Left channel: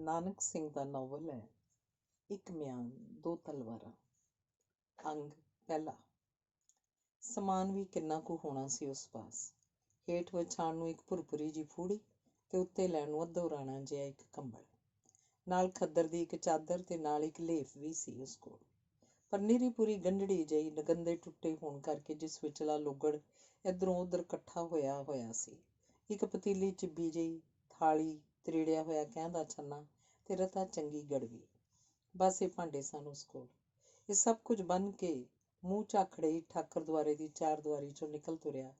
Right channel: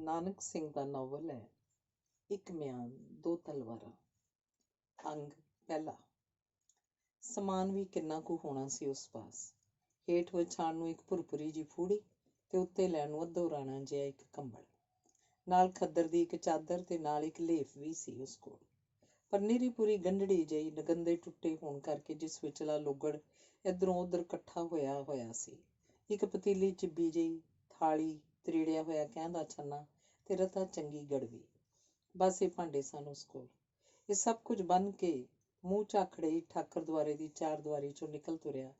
ਨਾਨਕ ਸਿੰਘ ਦਾ novel ਹੈ ਇੱਕ ਮਿਆਨ ਦੋ ਤਲਵਾਰਾਂ। ਅੰਗ ਪਹਿਲਾ। ਸਮਾਨ ਵੀ ਕਿੰਨਾ ਕੁ ਹੋਣਾ ਸੀ ਉਸ ਪਾਸ। ਹੇਠ ਵਿਛਾਉਣ ਨੂੰ ਇੱਕ ਭੁਰਭੁਰੀ ਜਿਹੀ ਫੂੜੀ ਤੇ ਉੱਤੇ ਲੈਣ ਨੂੰ ਅੱਧੋ ਰਾਣਾ ਜਿਹਾ ਇੱਕ ਕੰਬਲ, ਨਾਲ ਖੱਦਰ ਦੀ ਇੱਕ ਚਾਦਰ ਤੇ ਨਾਲ ਇੱਕ ਲੇਫ ਵੀ ਸੀ ਉਸ ਕੋਲ। ਪਰ ਨਿਰੀ ਪੂਰੀ ਗੰਢੜੀ ਜਿਹੀ ਨਗੰਦੇ ਟੁੱਟੇ ਹੋਣ ਕਰਕੇ ਜਿਸ ਵਿਚਲਾ ਲੁਗੜ ਇੱਧਰੋਂ ਉੱਧਰ ਇਕੱਠਾ ਹੋਇਆ ਸੀ। ਇੱਕ ਪਤੀਲੀ ਚਿੱਬੀ ਜਿਹੀ ਥਾਲੀ, ਤਰੀੜਿਆ ਹੋਇਆ ਕਹਿੰਦਾ ਛੰਨਾ ਤੇ ਰਤਾ ਚੰਗੀ ਗੜਵੀ, ਬਸ ਇਹ ਭਾਂਡੇ ਸਨ ਉਸ ਕੋਲ। ਇਹ ਸਭ ਕੁਝ ਬੰਨ ਕੇ ਮੂੰਹ ਝਾਖੜੇ ਹੀ ਠਾਕਰ ਦੁਆਰੇ ਦੀ ਚਾਰ ਦੁਆਰੀ ਚੋਂ ਨਿਕਲ ਤੁਰਿਆ,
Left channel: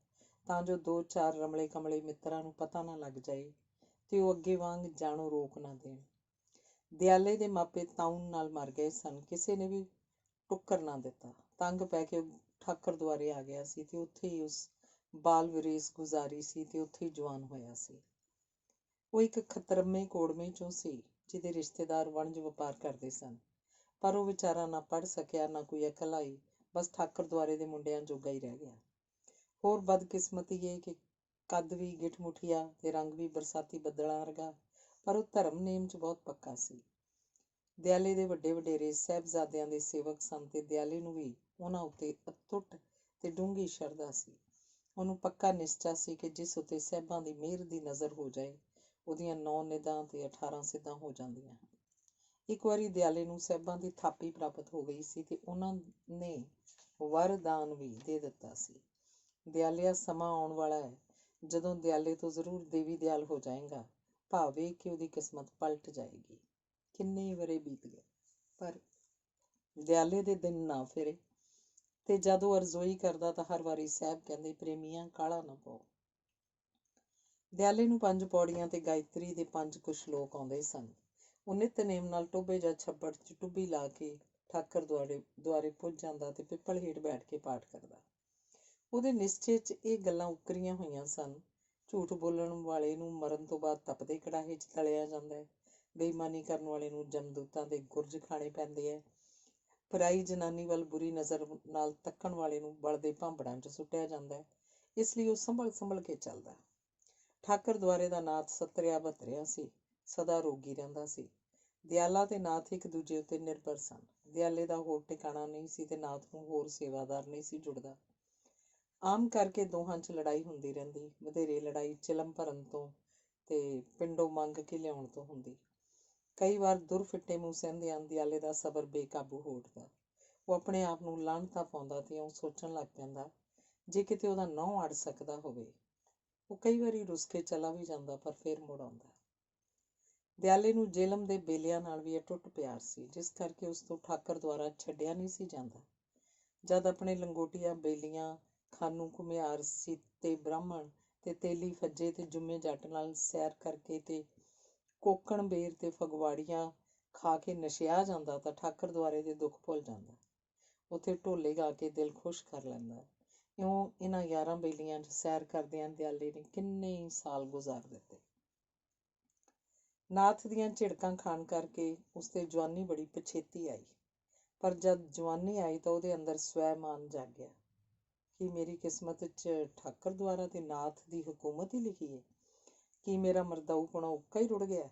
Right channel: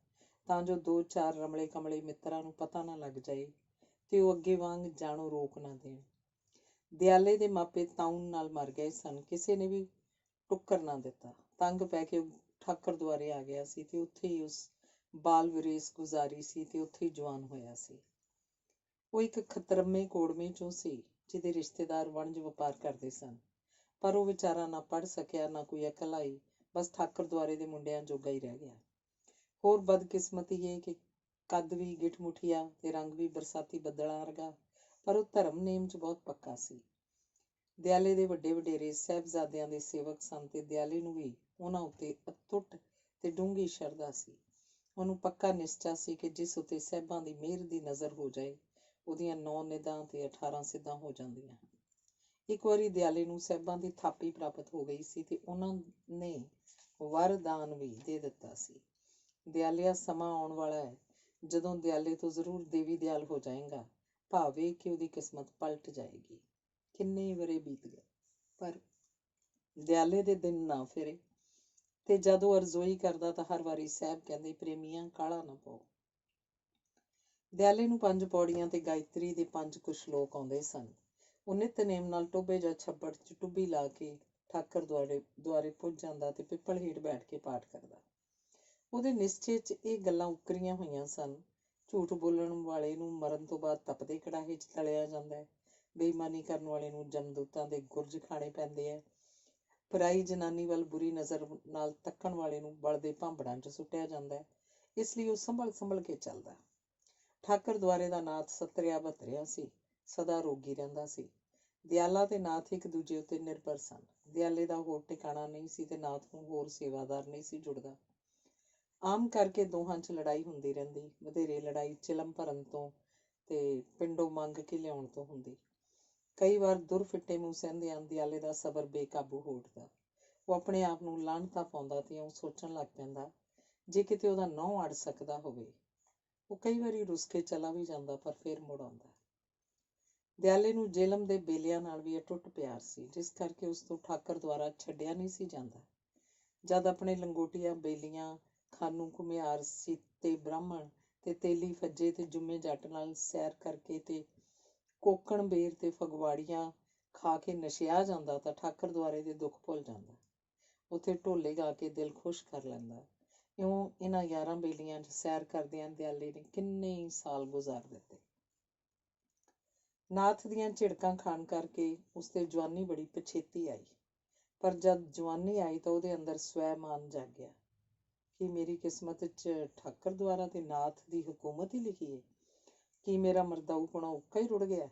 ਤਾਂ ਜੋ ਦੋ ਚਾਰ ਰਮਲੇ ਕਮਲੇ ਮਿੱਤਰਾਂ ਨੂੰ ਪਤਾ ਨਾ ਲੱਗ ਜਾਏ ਤੇ ਉਹ ਅੱਗੇ ਵਾਂਗ ਜਾਣੋ ਰੋਕ ਨਾ ਦੇਣ। ਦਿਆਲੇ ਦੇ ਮਾਪੇ ਤਾਉਨ ਨਾਲ ਮਰ ਗਏ ਸਨ। ਕਿਸੇ ਨੇ ਵੀ ਟੁੱਕਰ ਨਾ ਦਿੱਤਾ। ਤੰਗ ਪੈ ਕੇ ਠਾਕਰ ਦੁਆਰੇ ਆ ਗਿਆ ਸੀ ਤੇ ਉੱਥੇ ਹੀ ਉਸ ਬਾਲ ਵਿਰੇਸ ਗੁਜ਼ਾਰੀ ਸੀ ਤੇ ਉੱਥੇ ਹੀ ਜਵਾਨ ਹੋਇਆ ਸੀ। ਉਹ ਇੱਕ ਖਤਰਮੇ ਕੋੜਮੇ ਚੋਂ ਸੀ ਜਿਹਦੇ ਰਿਸ਼ਤੇਦਾਰ ਵਣਜ ਵਪਾਰ ਕਰਦੇ ਸਨ, ਪਰ ਉਹ ਵਿਚਾਰਾ ਨਾ ਪੜ੍ਹ ਸਕਿਆ ਨਾ ਕੋਈ ਅਕਲ ਆਈ, ਬਸ ਠਾਕਰ ਦੁਆਰੇ ਦੇ ਮੁੰਡਿਆਂ ਜੋਗਾ ਹੀ ਰਹਿ ਗਿਆ। ਹੋਰ ਬਦਕਿਸਮਤੀ ਇਹ ਕਿ ਕੱਦ ਵੀ ਗਿੱਠ ਮੁੱਠੀਆ ਤੇ ਰੰਗ ਵੀ ਬਰਸਾਤੀ ਬੱਦਲਾਂ ਵਰਗਾ, ਪਰ ਉਹ ਧਰਮ ਨੇਮ 'ਚ ਬਹੁਤ ਪੱਕਾ ਸੀ। ਦਿਆਲੇ ਦੇ ਵੱਡੇ ਵਡੇਰੇ ਸਾਹਿਬਜ਼ਾਦਿਆਂ ਦੇ ਸੇਵਕ ਸਨ ਤੇ ਦਿਆਲੇ ਨੂੰ ਵੀ ਉਹਨਾਂ ਉੱਤੇ ਅਤੁੱਟ ਤੇ ਡੂੰਘੀ ਸ਼ਰਧਾ ਸੀ। ਉਹਨੂੰ ਪੱਕਾ ਨਿਸ਼ਚਾ ਸੀ ਕਿ ਜਿਸ ਉੱਤੇ ਸਾਹਿਬਾਂ ਦੀ ਮਿਹਰ ਦੀ ਨਜ਼ਰ ਹੋ ਜਾਏ, ਉਹਦੀਆਂ 9 ਨਿੱਧਾਂ ਤੇ 18 ਸਿੱਧਾਂ ਹੋ ਜਾਂਦੀਆਂ ਹਨ। ਇੱਕ ਵਾਰੀ ਦਿਆਲੇ ਨੂੰ ਸਾਹਿਬਾਂ ਦੀ ਥਾਪੀ ਪ੍ਰਾਪਤ ਹੋ ਗਈ ਸੀ ਤੇ ਉਹਨਾਂ ਨੇ ਵਰਦਾਨ ਵੀ ਦੇ ਦਿੱਤਾ ਸੀ। ਦਿਆਲਿਆ, ਸਮਾਂ ਆਉਣ ਵਾਲਾ ਹੈ ਜਦੋਂ ਦਿਆਲੇ ਤੋਂ ਜ਼ਰੂਰ ਦੇਵੀ ਦਿਆਲ ਹੋ ਜਾਏਗਾ, ਭਾਵੇਂ ਕਿ ਉਹਦੀ ਕਿਸਮਤ ਪਲਟ ਜਾਏਗੀ। ਕਿੰਨੇ ਵਰੇ ਬੀਤ ਗਏ, ਪਰ ਦਿਆਲੇ ਦੇ ਦਿਨ ਨਾ ਫਿਰੇ ਤੇ ਜਦੋਂ ਅਰਜ਼ੋਈ ਕਰਦਾ ਤਾਂ ਹਰ ਵਾਰੀ ਸਾਹਿਬ ਕਹਿੰਦੇ, ਪ੍ਰੇਮੀਆਂ ਕਾਹਲਾ ਨਾ ਪਾਓ। ਦਿਆਲੇ ਨੂੰ 5 ਪੌੜੀਆਂ ਤੇ ਗਾਇਤਰੀ ਦੇ 5 ਕੁ ਸ਼ਲੋਕ ਆਉਂਦੇ ਸਨ। ਉਹ ਨਿਤਨੇਮ ਨਾਲ ਟੋਭੇ ਜਾਂ ਛੱਪੜ 'ਚ ਟੁੱਬੀ ਲਾ ਕੇ ਠਾਕਰ ਦੁਆਰੇ ਪੁੱਜ ਜਾਂਦਾ ਤੇ ਪਿੱਪਲ ਹੇਠ ਬੈਠ ਕੇ ਪਾਠ ਕਰਦਾ। ਉਹਦੇ ਨਿਸ਼ਚੇ 'ਚ ਇਹ ਗੱਲਾਂ ਉਕਰੀਆਂ ਹੋਈਆਂ ਸਨ। ਝੂਠ ਬੋਲਣ ਵਾਲੇ ਨੂੰ ਮਰਨ ਤੋਂ ਬਾਅਦ ਤਪਦੇ ਕੜਾਹੇ 'ਚ ਤਲਿਆ ਜਾਂਦਾ ਹੈ। ਬੇਈਮਾਨੀ ਕਰਨ ਵਾਲੇ ਨੂੰ ਜਮਦੂਤਾਂ ਦੇ ਗੁਰਜ ਖਾਣੇ ਪੈਂਦੇ ਹੈ। ਪਰਾਈ ਜਨਾਨੀ ਵੱਲ ਬੁਰੀ ਨਜ਼ਰ ਨਾਲ ਤੱਕਣ ਵਾਲੇ ਨੂੰ ਬਲਦੇ ਭਾਂਬੜਾਂ 'ਚ ਸੁੱਟਿਆ ਜਾਂਦਾ ਹੈ। ਇਸ ਲਈ ਉਹ ਸੰਭਲ ਕੇ ਚੱਲਦਾ। ਠਾਕਰ ਦੁਆਰੇ ਦਾ ਨਾਥ ਸਤਰਿਆ ਭਤਰਿਆ ਸੀ, ਸਦਾ ਰੋਗੀ ਰਹਿੰਦਾ ਸੀ। ਦਿਆਲਾ ਤੇ ਨਾਥ ਇੱਕ ਦੂਜੇ ਉੱਤੇ ਨਿਰਭਰ ਸਨ। ਦਿਆਲੇ ਦਾ ਹੋਰ ਟਿਕਾਣਾ ਨਹੀਂ ਸੀ ਤੇ ਨਾਥ ਨੂੰ ਹੋਰ ਸੇਵਾਦਾਰ ਨਹੀਂ ਸੀ ਜੁੜਦਾ। ਆਮ ਕਰਕੇ ਦੋਹਾਂ 'ਚ ਲੜਾਈ ਹੁੰਦੀ ਰਹਿੰਦੀ। ਵਧੇਰੇ ਲੜਾਈ ਚਿਲਮ ਭਰਨ ਤੋਂ ਤੇ ਪਿੰਡੋਂ ਮੰਗ ਕੇ ਲਿਆਉਣ ਤੋਂ ਹੁੰਦੀ। ਕਈ ਵਾਰ ਦੁਰ ਫਿੱਟੇ ਮੂੰਹ ਸਹਿੰਦਿਆਂ ਦਿਆਲੇ ਦਾ ਸਬਰ ਬੇਕਾਬੂ ਹੋ ਉੱਠਦਾ। ਉਹ ਆਪਣੇ ਆਪ ਨੂੰ ਲਾਹਣਤਾਂ ਪਾਉਂਦਾ ਤੇ ਉਹ ਸੋਚਣ ਲੱਗ ਪੈਂਦਾ, ਜੇ ਕਿਤੇ ਉਹਦਾ ਨਹੁੰ ਅੜ ਸਕਦਾ ਹੋਵੇ। ਉਹ ਕਈ ਵਾਰੀ ਰੁੱਸ ਕੇ ਚਲਾ ਵੀ ਜਾਂਦਾ, ਪਰ ਫਿਰ ਮੁੜ ਆਉਂਦਾ। ਦਿਆਲੇ ਨੂੰ ਜੇਲਮ ਦੇ ਬੇਲਿਆਂ ਨਾਲ ਵੀ ਅਟੁੱਟ ਪਿਆਰ ਸੀ, ਜਿਸ ਕਰਕੇ ਉਸ ਤੋਂ ਠਾਕਰ ਦੁਆਰਾ ਛੱਡਿਆ ਨਹੀਂ ਸੀ ਜਾਂਦਾ। ਜਦ ਆਪਣੇ ਲੰਗੋਟੀਆਂ ਬੇਲੀਆਂ, ਖਾਨੂ ਘੁਮਿਆਰ, ਸੀਤੇ ਬ੍ਰਾਹਮਣ ਤੇ ਤੇਲੀ ਫੱਜੇ ਤੇ ਜੁੰਮੇ ਜੱਟ ਨਾਲ ਸੈਰ ਕਰਕੇ ਤੇ ਕੋਕਣ ਬੇਰ ਤੇ ਫਗਵਾੜੀਆਂ ਖਾ ਕੇ ਨਸ਼ਿਆ ਜਾਂਦਾ ਤਾਂ ਠਾਕਰ ਦੁਆਰੇ ਦੇ ਦੁੱਖ ਭੁੱਲ ਜਾਂਦਾ। ਉੱਥੇ ਢੋਲੇ ਗਾ ਕੇ ਦਿਲ ਖੁਸ਼ ਕਰ ਲੈਂਦਾ। ਇਉਂ ਇਹਨਾਂ 11 ਬੇਲੀਆਂ 'ਚ ਸੈਰ ਕਰਦਿਆਂ ਦਿਆਲੇ ਨੇ ਕਿੰਨੇ ਹੀ ਸਾਲ ਗੁਜ਼ਾਰ ਦਿੱਤੇ। ਨਾਥ ਦੀਆਂ ਝਿੜਕਾਂ ਖਾਣ ਕਰਕੇ ਉਸਤੇ ਜਵਾਨੀ ਬੜੀ ਪਛੇਤੀ ਆਈ, ਪਰ ਜਦ ਜਵਾਨੀ ਆਈ ਤਾਂ ਉਹਦੇ ਅੰਦਰ ਸਵੈਮਾਨ ਜਾਗਿਆ। ਕੀ ਮੇਰੀ ਕਿਸਮਤ 'ਚ ਠਾਕਰ ਦੁਆਰਾ ਤੇ ਨਾਥ ਦੀ ਹਕੂਮਤ ਹੀ ਲਿਖੀ ਹੈ? ਕੀ ਮੇਰਾ ਮਰਦਾਊਪੁਣਾ ਉੱਕਾ ਹੀ ਰੁੜ ਗਿਆ?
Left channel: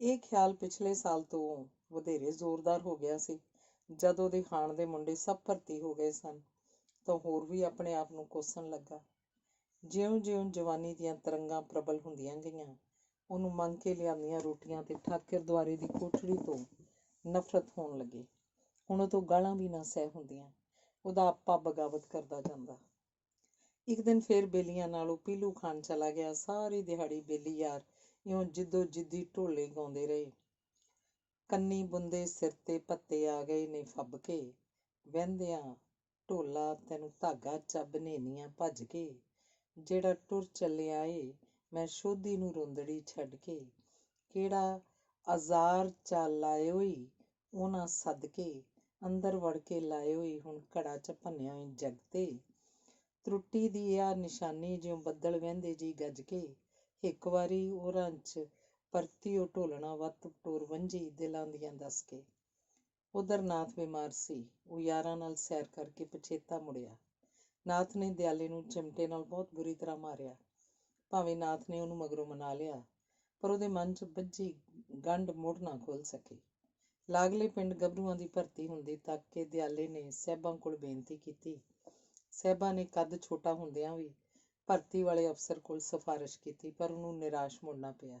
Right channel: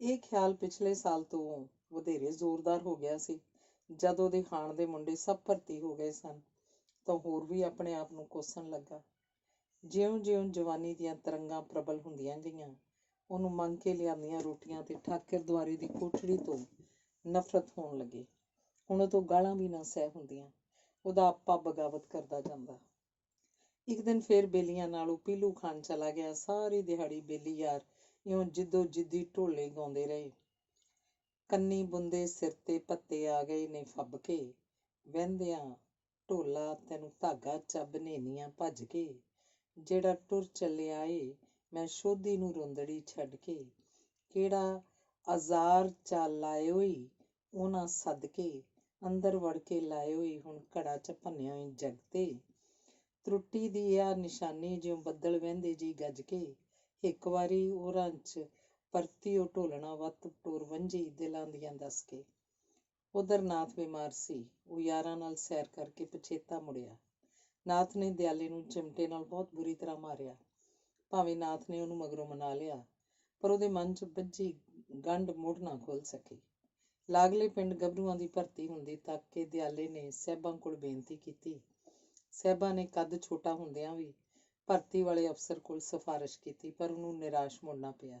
ਇਹ ਖਿਆਲ ਪਿਛਲੇ ਸਾਲ ਤੋਂ ਵਧੇਰੇ ਜ਼ੋਰਦਾਰ ਹੋ ਗਿਆ ਸੀ। ਜਦ ਉਹਦੇ ਖਾਣ ਦੇ ਮੁੰਡੇ ਸਭ ਭਰਤੀ ਹੋ ਗਏ ਸਨ ਤਾਂ ਹੋਰ ਵੀ ਆਪਣੇ ਆਪ ਨੂੰ ਕੋਸਣ ਲੱਗਾ। ਜਿਉਂ-ਜਿਉਂ ਜਵਾਨੀ ਦੀਆਂ ਤਰੰਗਾਂ ਪ੍ਰਬਲ ਹੁੰਦੀਆਂ ਗਈਆਂ, ਉਹਨੂੰ ਮੰਗ ਕੇ ਲਿਆਂਦੀਆਂ ਰੋਟੀਆਂ ਤੇ ਠਾਕਰ ਦੁਆਰੇ ਦੀ ਕੋਠੜੀ ਤੋਂ ਨਫ਼ਰਤ ਹੋਣ ਲੱਗੀ। ਹੁਣ ਉਹ ਤੋਂ ਗਾਲਾਂ ਵੀ ਨਾ ਸਹਿ ਹੁੰਦੀਆਂ। ਉਹਦਾ ਆਪਾ ਬਗਾਵਤ ਕਰਦਾ ਜਾਂਦਾ। ਇੱਕ ਦਿਨ ਫੇਰ ਬੇਲੀਆਂ ਨਾਲ ਉਹ ਪੀਲੂ ਖਾਣ ਚਲਾ ਗਿਆ। ਸਾਰੀ ਦਿਹਾੜੀ ਬੇਲੀ ਯਾਰ ਇਉਂ ਜਿੱਦੋ ਜਿੱਦੀ ਢੋਲੇ ਗਾਉਂਦੇ ਰਹੇ। ਕੰਨੀ ਬੁੰਦੇ ਸਿਰ ਤੇ ਭੱਤੇ ਆ ਗਏ ਨੇ ਫੱਬ ਕੇ, ਵਹਿੰਦਿਆਂ ਢੋਲਾ ਤੈਨੂੰ ਧਾਗਾ ਚੱਬ ਨੇਨੀਆਂ ਭੱਜ ਕੇ, ਜਿਹੜਾ ਟੁਰ ਚੱਲਿਆ ਏ ਮੈਂ ਸ਼ੋਧੀ ਨੂੰ ਰੁੰਦੜੀ ਛੱਡ ਕੇ, ਕਿਹੜਾ ਅਜ਼ਾਰ ਚਾ ਲਾਇਓ ਈ ਉਹਨਾਂ ਸੱਦ ਕੇ, ਅੰਦਰ ਵੜ ਕੇ ਲਾਇਓ ਈ ਹੁਣ ਘੜਾ 'ਚ ਭੰਨਿਓ ਈ ਜਗ ਤੇ, ਤਰੁੱਟੀ ਦੀ ਆ ਨਿਸ਼ਾਨੀ ਜਿਉਂ ਬੱਦਲ ਵਹਿੰਦੇ ਜੀ ਗੱਜ ਕੇ, ਇੱਕ ਵਾਰੀ ਉਹਨਾਂ 'ਚ ਪਰਤੀ ਉਹ ਢੋਲਣਾ ਵੱਤ ਟੋਰ ਵੰਝੀ ਦਿਲਾਂ ਦੀਆਂ ਦੱਸ ਕੇ। ਉਧਰ ਨਾਥ ਬਿਮਾਰ ਸੀ। ਉਹ ਯਾਰਾਂ ਨਾਲ ਸੈਰ ਕਰਕੇ ਪਛੇਤਾ ਮੁੜਿਆ। ਨਾਥ ਨੇ ਦਿਆਲੇ ਨੂੰ ਚਿਮਟੇ ਨਾਲ ਬਹੁਤ ਬੁਰੀ ਤਰ੍ਹਾਂ ਮਾਰਿਆ। ਭਾਵੇਂ ਨਾਥ ਨੇ ਉਹਨੂੰ ਮਗਰੋਂ ਮਨਾ ਲਿਆ, ਪਰ ਉਹਦੇ ਮਨ 'ਚ ਬੱਝੀ ਗੰਢ ਮੁੜ ਨਾ ਖੁੱਲ ਸਕੀ। ਲਾਗਲੇ ਪਿੰਡ ਗੱਭਰੂਆਂ ਦੀ ਭਰਤੀ ਹੁੰਦੀ ਤੱਕ ਕੇ ਦਿਆਲੇ ਨੇ ਸਾਹਿਬਾਂ ਕੋਲ ਬੇਨਤੀ ਕੀਤੀ। ਸਾਹਿਬਾਂ ਨੇ ਕੱਦ ਛੋਟਾ ਹੁੰਦਿਆਂ ਵੀ ਭਰਤੀ ਵਾਲੇ ਅਫਸਰ ਕੋਲ ਸਿਫਾਰਿਸ਼ ਕੀਤੀ, ਪਰ ਉਹਨੂੰ ਨਿਰਾਸ਼ ਮੁੜਨਾ ਪਿਆ।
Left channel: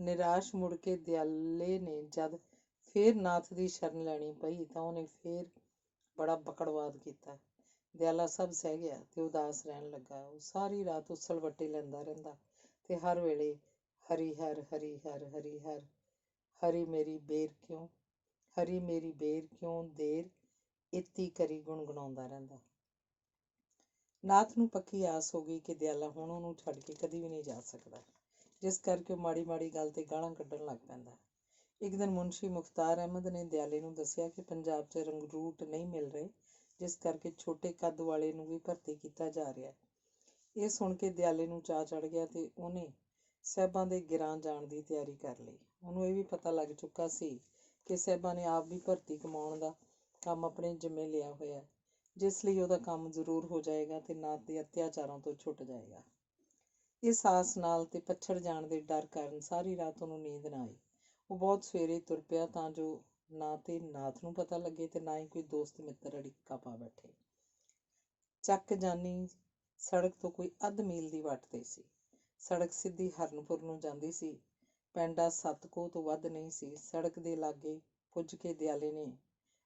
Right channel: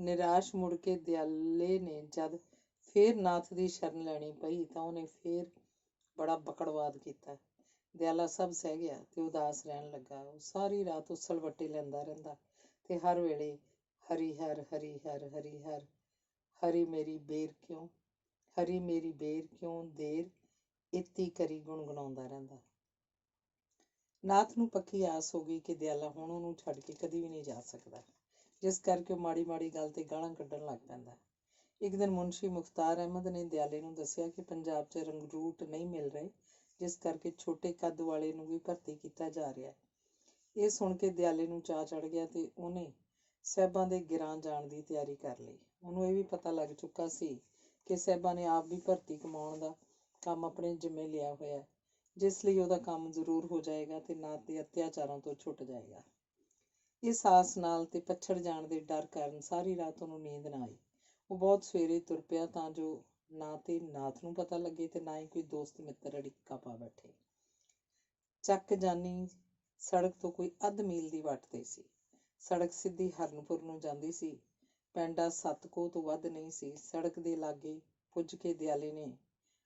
ਨਿਰਾਸ਼ ਮੁੜ ਕੇ ਦਿਆਲੇ ਨੇ ਜਦ ਫੇਰ ਨਾਥ ਦੀ ਸ਼ਰਨ ਲੈਣੀ ਪਈ ਤਾਂ ਉਹਨੇ ਫੇਰ ਬੜਾ ਬਕੜਵਾਦ ਕੀਤਾ। ਦਿਆਲਾ ਸਭ ਸਹਿ ਗਿਆ ਤੇ ਉਦਾਸ ਰਹਿਣ ਲੱਗਾ। ਉਹ ਸਾਰੀ ਰਾਤ ਉਸਲ ਵੱਟੇ ਲੈਂਦਾ ਰਹਿੰਦਾ ਤੇ ਹਰ ਵੇਲੇ ਹਰੀ ਹਰ ਹਰੀ ਹਰ ਹਰੀ ਹਰ ਹਰੀ ਮੇਰੀ ਬੇਰ ਕਿਉਂ, ਹਰੀ ਮੇਰੀ ਬੇਰ ਕਿਉਂ ਦੇਰ ਇਤੀ ਕਰੀ ਗੁਣਗੁਣਾਉਂਦਾ ਰਹਿੰਦਾ। ਨਾਥ ਨੂੰ ਪੱਕੀ ਆਸ ਹੋ ਗਈ ਕਿ ਦਿਆਲਾ ਹੁਣ ਉਹਨੂੰ ਛੱਡ ਕੇ ਕਦੀ ਵੀ ਨਹੀਂ ਜਾ ਸਕਦਾ, ਜਿਸ ਕਰਕੇ ਉਹ ਮਾੜੀ ਮਾੜੀ ਗੱਲ ਤੇ ਗਾਲਾਂ ਕੱਢਣ ਲੱਗ ਪੈਂਦਾ। ਇੱਕ ਦਿਨ ਮੁਨਸ਼ੀ ਮੁਖਤਾਰ ਅਹਿਮਦ ਨੇ ਦਿਆਲੇ ਨੂੰ ਦੱਸਿਆ ਕਿ ਪੰਜਾਬ 'ਚ ਰੰਗਰੂਟ ਨਹੀਂ ਮਿਲ ਰਹੇ, ਜਿਸ ਕਰਕੇ ਛੋਟੇ ਕੱਦ ਵਾਲੇ ਨੂੰ ਵੀ ਭਰਤੀ ਕੀਤਾ ਜਾ ਰਿਹਾ। ਇਹ ਸੁਣ ਕੇ ਦਿਆਲੇ ਨੂੰ ਚਾਅ ਚੜ੍ਹ ਗਿਆ ਤੇ ਉਹਨੇ ਸਾਹਿਬਾਂ ਦੇ ਗਿਰਾਂ ਜਾਣ ਦੀ ਤਿਆਰੀ ਕਰ ਲਈ। ਉਹਨੂੰ ਇਹ ਵੀ ਪਤਾ ਲੱਗ ਚੁੱਕਾ ਸੀ ਕਿ ਸਾਹਿਬਾਂ ਨੇ ਆਪ ਵੀ ਭਰਤੀ ਕਮਾਉਣ ਦਾ ਕੰਮ ਆਪਣੇ ਜਿੰਮੇ ਲਿਆ ਹੋਇਆ, ਜਿਸ ਲਈ ਉਹਦਾ ਕੰਮ ਜ਼ਰੂਰ ਹੋ ਜਾਏਗਾ ਤੇ ਨਾਥ ਦੇ ਅਤਿਆਚਾਰਾਂ ਤੋਂ ਛੁੱਟ ਜਾਏਗਾ। ਇਸ ਆਸ ਨਾਲ ਤੇ ਪੱਛੜ ਜਾਣ ਦੇ ਡਰ ਕਾਰਨ ਸਾਰੀ ਰਾਤ ਉਹਨੂੰ ਨੀਂਦ ਨਾ ਆਈ। ਉਹ ਬਹੁਤ ਸਵੇਰੇ ਤੁਰ ਪਿਆ ਤਾਂ ਜੋ ਨਾ ਤੇ ਨਾਥ ਨੂੰ ਪਤਾ ਲੱਗੇ ਤੇ ਨਾ ਹੀ ਕੋਈ ਦੋਸਤ ਮਿੱਤਰ ਅੜਿੱਕਾ ਪਾ ਬੈਠੇ। ਚੱਕ ਜਾਨੀ ਸੜਕ ਤੋਂ ਕੋਈ ਅੱਧ ਮੀਲ ਦੀ ਵੱਟ ਤੇ ਸੀ। ਸੜਕ ਸਿੱਧੀ ਹਰਨਪੁਰ ਨੂੰ ਜਾਂਦੀ ਸੀ। ਪੈਂਡਾ 7 ਕੋਹ ਤੋਂ ਵੱਧ ਨਹੀਂ ਸੀ। ਸੜਕ ਦੇ ਲਾਗੇ ਪੁੱਜ ਕੇ ਦਿਆਲੇ ਨੇ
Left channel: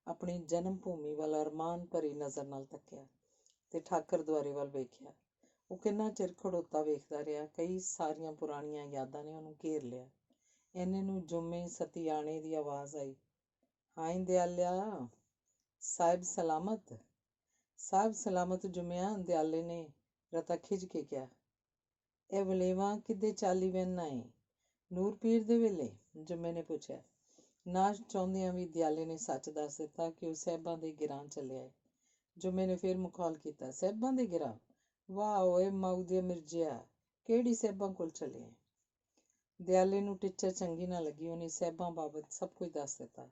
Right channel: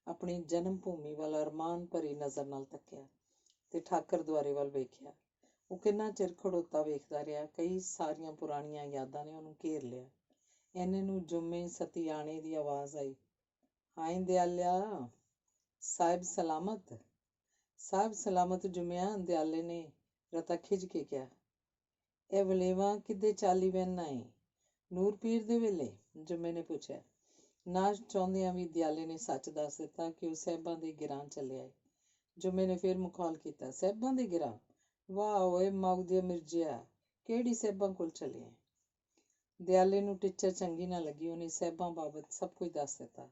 ਆਪਣੀ ਜਨਮ ਭੂਮੀ ਵੱਲ ਅਰਮਾਨ ਭਰੀ ਨਜ਼ਰ ਨਾਲ ਤੱਕਿਆ ਤੇ ਠਾਕਰ ਦੁਆਰੇ ਵੱਲ ਵੇਖਿਆ। ਉਹ ਕਿੰਨਾ ਚਿਰ ਖੜੋਤਾ ਵੇਖਦਾ ਰਿਹਾ। ਕਈ ਸਾਰੀਆਂ ਪੁਰਾਣੀਆਂ ਯਾਦਾਂ ਨੇ ਉਹਨੂੰ ਘੇਰ ਲਿਆ। ਇੰਨੇ ਨੂੰ ਜੁੰਮੇ ਸਤਿਆਣੇ ਦੀ ਆਵਾਜ਼ ਆਈ, ਹਾਏ ਦਿਆਲਿਆ, ਸਾਹਿਬ ਸਲਾਮਤ। ਸਾਹਿਬ ਸਲਾਮਤ ਜੁੰਮਿਆ, ਦਿਆਲੇ ਨੇ ਰਤਾ ਖਿੱਚ ਕੇ ਕਿਹਾ। ਇਹ ਵਲੇਵਾ ਕਿੱਦੇ ਚਾਲੀ ਵਹਿਨਾ ਏ? ਨੂਰ ਪੀਰ ਦੇ ਵੇਲੇ? ਜੁੰਮੇ ਨੇ ਪੁੱਛਿਆ। ਨਾ ਚਾਹੁੰਦਿਆਂ ਵੀ ਦਿਆਲੇ ਨੇ ਸੱਚ ਦੱਸ ਦਿੱਤਾ ਕਿ ਉਹ ਸਾਹਿਬਾਂ ਦੇ ਗਿਰਾਂ ਚੱਲਿਆ ਏ। ਜੁੰਮੇ ਨੇ ਫਿਰ ਮੁਖੌਲ ਕੀਤਾ, ਸਾਹਿਬਾਂ ਦੇ ਗਿਰਾਂ? ਵਾਹ ਓਏ ਮਗਦੇ ਮਿਰਜ਼ਿਆ, ਕਿਹੜੀ ਸਾਹਿਬਾਂ ਕੋਲ ਚੱਲਿਆ? ਦਿਆਲੇ ਨੂੰ ਟਿੱਚਰ ਚੰਗੀ ਨਾ ਲੱਗੀ। ਉਹਨੇ ਸਾਹਿਬਾਂ ਬਾਬਤ ਸਭ ਕੁਝ ਦੱਸ ਦਿੱਤਾ।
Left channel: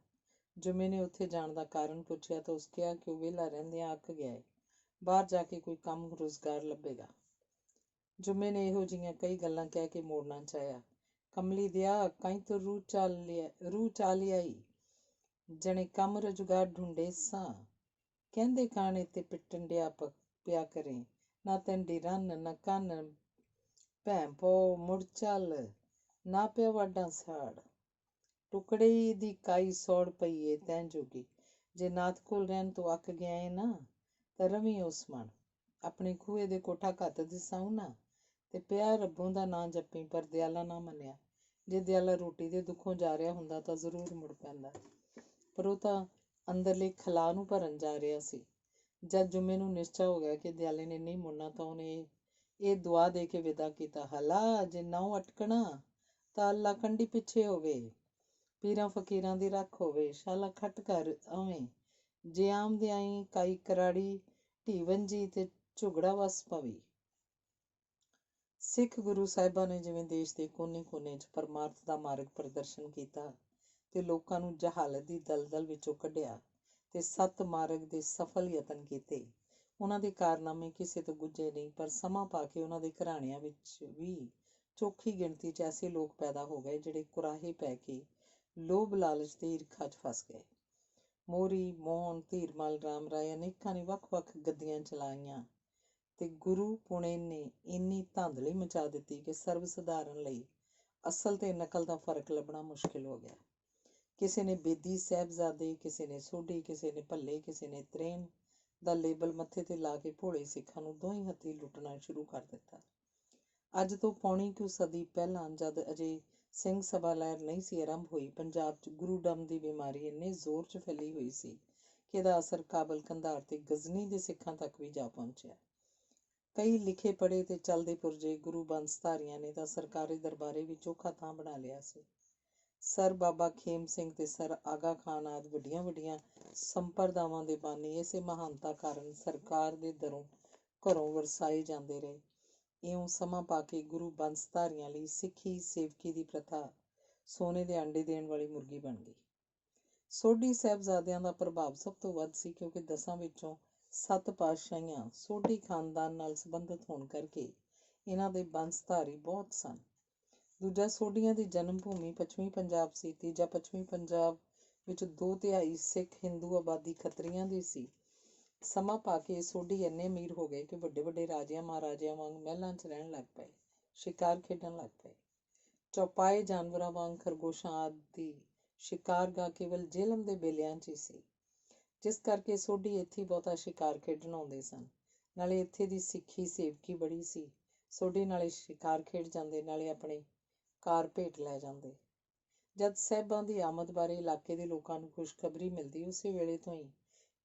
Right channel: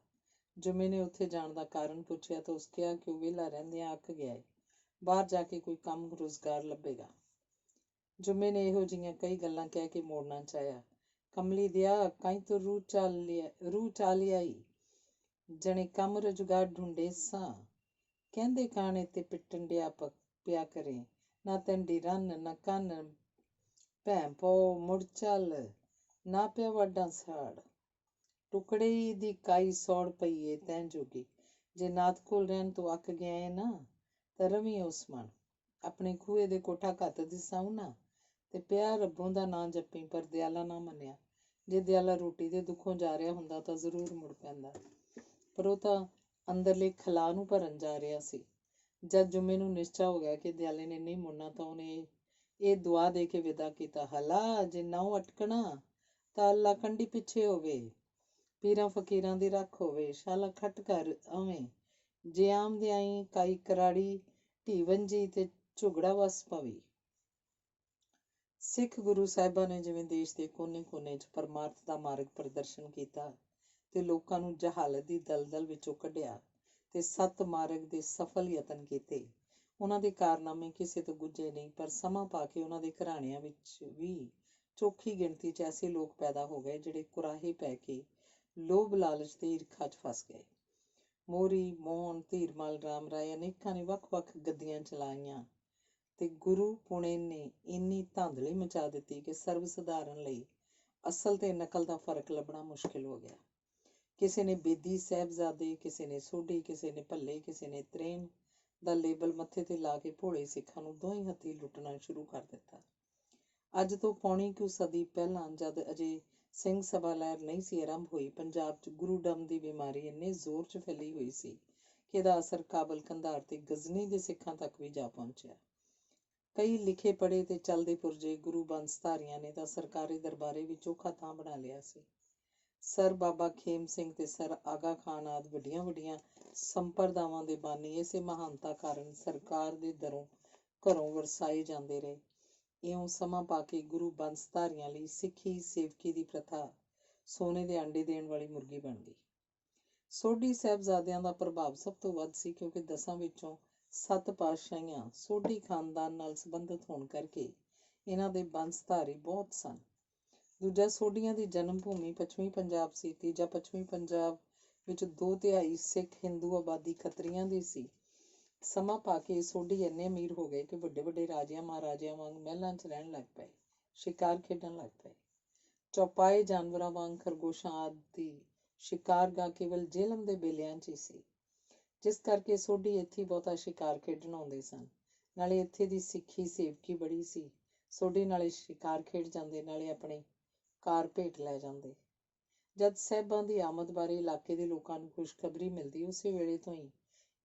ਜੁੰਮੇ ਨੇ ਉੱਥੇ ਜਾਣ ਦਾ ਕਾਰਨ ਪੁੱਛਿਆ ਤਾਂ ਉਸ ਕਿਹਾ ਕਿ ਉਹ ਵਿਹਲਾ ਰਹਿੰਦਿਆਂ ਅੱਕ ਗਿਆ ਏ, ਬਾਹਰ ਜਾ ਕੇ ਕੋਈ ਕੰਮ ਰੁਜ਼ਗਾਰ ਲੱਭੇਗਾ। ਜੁੰਮੇ ਨੇ ਇਹੋ ਜਿਹੀਆਂ ਕਈ ਗੱਲਾਂ ਕਹਿ ਕੇ ਮੋੜਨਾ ਚਾਹਿਆ। ਕਮਲੀ ਦਿਆ, ਕਾਈ ਤੋਂ ਰੂਹ ਚਾ ਲਿਆਈ, ਜਣੇ ਕੰਮ ਰੁਜ਼ਗਾਰ ਢੂੰਢੇ ਸਾਂ। ਕਹਿੰਦੇ ਕਾਣੇ ਤੇ ਪਿੱਟਣ ਡਿਆ ਪਿਆ ਕਰੇ, ਨਾ ਤੈਂਡੀ ਰੰਨ ਨਾ ਕੰਨ, ਭੈਂ ਪੋ ਮੁੜ ਚੱਲ, ਨਾ ਪਿਆ ਵਾਢਾਂ ਸਾੜ। ਟੁਕੜੇ ਦੀ ਕਾਈ ਸੌੜ ਪਈ ਏ ਤੈਂ ਜੋਗੀ। ਜੇ ਨਾਥ ਕੋਲ ਰਹਿਣ ਤੋਂ ਅੱਕ ਗਿਆ ਏ ਨਾ ਤਾਂ ਰਵੀ ਉਸ ਮਨ। ਆਪਣੇ ਖੂਹੇ ਦੇ ਕੋਠਾ ਘੱਤ ਦਿਸਾਉ ਨਾ ਤੇ ਪਿਆ ਰੱਬੋਂ ਦਾ ਨਾਂ ਜੱਪੀ। ਪਰ ਦਿਆਲਾ ਨਾ ਮੰਨਿਆ। ਜੇ ਦਿਆਲਾ ਰੋਟੀ ਦੇ ਦੁੱਖੋਂ ਜਾ ਰਿਹਾ ਹੁੰਦਾ ਤਾਂ ਜ਼ਰੂਰ ਮੁੜ ਪੈਂਦਾ, ਪਰ ਉਹ ਤਾਂ ਅੰਦਰਲੇ ਖਲਾਅ ਨੂੰ ਭਰਨ ਜਾ ਰਿਹਾ ਸੀ। ਜਦ ਜੁੰਮੇ ਨੂੰ ਨਿਸ਼ਚਾ ਹੋ ਗਿਆ ਕਿ ਦਿਆਲੇ ਨੇ ਨਹੀਂ ਮੁੜਨਾ ਤਾਂ ਉਹਨੇ ਇਹ ਦੁਆ ਦੇ ਕੇ ਵਿਦਾ ਕੀਤਾ, ਹਲਾ ਜੇ ਨਾਉ ਅਟਕਣਾ ਤਾਂ ਅੱਲਾ ਕੰਢੀ ਪਿੱਛੇ ਹੋਵੇ, ਪੀਰਾਂ ਫਕੀਰਾਂ ਦੀ ਰੱਖ ਹੋਵੇ, ਸ਼ਾਲਾ ਖੱਟ ਕਰ ਆਵੇਂ, ਜੇ ਆਮਦੇ ਆਈ ਕਾਈ ਕਰਾੜੀ ਢੀ ਵੰਜੀ ਤੇ ਝੁਗੜਾ ਵਸ ਪਵੀ। ਸਿੱਖ ਗੁਰੂ ਸਾਹਿਬਾਂ ਨੇ ਜਿਵੇਂ ਦੇਸ਼ ਦੇ ਕੋਨੇ-ਕੋਨੇ 'ਚ ਪਰਮਾਰਥ ਦਾ ਮਾਰਗ ਪ੍ਰਦਰਸ਼ਨ ਕੀਤਾ ਤੇ ਲੋਕਾਂ ਨੂੰ ਜਹਾਲਤ ਦੀ ਦਲਦਲ ਵਿੱਚੋਂ ਕੱਢਿਆ ਤੇ ਸੱਤ ਮਾਰਗ ਦੇ ਸਫਲ ਯਤਨ ਕੀਤੇ, ਉਹਨਾਂ ਦੇ ਕਾਰਨਾਮੇ ਕਿਸੇ ਤੋਂ ਗੁੱਝੇ ਨਹੀਂ। ਪਰ ਸਮਾਂ ਪਾ ਕੇ ਉਹਨਾਂ ਦੇ ਘਰਾਣਿਆਂ ਵਿੱਚ ਵੀ ਚੋਖੀ ਗਿਣਤੀ 'ਚ ਐਸੇ ਲੋਕ ਪੈਦਾ ਹੋ ਗਏ ਜਿਹੜੇ ਕੁਰਾਹੇ ਪੈ ਕੇ ਲੋਭ ਲਾਲਚ ਤੇ ਈਰਖਾ 'ਚ ਫਸ ਗਏ। ਮੋਰੀ, ਮੋਹਨ, ਧੀਰਮਲ, ਰਾਮ ਰਾਏ ਅਨੇਕਾਂ ਨੇ ਵੱਖ-ਵੱਖ ਗੱਦੀਆਂ ਚਲਾਈਆਂ ਤੇ ਗੁਰੂ ਪੁਣੇ ਨੇ ਇੰਨੀ ਧਾਂਦਲੀ ਮਚਾ ਦਿੱਤੀ ਕਿ ਸਰਬ ਸਧਾਰਨ ਲਈ ਅਸਲ ਤੇ ਨਕਲ ਦਾ ਫਰਕ ਲੱਭਣਾ ਮੁਸ਼ਕਿਲ ਹੋ ਗਿਆ। ਕਿਸੇ ਨੇ ਬੇਦੀ ਸਾਹਿਬਜ਼ਾਦੇ, ਕਿਸੇ ਨੇ ਸੋਢੀ, ਕਿਸੇ ਨੇ ਭੱਲੇ, ਕਿਸੇ ਨੇ ਤਰੇਮ ਦਾ ਲੇਬਲ ਮੱਥੇ ਤੇ ਲਾ ਕੇ ਭੋਲੇ ਸਿੱਖਾਂ ਨੂੰ ਦੋਹੀਂ ਹੱਥੀਂ ਲੁੱਟਣਾ ਸ਼ੁਰੂ ਕਰ ਦਿੱਤਾ। ਅੱਜ ਤੋਂ ਪੌਣੀ ਕੁ ਸਦੀ ਪਹਿਲਾਂ, ਜਦ ਅਜੇ ਸਿੰਘ ਸਭਾ ਲਹਿਰ ਨਹੀਂ ਸੀ ਆਰੰਭ ਹੋਈ, ਪੰਜਾਬ 'ਚ ਗੁਰੂਡਮ ਦੀ ਬਿਮਾਰੀ ਇੰਨੇ ਜ਼ੋਰ 'ਚ ਫੈਲੀ ਹੋਈ ਸੀ ਕਿ ਇਹਦਾ ਅਸਰ ਕਾਬਲ, ਕੰਧਾਰ ਤੇ ਗਜ਼ਨੀ ਦੇ ਸਿੱਖਾਂ ਤੱਕ ਵੀ ਜਾ ਪਹੁੰਚਿਆ। ਕਈ ਲਿਖੇ ਪੜ੍ਹੇ ਤੇ ਚੱਲਦੇ ਪੁਰਜੇ ਗੁਰੂ ਬੰਸਧਾਰੀਆਂ ਨੇ ਤਾਂ ਸਰਕਾਰੀ ਦਰਬਾਰੇ ਵੀ ਚੋਖਾ ਥਾਂ ਬਣਾ ਲਿਆ ਸੀ। ਸਰ ਬਾਬਾ ਖੇਮ ਸਿੰਘ ਤੇ ਸਰ ਆਗਾ ਖਾਨ ਆਦਿ ਵੱਡੀਆਂ-ਵੱਡੀਆਂ ਸੰਪਰਦਾਵਾਂ ਦੇ ਬਾਨੀ ਇਸੇ ਮਹਾਨਤਾ ਕਾਰਨ ਸਰਕਾਰ ਦੇ ਘਰੋਂ ਵਰਸਾਏ ਜਾਂਦੇ ਰਹੇ। ਇਉਂ ਸਮਾਂ ਪਾ ਕੇ ਗੁਰੂ ਬੰਸਧਾਰੀਆਂ ਲਈ ਸਿੱਖੀ ਸੇਵਕੀ ਦੀ ਪ੍ਰਥਾ ਸੋਨੇ ਦੇ ਆਂਡੇ ਦੇਣ ਵਾਲੀ ਮੁਰਗੀ ਬਣ ਗਈ। ਸੋਢੀ ਸਾਹਿਬਜ਼ਾਦਿਆਂ ਦਾ ਪ੍ਰਭਾਵ ਸਭ ਤੋਂ ਵੱਧ ਸੀ, ਕਿਉਂਕਿ 10 ਵਿੱਚੋਂ 7 ਪਾਤਸ਼ਾਹੀਆਂ ਸੋਢੀ ਖਾਨਦਾਨ ਨਾਲ ਸੰਬੰਧਿਤ ਹੋਣ ਕਰਕੇ ਇਹਨਾਂ ਦੇ ਬੰਸਧਾਰੀ ਬਹੁਤ ਸਨ। ਦੂਜਾ ਸੋਢੀਆਂ ਦੀ ਜਨਮ ਭੂਮੀ ਪੱਛਮੀ ਪੰਜਾਬ ਸੀ। ਤੀਜਾ ਪੱਛਮੀ ਪੰਜਾਬ ਵਿੱਚ 2/3 ਸਿੱਖ ਹਿੰਦੂ ਆਬਾਦੀ ਖੱਤਰੀਆਂ ਦੀ ਸੀ। ਸਮਾਂ ਪਾ ਕੇ ਸੋਢੀ ਇੰਨੇ ਅਮੀਰ ਹੋ ਗਏ ਕਿ ਵੱਡੇ ਵੱਡੇ ਰਾਜਿਆਂ ਮਹਾਰਾਜਿਆਂ ਵਾਂਗ ਮਹਿਲਾਂ 'ਚ ਰਹਿਣ ਲੱਗ ਪਏ, ਸ਼ਿਕਾਰ ਖੇਡਣ ਲੱਗ ਪਏ। ਚੌਪਾਏ ਜਾਨਵਰਾਂ ਵਾਂਗ ਖਰਗੋਸ਼ਾਂ ਆਦਿ ਦੀ ਸ਼ਿਕਾਰਗਾਹ ਕੇਵਲ ਜੇਹਲਮ ਦੇ ਬੇਲਿਆਂ 'ਚ ਹੀ ਸੀ, ਜਿਸ ਕਰਕੇ ਸੋਢੀ ਇੱਥੇ ਬਹੁਤਾ ਸ਼ਿਕਾਰ ਖੇਡਣ ਆਉਂਦੇ ਸਨ। ਨਾਲੇ ਇੱਥੇ ਦੀ ਸਿੱਖੀ ਸੇਵਕੀ ਬੜੀ ਸੀ। ਸੋਢੀ ਨਾਲੇ ਸ਼ਿਕਾਰ ਖੇਡ ਜਾਂਦੇ, ਨਾਲੇ ਆਪਣੇ ਕਾਰ ਭੇਟ ਲੈ ਜਾਂਦੇ। ਜਦ ਸਾਹਿਬਾਂ ਦੀ ਆਮਦ ਬਾਰੇ ਇਲਾਕੇ ਦੇ ਲੋਕਾਂ ਨੂੰ ਖੁਸ਼ਖਬਰੀ ਮਿਲਦੀ, ਉਸੇ ਵੇਲੇ ਤੋਂ ਹੀ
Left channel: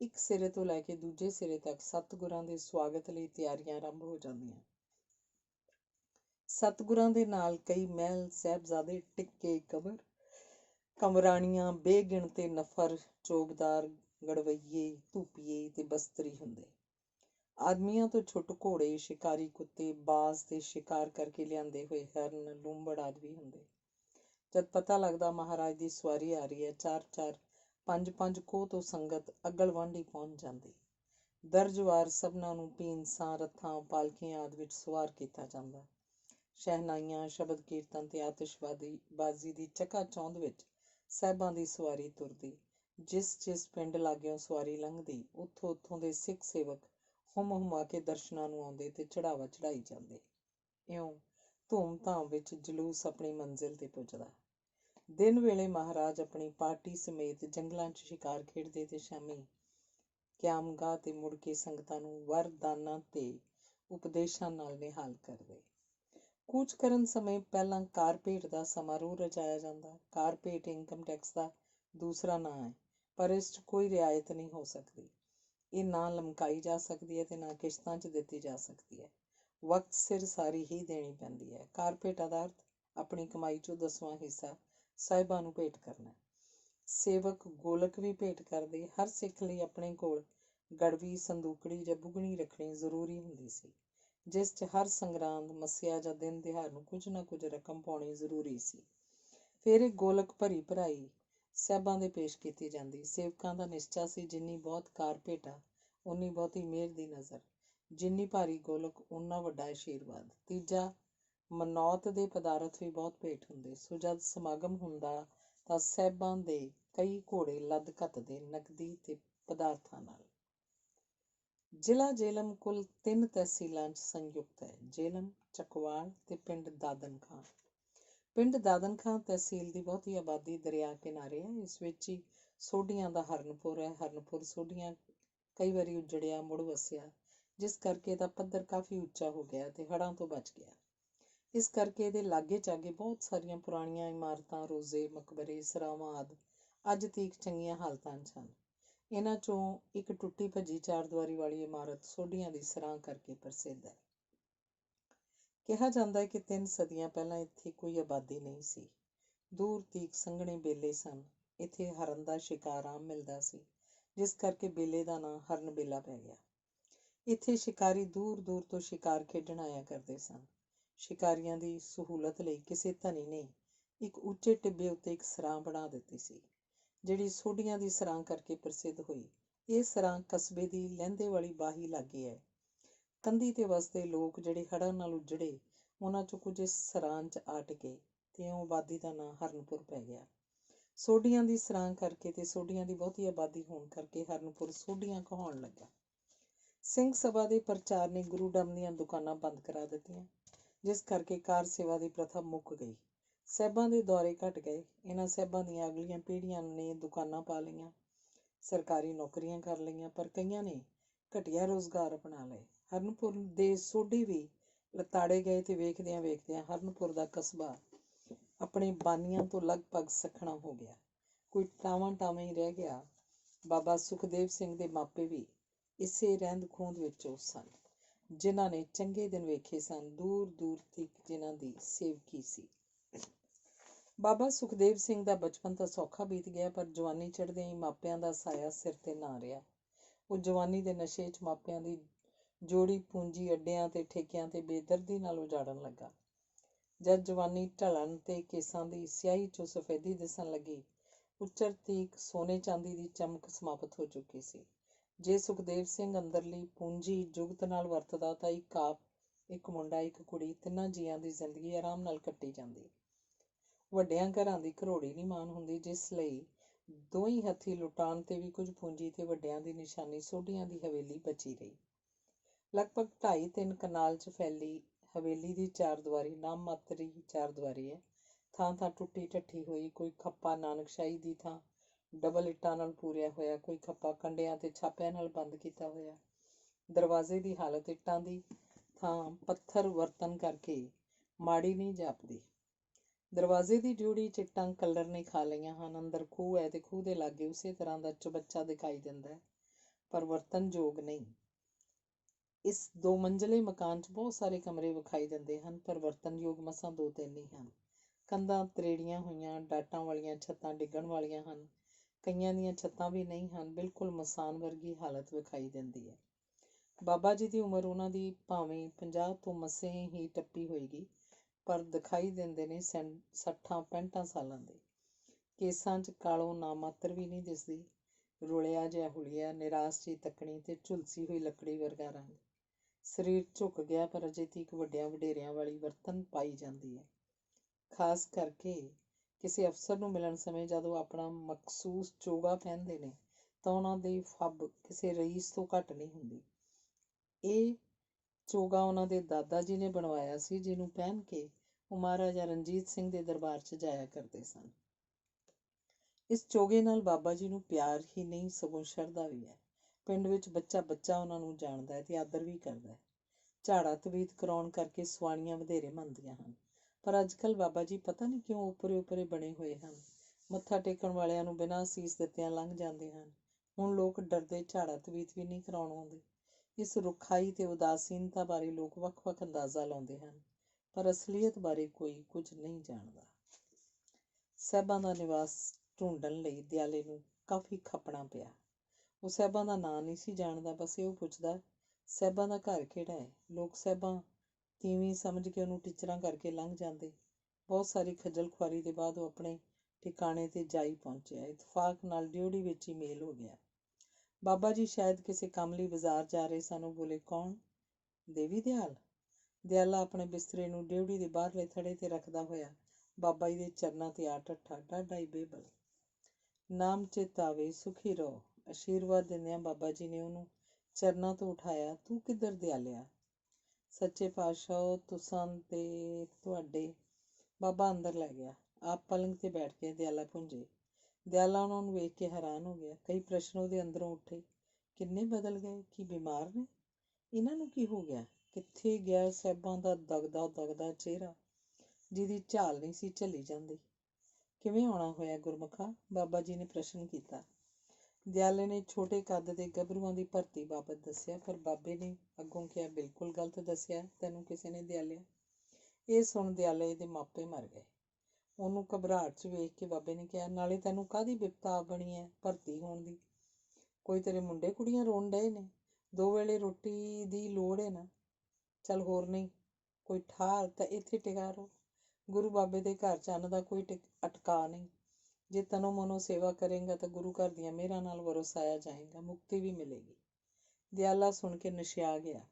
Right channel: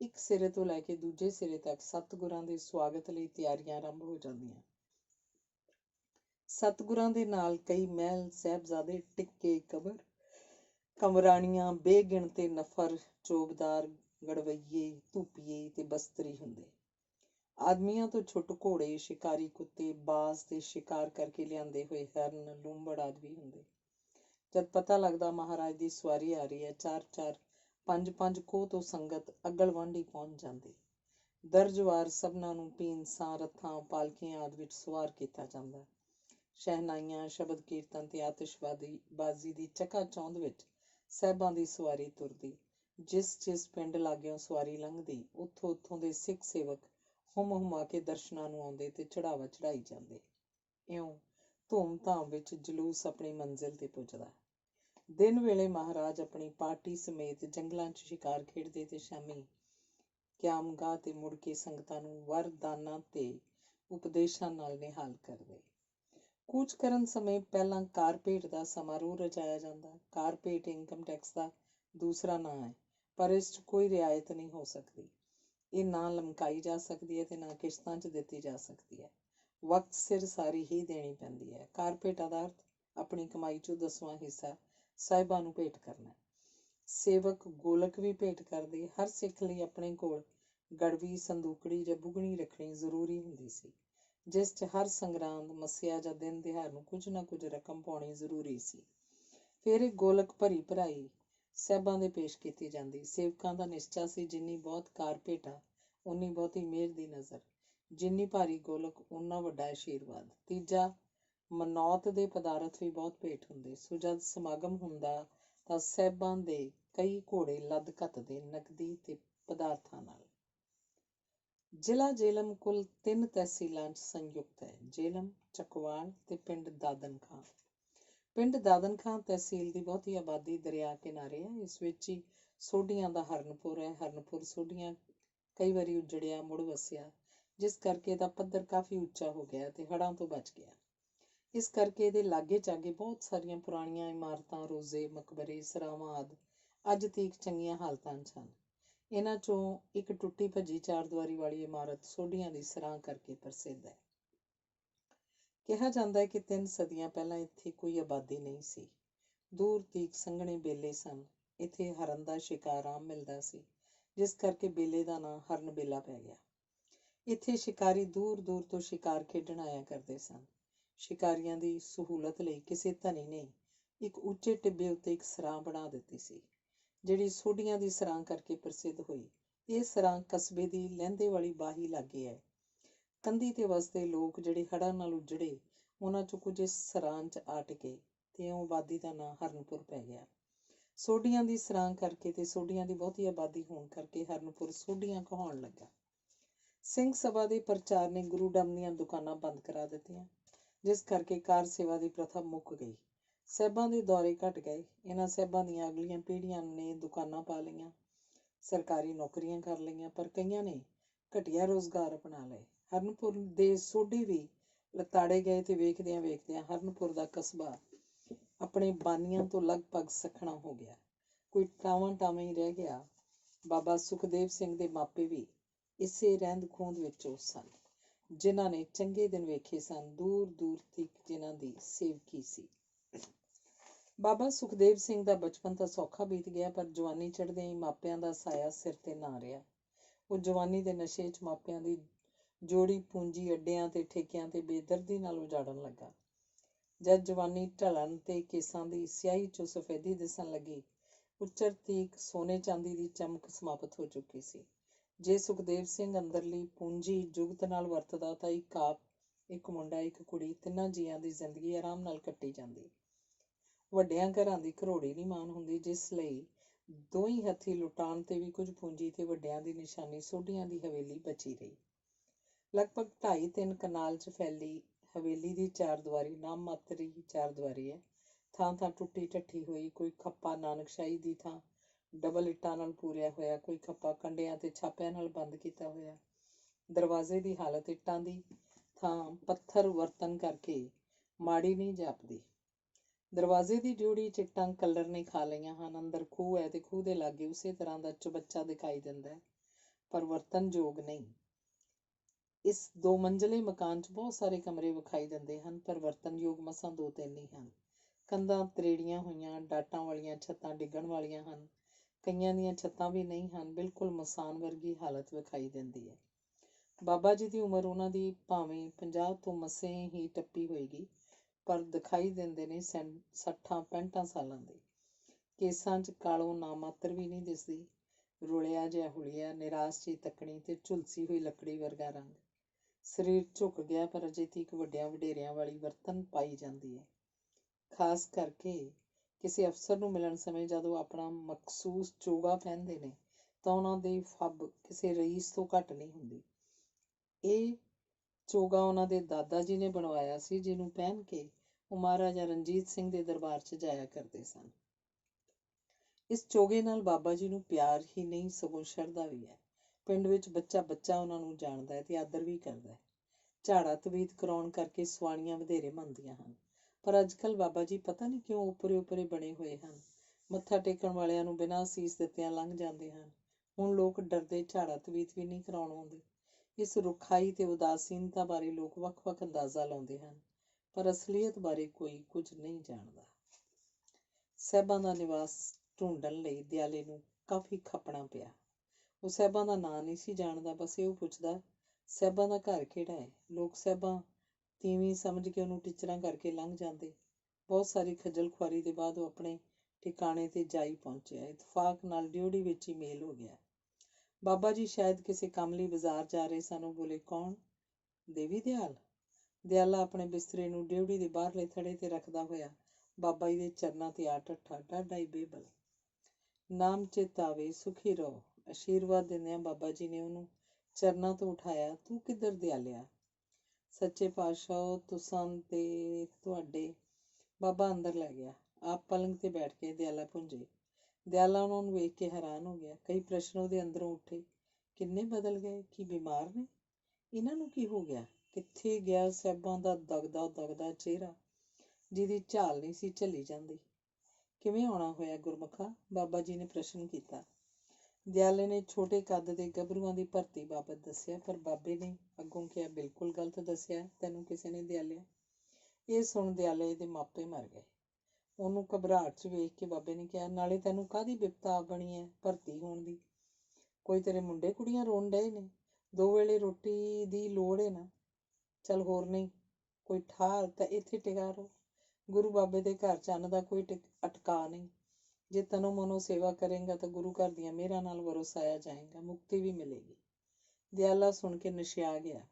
ਇੱਕ ਸਿਰੇ ਤੋਂ ਲੈ ਕੇ ਦੂਜੇ ਸਿਰੇ ਤੱਕ ਸਤਿਗੁਰਾਂ ਦੇ ਸਵਾਗਤ ਲਈ ਤਿਆਰੀਆਂ ਆਰੰਭ ਹੋ ਜਾਂਦੀਆਂ। ਸਤਿਗੁਰਾਂ ਦੇ ਨਾਲ ਕਈ ਮਹਿਲ, ਸਾਹਿਬਜ਼ਾਦੇ, ਟਿੱਕੇ, ਕਮਰਾਣੀਆਂ, ਬੇਗਿਣਤੇ ਨਫਰ, ਚੌਬਦਾਰ, ਗੜਵਈਏ, ਧੂਪੀਏ ਤੇ ਬਸਤਰੀ ਹੁੰਦੇ। ਆਦਮੀਆਂ ਤੋਂ ਛੁੱਟ ਘੋੜੇ, ਸ਼ਿਕਾਰੀ ਕੁੱਤੇ, ਬਾਜ਼ ਤੇ ਸ਼ਿਕਾਰ ਕਰਕੇ ਲਿਆਂਦੇ ਹੋਏ ਹਰਨ, ਲੂੰਬੜ ਆਦਿ ਵੀ ਹੁੰਦੇ। ਜਦ ਪਤਾ ਲੱਗਦਾ ਮਹਾਰਾਜ ਦੀ ਸਵਾਰੀ ਆ ਰਹੀ ਹੈ, 4-4, 5-5 ਕੋਹ ਤੋਂ ਸੰਗਤ ਅਗਲਵਾਂਢੀ ਪਹੁੰਚ ਜਾਂਦੀ। ਦਰਜਵਾਰ ਸਭਨਾਂ ਨੂੰ ਪੀਨਸਾਂ, ਰੱਥਾਂ, ਪਾਲਕੀਆਂ ਆਦਿ ਵਿੱਚ ਸਵਾਰ ਕੀਤਾ ਜਾਂਦਾ। ਸ਼ਹਿਨਾਈਆਂ, ਸ਼ਬਦ ਕੀਰਤਨ ਤੇ ਆਤਿਸ਼ਬਾਜ਼ੀ ਦੀ ਚਕਾਚੌਂਧ ਵਿੱਚ ਸਾਹਿਬਾਂ ਦੀ ਸਵਾਰੀ ਤੁਰਦੀ। ਜਿਸ ਪਿੰਡ ਲਾਗਿਓਂ ਸਵਾਰੀ ਲੰਘਦੀ, ਉੱਥੋਂ ਦੇ ਸਿੱਖ ਸੇਵਕ ਹੁਮਾ ਕੇ ਦਰਸ਼ਨਾਂ ਨੂੰ ਆਉਂਦੇ ਤੇ ਚੜਾਵਾ ਚੜਾਈ ਜਾਂਦੇ। ਇਉਂ ਧੂਮ-ਧਾਮ ਵਿੱਚ ਜਲੂਸ ਆਪਣੀ ਮੰਜ਼ਿਲ ਤੇ ਪੁੱਜਦਾ। ਦਿਨ ਵੇਲੇ ਮਹਾਰਾਜ ਆਪਣੀ ਪਾਰਟੀ ਸਮੇਤ ਜੰਗਲਾਂ 'ਚ ਸ਼ਿਕਾਰ ਖੇਡਦੇ ਤੇ ਸ਼ਾਮੀਂ ਕਿਆਮਗਾਹ ਤੇ ਮੁੜ ਕੇ ਸੰਗਤਾਂ ਨੂੰ ਵਰਦਾਨਾਂ ਤੇ ਉਪਦੇਸ਼ਾਂ ਨਾਲ ਨਿਹਾਲ ਕਰਦੇ। ਕੂਚ ਕਰਨ ਸਮੇਂ ਪਹਿਲਾਂ ਕਾਰ ਭੇਟ ਦਾ ਸਮਾਰੋਹ ਰਚਾਇਆ ਜਾਂਦਾ। ਕਾਰ ਭੇਟ ਇਨਕਮ ਟੈਕਸ ਦਾ ਦੂਸਰਾ ਨਾਂ ਹੈ, ਪਰ ਇਸ 'ਚ ਕੋਈ ਰਿਆਇਤ ਨਹੀਂ ਹੋ ਸਕਦੀ। ਇਹ ਨਾ ਲਮਕਾਈ ਜਾ ਸਕਦੀ ਹੈ ਤੇ ਨਾ ਕਿਸ਼ਤਾਂ 'ਚ ਦਿੱਤੀ ਜਾ ਸਕਦੀ ਹੈ। ਵਕਤ ਸਿਰ ਸਾਰੀ ਹੀ ਦੇਣੀ ਪੈਂਦੀ ਹੈ। ਕਾਰ ਭੇਟਾਂ ਦਾ ਅਰਥ ਆਪਣੀ ਕਮਾਈ 'ਚੋਂ 10ਵਾਂ ਹਿੱਸਾ ਸਾਹਿਬਾਂ ਨੂੰ ਭੇਟ ਕਰਨਾ। ਸੇਵਕ ਗੋਲਕ ਵੀ ਭੇਟ ਕਰਦੇ। ਹਰ ਸਿੱਖ ਲਈ ਆਪਣੇ ਕੋਲ ਗੜਵੀ, ਸੰਦੂਕੜੀ ਜਾਂ ਬੁਗਣੀ ਰੱਖਣੀ ਜ਼ਰੂਰੀ ਹੁੰਦੀ ਸੀ, ਜਿਸ 'ਚ ਹਰ ਸੰਗਰਾਂਦ, ਮੱਸਿਆ ਜਾਂ ਦਿਨ ਦਿਹਾੜ ਨੂੰ ਕੁਝ ਨਾ ਕੁਝ ਰਕਮ ਪਾਉਣੀ ਜ਼ਰੂਰੀ ਸੀ। ਫਿਰ ਇਹ ਗੋਲਕ ਭਰੀ ਭਰਾਈ ਸਾਹਿਬਾਂ ਦੇ ਪੇਸ਼ ਕੀਤੀ ਜਾਂਦੀ। ਸੇਵਕਾਂ ਦਾ ਨਿਸ਼ਚਾ ਸੀ, ਜਿੰਨੀ ਬਹੁਤ ਕਾਰ ਭੇਟਾ ਓਨੀ ਬਹੁਤੀ ਮਿਹਰ ਦੀ ਨਜ਼ਰ, ਜਿੰਨੀ ਭਾਰੀ ਗੋਲਕ ਓਨਾ ਵੱਡਾ ਆਸ਼ੀਰਵਾਦ। ਤੀਜਾ, ਮਨੌਤ ਦੇ ਪਦਾਰਥ ਵੀ ਬਹੁਤ ਭੇਟ ਹੁੰਦੇ। ਸੋ ਜਦ ਸਮਾਗਮ ਹੁੰਦਾ ਤਾਂ ਸਾਹਿਬਾਂ ਦੇ ਕਈ ਘੋੜੇ ਲੱਦ ਘੱਤਦੇ ਨਕਦੀ ਤੇ ਪਦਾਰਥਾਂ ਨਾਲ। ਜ਼ਿਲ੍ਹਾ ਜੇਹਲਮ ਕੁੱਲ 3 ਤਹਿਸੀਲਾਂ 'ਚ ਸੰਯੁਕਤ ਹੈ: ਜੇਹਲਮ, ਚੱਕਵਾਲ ਤੇ ਪਿੰਡ ਦਾਦਨ ਖਾਂ। ਪਿੰਡ ਦਾਦਨ ਖਾਂ ਤਹਿਸੀਲ ਦੀ ਬਹੁਤੀ ਆਬਾਦੀ ਦਰਿਆ ਕਿਨਾਰੇ ਹੈ। ਇਸ ਵਿੱਚ ਹੀ ਸੋਢੀਆਂ ਦਾ ਹਰਨਪੁਰ ਹੈ। ਹਰਨਪੁਰ ਸੋਢੀਆਂ ਕਈ ਵਾਰੀ ਉੱਜੜਿਆ, ਮੁੜ ਵਸਿਆ, ਜਿਸ ਕਰਕੇ ਇਹਦਾ ਪੱਧਰ ਕਾਫੀ ਉੱਚਾ ਹੋ ਗਿਆ ਤੇ ਹੜ੍ਹਾਂ ਤੋਂ ਬਚ ਗਿਆ। ਇਸ ਕਰਕੇ ਇਹਦੇ ਲਾਗੇ ਚਾਗੇ ਬਹੁਤ ਸਾਰੀਆਂ ਪੁਰਾਣੀਆਂ ਇਮਾਰਤਾਂ, ਰੋਜ਼ੇ, ਮਕਬਰੇ, ਸਰਾਵਾਂ ਆਦਿ ਅੱਜ ਤੀਕ ਚੰਗੀਆਂ ਹਾਲਤਾਂ 'ਚ ਹਨ। ਇਹਨਾਂ 'ਚੋਂ ਇੱਕ ਟੁੱਟੀ ਭੱਜੀ 4 ਦੀਵਾਰੀ ਵਾਲੀ ਇਮਾਰਤ ਸੋਢੀਆਂ ਦੀ ਸਰਾਂ ਕਰਕੇ ਪ੍ਰਸਿੱਧ ਹੈ। ਕਿਹਾ ਜਾਂਦਾ ਹੈ ਕਿ 3 ਸਦੀਆਂ ਪਹਿਲਾਂ ਇੱਥੇ ਕੋਈ ਆਬਾਦੀ ਨਹੀਂ ਸੀ। ਦੂਰ ਤੀਕ ਸੰਘਣੇ ਬੇਲੇ ਸਨ। ਇੱਥੇ ਹਰਨ ਦਾ ਸ਼ਿਕਾਰ ਆਮ ਮਿਲਦਾ ਸੀ, ਜਿਸ ਕਰਕੇ ਬੇਲੇ ਦਾ ਨਾਂ ਹਰਨ ਬੇਲਾ ਪੈ ਗਿਆ। ਇੱਥੇ ਸ਼ਿਕਾਰੀ ਦੂਰ ਦੂਰ ਤੋਂ ਸ਼ਿਕਾਰ ਖੇਡਣ ਆਇਆ ਕਰਦੇ ਸਨ। ਸ਼ਿਕਾਰੀਆਂ ਦੀ ਸਹੂਲਤ ਲਈ ਕਿਸੇ ਧਨੀ ਨੇ ਇੱਕ ਉੱਚੇ ਟਿੱਬੇ ਉੱਤੇ ਇੱਕ ਸਰਾਂ ਬਣਾ ਦਿੱਤੀ ਸੀ, ਜਿਹੜੀ ਸੋਢੀਆਂ ਦੀ ਸਰਾਂ ਕਰਕੇ ਪ੍ਰਸਿੱਧ ਹੋਈ। ਇਹ ਸਰਾਂ ਕਸਬੇ ਦੀ ਲਹਿੰਦੇ ਵਾਲੀ ਬਾਹੀ ਲਾਗੇ ਹੈ। ਕੰਧੀ ਤੇ ਵਸਦੇ ਲੋਕ ਜਿਹੜੇ ਹੜ੍ਹਾਂ ਨਾਲ ਉੱਜੜੇ, ਉਹਨਾਂ 'ਚੋਂ ਕੁਝ ਇਸ ਸਰਾਂ 'ਚ ਆ ਟਿਕੇ ਤੇ ਇਉਂ ਆਬਾਦੀ ਦਾ ਨਾਂ ਹਰਨਪੁਰ ਪੈ ਗਿਆ। ਸੋਢੀਆਂ ਦੀ ਸਰਾਂ ਕਰਕੇ ਤੇ ਸੋਢੀਆਂ ਦੀ ਬਹੁਤੀ ਆਬਾਦੀ ਹੋਣ ਕਰਕੇ ਹਰਨਪੁਰ ਸੋਢੀਆਂ ਕਹਾਉਣ ਲੱਗਾ। ਸਿੰਘ ਸਭਾ ਦੇ ਪ੍ਰਚਾਰ ਨੇ ਗੁਰੂ ਡੰਮ ਦੀਆਂ ਦੁਕਾਨਾਂ ਬੰਦ ਕਰਾ ਦਿੱਤੀਆਂ, ਜਿਸ ਕਰਕੇ ਕਾਰ ਸੇਵਾ ਦੀ ਪ੍ਰਥਾ ਮੁੱਕ ਗਈ। ਸਾਹਿਬਾਂ ਦੇ ਦੌਰੇ ਘਟ ਗਏ। ਇਹਨਾਂ ਸਾਹਿਬਾਂ ਦੀਆਂ ਅਗਲੀਆਂ ਪੀੜ੍ਹੀਆਂ ਨੇ ਦੁਕਾਨਾਂ ਪਾ ਲਈਆਂ, ਸਰਕਾਰੀ ਨੌਕਰੀਆਂ ਕਰ ਲਈਆਂ, ਪਰ ਕਈਆਂ ਨੇ ਘਟੀਆ ਰੁਜ਼ਗਾਰ ਅਪਣਾ ਲਏ। ਹਰਨਪੁਰ ਦੇ ਸੋਢੀ ਵੀ ਲਤਾੜੇ ਗਏ ਤੇ ਵੇਖਦਿਆਂ ਵੇਖਦਿਆਂ ਹਰਨਪੁਰ ਦਾ ਕਸਬਾ ਆਪਣੇ ਬਾਨੀਆਂ ਤੋਂ ਲਗਭਗ ਸੱਖਣਾ ਹੋ ਗਿਆ। ਕੋਈ ਟਾਵਾਂ ਟਾਵਾਂ ਹੀ ਰਹਿ ਗਿਆ। ਬਾਬਾ ਸੁਖਦੇਵ ਸਿੰਘ ਦੇ ਮਾਪੇ ਵੀ ਇਸੇ ਰਹਿੰਦ ਖੂੰਹਦ ਵਿੱਚੋਂ ਸਨ, ਜਿਨ੍ਹਾਂ ਨੇ ਚੰਗੇ ਦਿਨ ਵੇਖੇ ਸਨ, ਦੂਰ ਦੂਰ ਤੀਕ ਜਿਨ੍ਹਾਂ ਦੀ ਸੇਵਕੀ ਸੀ। ਬਾਬਾ ਸੁਖਦੇਵ ਸਿੰਘ ਦਾ ਬਚਪਨ ਤਾਂ ਸੌਖਾ ਬੀਤ ਗਿਆ, ਪਰ ਜਵਾਨੀ ਚੜ੍ਹਦਿਆਂ ਹੀ ਮਾਪਿਆਂ ਦਾ ਸਾਇਆ ਸਿਰ ਤੇ ਨਾ ਰਿਹਾ। ਉਹ ਜਵਾਨੀ ਦੇ ਨਸ਼ੇ 'ਚ ਮਾਪਿਆਂ ਦੀ ਜੋੜੀ ਪੂੰਜੀ ਅੱਡਿਆਂ ਤੇ ਠੇਕਿਆਂ ਤੇ ਬੇਦਰਦੀ ਨਾਲ ਉਜਾੜਨ ਲੱਗਾ। ਜਦ ਜਵਾਨੀ ਢਲਣ ਤੇ ਕੇਸਾਂ ਦੀ ਸਿਆਹੀ 'ਚੋਂ ਸਫੈਦੀ ਦਿਸਣ ਲੱਗੀ, ਉੱਚਰ ਤੀਕ ਸੋਨੇ ਚਾਂਦੀ ਦੀ ਚਮਕ ਸਮਾਪਤ ਹੋ ਚੁੱਕੀ ਸੀ। ਜੇ ਸੁਖਦੇਵ ਸਿੰਘ ਅੰਦਰਲੀ ਪੂੰਜੀ ਜੁਗਤ ਨਾਲ ਵਰਤਦਾ ਤਾਂ ਇੱਕ ਆਪ, ਇੱਕ ਮੁੰਡਾ, ਇੱਕ ਕੁੜੀ, 3 ਜੀਆਂ ਦੀ ਜ਼ਿੰਦਗੀ ਆਰਾਮ ਨਾਲ ਕੱਟੀ ਜਾਂਦੀ। ਵੱਡਿਆਂ ਘਰਾਂ ਦੀ ਘਰੋੜੀ ਨਹੀਂ ਮਾਣ ਹੁੰਦੀ, ਜਿਸ ਲਈ ਦੋਹੀਂ ਹੱਥੀਂ ਲੁਟਾਉਣ ਤੇ ਵੀ ਕੁਝ ਪੂੰਜੀ ਤੇ ਵੱਡਿਆਂ ਦੀ ਨਿਸ਼ਾਨੀ ਸੋਢੀਆਂ ਦੀ ਹਵੇਲੀ ਬਚੀ ਰਹੀ। ਲਗਭਗ 2.5-3 ਕਨਾਲ 'ਚ ਫੈਲੀ ਹਵੇਲੀ ਦੀ ਚਾਰਦੀਵਾਰੀ ਨਾਮ ਮਾਤਰ ਹੀ ਚਾਰਦੀਵਾਰੀ ਹੈ। ਥਾਂ ਥਾਂ ਟੁੱਟੀ ਢੱਠੀ ਹੋਈ, ਕੋਈ ਖੱਪਾ ਨਾਨਕਸ਼ਾਹੀ ਦੀ ਥਾਂ ਡਬਲ ਇੱਟਾਂ ਨਾਲ ਪੂਰਿਆ ਹੋਇਆ, ਕੋਈ ਖੱਪਾ ਕੰਡਿਆਂ ਤੇ ਛਾਪਿਆਂ ਨਾਲ ਬੰਦ ਕੀਤਾ ਹੋਇਆ। ਦਰਵਾਜ਼ੇ ਦੀ ਹਾਲਤ ਇੱਟਾਂ ਦੀ ਥਾਂ ਪੱਥਰ ਵਰਤਣ ਕਰਕੇ ਮਾੜੀ ਨਹੀਂ ਜਾਪਦੀ। ਦਰਵਾਜ਼ੇ ਦੀ ਡਿਊੜੀ 'ਚ ਇੱਟਾਂ ਕਲਰ ਨੇ ਖਾ ਲਈਆਂ ਹਨ। ਅੰਦਰ ਖੂਹ ਹੈ ਤੇ ਖੂਹ ਦੇ ਲਾਗੇ ਉਸੇ ਤਰ੍ਹਾਂ ਦਾ ਚੁਬੱਚਾ ਦਿਖਾਈ ਦਿੰਦਾ ਹੈ, ਪਰ ਵਰਤਣਯੋਗ ਨਹੀਂ। ਇਸ 2 ਮੰਜ਼ਲੇ ਮਕਾਨ 'ਚ ਬਹੁਤ ਸਾਰੇ ਕਮਰੇ ਵਿਖਾਈ ਦਿੰਦੇ ਹਨ, ਪਰ ਵਰਤਣਯੋਗ ਮਸਾਂ 2-3 ਹੀ ਹਨ। ਕੰਧਾਂ ਤਰੇੜੀਆਂ ਹੋਈਆਂ, ਡਾਟਾਂ ਵਾਲੀਆਂ ਛੱਤਾਂ ਡਿੱਗਣ ਵਾਲੀਆਂ ਹਨ। ਕਈਆਂ ਦੀਆਂ ਛੱਤਾਂ ਵੀ ਨਹੀਂ ਹਨ। ਬਿਲਕੁਲ ਮਸਾਨ ਵਰਗੀ ਹਾਲਤ ਵਿਖਾਈ ਦਿੰਦੀ ਹੈ। ਬਾਬਾ ਜੀ ਦੀ ਉਮਰ ਉਹਨਾਂ ਦੀ ਭਾਵੇਂ 50 ਤੋਂ ਮਸਾਂ ਹੀ ਟੱਪੀ ਹੋਏਗੀ, ਪਰ ਦਿਖਾਈ ਦਿੰਦੇ ਨੇ 60-65 ਸਾਲਾਂ ਦੇ। ਕੇਸਾਂ 'ਚ ਕਾਲੋਂ ਨਾ ਮਾਤਰ ਵੀ ਨਹੀਂ ਦਿਸਦੀ। ਰੁਲਿਆ ਜਿਹਾ ਹੁਲੀਆ, ਨਿਰਾਸ਼ ਜਿਹੀ ਤੱਕਣੀ ਤੇ ਝੁਲਸੀ ਹੋਈ ਲੱਕੜੀ ਵਰਗਾ ਰੰਗ। ਸਰੀਰ ਝੁਕ ਗਿਆ, ਪਰ ਅਜੇ ਤੀਕ ਵੱਡਿਆਂ ਵਡੇਰਿਆਂ ਵਾਲੀ ਵਰਤਨ ਪਾਈ ਜਾਂਦੀ ਹੈ। ਖਾਸ ਕਰਕੇ ਕਿਸੇ ਅਫਸਰ ਨੂੰ ਮਿਲਣ ਸਮੇਂ ਜਦੋਂ ਆਪਣਾ ਮਖਸੂਸ ਚੋਗਾ ਪਹਿਨਦੇ ਨੇ ਤਾਂ ਉਹਨਾਂ ਦੀ ਫੱਬ ਕਿਸੇ ਰਈਸ ਤੋਂ ਘੱਟ ਨਹੀਂ ਹੁੰਦੀ। ਇਹ ਚੋਗਾ ਉਹਨਾਂ ਦੇ ਦਾਦਾ ਜੀ ਨੇ ਬਣਵਾਇਆ ਸੀ, ਜਿਹਨੂੰ ਪਹਿਨ ਕੇ ਉਹ ਮਹਾਰਾਜਾ ਰਣਜੀਤ ਸਿੰਘ ਦੇ ਦਰਬਾਰ 'ਚ ਜਾਇਆ ਕਰਦੇ ਸਨ। ਇਸ ਚੋਗੇ ਨਾਲ ਬਾਬਾ ਜੀ ਨੂੰ ਪਿਆਰ ਹੀ ਨਹੀਂ, ਸਗੋਂ ਸ਼ਰਧਾ ਵੀ ਹੈ। ਪਿੰਡ ਵਿੱਚ ਬੱਚਾ ਬੱਚਾ ਉਹਨਾਂ ਨੂੰ ਜਾਣਦਾ ਹੈ ਤੇ ਆਦਰ ਵੀ ਕਰਦਾ ਹੈ। ਝਾੜਾ ਤਵੀਤ ਕਰਾਉਣ ਕਰਕੇ ਸਵਾਣੀਆਂ ਵਧੇਰੇ ਮੰਨਦੀਆਂ ਹਨ, ਪਰ ਅੱਜ ਕੱਲ੍ਹ ਬਾਬਾ ਜੀ ਪਤਾ ਨਹੀਂ ਕਿਉਂ ਉੱਪਰੇ ਬਣੇ ਹੋਏ ਹਨ। ਮੱਥਾ ਟੇਕਣ ਵਾਲਿਆਂ ਨੂੰ ਬਿਨਾਂ ਅਸੀਸ ਦਿੱਤਿਆਂ ਲੰਘ ਜਾਂਦੇ ਹਨ। ਹੁਣ ਲੋਕ ਡਰਦੇ ਝਾੜਾ ਤਵੀਤ ਵੀ ਨਹੀਂ ਕਰਾਉਣ ਆਉਂਦੇ। ਇਸ ਰੁੱਖਾਈ ਤੇ ਉਦਾਸੀਨਤਾ ਬਾਰੇ ਲੋਕ ਵੱਖ-ਵੱਖ ਅੰਦਾਜ਼ਾ ਲਾਉਂਦੇ ਹਨ, ਪਰ ਅਸਲੀਅਤ ਬਾਰੇ ਕੋਈ ਕੁਝ ਨਹੀਂ ਜਾਣਦਾ। ਸਾਹਿਬਾਂ ਦਾ ਨਿਵਾਸ ਢੂੰਡਣ ਲਈ ਦਿਆਲੇ ਨੂੰ ਕਾਫੀ ਖਪਣਾ ਪਿਆ। ਉਹ ਸਾਹਿਬਾਂ ਦਾ ਨਾਂ ਨਹੀਂ ਸੀ ਜਾਣਦਾ, ਬਸ ਇਹ ਪੁੱਛਦਾ, ਸਾਹਿਬਾਂ ਦਾ ਘਰ ਕਿਹੜਾ ਹੈ? ਲੋਕ ਸਾਹਿਬਾਂ ਤੀਵੀਂ ਸਮਝ ਕੇ ਉਹਨੂੰ ਟਿਚਰਾਂ ਕਰਕੇ ਲੰਘ ਜਾਂਦੇ। ਬਹੁਤ ਸਾਰੀ ਖੱਜਲ ਖੁਆਰੀ ਦੇ ਬਾਅਦ ਉਹ ਆਪਣੇ ਠਿਕਾਣੇ ਤੇ ਜਾਈ ਪਹੁੰਚਿਆ। ਇਤਫਾਕ ਨਾਲ ਡਿਊੜੀ ਵਿੱਚ ਹੀ ਮੇਲ ਹੋ ਗਿਆ। ਬਾਬਾ ਜੀ ਸ਼ਾਇਦ ਕਿਸੇ ਕੰਮ ਲਈ ਬਾਜ਼ਾਰ ਜਾ ਰਹੇ ਸਨ। ਉਹ ਬੋਲੇ, ਕੌਣ? ਦੇਵੀ ਦਿਆਲ? ਦਿਆਲਾ ਆਪਣੇ ਬਿਸਤਰੇ ਨੂੰ ਡਿਊੜੀ ਦੇ ਬਾਹਰਲੇ ਥੜੇ ਤੇ ਰੱਖਦਾ ਹੋਇਆ ਬਾਬਾ ਜੀ ਦੇ ਚਰਨਾਂ ਤੇ ਆ ਢੱਠਾ। ਡਾਢਾ ਹੀ ਬੇਬਲ। ਨਾਮ ਚੇਤਾਵੇ, ਸੁਖੀ ਰਹੋ। ਆਸ਼ੀਰਵਾਦ ਦਿੰਦਿਆਂ ਬਾਬਾ ਜੀ ਨੇ ਉਹਨੂੰ ਚਰਨਾਂ ਤੋਂ ਉਠਾਇਆ। ਤੂੰ ਕਿੱਧਰ ਦਿਆਲਿਆ? ਸੱਚੇ ਪਾਤਸ਼ਾਹ, ਤੁਸਾਂ ਤੇ ਤੁਹਾਡੇ। ਬਾਬਾ ਅੰਦਰ ਲੈ ਗਿਆ। ਆਪ ਪਲੰਗ ਤੇ ਬੈਠ ਕੇ ਦਿਆਲਾ ਭੁੰਜੇ। ਦਿਆਲਾ ਉਹਨਾਂ ਨੂੰ ਵੇਖ ਕੇ ਹੈਰਾਨ ਹੋ ਗਿਆ। ਕਈ ਪ੍ਰਸ਼ਨ ਉਹਦੇ ਅੰਦਰੋਂ ਉੱਠੇ। ਕਿੰਨੇ ਬਦਲ ਗਏ? ਕੀ ਬਿਮਾਰ ਨੇ? ਇਹਨਾਂ ਨੂੰ ਕੀ ਹੋ ਗਿਆ? ਕਿੱਥੇ ਗਿਆ ਸਾਹਿਬਾਂ ਦਾ ਦਗਦਾ ਚਿਹਰਾ, ਜਿਹਦੀ ਝਾਲ ਨਹੀਂ ਸੀ ਝੱਲੀ ਜਾਂਦੀ? ਕਿਵੇਂ ਆਉਣਾ ਹੋਇਆ ਗੁਰਮੁਖਾ? ਬਾਬਾ ਜੀ ਨੇ ਪ੍ਰਸ਼ਨ ਕੀਤਾ। ਦਿਆਲੇ ਨੇ ਛੋਟੇ ਕੱਦ ਦੇ ਗੱਭਰੂਆਂ ਦੀ ਭਰਤੀ ਬਾਬਤ ਦੱਸਿਆ, ਪਰ ਬਾਬੇ ਨੇ ਅੱਗੋਂ ਕਿਹਾ, ਬਿਲਕੁਲ ਗਲਤ ਦੱਸਿਆ ਤੈਨੂੰ ਕਿਸੇ ਨੇ ਦਿਆਲਿਆ। ਇਹ ਸੁਣ ਦਿਆਲੇ ਦੇ ਮਾਪੇ ਮਰ ਗਏ। ਉਹਨੂੰ ਘਬਰਾਹਟ 'ਚ ਵੇਖ ਕੇ ਬਾਬੇ ਨੇ ਕਿਹਾ, ਨਾਲੇ ਤੈਨੂੰ ਕਾਹਦੀ ਬਿਪਤਾ ਆ ਬਣੀ ਹੈ ਭਰਤੀ ਹੋਣ ਦੀ? ਕੋਈ ਤੇਰੇ ਮੁੰਡੇ ਕੁੜੀਆਂ ਰੋਣ ਡਏ ਨੇ? 2 ਵੇਲੇ ਰੋਟੀ ਦੀ ਲੋੜ ਹੈ ਨਾ? ਚੱਲ ਹੋਰ ਨਹੀਂ ਕੋਈ ਠਾਰ ਤਾਂ ਇੱਥੇ ਟਿਕਾ ਰਹੋ। ਗੁਰੂ ਬਾਬੇ ਦੇ ਘਰ 'ਚ ਅੰਨ ਦਾ ਕੋਈ ਅਟਕਾ ਨਹੀਂ। ਜੇ ਤਨੋਂ ਮਨੋਂ ਸੇਵਾ ਕਰੇਗਾ ਤਾਂ ਗੁਰੂ ਘਰ ਦੀਆਂ ਮਿਹਰਾਂ ਨਾਲ ਵਰਸਾਇਆ ਜਾਏਗਾ, ਮੁਕਤੀ ਵੀ ਮਿਲੇਗੀ। ਦਿਆਲਾ ਸੁਣ ਕੇ ਨਸ਼ਿਆ ਗਿਆ।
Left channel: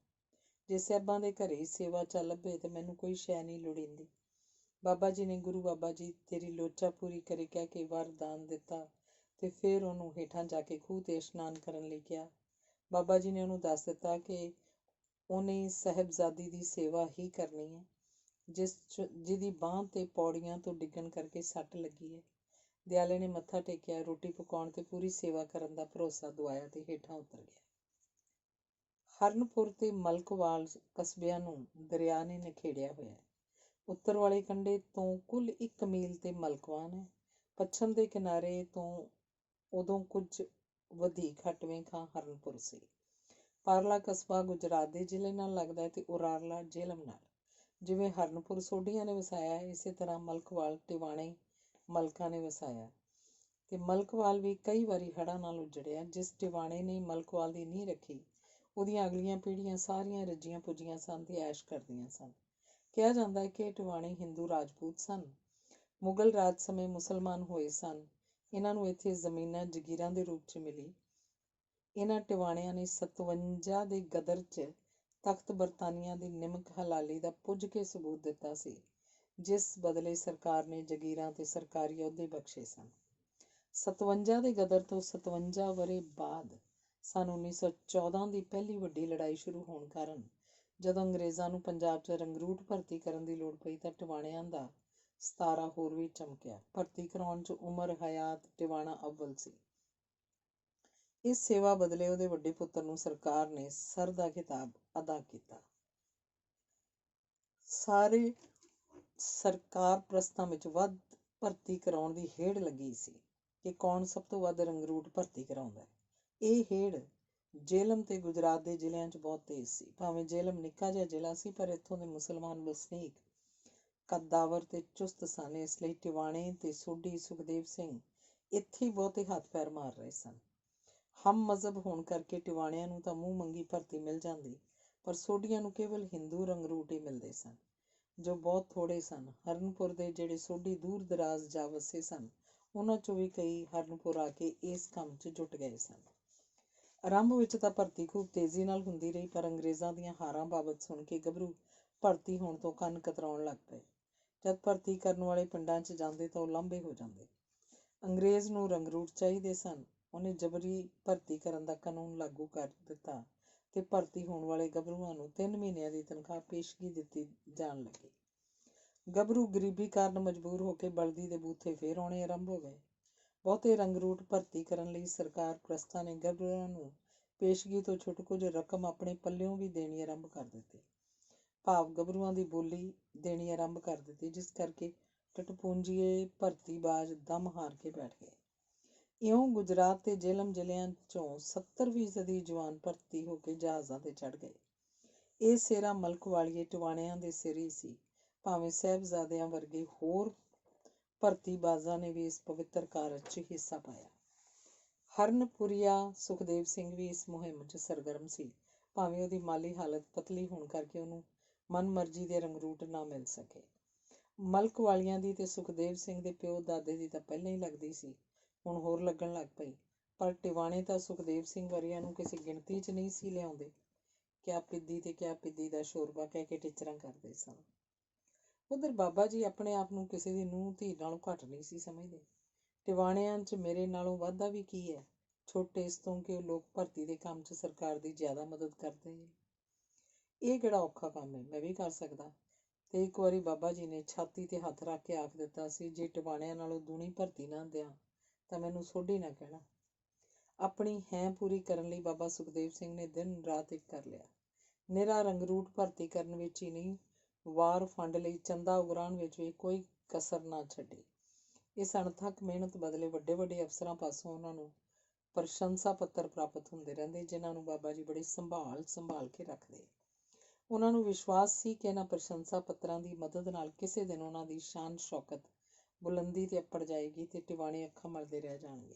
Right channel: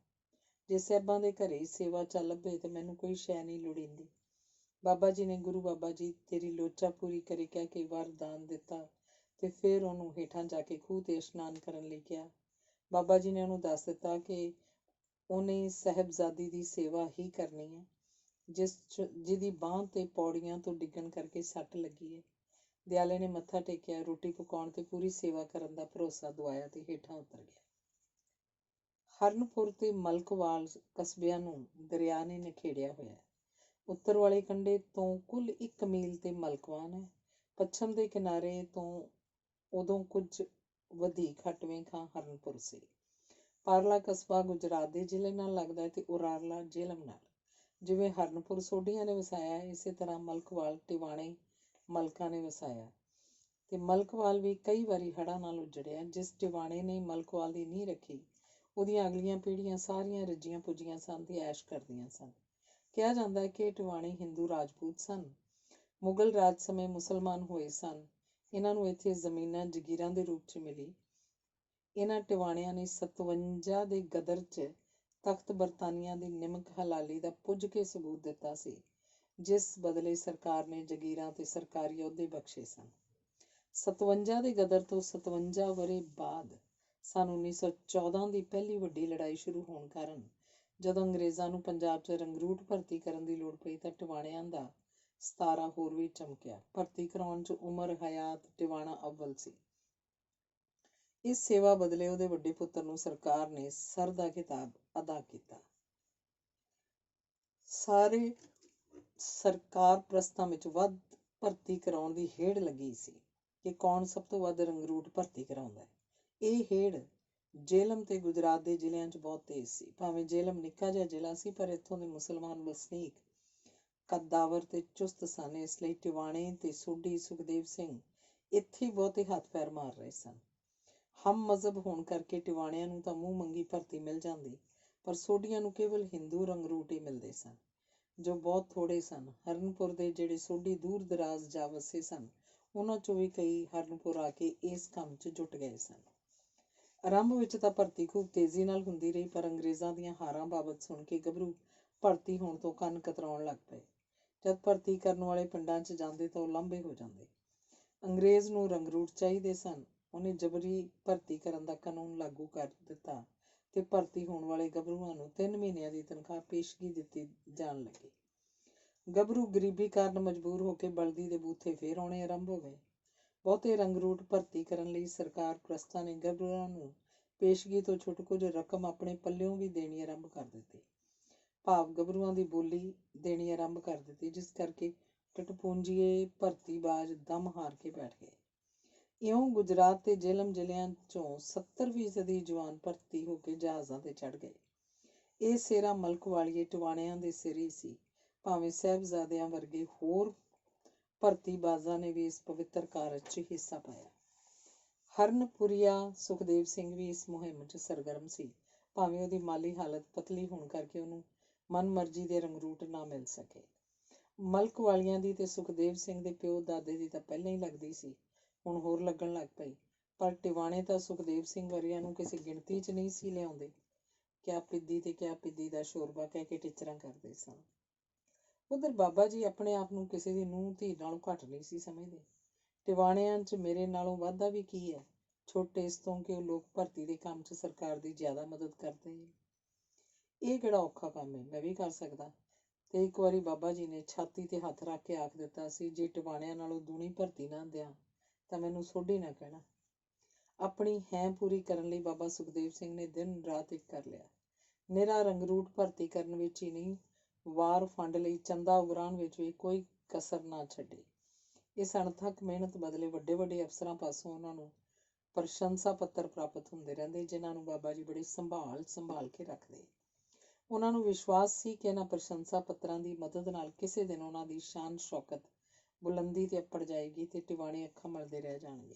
ਜੇ ਸਾਹਿਬਾਂ ਦੇ ਘਰੇ ਸੇਵਾ ਚੱਲ ਪਏ ਤੇ ਮੈਨੂੰ ਕੋਈ ਸ਼ੈ ਨਹੀਂ ਲੋੜੀਂਦੀ। ਬਾਬਾ ਜੀ ਨੇ, ਗੁਰੂ ਬਾਬਾ ਜੀ ਤੇਰੀ ਲੋਚਾ ਪੂਰੀ ਕਰੇ ਕਹਿ ਕੇ ਵਰਦਾਨ ਦਿੱਤਾ ਤੇ ਫਿਰ ਉਹਨੂੰ ਹੇਠਾਂ ਜਾ ਕੇ ਖੂਹ ਤੇ ਇਸ਼ਨਾਨ ਕਰਨ ਲਈ ਕਿਹਾ। ਬਾਬਾ ਜੀ ਨੇ ਉਹਨੂੰ ਦੱਸ ਦਿੱਤਾ ਕਿ ਉਹਨੇ ਸਾਹਿਬਜ਼ਾਦੀ ਦੀ ਸੇਵਾ ਹੀ ਕਰਨੀ ਹੈ, ਜਿਹਦੀ ਬਾਂਹ ਤੇ ਪੌੜੀਆਂ ਤੋਂ ਡਿੱਗਣ ਕਰਕੇ ਸੱਟ ਲੱਗੀ ਹੈ। ਦਿਆਲੇ ਨੇ ਮੱਥਾ ਟੇਕਿਆ, ਰੋਟੀ ਪਕਾਉਣ ਤੇ ਪੂਰੀ ਸੇਵਾ ਕਰਨ ਦਾ ਭਰੋਸਾ ਦਵਾਇਆ ਤੇ ਹੇਠਾਂ ਉਤਰ ਗਿਆ। ਹਰਨਪੁਰ ਤੇ ਮਲਕਵਾਲ ਕਸਬਿਆਂ ਨੂੰ ਦਰਿਆ ਨੇ ਨਿਖੇੜਿਆ ਹੋਇਆ। ਉੱਤਰ ਵਾਲੇ ਕੰਢੇ ਤੋਂ ਕੁੱਲ 1 ਮੀਲ ਤੇ ਮਲਕਵਾਨ ਹੈ। ਪੱਛਮ ਦੇ ਕਿਨਾਰੇ ਤੋਂ ਉਦੋਂ ਕੁਝ ਵਧੀਕ ਹਟਵੇਂ ਥਾਂ ਹਰਨਪੁਰ ਸੀ। ਪਾਰਲਾ ਕਸਬਾ ਗੁਜਰਾਤ ਦੇ ਜ਼ਿਲ੍ਹੇ ਨਾਲ ਲੱਗਦਾ ਹੈ ਤੇ ਉਰਾਰਲਾ ਜੇਹਲਮ ਨਾਲ। ਜਿਵੇਂ ਹਰਨਪੁਰ ਸੋਢੀਆਂ ਨੇ ਵਸਾਇਆ, ਇਸੇ ਤਰ੍ਹਾਂ ਮਲਕਵਾਲ ਟਿਵਾਣੇ ਮਲਕਾਂ ਨੇ ਵਸਾਇਆ ਤੇ ਮਲਕਵਾਲ ਵੀ ਕਈ ਵਾਰੀ ਹੜ੍ਹਾਂ ਨਾਲ ਉੱਜੜਿਆ। ਜਿਸ ਟਿਵਾਣੇ ਨੇ ਮਲਕਵਾਲ ਦੀ ਨੀਂਹ ਰੱਖੀ, ਉਹਦੀਆਂ ਅਗਲੀਆਂ ਪੀੜ੍ਹੀਆਂ ਸਾਰੀਆਂ ਰੱਜੀਆਂ ਪੁੱਜੀਆਂ ਸਨ ਤੇ ਐਸ਼ ਕਰਦੀਆਂ ਸਨ। ਕਿਹਾ ਜਾਂਦਾ ਹੈ ਕਿ ਇਹ ਟਿਵਾਣੇ ਹਿੰਦੂ ਰਾਜਪੂਤ ਸਨ। ਮੁਗਲ ਰਾਜ ਸਮੇਂ ਮੁਸਲਮਾਨ ਹੋਏ ਸਨ। ਇਹਨਾਂ ਨੂੰ ਇੱਥੇ ਜ਼ਮੀਨਾਂ ਜਗੀਰਾਂ ਦੇ ਰੂਪ 'ਚ ਮਿਲੀ। ਇਹਨਾਂ ਟਿਵਾਣਿਆਂ ਨੇ 57 ਦੇ ਗਦਰ 'ਚ ਤਖਤ ਬਰਤਾਨੀਆ ਦੀ ਨਿਮਕ ਹਲਾਲੀ ਦਾ ਪੁੱਜ ਕੇ ਸਬੂਤ ਦਿੱਤਾ ਸੀ। ਜਿਸ ਬਦਲੇ ਸਰਕਾਰ ਨੇ ਜਗੀਰਾਂ ਤੇ ਸਰਕਾਰੀ ਅਹੁਦੇ ਬਖਸ਼ੇ ਸਨ। 57 ਦੇ ਗਦਰ ਤੋਂ 57 ਵਰ੍ਹੇ ਬਾਅਦ ਸੰਨ 1914 ਦੀ ਪਹਿਲੀ ਵੱਡੀ ਲੜਾਈ ਸ਼ੁਰੂ ਹੋਣ ਕਾਰਨ ਜਦੋਂ ਅੰਗਰੇਜ਼ਾਂ ਨੂੰ ਪੰਜਾਬ 'ਚ ਰੰਗਰੂਟ ਭਰਤੀ ਕਰਨ ਦੀ ਲੋੜ ਪਈ ਤਾਂ ਟਿਵਾਣਿਆਂ ਦਾ 17 ਹੋਰ ਵੀ ਚਮਕਿਆ। ਭਰਤੀ ਕਰਾਉਣ 'ਚ ਉਮਰ ਹਯਾਤ ਟਿਵਾਣਾ ਅੱਵਲ ਸੀ। ਇਸ ਸੇਵਾ ਬਦਲੇ ਉਹਦੇ ਵੱਡੇ ਪੁੱਤਰ ਨੂੰ ਸਰਕਾਰ ਨੇ ਸਰ ਦਾ ਖਿਤਾਬ ਅਦਾ ਕੀਤਾ। ਸਾਰੇ ਸਰਕਾਰ ਪ੍ਰਸਤਾਂ ਵਿੱਚ ਵੱਧ ਭਰਤੀ ਕਰਾਉਣ ਦੀ ਹੇੜ ਲੱਗੀ ਸੀ ਕਿ ਕੌਣ ਸਭ ਤੋਂ ਵੱਧ ਰੰਗਰੂਟ ਭਰਤੀ ਕਰਾਉਂਦਾ ਹੈ। ਇਹ ਹੇੜ ਜੇਹਲਮ ਤੇ ਗੁਜਰਾਤ ਦੇ ਜ਼ਿਲ੍ਹਿਆਂ 'ਚ ਬਹੁਤ ਤੇਜ਼ ਸੀ। ਭਾਵੇਂ ਜੇਹਲਮ ਨਿੱਕਾ ਜਿਹਾ ਜ਼ਿਲ੍ਹਾ ਸੀ, ਪਰ ਇੱਥੋਂ ਦੇ ਮੁਸਲਮਾਨ ਵਸਨੀਕ ਕੱਦਾਵਰ ਤੇ ਚੁਸਤ ਸਨ। ਇਸ ਲਈ ਟਿਵਾਣੇ ਤੇ ਸੋਢੀ ਸੁਖਦੇਵ ਸਿੰਘ ਇੱਥੇ ਹੀ ਬਹੁਤੇ ਹੱਥ ਪੈਰ ਮਾਰ ਰਹੇ ਸਨ। ਹਮ ਮਜ਼ਹਬ ਹੋਣ ਕਰਕੇ ਟਿਵਾਣਿਆਂ ਨੂੰ ਤਾਂ ਮੂੰਹ ਮੰਗੀ ਭਰਤੀ ਮਿਲ ਜਾਂਦੀ, ਪਰ ਸੋਢੀਆਂ ਨੂੰ ਕੇਵਲ ਹਿੰਦੂ ਰੰਗਰੂਟ ਹੀ ਮਿਲਦੇ ਸਨ, ਜੋ ਬਹੁਤ ਥੋੜੇ ਸਨ। ਹਰਨਪੁਰ ਦੇ ਜਿਹੜੇ ਸੋਢੀ ਦੂਰ ਦਰਾਜ਼ ਜਾ ਵਸੇ ਸਨ, ਉਹਨਾਂ 'ਚੋਂ ਵੀ ਕਈ ਹਰਨਪੁਰ ਆ ਕੇ ਇਸ ਕੰਮ 'ਚ ਜੁਟ ਗਏ ਸਨ। ਆਰੰਭ ਵਿੱਚ ਤਾਂ ਭਰਤੀ ਖੂਬ ਤੇਜ਼ੀ ਨਾਲ ਹੁੰਦੀ ਰਹੀ, ਪਰ ਅੰਗਰੇਜ਼ਾਂ ਦੀਆਂ ਹਾਰਾਂ ਬਾਬਤ ਸੁਣ ਕੇ ਗੱਭਰੂ ਭਰਤੀ ਹੋਣ ਤੋਂ ਕੰਨ ਕਤਰਾਉਣ ਲੱਗ ਪਏ। ਜਦ ਭਰਤੀ ਕਰਨ ਵਾਲੇ ਪਿੰਡਾਂ 'ਚ ਜਾਂਦੇ ਤਾਂ ਉਹ ਲਾਂਭੇ ਹੋ ਜਾਂਦੇ। ਅੰਗਰੇਜ਼ ਨੂੰ ਰੰਗਰੂਟ ਚਾਹੀਦੇ ਸਨ। ਉਹਨੇ ਜਬਰੀ ਭਰਤੀ ਕਰਨ ਦਾ ਕਾਨੂੰਨ ਲਾਗੂ ਕਰ ਦਿੱਤਾ ਤੇ ਭਰਤੀ ਹੋਣ ਵਾਲੇ ਗੱਭਰੂਆਂ ਨੂੰ 3 ਮਹੀਨਿਆਂ ਦੀ ਤਨਖਾਹ ਪੇਸ਼ਗੀ ਦਿੱਤੀ ਜਾਣ ਲੱਗੀ। ਗੱਭਰੂ ਗਰੀਬੀ ਕਾਰਨ ਮਜਬੂਰ ਹੋ ਕੇ ਬਲਦੀ ਦੇ ਬੂਥੇ ਫੇਰ ਆਉਣੇ ਆਰੰਭ ਹੋ ਗਏ। ਬਹੁਤੇ ਰੰਗਰੂਟ ਭਰਤੀ ਕਰਨ ਲਈ ਸਰਕਾਰ ਪ੍ਰਸਤਾਂ ਨੇ ਗੱਭਰੂਆਂ ਨੂੰ ਪੇਸ਼ਗੀ ਤੋਂ ਛੁੱਟ ਕੁਝ ਰਕਮ ਆਪਣੇ ਪੱਲਿਓਂ ਵੀ ਦੇਣੀ ਆਰੰਭ ਕਰ ਦਿੱਤੀ। ਭਾਵ ਗੱਭਰੂਆਂ ਦੀ ਬੋਲੀ ਦੇਣੀ ਆਰੰਭ ਕਰ ਦਿੱਤੀ, ਜਿਸ ਕਰਕੇ ਟਟਪੂੰਜੀਏ ਭਰਤੀਬਾਜ਼ ਦਮ ਹਾਰ ਕੇ ਬੈਠ ਗਏ। ਇਉਂ ਗੁਜਰਾਤ ਤੇ ਜੇਹਲਮ ਜ਼ਿਲ੍ਹਿਆਂ 'ਚੋਂ 70% ਜਵਾਨ ਭਰਤੀ ਹੋ ਕੇ ਜਹਾਜ਼ਾਂ ਤੇ ਚੜ੍ਹ ਗਏ। ਇਹ ਸਿਹਰਾ ਮਲਕ ਵਾਲੀਏ ਟਿਵਾਣਿਆਂ ਦੇ ਸਿਰ ਹੀ ਸੀ, ਭਾਵੇਂ ਸਾਹਿਬਜ਼ਾਦਿਆਂ ਵਰਗੇ ਹੋਰ ਭਰਤੀਬਾਜ਼ਾਂ ਨੇ ਵੀ ਇਸ ਪਵਿੱਤਰ ਕਾਰਜ 'ਚ ਹਿੱਸਾ ਪਾਇਆ। ਹਰਨਪੁਰੀਆ ਸੁਖਦੇਵ ਸਿੰਘ ਵੀ ਇਸ ਮੁਹਿੰਮ 'ਚ ਸਰਗਰਮ ਸੀ, ਭਾਵੇਂ ਉਹਦੀ ਮਾਲੀ ਹਾਲਤ ਪਤਲੀ ਹੋਣ ਕਰਕੇ ਉਹਨੂੰ ਮਨਮਰਜ਼ੀ ਦੇ ਰੰਗਰੂਟ ਨਾ ਮਿਲ ਸਕੇ। ਮਲਕ ਵਾਲੀਆਂ ਦੀ ਤੇ ਸੁਖਦੇਵ ਸਿੰਘ ਦੇ ਪਿਓ ਦਾਦੇ ਦੀ ਤਾਂ ਪਹਿਲਾਂ ਹੀ ਲੱਗਦੀ ਸੀ, ਹੁਣ ਹੋਰ ਲੱਗਣ ਲੱਗ ਪਈ। ਪਰ ਟਿਵਾਣੇ ਤਾਂ ਸੁਖਦੇਵ ਸਿੰਘ ਵਰਗਿਆਂ ਨੂੰ ਕਿਸੇ ਗਿਣਤੀ 'ਚ ਨਹੀਂ ਸੀ ਲਿਆਉਂਦੇ। ਕਿਆ ਪਿੱਦੀ ਤੇ ਕਿਆ ਪਿੱਦੀ ਦਾ ਸ਼ੋਰਬਾ ਕਹਿ ਕੇ ਟਿਚਰਾਂ ਕਰਦੇ ਸਨ। ਉਧਰ ਬਾਬਾ ਜੀ ਆਪਣੇ ਆਪ ਨੂੰ ਕਿਸੇ ਦੀ ਨੂੰਹ ਧੀ ਨਾਲੋਂ ਘੱਟ ਨਹੀਂ ਸੀ ਸਮਝਦੇ। ਟਿਵਾਣਿਆਂ 'ਚ ਮੇਰੇ ਨਾਲੋਂ ਵਾਧਾ ਵੀ ਕੀ ਹੈ, ਛੋਟੇ ਇਸ ਤੋਂ ਕਿ ਉਹ ਲੋਕ ਭਰਤੀ ਦੇ ਕੰਮ 'ਚ ਸਰਕਾਰ ਦੀ ਜ਼ਿਆਦਾ ਮਦਦ ਕਰਦੇ ਨੇ। ਇਹ ਕਿਹੜਾ ਔਖਾ ਕੰਮ ਹੈ, ਮੈਂ ਵੀ ਕਰ ਸਕਦਾ। ਤੇ ਇੱਕ ਵਾਰੀ ਬਾਬਾ ਜੀ ਨੇ ਛਾਤੀ ਤੇ ਹੱਥ ਰੱਖ ਕੇ ਆਖ ਦਿੱਤਾ ਸੀ, ਜੇ ਟਿਵਾਣਿਆਂ ਨਾਲੋਂ ਦੂਣੀ ਭਰਤੀ ਨਾ ਦਿਆਂ ਤਾਂ ਮੈਨੂੰ ਸੋਢੀ ਨਾ ਕਹਿਣਾ। ਆਪਣੀ ਹੈਂ ਪੂਰੀ ਕਰਨ ਲਈ ਬਾਬਾ ਸੁਖਦੇਵ ਸਿੰਘ ਨੇ ਦਿਨ ਰਾਤ ਇੱਕ ਕਰ ਲਿਆ। ਨਿਰਾ ਰੰਗਰੂਟ ਭਰਤੀ ਕਰਨ ਵਿੱਚ ਹੀ ਨਹੀਂ, ਵਾਰ ਫੰਡ ਲਈ ਚੰਦਾ ਉਗਰਾਉਣ ਵਿੱਚ ਵੀ ਕੋਈ ਕਸਰ ਨਾ ਛੱਡੀ। ਇਸ ਅਣਥੱਕ ਮਿਹਨਤ ਬਦਲੇ ਵੱਡੇ ਵੱਡੇ ਅਫਸਰਾਂ ਪਾਸੋਂ ਉਹਨਾਂ ਨੂੰ ਪ੍ਰਸ਼ੰਸਾ ਪੱਤਰ ਪ੍ਰਾਪਤ ਹੁੰਦੇ ਰਹਿੰਦੇ, ਜਿਨ੍ਹਾਂ ਨੂੰ ਬਾਬਾ ਜੀ ਬੜੀ ਸੰਭਾਲ ਕੇ ਰੱਖਦੇ। ਉਹਨਾਂ ਨੂੰ ਵਿਸ਼ਵਾਸ ਸੀ ਕਿ ਇਹਨਾਂ ਪ੍ਰਸ਼ੰਸਾ ਪੱਤਰਾਂ ਦੀ ਮਦਦ ਨਾਲ ਕਿਸੇ ਦਿਨ ਉਹਨਾਂ ਦੀ ਸ਼ਾਨ ਸ਼ੌਕਤ ਬੁਲੰਦੀ ਤੇ ਅੱਪੜ ਜਾਏਗੀ ਤੇ ਟਿਵਾਣੇ ਅੱਖਾਂ ਮਲਦੇ ਰਹਿ ਜਾਣਗੇ।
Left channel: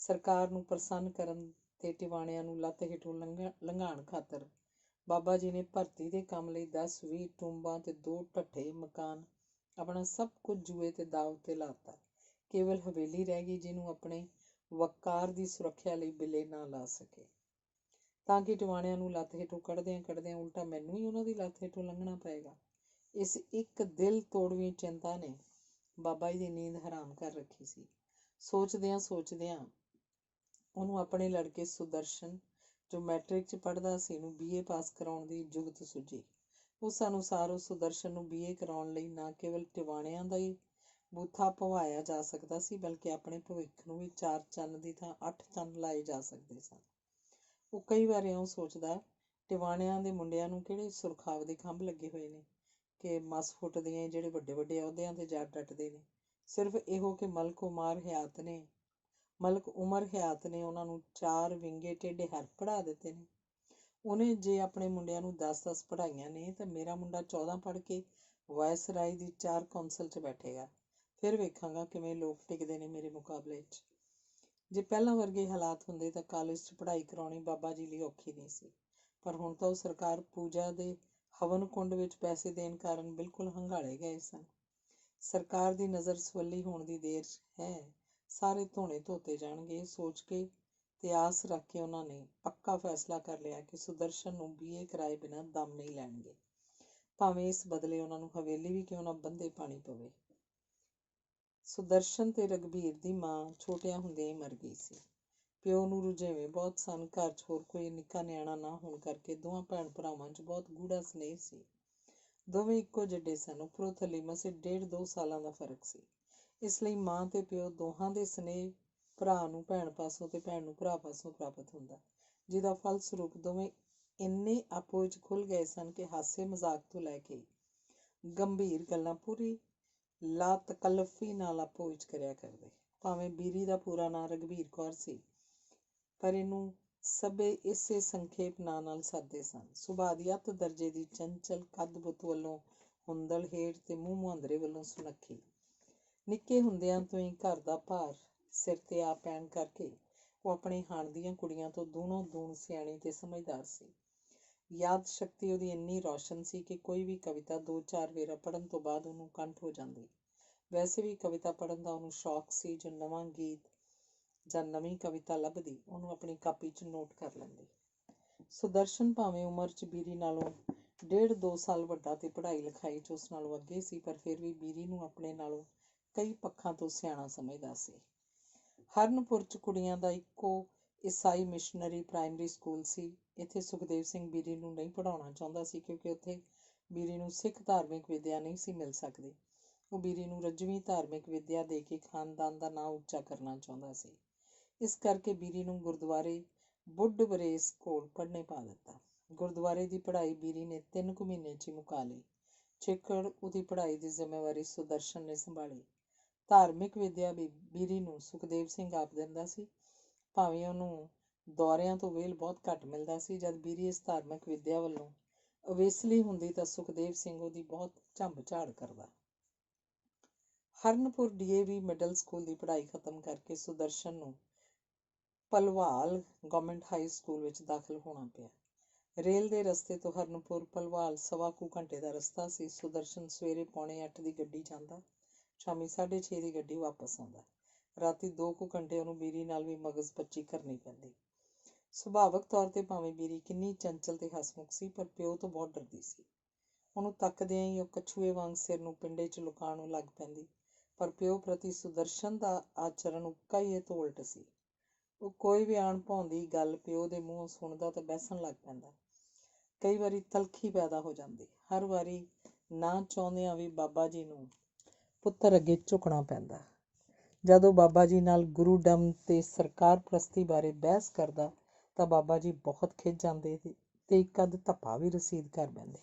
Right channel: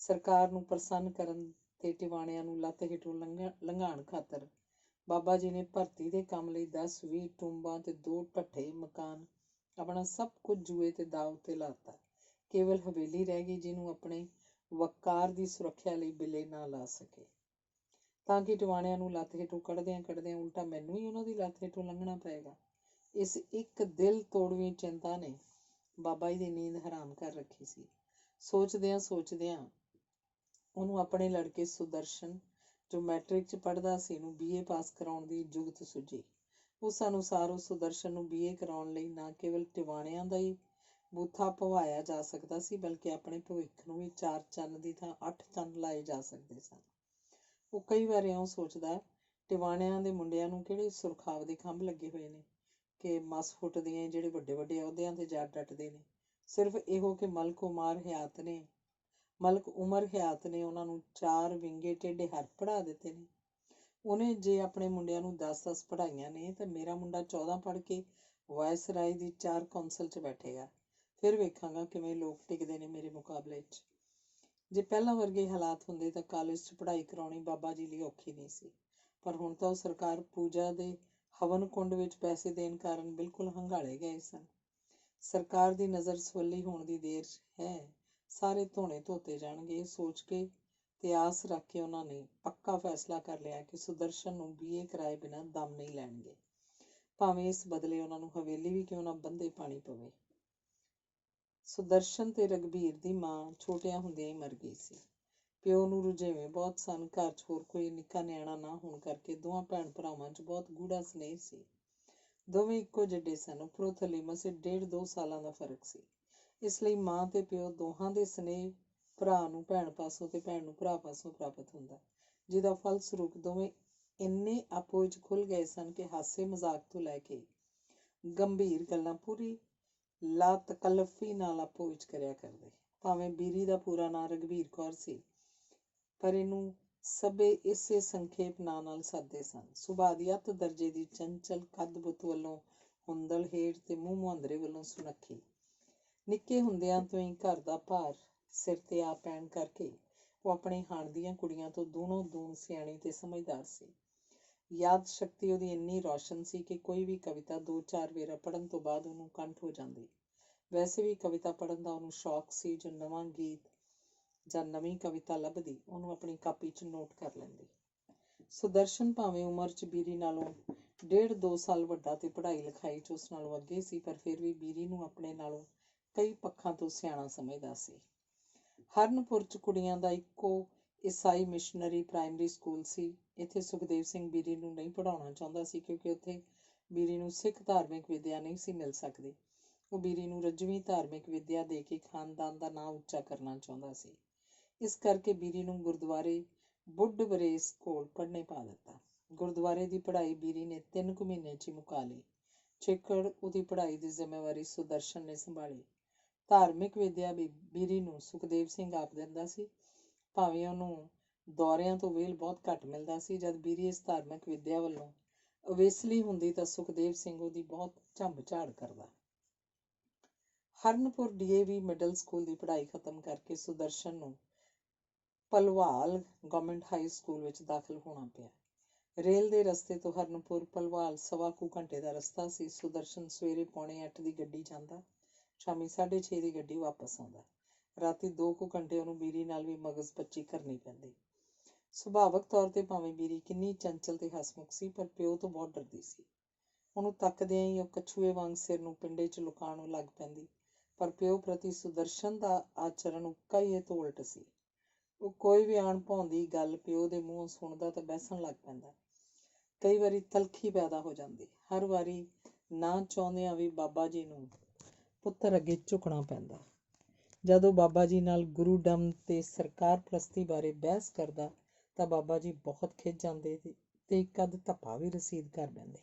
ਸਰਕਾਰ ਨੂੰ ਪ੍ਰਸੰਨ ਕਰਨ ਤੇ ਟਿਵਾਣਿਆਂ ਨੂੰ ਲੱਤ ਹੇਠੋਂ ਲੰਘਾਉਣ ਖਾਤਰ ਬਾਬਾ ਜੀ ਨੇ ਭਰਤੀ ਦੇ ਕੰਮ ਲਈ 10-20 ਟੂੰਬਾਂ ਤੇ 2 ਢੱਠੇ ਮਕਾਨ, ਆਪਣਾ ਸਭ ਕੁਝ ਜੂਏ ਤੇ ਦਾਅ ਉੱਤੇ ਲਾਤਾ। ਕੇਵਲ ਹਵੇਲੀ ਰਹਿ ਗਈ, ਜਿਹਨੂੰ ਆਪਣੇ ਵਕਾਰ ਦੀ ਸੁਰੱਖਿਆ ਲਈ ਬਿੱਲੇ ਨਾ ਲਾ ਸਕੇ, ਤਾਂ ਕਿ ਟਿਵਾਣਿਆਂ ਨੂੰ ਲੱਤ ਹੇਠੋਂ ਕੱਢਦਿਆਂ ਉਲਟਾ ਮੈਨੂੰ ਹੀ ਉਹਨਾਂ ਦੀ ਲੱਤ ਹੇਠੋਂ ਲੰਘਣਾ ਪਏਗਾ। ਇਸ ਇੱਕ ਦਿਲ ਤੋੜਵੀਂ ਚਿੰਤਾ ਨੇ ਬਾਬਾ ਜੀ ਦੀ ਨੀਂਦ ਹਰਾਮ ਕਰ ਰੱਖੀ ਸੀ। ਸੋਚਦਿਆਂ ਉਹਨੂੰ ਆਪਣੇ ਲੜਕੇ ਸੁਦਰਸ਼ਨ, ਜੋ ਮੈਟ੍ਰਿਕ 'ਚ ਪੜ੍ਹਦਾ ਸੀ, ਨੂੰ BA ਪਾਸ ਕਰਾਉਣ ਦੀ ਜੁਗਤ ਸੁੱਝੀ। ਉਸ ਅਨੁਸਾਰ ਉਸ ਸੁਦਰਸ਼ਨ ਨੂੰ BA ਕਰਾਉਣ ਲਈ ਨਾ ਕੇਵਲ ਟਿਵਾਣਿਆਂ ਦਾ ਹੀ ਬੂਥਾ ਭਵਾਇਆ ਜਾ ਸਕਦਾ ਸੀ, ਬਲਕਿ ਆਪਣੇ ਭਵਿੱਖ ਨੂੰ ਵੀ 4 ਚੰਨ ਦੀ ਥਾਂ 8 ਚੰਨ ਲਾਏ ਜਾ ਸਕਦੇ ਸਨ। ਉਹ ਕਈ ਵਾਰ ਇਉਂ ਸੋਚਦਾ, ਟਿਵਾਣਿਆਂ ਦੇ ਮੁੰਡਿਆਂ ਨੂੰ ਕਿਹੜੇ ਸੁਰਖਾਵ ਦੇ ਖੰਭ ਲੱਗੇ ਹੋਏ ਨੇ ਕਿ ਮਸ ਫੁੱਟਦੀਆਂ ਜਿਹੜੇ ਵੱਡੇ ਵੱਡੇ ਅਹੁਦਿਆਂ ਤੇ ਜਾ ਡਟਦੇ ਨੇ। ਸਿਰਫ ਇਹੋ ਕਿ ਮਲਕ ਉਮਰ ਹਯਾਤ ਨੇ ਉਹਨਾਂ ਨੂੰ 4 ਵਿੰਗੇ ਟੇਢੇ ਹੱਥ ਪੜ੍ਹਾ ਦਿੱਤੇ ਨੇ। ਉਹਨੇ ਜੇ ਆਪਣੇ ਮੁੰਡਿਆਂ ਨੂੰ 10-10 ਪੜ੍ਹਾਈਆਂ ਨੇ ਤਾਂ ਮੇਰਾ ਮੁੰਡਾ 14 ਪੜ੍ਹ ਕੇ ਵਾਇਸਰਾਏ ਦੀ 4 ਕੌਂਸਲ 'ਚ ਬੈਠੇਗਾ। ਫਿਰ ਵੇਖਾਂਗਾ ਕਿਵੇਂ ਲੋਕ ਟਿਕਦੇ ਨੇ ਮੇਰੇ ਮੁਕਾਬਲੇ 'ਚ। ਜੇ ਪਹਿਲਾਂ ਵਰਗੇ ਹਾਲਾਤ ਹੁੰਦੇ ਤਾਂ ਕਾਲਜ 'ਚ ਪੜ੍ਹਾਈ ਕਰਾਉਣੀ ਬਾਬਾ ਜੀ ਲਈ ਔਖੀ ਨਹੀਂ ਸੀ, ਪਰ ਹੁਣ ਤਾਂ ਉਹ ਸਰਕਾਰ ਪੂਜਾ ਦੇ ਹਵਨ ਕੁੰਡ ਵਿੱਚ ਪੈਸੇ ਦੇਣ ਕਾਰਨ ਬਿਲਕੁਲ ਹੰਗਾਲੇ ਗਏ ਸਨ। ਸਰਕਾਰ ਦੀ ਨਜ਼ਰ ਸਵੱਲੀ ਹੋਣ ਦੀ ਦੇਰ ਹੈ, ਸਾਰੇ ਧੋਣੇ ਧੋਤੇ ਜਾਣਗੇ। ਇਹ ਸੋਚ ਕੇ ਤੇ ਆਸ ਰੱਖ ਕੇ ਉਹਨਾਂ ਨੇ ਪੱਕਾ ਫੈਸਲਾ ਕਰ ਲਿਆ ਕਿ ਸੁਦਰਸ਼ਨ ਨੂੰ BA ਕਰਾਏ ਬਿਨਾਂ ਦਮ ਨਹੀਂ ਲੈਣਗੇ। ਭਾਵੇਂ ਇਸ ਬਦਲੇ ਉਹਨਾਂ ਨੂੰ ਹਵੇਲੀ ਵੀ ਕਿਉਂ ਨਾ ਬੰਦੇ ਪਾਣੀ ਪਵੇ। ਸੁਦਰਸ਼ਨ ਤੇ ਰਘਬੀਰ ਦੀ ਮਾਂ ਛੋਟਿਆਂ ਹੁੰਦਿਆਂ ਹੀ ਮਰ ਗਈ ਸੀ। ਪਿਓ ਨੂੰ ਰੁਝੇਵੇਂ ਬਹੁਤ ਸਨ। ਘਰ 'ਚ ਹੋਰ ਕੋਈ ਨਿੱਕਾ ਨਿਆਣਾ ਨਾ ਹੋਣ ਕਰਕੇ ਦੋਵਾਂ ਭੈਣ ਭਰਾਵਾਂ 'ਚ ਬਹੁਤ ਗੂੜਾ ਸਨੇਹ ਸੀ। ਦੋਵੇਂ ਇੱਕੋ ਜਿਹੇ ਸਨ। ਉੱਪਰੋਂ ਥੱਲੇ ਮਸੇ 1.5-2 ਸਾਲਾਂ ਦਾ ਫਰਕ ਸੀ। ਇਸ ਲਈ ਮਾਂ ਤੇ ਪਿਓ ਦੋਹਾਂ ਦੇ ਸਨੇਹ ਭਰਾ ਨੂੰ ਭੈਣ ਪਾਸੋਂ ਤੇ ਭੈਣ ਨੂੰ ਭਰਾ ਪਾਸੋਂ ਪ੍ਰਾਪਤ ਹੁੰਦਾ, ਜਿਹਦਾ ਫਲਸਰੂਪ ਦੋਵੇਂ ਇੰਨੇ ਆਪੋ ਵਿੱਚ ਖੁੱਲ੍ਹ ਗਏ ਸਨ ਕਿ ਹਾਸੇ ਮਜ਼ਾਕ ਤੋਂ ਲੈ ਕੇ ਗੰਭੀਰ ਗੱਲਾਂ ਪੂਰੀ ਲਾਤਕੱਲਫੀ ਨਾਲ ਆਪੋ ਵਿੱਚ ਕਰਿਆ ਕਰਦੇ। ਭਾਵੇਂ ਬੀਰੀ ਦਾ ਪੂਰਾ ਨਾਂ ਰਘਬੀਰ ਕੌਰ ਸੀ, ਪਰ ਇਹਨੂੰ ਸਭੇ ਇਸੇ ਸੰਖੇਪ ਨਾਂ ਨਾਲ ਸੱਦਦੇ ਸਨ। ਸੁਭਾਅ ਦੀ ਅੱਤ ਦਰਜੇ ਦੀ ਚੰਚਲ, ਕੱਦ ਬੁੱਤ ਵੱਲੋਂ ਹੁੰਦਲ ਹੇਠ ਤੇ ਮੂੰਹ ਮੁਹਾਂਦਰੇ ਵੱਲੋਂ ਸੁਨੱਖੀ। ਨਿੱਕੇ ਹੁੰਦਿਆਂ ਤੋਂ ਹੀ ਘਰ ਦਾ ਭਾਰ ਸਿਰ ਤੇ ਆ ਪੈਣ ਕਰਕੇ ਉਹ ਆਪਣੀ ਹਾਣ ਦੀਆਂ ਕੁੜੀਆਂ ਤੋਂ ਦੂਣੋਂ ਦੂਣ ਸਿਆਣੀ ਤੇ ਸਮਝਦਾਰ ਸੀ। ਯਾਦ ਸ਼ਕਤੀ ਉਹਦੀ ਇੰਨੀ ਰੌਸ਼ਨ ਸੀ ਕਿ ਕੋਈ ਵੀ ਕਵਿਤਾ 2-4 ਵੇਰਾ ਪੜ੍ਹਨ ਤੋਂ ਬਾਅਦ ਉਹਨੂੰ ਕੰਠ ਹੋ ਜਾਂਦੀ। ਵੈਸੇ ਵੀ ਕਵਿਤਾ ਪੜ੍ਹਨ ਦਾ ਉਹਨੂੰ ਸ਼ੌਕ ਸੀ। ਜੋ ਨਵਾਂ ਗੀਤ ਜਾਂ ਨਵੀਂ ਕਵਿਤਾ ਲੱਭਦੀ, ਉਹਨੂੰ ਆਪਣੀ ਕਾਪੀ 'ਚ ਨੋਟ ਕਰ ਲੈਂਦੀ। ਸੁਦਰਸ਼ਨ ਭਾਵੇਂ ਉਮਰ 'ਚ ਬੀਰੀ ਨਾਲੋਂ 1.5-2 ਸਾਲ ਵੱਡਾ ਤੇ ਪੜ੍ਹਾਈ ਲਿਖਾਈ 'ਚ ਉਸ ਨਾਲੋਂ ਅੱਗੇ ਸੀ, ਪਰ ਫਿਰ ਵੀ ਬੀਰੀ ਨੂੰ ਆਪਣੇ ਨਾਲੋਂ ਕਈ ਪੱਖਾਂ ਤੋਂ ਸਿਆਣਾ ਸਮਝਦਾ ਸੀ। ਹਰਨਪੁਰ 'ਚ ਕੁੜੀਆਂ ਦਾ ਇੱਕੋ ਈਸਾਈ ਮਿਸ਼ਨਰੀ ਪ੍ਰਾਇਮਰੀ ਸਕੂਲ ਸੀ। ਇੱਥੇ ਸੁਖਦੇਵ ਸਿੰਘ ਬੀਰੀ ਨੂੰ ਨਹੀਂ ਪੜ੍ਹਾਉਣਾ ਚਾਹੁੰਦਾ ਸੀ, ਕਿਉਂਕਿ ਉੱਥੇ ਬੀਰੀ ਨੂੰ ਸਿੱਖ ਧਾਰਮਿਕ ਵਿੱਦਿਆ ਨਹੀਂ ਸੀ ਮਿਲ ਸਕਦੀ। ਉਹ ਬੀਰੀ ਨੂੰ ਰੱਜਵੀਂ ਧਾਰਮਿਕ ਵਿੱਦਿਆ ਦੇ ਕੇ ਖਾਨਦਾਨ ਦਾ ਨਾਂ ਉੱਚਾ ਕਰਨਾ ਚਾਹੁੰਦਾ ਸੀ। ਇਸ ਕਰਕੇ ਬੀਰੀ ਨੂੰ ਗੁਰਦੁਆਰੇ ਬੁੱਢ ਵਰੇਸ ਕੋਲ ਪੜ੍ਹਨੇ ਪਾ ਦਿੱਤਾ। ਗੁਰਦੁਆਰੇ ਦੀ ਪੜ੍ਹਾਈ ਬੀਰੀ ਨੇ 3 ਕੁ ਮਹੀਨੇ 'ਚ ਹੀ ਮੁਕਾ ਲਈ। ਚਿੱਕੜ ਉਹਦੀ ਪੜ੍ਹਾਈ ਦੀ ਜ਼ਿੰਮੇਵਾਰੀ ਸੁਦਰਸ਼ਨ ਨੇ ਸੰਭਾਲੀ। ਧਾਰਮਿਕ ਵਿੱਦਿਆ ਵੀ ਬੀਰੀ ਨੂੰ ਸੁਖਦੇਵ ਸਿੰਘ ਆਪ ਦਿੰਦਾ ਸੀ। ਭਾਵੇਂ ਉਹਨੂੰ ਦੌਰਿਆਂ ਤੋਂ ਵੇਲ ਬਹੁਤ ਘੱਟ ਮਿਲਦਾ ਸੀ। ਜਦ ਬੀਰੀ ਇਸ ਧਾਰਮਿਕ ਵਿੱਦਿਆ ਵੱਲੋਂ ਅਵੇਸਲੀ ਹੁੰਦੀ ਤਾਂ ਸੁਖਦੇਵ ਸਿੰਘ ਉਹਦੀ ਬਹੁਤ ਝੰਬ ਝਾੜ ਕਰਦਾ। ਹਰਨਪੁਰ DAV ਮਿਡਲ ਸਕੂਲ ਦੀ ਪੜ੍ਹਾਈ ਖਤਮ ਕਰਕੇ ਸੁਦਰਸ਼ਨ ਨੂੰ ਭਲਵਾਲ ਗਵਰਨਮੈਂਟ ਹਾਈ ਸਕੂਲ ਵਿੱਚ ਦਾਖਲ ਹੋਣਾ ਪਿਆ। ਰੇਲ ਦੇ ਰਸਤੇ ਤੋਂ ਹਰਨਪੁਰ ਭਲਵਾਲ 1.25 ਕੁ ਘੰਟੇ ਦਾ ਰਸਤਾ ਸੀ। ਸੁਦਰਸ਼ਨ ਸਵੇਰੇ 7:45 ਦੀ ਗੱਡੀ ਜਾਂਦਾ, ਸ਼ਾਮੀ 6:30 ਦੀ ਗੱਡੀ ਵਾਪਸ ਆਉਂਦਾ। ਰਾਤੀ 2 ਕੁ ਘੰਟੇ ਉਹਨੂੰ ਬੀਰੀ ਨਾਲ ਵੀ ਮਗਜ਼ਪੱਚੀ ਕਰਨੀ ਪੈਂਦੀ। ਸੁਭਾਵਕ ਤੌਰ ਤੇ ਭਾਵੇਂ ਬੀਰੀ ਕਿੰਨੀ ਚੰਚਲ ਤੇ ਹਸਮੁਖ ਸੀ, ਪਰ ਪਿਓ ਤੋਂ ਬਹੁਤ ਡਰਦੀ ਸੀ। ਉਹਨੂੰ ਤੱਕਦਿਆਂ ਹੀ ਉਹ ਕੱਛੂਏ ਵਾਂਗ ਸਿਰ ਨੂੰ ਪਿੰਡੇ 'ਚ ਲੁਕਾਉਣ ਲੱਗ ਪੈਂਦੀ। ਪਰ ਪਿਓ ਪ੍ਰਤੀ ਸੁਦਰਸ਼ਨ ਦਾ ਆਚਰਣ ਉੱਕਾ ਹੀ ਇਹ ਤੋਂ ਉਲਟ ਸੀ। ਉਹ ਕੋਈ ਵੀ ਅਣਭਾਉਂਦੀ ਗੱਲ ਪਿਓ ਦੇ ਮੂੰਹੋਂ ਸੁਣਦਾ ਤਾਂ ਬਹਿਸਣ ਲੱਗ ਪੈਂਦਾ। ਕਈ ਵਾਰੀ ਤਲਖੀ ਪੈਦਾ ਹੋ ਜਾਂਦੀ। ਹਰ ਵਾਰੀ ਨਾ ਚਾਹੁੰਦਿਆਂ ਵੀ ਬਾਬਾ ਜੀ ਨੂੰ ਪੁੱਤਰ ਅੱਗੇ ਝੁਕਣਾ ਪੈਂਦਾ। ਜਦ ਉਹ ਬਾਬਾ ਜੀ ਨਾਲ ਗੁਰੂ ਡੰਮ ਤੇ ਸਰਕਾਰ ਪ੍ਰਸਤੀ ਬਾਰੇ ਬਹਿਸ ਕਰਦਾ ਤਾਂ ਬਾਬਾ ਜੀ ਬਹੁਤ ਖਿਝ ਜਾਂਦੇ ਤੇ ਇੱਕ ਅੱਧ ਧੱਪਾ ਵੀ ਰਸੀਦ ਕਰ ਦਿੰਦੇ,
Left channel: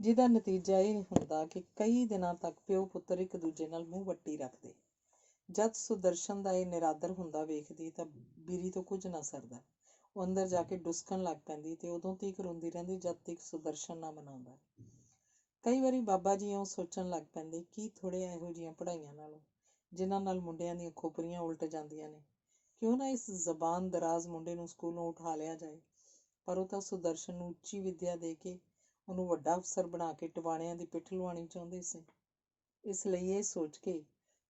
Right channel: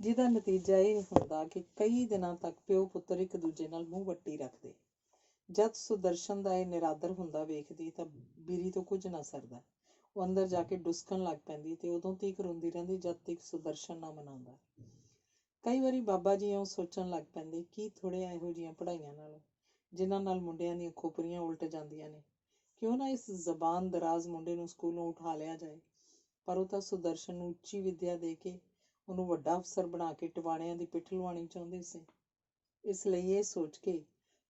ਜਿਹਦਾ ਨਤੀਜਾ ਇਹ ਹੁੰਦਾ ਕਿ ਕਈ ਦਿਨਾਂ ਤੱਕ ਪਿਓ ਪੁੱਤਰ ਇੱਕ ਦੂਜੇ ਨਾਲ ਮੂੰਹ ਵੱਟੀ ਰੱਖਦੇ। ਜਦ ਸੁਦਰਸ਼ਨ ਦਾ ਇਹ ਨਿਰਾਦਰ ਹੁੰਦਾ ਵੇਖਦੀ ਤਾਂ ਬੀਰੀ ਤੋਂ ਕੁਝ ਨਾ ਸਰਦਾ। ਉਹ ਅੰਦਰ ਜਾ ਕੇ ਡੁਸਕਣ ਲੱਗ ਪੈਂਦੀ ਤੇ ਉਦੋਂ ਤੀਕ ਰੋਂਦੀ ਰਹਿੰਦੀ ਜਦ ਤੀਕ ਸੁਦਰਸ਼ਨ ਨਾ ਮਨਾਉਂਦਾ। ਕਈ ਵਾਰੀ ਬਾਬਾ ਜੀ ਇਉਂ ਸੋਚਣ ਲੱਗ ਪੈਂਦੇ, ਕੀ ਥੋੜ੍ਹੀਆਂ ਇਹੋ ਜਿਹੀਆਂ ਪੜ੍ਹਾਈਆਂ ਨਾਲੋਂ, ਜਿਨ੍ਹਾਂ ਨਾਲ ਮੁੰਡਿਆਂ ਦੀਆਂ ਖੋਪਰੀਆਂ ਉਲਟ ਜਾਂਦੀਆਂ ਨੇ, ਕਿਉਂ ਨਾ ਇਸ ਜ਼ਬਾਨ ਦਰਾਜ਼ ਮੁੰਡੇ ਨੂੰ ਸਕੂਲੋਂ ਉਠਾ ਲਿਆ ਜਾਏ। ਪਰ ਉਹ ਤਾਂ ਸੁਦਰਸ਼ਨ ਨੂੰ ਉੱਚੀ ਵਿੱਦਿਆ ਦੇ ਕੇ ਉਹਨੂੰ ਵੱਡਾ ਅਫਸਰ ਬਣਾ ਕੇ ਟਿਵਾਣਿਆਂ ਦੀ ਪਿੱਠ ਲਵਾਉਣੀ ਚਾਹੁੰਦੇ ਸੀ। ਇਸ ਲਈ ਇਹ ਸੋਚ ਕੇ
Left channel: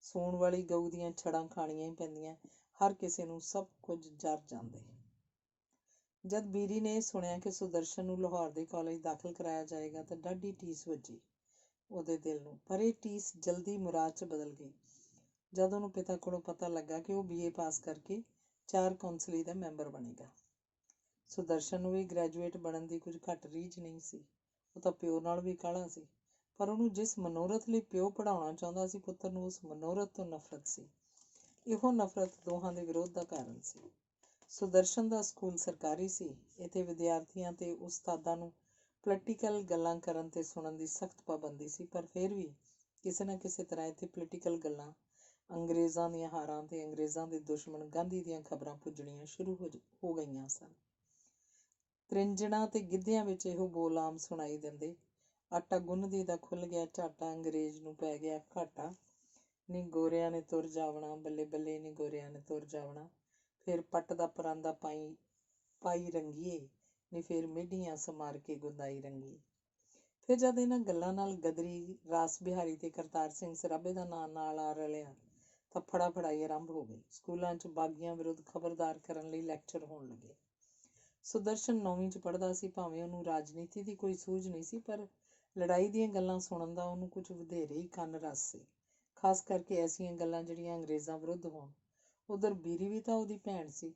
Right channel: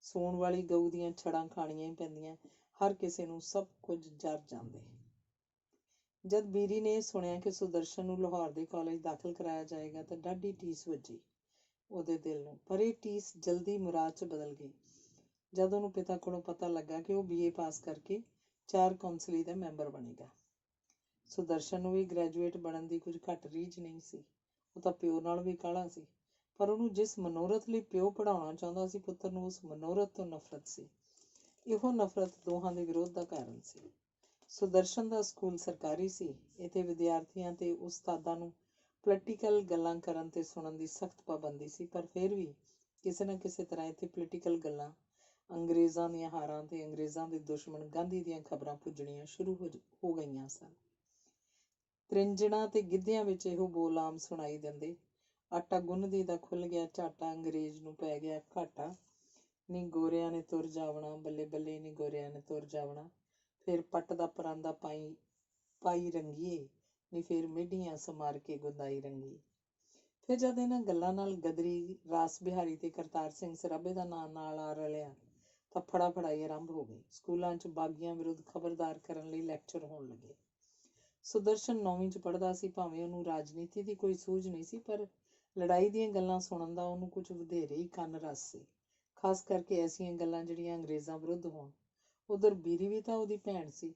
ਸੌਣ ਵਾਲੀ ਗਊ ਦੀਆਂ ਛੜਾਂ ਖਾਣੀਆਂ ਹੀ ਪੈਂਦੀਆਂ, ਹਰ ਕਿਸੇ ਨੂੰ ਸਭ ਕੁਝ ਜਰ ਜਾਂਦੇ। ਜਦ ਬੀਰੀ ਨੇ ਸੁਣਿਆ ਕਿ ਸੁਦਰਸ਼ਨ ਨੂੰ ਲਾਹੌਰ ਦੇ ਕਾਲਜ ਦਾਖਲ ਕਰਾਇਆ ਜਾਏਗਾ ਤਾਂ ਡਾਢੀ ਟੀਸ ਵੱਜੀ ਉਹਦੇ ਦਿਲ ਨੂੰ। ਪਰ ਇਹ ਟੀਸ ਜਲਦੀ ਮੁਰਾਦ 'ਚ ਬਦਲ ਗਈ ਜਦ ਉਹਨੂੰ ਪਿਤਾ ਕੋਲੋਂ ਪਤਾ ਲੱਗਾ ਕਿ ਉਹ BA ਪਾਸ ਕਰਕੇ 4 ਕੌਂਸਲੀ ਦਾ ਮੈਂਬਰ ਬਣੇਗਾ। ਸੁਦਰਸ਼ਨ ਨੂੰ ਵੀ ਗ੍ਰੈਜੂਏਟ ਬਣਨ ਦੀ ਕੁਝ ਘੱਟ ਰੀਝ ਨਹੀਂ ਸੀ। ਉਹ ਤਾਂ ਪਿਓ ਨਾਲ ਵੀ ਕਾਹਲਾ ਸੀ, ਪਰ ਉਹਨੂੰ ਜਿਸ ਮਨੋਰਥ ਲਈ ਪਿਓ ਪੜ੍ਹਾਉਣਾ ਚਾਹੁੰਦਾ ਸੀ ਪੁੱਤਰ ਨੂੰ, ਉਸ ਮਨੋਰਥ ਤੋਂ ਨਫ਼ਰਤ ਸੀ। ਇਹੋ ਨਫ਼ਰਤ ਦੋਹਾਂ ਦੇ ਵਿਰੋਧ ਦਾ ਕਾਰਨ ਸੀ। ਸੁਦਰਸ਼ਨ ਦਾ ਸਕੂਲ ਸਰਕਾਰੀ ਸੀ। ਇੱਥੇ ਵਿਦਿਆਰਥੀਆਂ ਤੇ ਉਸਤਾਦਾਂ ਨੂੰ ਪੋਲੀਟੀਕਲ ਗੱਲਾਂ ਕਰਨ ਤੇ ਸੁਣਨ ਦੀ ਸਖਤ ਪਾਬੰਦੀ ਸੀ, ਪਰ ਫਿਰ ਵੀ ਕਿਸੇ ਨਾ ਕਿਸੇ ਤਰ੍ਹਾਂ ਇੱਥੇ ਪੋਲੀਟੀਕਲ ਗੱਲਾਂ, ਅੰਗਰੇਜ਼ਾਂ ਦੀਆਂ ਹਾਰਾਂ ਤੇ ਅੰਗਰੇਜ਼ਾਂ ਦੇ ਦੁਸ਼ਮਣ ਗਾਂਧੀ ਦੀਆਂ ਖਬਰਾਂ ਪੁੱਜਣੀਆਂ ਸ਼ੁਰੂ ਹੋ ਗਈਆਂ ਸਨ। ਤ੍ਰਿੰਜਣਾਂ ਤੇ ਗਿੱਧਿਆਂ ਵਿੱਚ ਇਹੋ ਬੋਲ ਆਮ ਸੁਣਾਈ ਦਿੰਦੇ, ਆਟਾ ਗੁੰਨਦੀ ਦਾ ਖੁੱਲ੍ਹ ਗਿਆ ਝਾਟਾ, ਅੰਗਰੇਜ਼ ਨੂੰ ਪੈ ਗਿਆ ਘਾਟਾ, ਨੀ ਗੋਰਿਆਂ ਨੇ ਤੁਰ ਜਾਵਣਾ, ਬੱਲੇ ਬੱਲੇ ਨੀ ਗੋਰਿਆਂ ਨੇ ਤੁਰ ਜਾਵਣਾ, ਫਿਰ ਪੱਟ ਦਾ ਪਰਾਂਦਾ ਪਾਈ ਰੰਗੀਏ, ਨੀ ਫਿਰ ਮਿੱਡੀਆਂ ਸਮਾਰ ਕੇ ਗੁੰਦਾਈ ਰੰਗੀ। ਫਿਰ ਜਦ ਇਹਨਾਂ ਗੱਲਾਂ ਨਾਲ ਗਦਰੀ, ਰਾਸ ਬਿਹਾਰੀ ਤੇ ਕਰਤਾਰ ਸਿੰਘ ਸਰਾਭੇ ਦਾ ਨਾਂ ਨਾਲ ਆ ਰਲਿਆ ਤਾਂ ਫੜਾਫੜਾਈ ਆਰੰਭ ਹੋ ਗਈ। ਸਕੂਲਾਂ 'ਚ ਬਾਗੀਆਂ ਵਿਰੁੱਧ ਖਬਰਦਾਰ ਕਰਨ ਲਈ ਲੈਕਚਰ ਹੋਣ ਲੱਗੇ। ਸੁਦਰਸ਼ਨ 9ਵੀਂ 'ਚ ਪੜ੍ਹਦਾ ਸੀ। ਭਾਵੇਂ ਉਹਨੂੰ ਰਾਜਨੀਤੀ ਦੀ ਕੋਈ ਸੂਝ ਨਹੀਂ ਸੀ, ਪਰ ਲੜਾਈ ਦੀਆਂ ਗੱਲਾਂ ਸੁਣਨ ਦਾ ਉਹਨੂੰ ਕੁਝ ਵਧੇਰੇ ਹੀ ਕੰਨ ਰਸ ਸੀ, ਖਾਸ ਕਰਕੇ ਐਸੀਆਂ ਗੱਲਾਂ ਜਿਹੜੀਆਂ ਅੰਗਰੇਜ਼ਾਂ ਵਿਰੁੱਧ ਹੋਣ। ਉਧਰ ਬੀਰੀ ਵੀ ਤਾਂ ਉਹਦੀ ਭੈਣ ਸੀ।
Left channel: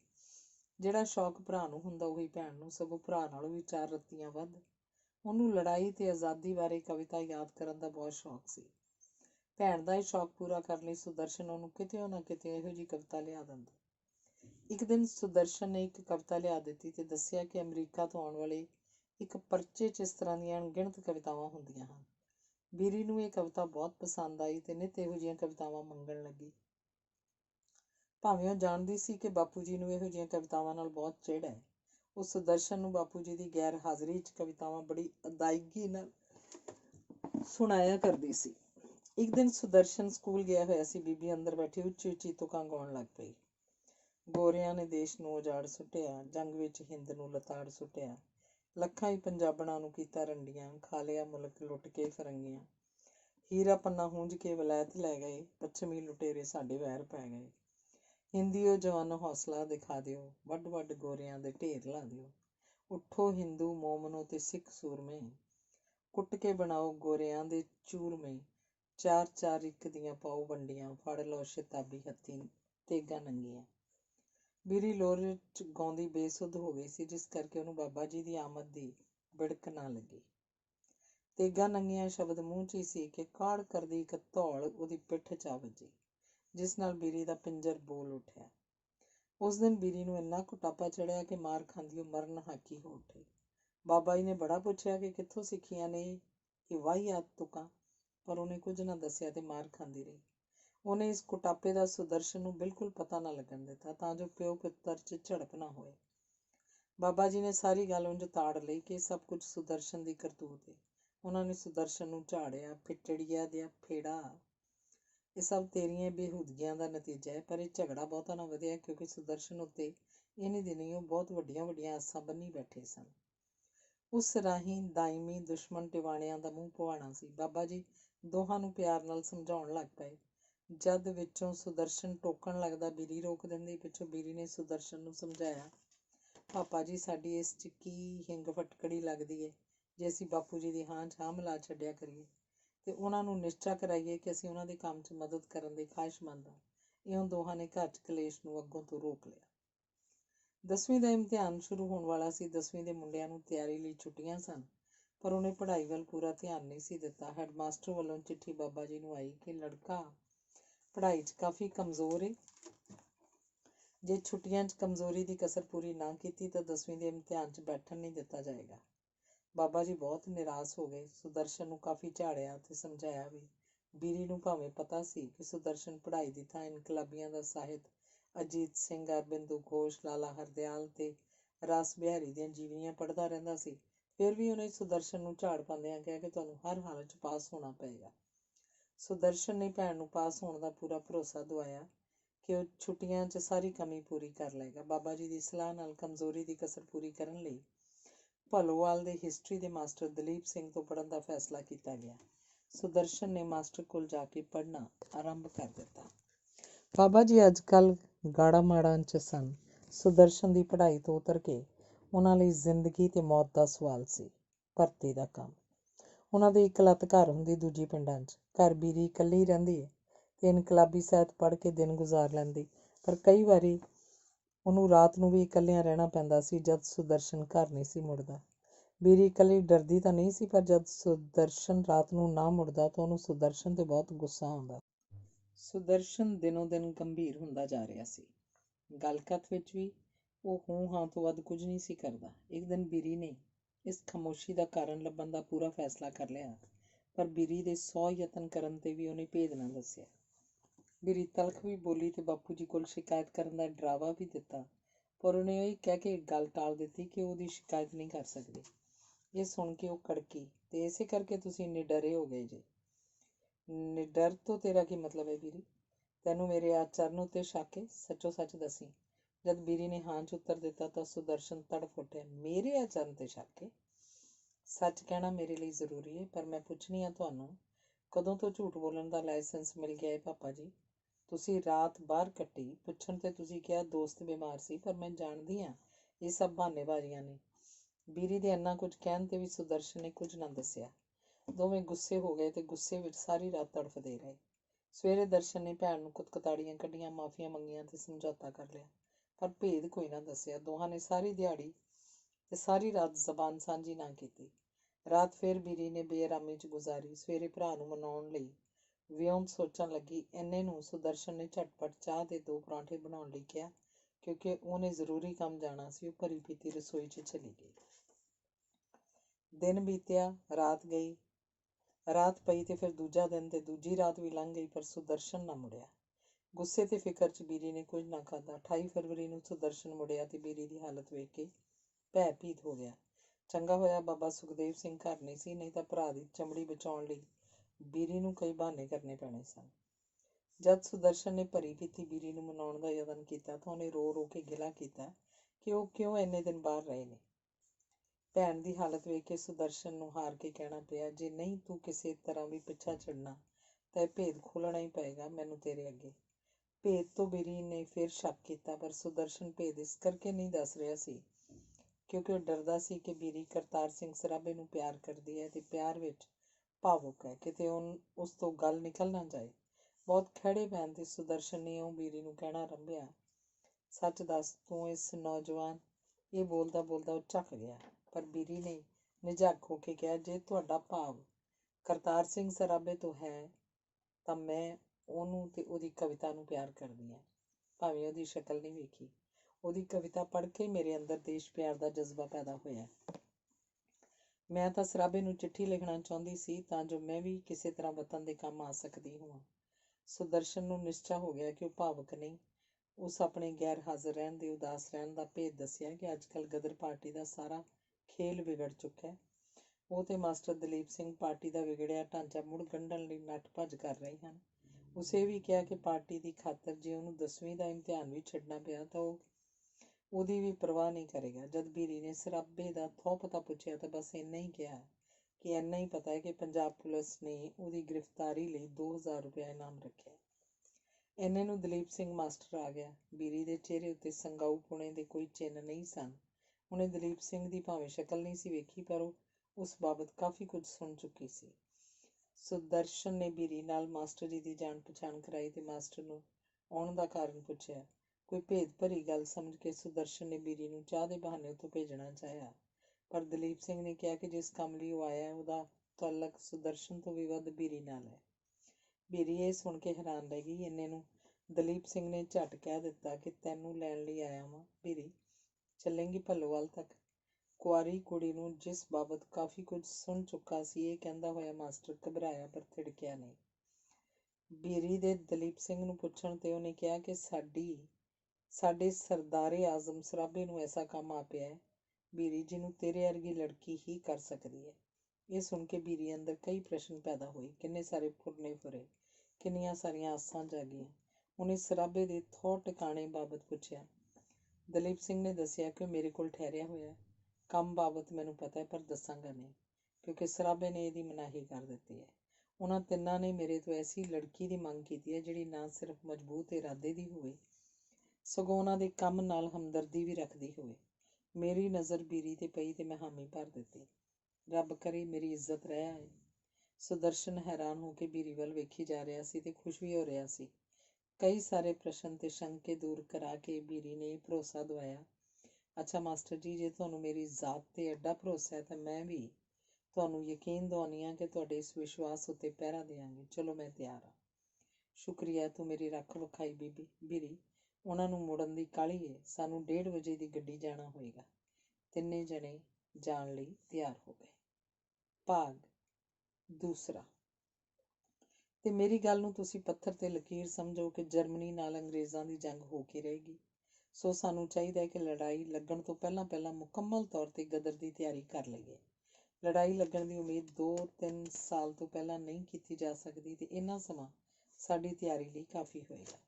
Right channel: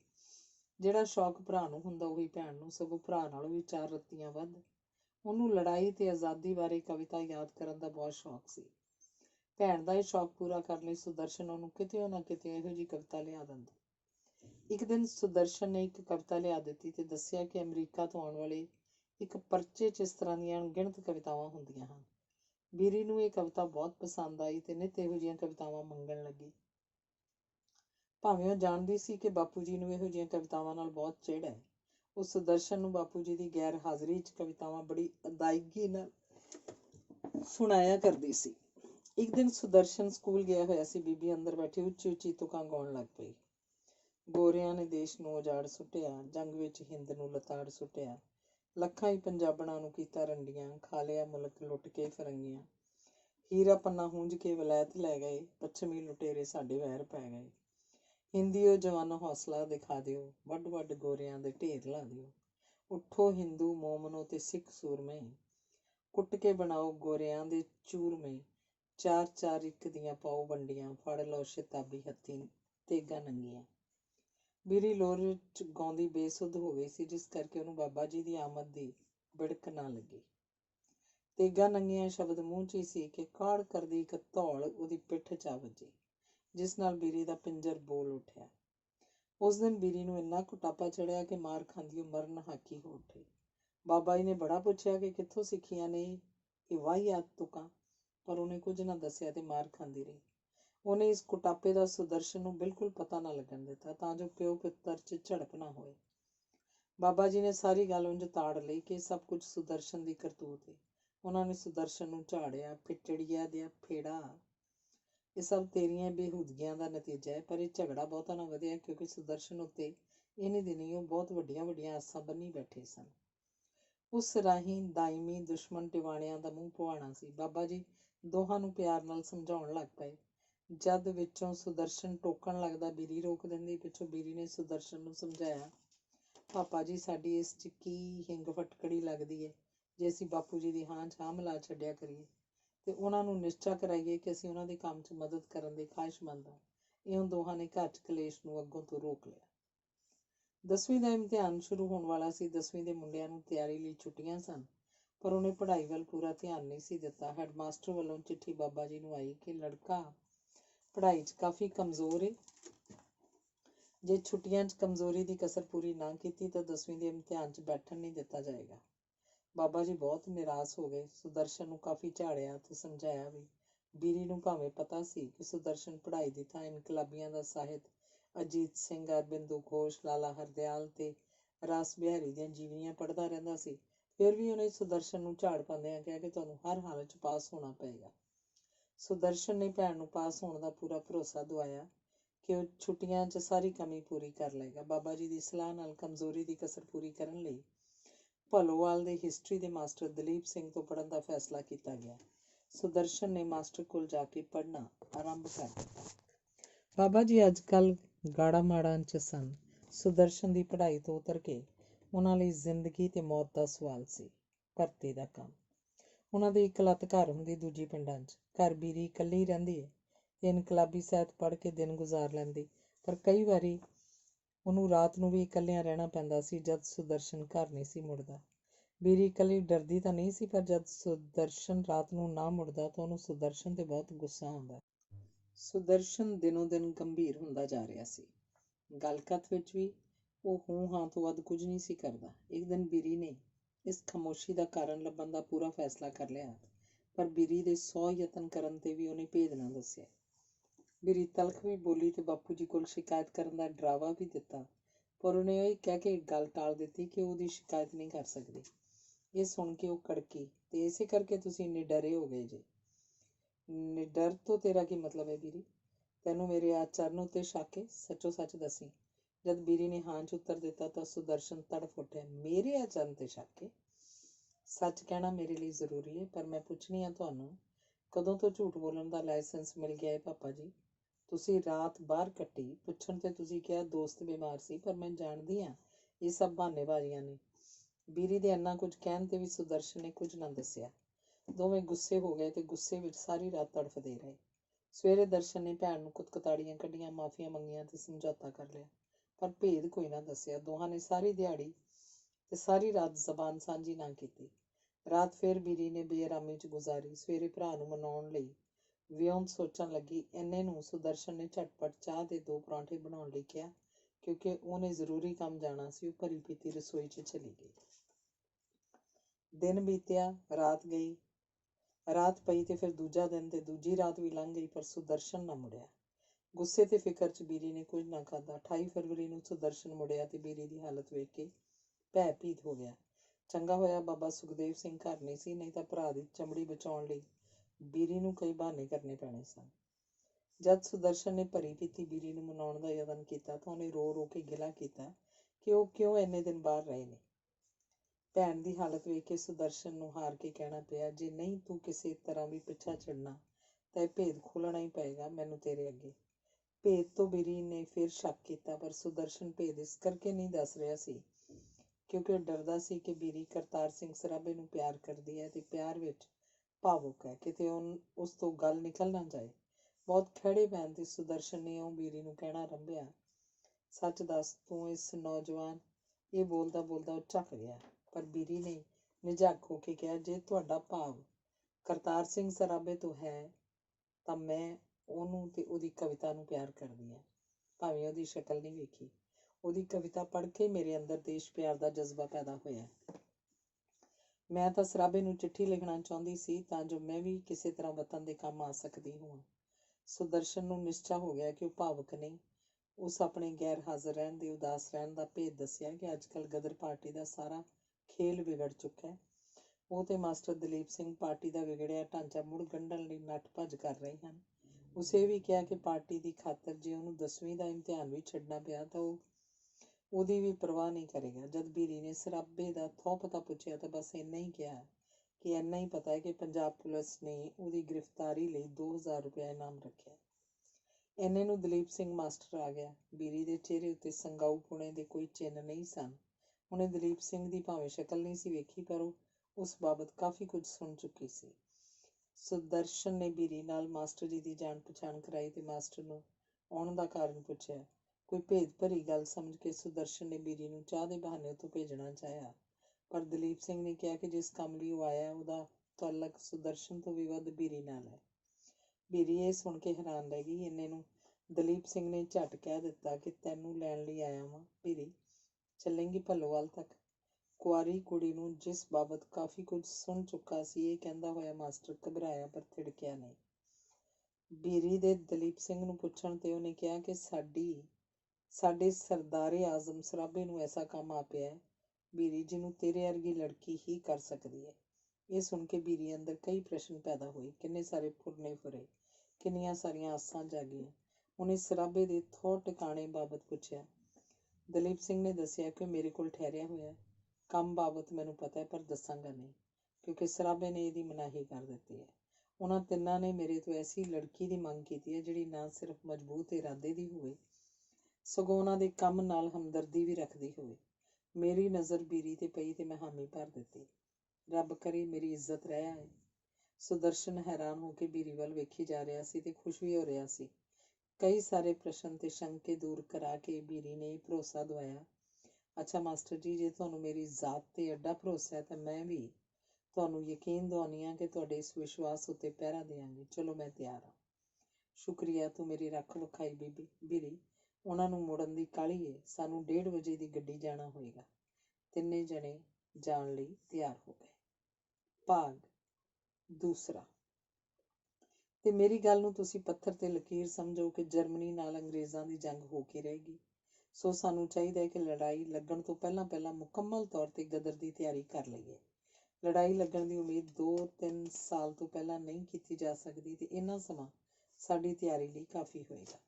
ਜਿਹੜਾ ਸ਼ੌਕ ਭਰਾ ਨੂੰ ਹੁੰਦਾ ਉਹੀ ਭੈਣ ਨੂੰ, ਸਗੋਂ ਭਰਾ ਨਾਲੋਂ ਵੀ 4 ਰੱਤੀਆਂ ਵੱਧ। ਉਹਨੂੰ ਲੜਾਈ ਤੇ ਆਜ਼ਾਦੀ ਬਾਰੇ ਕਵਿਤਾ ਯਾਦ ਕਰਨ ਦਾ ਬਹੁਤ ਸ਼ੌਕ ਸੀ। ਭੈਣ ਦਾ ਇਹ ਸ਼ੌਕ ਪੂਰਾ ਕਰਨ ਲਈ ਸੁਦਰਸ਼ਨ ਉਹਨੂੰ ਕਿਤੇ ਨਾ ਕਿਤੇ ਇਹੋ ਜਿਹੀ ਕਵਿਤਾ ਲਿਆ ਦਿੰਦਾ। ਇੱਕ ਦਿਨ ਸੁਦਰਸ਼ਨ ਨੇ ਇੱਕ ਕਵਿਤਾ ਲਿਆ ਦਿੱਤੀ ਤੇ ਦੱਸਿਆ ਕਿ ਅਮਰੀਕਾ ਤੋਂ ਆਉਣ ਵਾਲੇ ਇੱਕ ਪਰਚੇ 'ਚ ਇਸ ਤਰ੍ਹਾਂ ਦੀਆਂ ਅਣਗਿਣਤ ਕਵਿਤਾਵਾਂ ਹੁੰਦੀਆਂ ਹਨ। ਬੀਰੀ ਨੂੰ ਇਹ ਕਵਿਤਾ ਬਹੁਤ ਪਸੰਦ ਆਈ ਤੇ ਨਿੱਤ ਇਹੋ ਜਿਹੀਆਂ ਕਵਿਤਾਵਾਂ ਮੰਗਣ ਲੱਗੀ। ਭਾਵੇਂ ਉਹ ਜਾਣਦੀ ਸੀ ਕਿ ਬਾਪੂ ਜੀ ਨੂੰ ਇਹੋ ਜਿਹੀਆਂ ਕਵਿਤਾਵਾਂ ਨਾਲ ਬਹੁਤ ਚਿੜ ਹੈ, ਉਹ ਸੁਦਰਸ਼ਨ ਨੂੰ ਬਾਪੂ ਜੀ ਦੀ ਗੈਰ ਹਾਜ਼ਰੀ 'ਚ ਕਵਿਤਾਵਾਂ ਬੜੀ ਅਦਾਇਗੀ ਨਾਲ ਸੁਣਾਇਆ ਕਰਦੀ ਸੀ। ਇੱਕ ਦਿਨ ਸੁਦਰਸ਼ਨ ਸਕੂਲ ਗਿਆ ਹੋਇਆ ਸੀ। ਬੀਬੀ ਅੰਦਰ ਬੈਠੀ ਉੱਚੀ ਉੱਚੀ ਤੁਕਾਂ ਗਾਉਣ ਲੱਗ ਪਈ। ਗੋਰਿਆਂ ਨੇ ਦੇਸ਼ ਨੂੰ ਉਜਾੜ ਸੁੱਟਿਆ, ਜੰਗ ਵਿੱਚ ਹਿੰਦ ਨੂੰ ਲਤਾੜ ਸੁੱਟਿਆ, ਲੱਖਾਂ ਹੀ ਪੰਜਾਬਣਾਂ ਨੂੰ ਕੀਤਾ ਰੰਡੀਆਂ, ਖਾ ਲਿਆ ਮੁਲਕ ਲੁੱਟ ਕੇ ਫਰੰਗੀਆਂ, ਹੀਰਾ ਪੰਨਾ ਹੂੰਝ ਕੇ ਵਲੈਤ ਲੈ ਗਏ, ਪੱਛਮੀ ਲੁਟੇਰੇ ਸਾਡੇ ਵੈਰ ਪੈ ਗਏ, ਹਿੰਦੀਓ ਜਵਾਨੋ ਹੌਸਲਾ ਦਿਖਾ ਦਿਓ, ਵੱਡ ਵੱਡ ਗੋਰਿਆਂ ਦੇ ਢੇਰ ਲਾ ਦਿਓ, ਉੱਠੋ ਹਿੰਦੂ ਮੋਮਨੋ ਤੇ ਸਿੱਖ ਸੂਰਮੇ, ਕੁੱਟ ਕੇ ਬਣਾਓ ਗੋਰਿਆਂ ਦੇ ਚੂਰਮੇ, 4-4 ਇੱਕ ਦੀਆਂ ਪਾਓ ਵੰਡੀਆਂ, ਫੜ ਲਓ ਸ਼ਤਾਬੀ ਹੱਥੀਂ ਤੇਗਾਂ ਨੰਗੀਆਂ। ਬੀਰੀ ਲੋਰ 'ਚ ਗਾਉਂਦੀ ਬੇਸੁੱਧ ਹੋ ਗਈ ਸੀ, ਜਿਸ ਕਰਕੇ ਉਹਨੂੰ ਬਾਬਾ ਜੀ ਦੀ ਆਮਦ ਦੀ ਬਿੜਕ ਨਾ ਲੱਗੀ। ਤੇਗਾਂ ਨੰਗੀਆਂ ਸ਼ਬਦ ਮੂੰਹ 'ਚ ਹੀ ਸੀ ਕਿ ਕਾੜ ਕਰਦੀ ਇੱਕ ਧੌਲ ਉਹਦੀ ਪਿੱਠ 'ਚ ਆ ਵੱਜੀ, ਜਿਸ ਨਾਲ ਬੀਰੀ ਦਾ ਪਿੰਜਰ ਬੋਲ ਉੱਠਿਆ। ਉਸ ਦਿਨ ਬੀਰੀ ਨੂੰ ਇੰਨਾ ਕੁਟਾਪਾ ਚੜਿਆ ਕਿ ਮਾਰ ਖਾਂਦੀ ਉਹ ਮਰਨ ਹਾਕੀ ਹੋ ਉੱਠੀ। ਬਾਬਾ ਜੀ ਨੇ ਬੜਾ ਪੁੱਛਿਆ ਕਿ ਕਿੱਥੋਂ ਸਿੱਖੀਆਂ ਨੇ ਇਹ ਵਾਹੀਆਤ ਤੁਕਾਂ, ਪਰ ਉਹਨੇ ਕੁਝ ਨਾ ਦੱਸਿਆ ਤੇ ਮਾਰ ਖਾਂਦੀ ਰਹੀ। ਉਹਨੇ ਇਸ ਕੁਟਾਪੇ ਦਾ ਸੁਦਰਸ਼ਨ ਨੂੰ ਬਿਲਕੁਲ ਪਤਾ ਨਾ ਲੱਗਣ ਦਿੱਤਾ, ਤਾਂ ਜੋ ਪਿਓ ਪੁੱਤਰ 'ਚ ਝੜਪ ਨਾ ਹੋਏ। ਬਾਬਾ ਜੀ ਨੇ ਸਾਰੀ ਗੱਲ ਉਂਝ ਤਾੜ ਲਈ ਕਿ ਸਭ ਕੁਝ ਸੁਦਰਸ਼ਨ ਦੀ ਕਰਤੂਤ ਹੈ। ਉਹਨਾਂ ਨੇ ਸੁਦਰਸ਼ਨ ਨੂੰ ਝਾੜਿਆ, ਫਿੱਟੜੀਆ ਦਿਆ ਫੇੜਾ, ਇਹ ਸਭ ਤੇਰੀਆਂ ਬੇਹੂਦਗੀਆਂ ਦਾ ਨਤੀਜਾ ਹੈ। ਪਰ ਇਹ ਝਗੜਾ ਬਹੁਤਾ ਨਾ ਵਧਿਆ, ਕਿਉਂਕਿ ਸੁਦਰਸ਼ਨ ਉੱਤੇ ਇਹਨੇ ਦਿਨੀਂ ਉਹ ਬਹੁਤ ਵੱਡੀਆਂ ਵੱਡੀਆਂ ਆਸਾਂ ਬੰਨ੍ਹੀ ਬੈਠੇ ਸਨ। ਉਸ ਰਾਹੀਂ ਦਾਇਮੀ ਦੁਸ਼ਮਣ ਟਿਵਾਣਿਆਂ ਦਾ ਮੂੰਹ ਪੁਆਣਾ ਸੀ। ਬਾਬਾ ਜੀ ਦੋਹਾਂ ਨੂੰ ਪਿਆਰ ਨਾਲ ਸਮਝਾਉਣ ਲੱਗ ਪਏ। ਜਦ ਵਿੱਚੋਂ ਸੁਦਰਸ਼ਨ ਟੋਕਣ ਲੱਗਦਾ, ਬੀਰੀ ਰੋਕ ਦਿੰਦੀ। ਪਿੱਛੋਂ ਬੀਰੀ ਨੇ ਸੁਦਰਸ਼ਨ ਨੂੰ ਸਮਝਾਇਆ, ਪਾਪਾ ਜੀ ਸਾਡੀ ਇਸ 'ਚ ਕੀ ਹਿੰਗ ਫਟਕੜੀ ਲੱਗਦੀ ਹੈ ਜੇ ਅਸੀਂ ਬਾਪੂ ਜੀ ਦੀ ਹਾਂ 'ਚ ਹਾਂ ਮਿਲਾ ਛੱਡਿਆ ਕਰੀਏ ਤੇ ਉਹਨਾਂ ਨੂੰ ਨਿਸ਼ਚਾ ਕਰਾਈਏ ਕਿ ਅਸੀਂ ਉਹਨਾਂ ਦੇ ਕੰਮ 'ਚ ਮਦਦ ਕਰਨ ਦੇ ਖਾਹਿਸ਼ਮੰਦ ਹਾਂ। ਇਉਂ ਦੋਹਾਂ ਨੇ ਘਰ 'ਚ ਕਲੇਸ਼ ਨੂੰ ਅੱਗੋਂ ਤੋਂ ਰੋਕ ਲਿਆ। 10ਵੀਂ ਦਾ ਇਮਤਿਹਾਨ ਸ਼ੁਰੂ ਹੋਣ ਵਾਲਾ ਸੀ। 10ਵੀਂ ਦੇ ਮੁੰਡਿਆਂ ਨੂੰ ਤਿਆਰੀ ਲਈ ਛੁੱਟੀਆਂ ਸਨ, ਪਰ ਉਹਨੇ ਪੜ੍ਹਾਈ ਵੱਲ ਪੂਰਾ ਧਿਆਨ ਨਹੀਂ ਸੀ ਦਿੱਤਾ। ਹੈਡਮਾਸਟਰ ਵੱਲੋਂ ਚਿੱਠੀ ਬਾਬਾ ਜੀ ਨੂੰ ਆਈ ਕਿ ਲੜਕਾ ਪੜ੍ਹਾਈ 'ਚ ਕਾਫੀ ਕਮਜ਼ੋਰ ਏ। ਜੇ ਛੁੱਟੀਆਂ 'ਚ ਕਮਜ਼ੋਰੀ ਦੀ ਕਸਰ ਪੂਰੀ ਨਾ ਕੀਤੀ ਤਾਂ 10ਵੀਂ ਦੇ ਇਮਤਿਹਾਨ 'ਚ ਬੈਠਣ ਨਹੀਂ ਦਿੱਤਾ ਜਾਏਗਾ। ਬਾਬਾ ਜੀ ਬਹੁਤ ਨਿਰਾਸ਼ ਹੋ ਗਏ। ਸੁਦਰਸ਼ਨ ਨੂੰ ਕਾਫੀ ਝਾੜਿਆ ਤੇ ਸਮਝਾਇਆ ਵੀ। ਬੀਰੀ ਨੂੰ ਭਾਵੇਂ ਪਤਾ ਸੀ ਕਿ ਸੁਦਰਸ਼ਨ ਪੜ੍ਹਾਈ ਦੀ ਥਾਂ ਇਨਕਲਾਬੀਆਂ ਦਾ ਸਾਹਿਤ, ਅਜੀਤ ਸਿੰਘ, ਅਰਬਿੰਦੋ ਘੋਸ਼, ਲਾਲਾ ਹਰਦਿਆਲ ਤੇ ਰਾਸ ਬਿਹਾਰੀ ਦੀਆਂ ਜੀਵਨੀਆਂ ਪੜ੍ਹਦਾ ਰਹਿੰਦਾ ਸੀ, ਫਿਰ ਵੀ ਉਹਨੇ ਸੁਦਰਸ਼ਨ ਨੂੰ ਝਾੜ ਪਾਉਂਦਿਆਂ ਕਿਹਾ ਕਿ ਤੁਹਾਨੂੰ ਹਰ ਹਾਲਤ 'ਚ ਪਾਸ ਹੋਣਾ ਪਏਗਾ। ਸੁਦਰਸ਼ਨ ਨੇ ਭੈਣ ਨੂੰ ਪਾਸ ਹੋਣ ਦਾ ਪੂਰਾ ਭਰੋਸਾ ਦਿਵਾਇਆ ਕਿ ਉਹ ਛੁੱਟੀਆਂ 'ਚ ਸਾਰੀ ਕਮੀ ਪੂਰੀ ਕਰ ਲਏਗਾ। ਬਾਬਾ ਜੀ ਦੀ ਸਲਾਹ ਨਾਲ ਕਮਜ਼ੋਰੀ ਦੀ ਕਸਰ ਪੂਰੀ ਕਰਨ ਲਈ ਭਲੋਵਾਲ ਦੇ ਹਿਸਟਰੀ ਦੇ ਮਾਸਟਰ ਦਲੀਪ ਸਿੰਘ ਤੋਂ ਪੜ੍ਹਨ ਦਾ ਫੈਸਲਾ ਕੀਤਾ ਗਿਆ। ਸੁਦਰਸ਼ਨ ਨੇ ਮਾਸਟਰ ਕੋਲ ਜਾ ਕੇ ਪੜ੍ਹਨਾ ਆਰੰਭ ਕਰ ਦਿੱਤਾ। ਬਾਬਾ ਜੀ ਅੱਜ ਕੱਲ੍ਹ ਗਾੜਾ ਮਾੜਾਂ 'ਚ ਸਨ। ਸੁਦਰਸ਼ਨ ਦੀ ਪੜ੍ਹਾਈ ਤੋਂ ਉਤਰ ਕੇ ਉਹਨਾਂ ਲਈ ਜ਼ਿੰਦਗੀ ਤੇ ਮੌਤ ਦਾ ਸਵਾਲ ਸੀ। ਭਰਤੀ ਦਾ ਕੰਮ। ਉਹਨਾਂ ਦੀ ਇਕਲੱਤ ਘਰ ਹੁੰਦੀ ਦੂਜੀ ਪਿੰਡਾਂ 'ਚ। ਘਰ ਬੀਰੀ ਇਕੱਲੀ ਰਹਿੰਦੀ ਹੈ ਤੇ ਇਨਕਲਾਬੀ ਸਾਹਿਤ ਪੜ੍ਹ ਕੇ ਦਿਨ ਗੁਜ਼ਾਰ ਲੈਂਦੀ, ਪਰ ਕਈ ਵਾਰੀ ਉਹਨੂੰ ਰਾਤ ਨੂੰ ਵੀ ਇਕੱਲਿਆਂ ਰਹਿਣਾ ਪੈਂਦਾ ਸੀ ਜਦ ਸੁਦਰਸ਼ਨ ਘਰ ਨਹੀਂ ਸੀ ਮੁੜਦਾ। ਬੀਰੀ ਇਕੱਲੀ ਡਰਦੀ ਤਾਂ ਨਹੀਂ ਸੀ, ਪਰ ਜਦ ਸੁਦਰਸ਼ਨ ਰਾਤ ਨੂੰ ਨਾ ਮੁੜਦਾ ਤਾਂ ਉਹਨੂੰ ਸੁਦਰਸ਼ਨ ਤੇ ਬਹੁਤ ਗੁੱਸਾ ਆਉਂਦਾ। ਸੁਦਰਸ਼ਨ ਦਿਨੋਂ ਦਿਨ ਗੰਭੀਰ ਹੁੰਦਾ ਜਾ ਰਿਹਾ ਸੀ। ਗੱਲਕੱਥ ਵਿੱਚ ਵੀ ਉਹ ਹੂੰ ਹਾਂ ਤੋਂ ਵੱਧ ਕੁਝ ਨਹੀਂ ਸੀ ਕਰਦਾ। ਇੱਕ ਦਿਨ ਬੀਰੀ ਨੇ ਇਸ ਖਾਮੋਸ਼ੀ ਦਾ ਕਾਰਨ ਲੱਭਣ ਦਾ ਪੂਰਾ ਫੈਸਲਾ ਕਰ ਲਿਆ, ਪਰ ਬੀਰੀ ਦੇ 100 ਯਤਨ ਕਰਨ ਤੇ ਵੀ ਉਹਨੇ ਭੇਦ ਨਾ ਦੱਸਿਆ। ਬੀਰੀ ਤਲਖ ਵੀ ਬੋਲੀ ਤੇ ਬਾਪੂ ਜੀ ਕੋਲ ਸ਼ਿਕਾਇਤ ਕਰਨ ਦਾ ਡਰਾਵਾ ਵੀ ਦਿੱਤਾ, ਪਰ ਉਹਨੇ ਇਹ ਕਹਿ ਕੇ ਗੱਲ ਟਾਲ ਦਿੱਤੀ ਕਿ ਉਹਦੀ ਸ਼ਿਕਾਇਤ ਨਹੀਂ ਕਰ ਸਕਦੀ। ਇਹ ਸੁਣ ਕੇ ਉਹ ਕੜਕੀ ਤੇ ਇਸੇ ਕਰਕੇ ਤੁਸੀਂ ਨਿਡਰੇ ਹੋ ਗਏ ਜੇ। ਨਿਡਰ ਤੋਂ ਤੇਰਾ ਕੀ ਮਤਲਬ ਹੈ ਬੀਰੀ? ਤੈਨੂੰ ਮੇਰੇ ਆਚਰਨ ਉੱਤੇ ਸ਼ੱਕ ਏ? ਸੱਚੋ ਸੱਚ ਦੱਸੀ। ਜਦ ਬੀਰੀ ਨੇ ਹਾਂ 'ਚ ਉੱਤਰ ਦਿੱਤਾ ਤਾਂ ਸੁਦਰਸ਼ਨ ਤੜਫ ਉੱਠਿਆ। ਮੇਰੇ ਆਚਰਨ ਤੇ ਸ਼ੱਕ ਏ? ਸੱਚ ਕਹਿਣਾ ਮੇਰੇ ਲਈ ਜ਼ਰੂਰੀ ਹੈ, ਪਰ ਮੈਂ ਪੁੱਛਣੀ ਹਾਂ ਤੁਹਾਨੂੰ, ਕਦੋਂ ਤੋਂ ਝੂਠ ਬੋਲਣ ਦਾ ਲਾਇਸੈਂਸ ਮਿਲ ਗਿਆ ਹੈ ਪਾਪਾ ਜੀ? ਤੁਸੀਂ ਰਾਤ ਬਾਹਰ ਕੱਟੀ, ਪੁੱਛਣ ਤੇ ਤੁਸੀਂ ਕਿਹਾ ਦੋਸਤ ਬਿਮਾਰ ਸੀ, ਪਰ ਮੈਂ ਜਾਣਦੀ ਹਾਂ ਇਹ ਸਭ ਬਹਾਨੇਬਾਜ਼ੀਆਂ ਨੇ। ਬੀਰੀ ਦੇ ਇੰਨਾ ਕੁਝ ਕਹਿਣ ਤੇ ਵੀ ਸੁਦਰਸ਼ਨ ਨੇ ਕੁਝ ਨਾ ਦੱਸਿਆ। ਦੋਵੇਂ ਗੁੱਸੇ ਹੋ ਗਏ ਤੇ ਗੁੱਸੇ ਵਿੱਚ ਸਾਰੀ ਰਾਤ ਤੜਫਦੇ ਰਹੇ। ਸਵੇਰੇ ਦਰਸ਼ਨ ਨੇ ਭੈਣ ਨੂੰ ਕੁਤਕਤਾੜੀਆਂ ਕੱਢੀਆਂ, ਮਾਫੀਆਂ ਮੰਗੀਆਂ ਤੇ ਸਮਝੌਤਾ ਕਰ ਲਿਆ, ਪਰ ਭੇਦ ਕੋਈ ਨਾ ਦੱਸਿਆ। ਦੋਹਾਂ ਨੇ ਸਾਰੀ ਦਿਹਾੜੀ ਤੇ ਸਾਰੀ ਰਾਤ ਜ਼ਬਾਨ ਸਾਂਝੀ ਨਾ ਕੀਤੀ। ਰਾਤ ਫਿਰ ਬੀਰੀ ਨੇ ਬੇਆਰਾਮੀ 'ਚ ਗੁਜ਼ਾਰੀ। ਸਵੇਰੇ ਭਰਾ ਨੂੰ ਮਨਾਉਣ ਲਈ ਵਿਉਂਤ ਸੋਚਣ ਲੱਗੀ। ਇੰਨੇ ਨੂੰ ਸੁਦਰਸ਼ਨ ਨੇ ਝਟਪਟ ਚਾਹ ਦੇ 2 ਪਰਾਂਠੇ ਬਣਾਉਣ ਲਈ ਕਿਹਾ, ਕਿਉਂਕਿ ਉਹਨੇ ਜ਼ਰੂਰੀ ਕੰਮ ਜਾਣਾ ਸੀ। ਉਹ ਭਰੀ ਪੀਤੀ ਰਸੋਈ 'ਚ ਚਲੀ ਗਈ। ਦਿਨ ਬੀਤਿਆ, ਰਾਤ ਗਈ, ਰਾਤ ਪਈ ਤੇ ਫਿਰ ਦੂਜਾ ਦਿਨ ਤੇ ਦੂਜੀ ਰਾਤ ਵੀ ਲੰਘ ਗਈ, ਪਰ ਸੁਦਰਸ਼ਨ ਨਾ ਮੁੜਿਆ। ਗੁੱਸੇ ਤੇ ਫਿਕਰ 'ਚ ਬੀਰੀ ਨੇ ਕੁਝ ਨਾ ਖਾਧਾ। 28 ਫਰਵਰੀ ਨੂੰ ਸੁਦਰਸ਼ਨ ਮੁੜਿਆ ਤੇ ਬੀਰੀ ਦੀ ਹਾਲਤ ਵੇਖ ਕੇ ਭੈ-ਭੀਤ ਹੋ ਗਿਆ। ਚੰਗਾ ਹੋਇਆ ਬਾਬਾ ਸੁਖਦੇਵ ਸਿੰਘ ਘਰ ਨਹੀਂ ਸੀ, ਨਹੀਂ ਤਾਂ ਭਰਾ ਦੀ ਚਮੜੀ ਬਚਾਉਣ ਲਈ ਬੀਰੀ ਨੂੰ ਕਈ ਬਹਾਨੇ ਕਰਨੇ ਪੈਣੇ ਸਨ। ਜਦ ਸੁਦਰਸ਼ਨ ਨੇ ਭਰੀ ਪੀਤੀ ਬੀਰੀ ਨੂੰ ਮਨਾਉਣ ਦਾ ਯਤਨ ਕੀਤਾ ਤਾਂ ਉਹਨੇ ਰੋ ਰੋ ਕੇ ਗਿਲਾ ਕੀਤਾ ਕਿ ਉਹ ਕਿਉਂ ਇੰਨੇ ਦਿਨ ਬਾਹਰ ਰਹੇ ਨੇ। ਭੈਣ ਦੀ ਹਾਲਤ ਵੇਖ ਕੇ ਸੁਦਰਸ਼ਨ ਨੂੰ ਹਾਰ ਕੇ ਕਹਿਣਾ ਪਿਆ, ਜੇ ਨਹੀਂ ਤੂੰ ਕਿਸੇ ਤਰ੍ਹਾਂ ਵੀ ਪਿੱਛਾ ਛੱਡਣਾ ਤਾਂ ਇਹ ਭੇਦ ਖੋਲ੍ਹਣਾ ਹੀ ਪਏਗਾ ਮੈਨੂੰ ਤੇਰੇ ਅੱਗੇ। ਭੇਦ ਤੋਂ ਬੀਰੀ ਨੇ ਫਿਰ ਸ਼ੱਕ ਕੀਤਾ, ਪਰ ਸੁਦਰਸ਼ਨ ਭੇਦ ਇਸ ਕਰਕੇ ਨਹੀਂ ਦੱਸ ਰਿਹਾ ਸੀ ਕਿਉਂਕਿ ਉਹ ਡਰਦਾ ਸੀ ਕਿ ਬੀਰੀ ਕਰਤਾਰ ਸਿੰਘ ਸਰਾਭੇ ਨੂੰ ਪਿਆਰ ਕਰਦੀ ਹੈ ਤੇ ਪਿਆਰ ਵਿੱਚ ਭਾਵੁਕ ਹੈ, ਕਿਤੇ ਉਸ ਤੋਂ ਗੱਲ ਨਿਕਲ ਨਾ ਜਾਏ। ਬਹੁਤ ਖਹਿੜੇ ਪੈਣ ਤੇ ਸੁਦਰਸ਼ਨ ਨੇ ਉਹ ਬੀਰੀ ਨੂੰ ਕਹਿਣਾ ਆਰੰਭਿਆ, ਸੱਚ ਦੱਸ ਤੂੰ ਇਸ ਨੌਜਵਾਨ। ਇਹ ਬੋਲਦਾ ਬੋਲਦਾ ਉਹ ਝੱਕ ਗਿਆ, ਪਰ ਬੀਰੀ ਨੇ ਨਿਝੱਕ ਹੋ ਕੇ ਕਿਹਾ, ਜੇ ਤੁਹਾਡਾ ਭਾਵ ਕਰਤਾਰ ਸਿੰਘ ਸਰਾਭੇ ਤੋਂ ਹੈ ਤਾਂ ਮੈਂ ਉਹਨੂੰ ਤੇ ਉਹਦੀ ਕਵਿਤਾ ਨੂੰ ਪਿਆਰ ਕਰਦੀ ਹਾਂ, ਭਾਵੇਂ ਉਹਦੀ ਸ਼ਕਲ ਨਹੀਂ ਵੇਖੀ। ਉਹਦੀ ਕਵਿਤਾ ਪੜ੍ਹ ਕੇ ਮੇਰੇ ਅੰਦਰ ਦੇਸ਼ ਪਿਆਰ ਦਾ ਜਜ਼ਬਾ ਪੈਦਾ ਹੋਇਆ। ਮੈਂ ਤਾਂ ਸਰਾਭੇ ਨੂੰ ਚਿੱਠੀ ਲਿਖਣਾ ਚਾਹੁੰਦੀ ਸੀ ਤਾਂ ਜੋ ਮੈਂ ਵੀ ਕਿਸੇ ਤਰ੍ਹਾਂ ਵਤਨ ਦੇ ਕੰਮ ਆ ਸਕਦੀ ਹਾਂ। ਸੁਦਰਸ਼ਨ ਨੂੰ ਨਿਸ਼ਚਾ ਹੋ ਗਿਆ ਕਿ ਉਹ ਭਾਵੁਕ ਨਹੀਂ। ਉਸ ਆਪਣੇ ਗੈਰ ਹਾਜ਼ਰ ਰਹਿਣ ਦੇ ਉਦਾਸ ਰਹਿਣ ਦਾ ਭੇਦ ਦੱਸਿਆ ਕਿ ਅੱਜ ਕੱਲ੍ਹ ਗਦਰ ਪਾਰਟੀ ਦਾ ਸਾਰਾ ਖੇਲ ਵਿਗੜ ਚੁੱਕਿਆ। ਉਹ ਤੇ ਮਾਸਟਰ ਦਲੀਪ ਸਿੰਘ ਪਾਰਟੀ ਦਾ ਵਿਗੜਿਆ ਢਾਂਚਾ ਮੁੜ ਗੰਢਣ ਲਈ ਨੱਠ ਭੱਜ ਕਰ ਰਹੇ ਹਨ। ਉਸੇ ਵੀ ਕਿਹਾ ਕਿ ਪਾਰਟੀ ਦੀ ਖਾਤਰ ਜੇ ਉਹਨੂੰ 10ਵੀਂ ਦਾ ਇਮਤਿਹਾਨ ਵੀ ਛੱਡਣਾ ਪਿਆ ਤਾਂ ਉਹ ਉਹਦੀ ਵੀ ਪਰਵਾਹ ਨਹੀਂ ਕਰੇਗਾ। ਜਦ ਬੀਰੀ ਨੇ ਸਰਾਭੇ ਦਾ ਥਹੁ ਪਤਾ ਪੁੱਛਿਆ ਤਾਂ ਬਸ ਇੰਨਾ ਹੀ ਕਿਹਾ ਕਿ ਇੰਨਾ ਹੀ ਪਤਾ ਹੈ ਕਿ ਪੰਜਾਬ ਪੁਲਿਸ ਨੇ ਉਹਦੀ ਗ੍ਰਿਫਤਾਰੀ ਲਈ 2000 ਰੁਪਇਆ ਇਨਾਮ ਰੱਖਿਆ। ਇੰਨੇ ਨੂੰ ਦਲੀਪ ਸਿੰਘ ਮਾਸਟਰ ਆ ਗਿਆ। ਬੀਰੀ ਦੇ ਚਿਹਰੇ ਉੱਤੇ ਸੰਗਾਊ ਪੁਣੇ ਦੇ ਕੋਈ ਚਿੰਨ੍ਹ ਨਹੀਂ ਸਨ। ਉਹਨੇ ਦਲੀਪ ਸਿੰਘ ਦੀ ਭਾਵੇਂ ਸ਼ਕਲ ਨਹੀਂ ਸੀ ਵੇਖੀ, ਪਰ ਉਹ ਉਸ ਬਾਬਤ ਕਾਫੀ ਕੁਝ ਸੁਣ ਚੁੱਕੀ ਸੀ। ਸੁਦਰਸ਼ਨ ਨੇ ਬੀਰੀ ਨਾਲ ਮਾਸਟਰ ਜੀ ਦੀ ਜਾਣ ਪਛਾਣ ਕਰਾਈ ਤੇ ਮਾਸਟਰ ਨੂੰ ਆਉਣ ਦਾ ਕਾਰਨ ਪੁੱਛਿਆ। ਕੋਈ ਭੇਦ ਭਰੀ ਗੱਲ ਸਮਝ ਕੇ ਸੁਦਰਸ਼ਨ ਨੇ ਬੀਰੀ ਨੂੰ ਚਾਹ ਦੇ ਬਹਾਨੇ ਉੱਥੋਂ ਭੇਜਣਾ ਚਾਹਿਆ, ਪਰ ਦਲੀਪ ਸਿੰਘ ਨੇ ਕਿਹਾ ਕਿ ਜਿਸ ਕੰਮ ਲਈ ਉਹ ਆਇਆ ਉਹਦਾ ਤਾਲੁਕ ਸੁਦਰਸ਼ਨ ਤੋਂ ਵੀ ਵੱਧ ਬੀਰੀ ਨਾਲ ਹੈ। ਬੀਰੀ ਇਹ ਸੁਣ ਕੇ ਹੈਰਾਨ ਰਹਿ ਗਈ। ਇੰਨੇ ਨੂੰ ਦਲੀਪ ਸਿੰਘ ਨੇ ਝੱਟ ਕਹਿ ਦਿੱਤਾ ਕਿ ਤੈਨੂੰ ਲੈਣ ਲਈ ਆਇਆ ਵਾਂ ਬੀਰੀ, ਚੱਲੇਂਗੀ ਭੱਲੋਵਾਲ ਤੱਕ। ਕੁਆਰੀ ਕੁੜੀ ਨੂੰ ਜਿਸ ਬਾਬਤ ਕਾਫੀ ਕੁਝ ਸੁਣ ਚੁੱਕਾ ਸੀ, ਇਹ ਕਹਿੰਦਾ ਹੋਇਆ ਮਾਸਟਰ ਘਬਰਾਇਆ ਪਰ ਥਿੜਕਿਆ ਨਹੀਂ। ਬੀਰੀ ਦੇ ਦਲੀਪ ਸਿੰਘ ਨੂੰ ਪੁੱਛਣ ਤੇ ਉਹਨੇ ਕਿਹਾ ਕਿ ਸਾਡੇ ਸਰਦਾਰੇ ਆਜ਼ਮ ਸਰਾਭੇ ਨੂੰ ਐਸਾ ਕੰਮ ਆ ਪਿਆ ਹੈ ਬੀਰੀ, ਜਿਹਨੂੰ ਤੇਰੇ ਵਰਗੀ ਲੜਕੀ ਹੀ ਕਰ ਸਕਦੀ ਹੈ। ਇਹ ਸੁਣ ਕੇ ਬੀਰੀ ਅੰਦਰ ਕਈ ਪ੍ਰਸ਼ਨ ਪੈਦਾ ਹੋਏ। ਕਿੰਨੇ ਸਾਰੇ ਫੁਰਨੇ ਫੁਰੇ, ਕਿੰਨੀਆਂ ਸਾਰੀਆਂ ਆਸਾਂ ਜਾਗੀਆਂ। ਉਹਨੇ ਸਰਾਭੇ ਦੇ ਥਹੁ ਟਿਕਾਣੇ ਬਾਬਤ ਪੁੱਛਿਆ। ਦਲੀਪ ਸਿੰਘ ਨੇ ਦੱਸਿਆ ਕਿ ਮੇਰੇ ਕੋਲ ਠਹਿਰਿਆ ਹੋਇਆ। ਕੰਮ ਬਾਬਤ ਮੈਨੂੰ ਪਤਾ ਹੈ, ਪਰ ਦੱਸਾਂਗਾ ਨਹੀਂ ਕਿਉਂਕਿ ਸਰਾਭੇ ਨੇ ਇਹਦੀ ਮਨਾਹੀ ਕਰ ਦਿੱਤੀ ਹੈ। ਉਹਨਾਂ ਤਿੰਨਾਂ ਨੇ ਮੇਰੇ ਤੋਂ ਐਸੀ ਲੜਕੀ ਦੀ ਮੰਗ ਕੀਤੀ ਹੈ ਜਿਹੜੀ ਨਾ ਸਿਰਫ ਮਜ਼ਬੂਤ ਇਰਾਦੇ ਦੀ ਹੋਵੇ, ਸਗੋਂ ਉਹਨਾਂ ਦੇ ਕੰਮ ਨਾਲ ਹਮਦਰਦੀ ਵੀ ਰੱਖਦੀ ਹੋਵੇ। ਮੇਰੀ ਨਜ਼ਰ ਬੀਰੀ ਤੇ ਪਈ ਤੇ ਮੈਂ ਹਾਮੀ ਭਰ ਦਿੱਤੀ। ਰੱਬ ਕਰੇ ਮੇਰੀ ਇੱਜ਼ਤ ਰਹਿ ਆਏ। ਸੁਦਰਸ਼ਨ ਹੈਰਾਨ ਹੋ ਕੇ ਬੀਰੀ ਵੱਲ ਵੇਖੀ ਜਾ ਰਿਹਾ ਸੀ ਤੇ ਖੁਸ਼ ਵੀ ਹੋ ਰਿਹਾ ਸੀ। ਕਈ ਸਾਰੇ ਪ੍ਰਸ਼ਨ ਤੇ ਸ਼ੰਕੇ ਦੂਰ ਕਰਾ ਕੇ ਬੀਰੀ ਨੇ ਭਰੋਸਾ ਦਵਾਇਆ, ਅੱਛਾ ਮਾਸਟਰ ਜੀ, ਜੇ ਤੁਹਾਨੂੰ ਮੇਰੀ ਜ਼ਾਤ ਤੇ ਐਡਾ ਭਰੋਸਾ ਹੈ ਤਾਂ ਮੈਂ ਵੀ ਤੁਹਾਨੂੰ ਯਕੀਨ ਦਿਵਾਉਂਦੀ ਹਾਂ ਕਿ ਤੁਹਾਡੇ ਇਸ ਵਿਸ਼ਵਾਸ ਉੱਤੇ ਪਹਿਰਾ ਦਿਆਂਗੀ। ਚਲੋ ਮੈਂ ਤਿਆਰ ਹਾਂ। ਸ਼ੁਕਰੀਆ, ਤੂੰ ਮੇਰੀ ਰੱਖ ਵਿਖਾਈ ਬੀਰੀ। ਉਹਨਾਂ ਨੂੰ ਮੁੜਨ ਦੀ ਕਾਹਲੀ ਏ, ਸਾਨੂੰ 1:30 ਵਜੇ ਦੀ ਗੱਡੀ ਜਾਣਾ ਹੋਏਗਾ। ਤਿੰਨੇ ਜਣੇ ਜਾਣ ਲਈ ਤਿਆਰ ਹੋ ਗਏ। ਭਾਗ ਦੂਸਰਾ। ਤੇ ਮੇਰੀ ਗੱਲ ਨੂੰ ਤੁਸੀਂ ਪੱਥਰ ਤੇ ਲਕੀਰ ਸਮਝੋ ਕਿ ਜਰਮਨੀ ਨਾਲ ਅੰਗਰੇਜ਼ਾਂ ਦੀ ਜੰਗ ਹੋ ਕੇ ਰਹੇਗੀ। ਸੋ ਸਾਨੂੰ ਚਾਹੀਦਾ ਹੈ ਕਿ ਲੜਾਈ ਲੱਗਣ ਤੋਂ ਪਹਿਲਾਂ ਮੁਕੰਮਲ ਤੌਰ ਤੇ ਗਦਰ ਦੀ ਤਿਆਰੀ ਕਰ ਲਈਏ। ਲੜਾਈ ਲੱਗਣ ਦੀ ਉਮੀਦ 2-3 ਸਾਲ ਤੋਂ ਪਹਿਲਾਂ ਨਹੀਂ ਕੀਤੀ ਜਾ ਸਕਦੀ ਤੇ ਇੰਨਾ ਸਮਾਂ ਸਾਡੀ ਤਿਆਰੀ ਲਈ ਕਾਫੀ ਹੋਏਗਾ।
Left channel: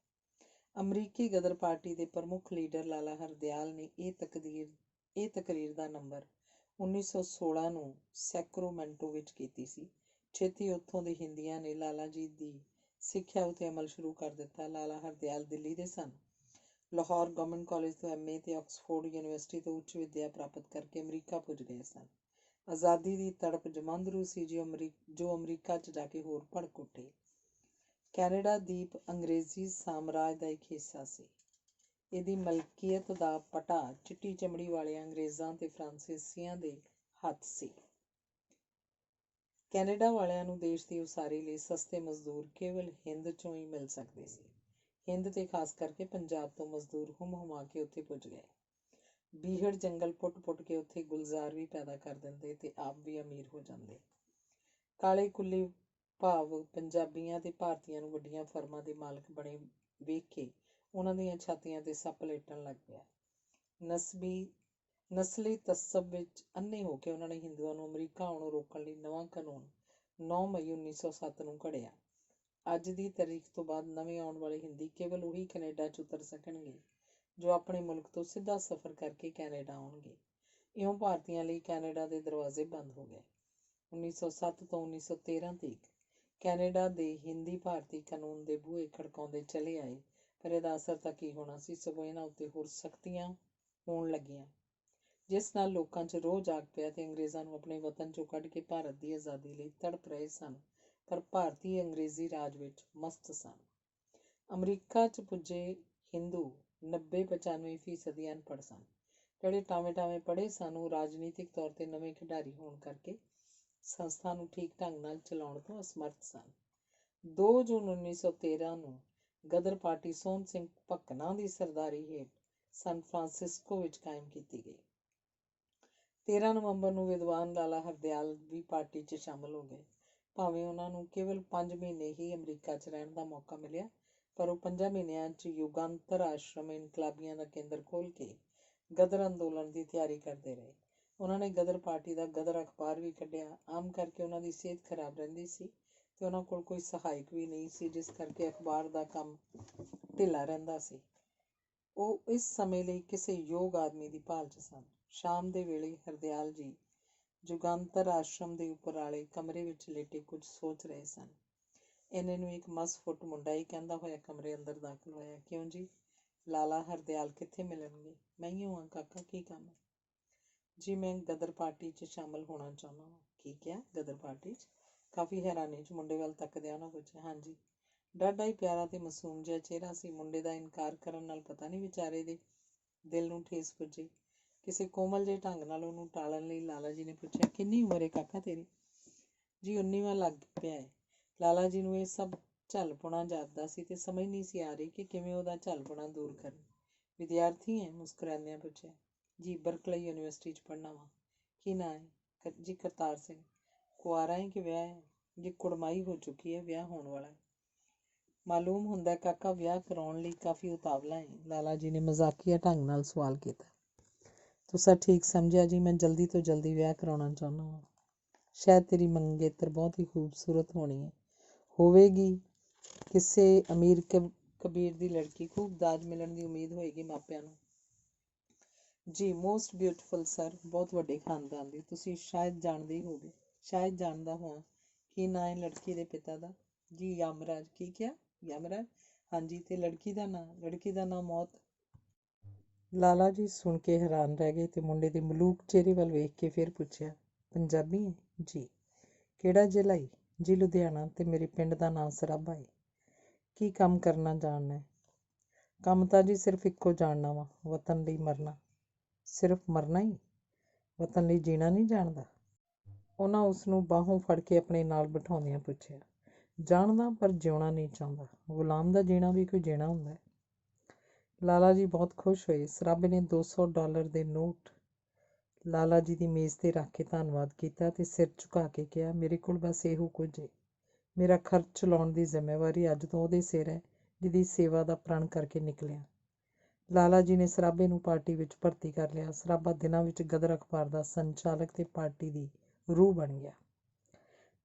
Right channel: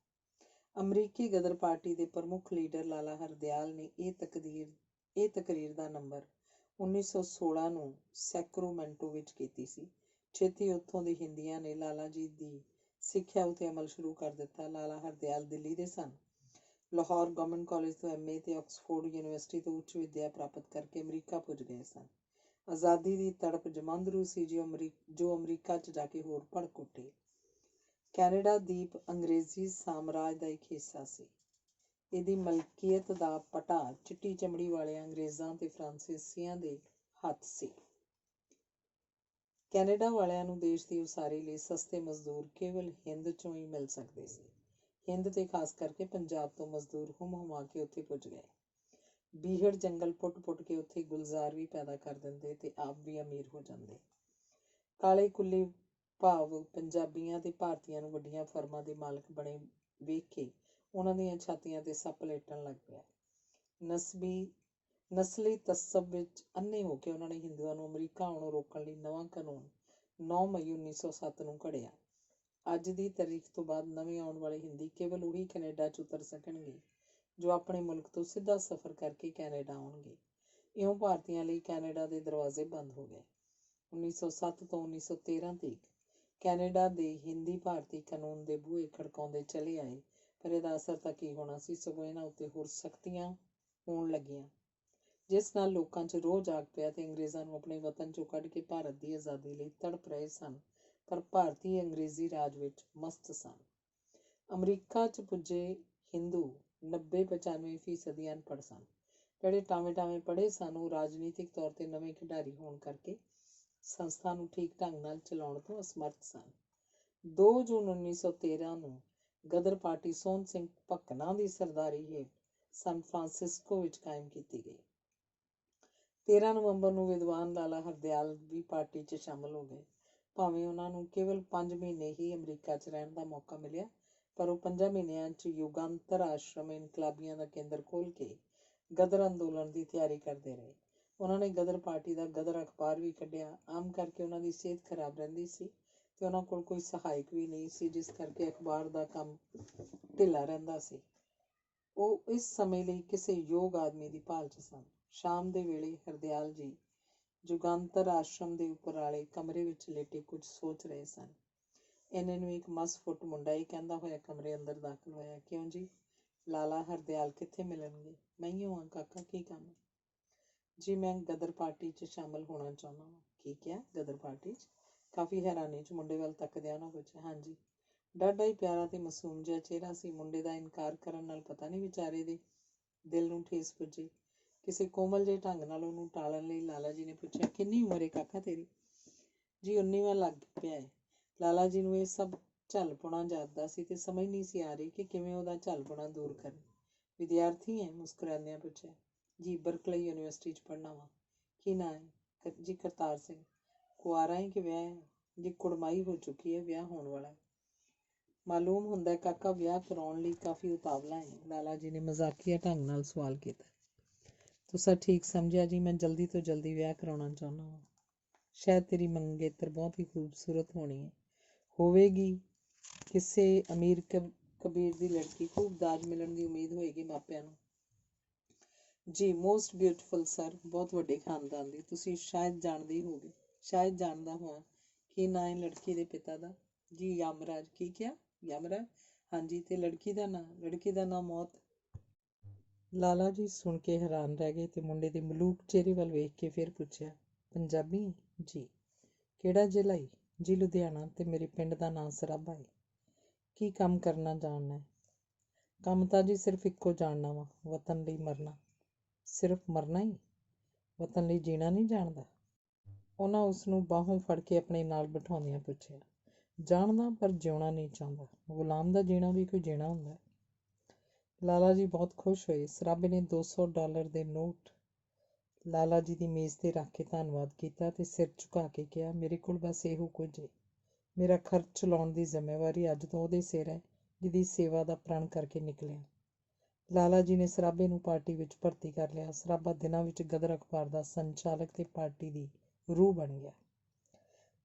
ਅਮਰੀਕੀ ਗਦਰ ਪਾਰਟੀ ਦੇ ਪ੍ਰਮੁੱਖ ਲੀਡਰ ਲਾਲਾ ਹਰਦਿਆਲ ਨੇ ਇਹ ਤਕਰੀਰ ਦਾ ਨੰਬਰ 1916 ਨੂੰ ਸੈਕਰੋਮੈਂਟੋ ਵਿੱਚ ਕੀਤੀ ਸੀ। ਛੇਤੀ ਉੱਥੋਂ ਦੇ ਹਿੰਦੀਆਂ ਨੇ ਲਾਲਾ ਜੀ ਦੀ ਸਿੱਖਿਆ ਉੱਤੇ ਅਮਲ ਸ਼ੁਰੂ ਕਰ ਦਿੱਤਾ। ਲਾਲਾ ਹਰਦਿਆਲ ਦਿੱਲੀ ਦੇ ਸਨ। ਲਾਹੌਰ ਗਵਰਨਮੈਂਟ ਕਾਲਜ ਤੋਂ MA ਤੇ ਆਕਸਫੋਰਡ ਯੂਨੀਵਰਸਿਟੀ ਤੋਂ ਉੱਚ ਵਿੱਦਿਆ ਪ੍ਰਾਪਤ ਕਰਕੇ ਅਮਰੀਕਾ ਪੁੱਜ ਗਏ ਸਨ। ਆਜ਼ਾਦੀ ਦੀ ਤੜਪ ਜਮਾਂਦਰੂ ਸੀ ਜੋ ਅਮਰੀਕਾ 'ਚ ਜਾ ਕੇ ਹੋਰ ਭੜਕ ਉੱਠੀ। ਕੈਨੇਡਾ ਦੀਪ ਅੰਗਰੇਜ਼ੀ ਸਾਮਰਾਜ ਦਾ ਇੱਕ ਹਿੱਸਾ ਸੀ। ਇਹਦੀ ਮਲਕੀਅਤ ਦਾ ਪਟਾ ਚਿੱਟੀ ਚਮੜੀ ਵਾਲੇ ਅੰਗਰੇਜ਼ਾਂ ਤੇ ਫਰਾਂਸੀਸੀਆਂ ਦੇ ਹੱਥ ਸੀ। ਕੈਨੇਡਾ ਵਾਲਿਆਂ ਨੂੰ ਦੇਸ਼ ਦੀ ਉਸਾਰੀ ਲਈ ਸਸਤੇ ਮਜ਼ਦੂਰ ਕੇਵਲ ਹਿੰਦ 'ਚੋਂ ਹੀ ਮਿਲ ਸਕਦੇ ਸੀ। ਹਿੰਦ ਤੇ ਖਾਸ ਕਰਕੇ ਪੰਜਾਬ ਤੋਂ ਮਜ਼ਦੂਰ ਹੁਮ-ਹੁਮਾ ਕੇ ਉੱਥੇ ਪੁੱਜ ਗਏ। ਬੀਹੜ ਜੰਗਲ ਪੁੱਟ-ਪੁੱਟ ਕੇ ਉੱਥੇ ਗੁਲਜ਼ਾਰ ਵੀ ਪੈਦਾ ਕਰ ਦਿੰਦੇ ਤੇ ਆਪ ਵੀ ਅਮੀਰ ਹੋ ਜਾਂਦੇ। ਕਾਲੇ ਕੁੱਲੀ ਭਾਵ ਪੰਜਾਬੀਆਂ ਤੇ ਭਾਰਤੀਆਂ ਨੂੰ ਵੱਡੀਆਂ ਫਰਮਾਂ ਦੇ ਮਾਲਕ ਬਣੇ ਵੇਖ ਕੇ ਉਹਨਾਂ ਦੀਆਂ ਛਾਤੀਆਂ ਤੇ ਸੱਪ ਲੇਟਣ ਲੱਗ ਪਿਆ। ਨਸਲੀ ਤਸੱਸਬ ਵਿੱਚ ਅੰਨੇ ਹੋ ਕੇ ਉਹਨਾਂ ਨੇ ਹਿੰਦੂਆਂ ਨੂੰ ਅਮਰੀਕਾ ਆਉਣੋਂ ਰੋਕਣ ਲਈ ਨਵਾਂ ਕਾਨੂੰਨ 9 ਮਈ 1907 ਨੂੰ ਘੜਿਆ। ਅੱਜ ਦੀ ਤਾਰੀਖ ਤੋਂ ਬਾਅਦ ਨਵੇਂ ਆਉਣ ਵਾਲੇ ਹਿੰਦੀ ਕੇਵਲ ਉਹੀ ਕੈਨੇਡਾ 'ਚ ਉਤਰ ਸਕਣਗੇ ਜੋ ਆਪਣੇ ਮੁਲਕ ਤੋਂ ਸਿੱਧਾ ਸਫ਼ਰ ਕਰਕੇ ਕੈਨੇਡਾ ਆਉਣਗੇ। ਇਉਂ ਭਾਰਤੀਆਂ ਲਈ ਕੈਨੇਡਾ ਦੇ ਦਰਵਾਜ਼ੇ ਬੰਦ ਹੋ ਗਏ। 1907 ਤੋਂ 1913 ਤੀਕ ਕੈਨੇਡਾ ਦੇ ਹਿੰਦੀ ਭਾਰਤੀ ਕਾਨੂੰਨ ਦੇ ਬੂਹੇ ਖੜਕਾਉਂਦੇ ਚਲੇ ਆਏ, ਪਰ ਇਹਦਾ ਅਸਰ ਤਾਂ ਕੀ ਹੋਣਾ ਸੀ, ਸਗੋਂ ਇਹਨਾਂ ਉੱਤੇ ਹੋਰ ਸਖਤੀਆਂ ਹੋਣ ਲੱਗੀਆਂ, ਜਿਸ ਨਾਲ ਲੋਕਾਂ 'ਚ ਰੋਹ ਜਾਗ ਪਿਆ ਤੇ ਅੰਗਰੇਜ਼ਾਂ ਨੂੰ ਆਪਣੇ ਵਤਨ 'ਚੋਂ ਕੱਢ ਕੇ ਭਾਰਤ ਦੀ ਆਜ਼ਾਦੀ ਲਈ ਤੜਪ ਰਹੇ ਸਨ, ਪਰ ਭਾਰਤੀ ਅੰਗਰੇਜ਼ੀ ਰਾਜ ਵਿੱਚ ਮਸਤ ਸਨ। ਅਮਰੀਕਾ 'ਚ ਪੁੱਜੇ ਹਿੰਦੂ 90-95% ਅਨਪੜ੍ਹ ਸਨ। ਜਿਹੜੇ ਟਾਵੇਂ ਪੜ੍ਹੇ ਸਨ ਉਹ ਰਾਜਨੀਤਿਕ ਤੌਰ 'ਤੇ ਨਵੇਂ ਖਿਡਾਰੀ ਹੋਣ ਕਰਕੇ ਸੰਸਥਾ ਨੂੰ ਠੀਕ ਢੰਗ ਨਾਲ ਚਲਾਉਣ ਤੋਂ ਅਸਮਰਥ ਸਨ। 2 ਜੂਨ 1913 ਨੂੰ ਗਦਰ ਪਾਰਟੀ ਸੋਹਣ ਸਿੰਘ ਭਕਨਾ ਦੀ ਸਰਦਾਰੀ ਹੇਠ ਸਨ ਫਰਾਂਸਿਸਕੋ ਵਿੱਚ ਕਾਇਮ ਕੀਤੀ ਗਈ। 13 ਨਵੰਬਰ ਨੂੰ ਵਿਦਵਾਨ ਲਾਲਾ ਹਰਦਿਆਲ ਵੀ ਪਾਰਟੀ 'ਚ ਸ਼ਾਮਲ ਹੋ ਗਏ। ਭਾਵੇਂ ਉਹਨਾਂ ਨੂੰ ਕੇਵਲ 5 ਮਹੀਨੇ ਹੀ ਅਮਰੀਕਾ 'ਚ ਰਹਿਣ ਦਾ ਮੌਕਾ ਮਿਲਿਆ, ਪਰ ਉਹ 5 ਮਹੀਨਿਆਂ 'ਚ ਯੁਗਾਂਤਰ ਆਸ਼ਰਮ ਇਨਕਲਾਬੀਆਂ ਦਾ ਕੇਂਦਰ ਖੋਲ੍ਹ ਕੇ ਗਦਰ ਅੰਦੋਲਨ ਦੀ ਤਿਆਰੀ ਕਰਦੇ ਰਹੇ। ਉਹਨਾਂ ਨੇ ਗਦਰ ਪਾਰਟੀ ਦਾ ਗਦਰ ਅਖਬਾਰ ਵੀ ਕੱਢਿਆ। ਆਮ ਕਰਕੇ ਉਹਨਾਂ ਦੀ ਸਿਹਤ ਖਰਾਬ ਰਹਿੰਦੀ ਸੀ ਤੇ ਉਹਨਾਂ ਕੋਲ ਕੋਈ ਸਹਾਇਕ ਵੀ ਨਹੀਂ ਸੀ, ਜਿਸ ਕਰਕੇ ਅਖਬਾਰ ਦਾ ਕੰਮ ਢਿੱਲਾ ਰਹਿੰਦਾ ਸੀ। ਉਹ ਇਸ ਸਮੇਂ ਲਈ ਕਿਸੇ ਯੋਗ ਆਦਮੀ ਦੀ ਭਾਲ 'ਚ ਸਨ। ਸ਼ਾਮ ਦੇ ਵੇਲੇ ਹਰਦਿਆਲ ਜੀ ਜੁਗਾਂਤਰ ਆਸ਼ਰਮ ਦੇ ਉੱਪਰ ਵਾਲੇ ਕਮਰੇ ਵਿੱਚ ਲੇਟੇ ਕੁਝ ਸੋਚ ਰਹੇ ਸਨ। ਇੰਨੇ ਨੂੰ ਇੱਕ ਮਸਫੁੱਟ ਮੁੰਡਾ ਹੀ ਕਹਿੰਦਾ ਹੋਇਆ ਕਮਰੇ ਅੰਦਰ ਦਾਖਲ ਹੋਇਆ। ਕਿਉਂ ਜੀ, ਲਾਲਾ ਹਰਦਿਆਲ ਕਿੱਥੇ ਮਿਲਣਗੇ? ਮੈਂ ਹੀ ਹਾਂ ਕਾਕਾ, ਕੀ ਕੰਮ ਹੈ? ਜੀ ਮੈਂ ਗਦਰ ਪਾਰਟੀ 'ਚ ਸ਼ਾਮਲ ਹੋਣਾ ਚਾਹੁੰਦਾ ਹਾਂ। ਕੀ ਕਿਹਾ, ਗਦਰ ਪਾਰਟੀ 'ਚ? ਕਾਫੀ ਹੈਰਾਨੀ 'ਚ ਮੁੰਡੇ ਵੱਲ ਤੱਕਦਿਆਂ ਉਹਨਾਂ ਪੁੱਛਿਆ। ਹਾਂਜੀ। ਡਾਢਾ ਹੀ ਪਿਆਰਾ ਤੇ ਮਾਸੂਮ ਜਿਹਾ ਚਿਹਰਾ ਸੀ। ਮੁੰਡੇ ਦਾ ਇਨਕਾਰ ਕਰਨ ਨਾਲ ਪਤਾ ਨਹੀਂ ਵਿਚਾਰੇ ਦੇ ਦਿਲ ਨੂੰ ਠੇਸ ਪੁੱਜੀ। ਕਿਸੇ ਕੋਮਲ ਜਿਹੇ ਢੰਗ ਨਾਲ ਉਹਨੂੰ ਟਾਲਣ ਲਈ ਲਾਲਾ ਜੀ ਨੇ ਪੁੱਛਿਆ, ਕਿੰਨੀ ਉਮਰ ਹੈ ਕਾਕਾ ਤੇਰੀ? ਜੀ 19ਵਾਂ ਲੱਗ ਪਿਆ ਹੈ। ਲਾਲਾ ਜੀ ਨੂੰ ਇਹ ਸਭ ਝੱਲਪੁਣਾ ਜਾਪਦਾ ਸੀ ਤੇ ਸਮਝ ਨਹੀਂ ਸੀ ਆ ਰਹੀ ਕਿ ਕਿਵੇਂ ਉਹਦਾ ਝੱਲਪੁਣਾ ਦੂਰ ਕਰੇ। ਵਿਦਿਆਰਥੀ ਹੈ? ਮੁਸਕਰਾਉਂਦਿਆਂ ਪੁੱਛਿਆ। ਜੀ ਬਰਕਲੇ ਯੂਨੀਵਰਸਿਟੀ 'ਚ ਪੜ੍ਹਨਾ ਵਾ। ਕੀ ਨਾਂ ਹੈ? ਜੀ ਕਰਤਾਰ ਸਿੰਘ। ਕੁਆਰਾ ਹੈ ਕਿ ਵਿਆਹ ਹੈ? ਜੀ ਕੁੜਮਾਈ ਹੋ ਚੁੱਕੀ ਹੈ, ਵਿਆਹ ਹੋਣ ਵਾਲਾ ਹੈ। ਮਾਲੂਮ ਹੁੰਦਾ ਕਾਕਾ ਵਿਆਹ ਕਰਾਉਣ ਲਈ ਕਾਫੀ ਉਤਾਵਲਾ ਹੈ। ਲਾਲਾ ਜੀ ਨੇ ਮਜ਼ਾਕੀਆ ਢੰਗ ਨਾਲ ਸਵਾਲ ਕੀਤਾ। ਤੁਸੀਂ ਠੀਕ ਸਮਝਿਆ ਜੀ, ਮੈਂ ਜਲਦੀ ਤੋਂ ਜਲਦੀ ਵਿਆਹ ਕਰਾਉਣਾ ਚਾਹੁੰਦਾ ਹਾਂ। ਸ਼ਾਇਦ ਤੇਰੀ ਮੰਗੇਤਰ ਬਹੁਤ ਹੀ ਖੂਬਸੂਰਤ ਹੋਣੀ ਹੈ। ਹੋਵੇਗੀ। ਕਿਸੇ ਅਮੀਰ ਕਬੀਰ ਦੀ ਲੜਕੀ। ਖੂਬ ਦਾਜ ਮਿਲਣ ਦੀ ਉਮੀਦ ਹੋਏਗੀ ਮਾਪਿਆਂ ਨੂੰ। ਜੀ ਮੋਸਟ ਬਿਊਟੀਫੁਲ ਸਰ, ਬਹੁਤ ਵੱਡੇ ਖਾਨਦਾਨ ਦੀ। ਤੁਸੀਂ ਸ਼ਾਇਦ ਜਾਣਦੇ ਹੀ ਹੋਗੇ। ਸ਼ਾਇਦ ਜਾਣਦਾ ਹੋਵਾਂ। ਕੀ ਨਾਂ ਹੈ ਲੜਕੀ ਦੇ ਪਿਤਾ ਦਾ? ਜੀ ਯਮਰਾਜ। ਕੀ ਕਿਹਾ? ਯਮਰਾਜ? ਹਾਂਜੀ। ਤੇ ਲੜਕੀ ਦਾ ਨਾਂ? ਲੜਕੀ ਦਾ ਨਾਂ ਮੌਤ। ਲਾਲਾ ਜੀ ਸੁਣ ਕੇ ਹੈਰਾਨ ਰਹਿ ਗਏ ਤੇ ਮੁੰਡੇ ਦੇ ਮਲੂਕ ਚਿਹਰੇ ਵੱਲ ਵੇਖ ਕੇ ਫਿਰ ਪੁੱਛਿਆ, ਪੰਜਾਬੀ ਹੈ? ਜੀ। ਕਿਹੜਾ ਜ਼ਿਲ੍ਹਾ ਹੈ? ਜੀ ਲੁਧਿਆਣਾ। ਤੇ ਮੇਰੇ ਪਿੰਡ ਦਾ ਨਾਂ ਸਰਾਭਾ ਹੈ। ਕੀ ਕੰਮ ਕਰਨਾ ਜਾਣਨਾ ਹੈ? ਕੰਮ ਤਾਂ ਜੀ ਸਿਰਫ ਇੱਕੋ ਜਾਣਨਾ ਵਾ, ਵਤਨ ਲਈ ਮਰਨਾ। ਸਿਰਫ ਮਰਨਾ ਹੀ? ਵਤਨ ਲਈ ਜੀਣਾ ਨਹੀਂ ਜਾਣਦਾ? ਉਹਨਾਂ ਉਸ ਨੂੰ ਬਾਹੋਂ ਫੜ ਕੇ ਆਪਣੇ ਨਾਲ ਬਿਠਾਉਂਦਿਆਂ ਪੁੱਛਿਆ। ਜਾਣਦਾ, ਪਰ ਜਿਉਣਾ ਨਹੀਂ ਚਾਹੁੰਦਾ। ਗੁਲਾਮ ਦਾ ਜੀਣਾ ਵੀ ਕੋਈ ਜੀਣਾ ਹੁੰਦਾ ਹੈ। ਲਾਲਾ ਜੀ ਬਹੁਤ ਖੁਸ਼ ਹੋਏ। ਸਰਾਭੇ ਨੇ $200 ਦੇ ਨੋਟ ਲਾਲਾ ਜੀ ਦੀ ਮੇਜ਼ 'ਤੇ ਰੱਖ ਕੇ ਧੰਨਵਾਦ ਕੀਤਾ ਤੇ ਸਿਰ ਝੁਕਾ ਕੇ ਕਿਹਾ, ਮੇਰੇ ਕੋਲ ਬਸ ਇਹੋ ਕੁਝ ਹੈ। ਮੇਰਾ ਖਰਚ ਚਲਾਉਣ ਦੀ ਜ਼ਿੰਮੇਵਾਰੀ ਅੱਜ ਤੋਂ ਉਹਦੇ ਸਿਰ ਹੈ ਜਿਹਦੀ ਸੇਵਾ ਦਾ ਪ੍ਰਣ ਕਰਕੇ ਨਿਕਲਿਆ। ਲਾਲਾ ਜੀ ਨੇ ਸਰਾਭੇ ਨੂੰ ਪਾਰਟੀ ਵਿੱਚ ਭਰਤੀ ਕਰ ਲਿਆ। ਸਰਾਭਾ ਦਿਨਾਂ ਵਿੱਚ ਗਦਰ ਅਖਬਾਰ ਦਾ ਸੰਚਾਲਕ ਤੇ ਪਾਰਟੀ ਦੀ ਰੂਹ ਬਣ ਗਿਆ।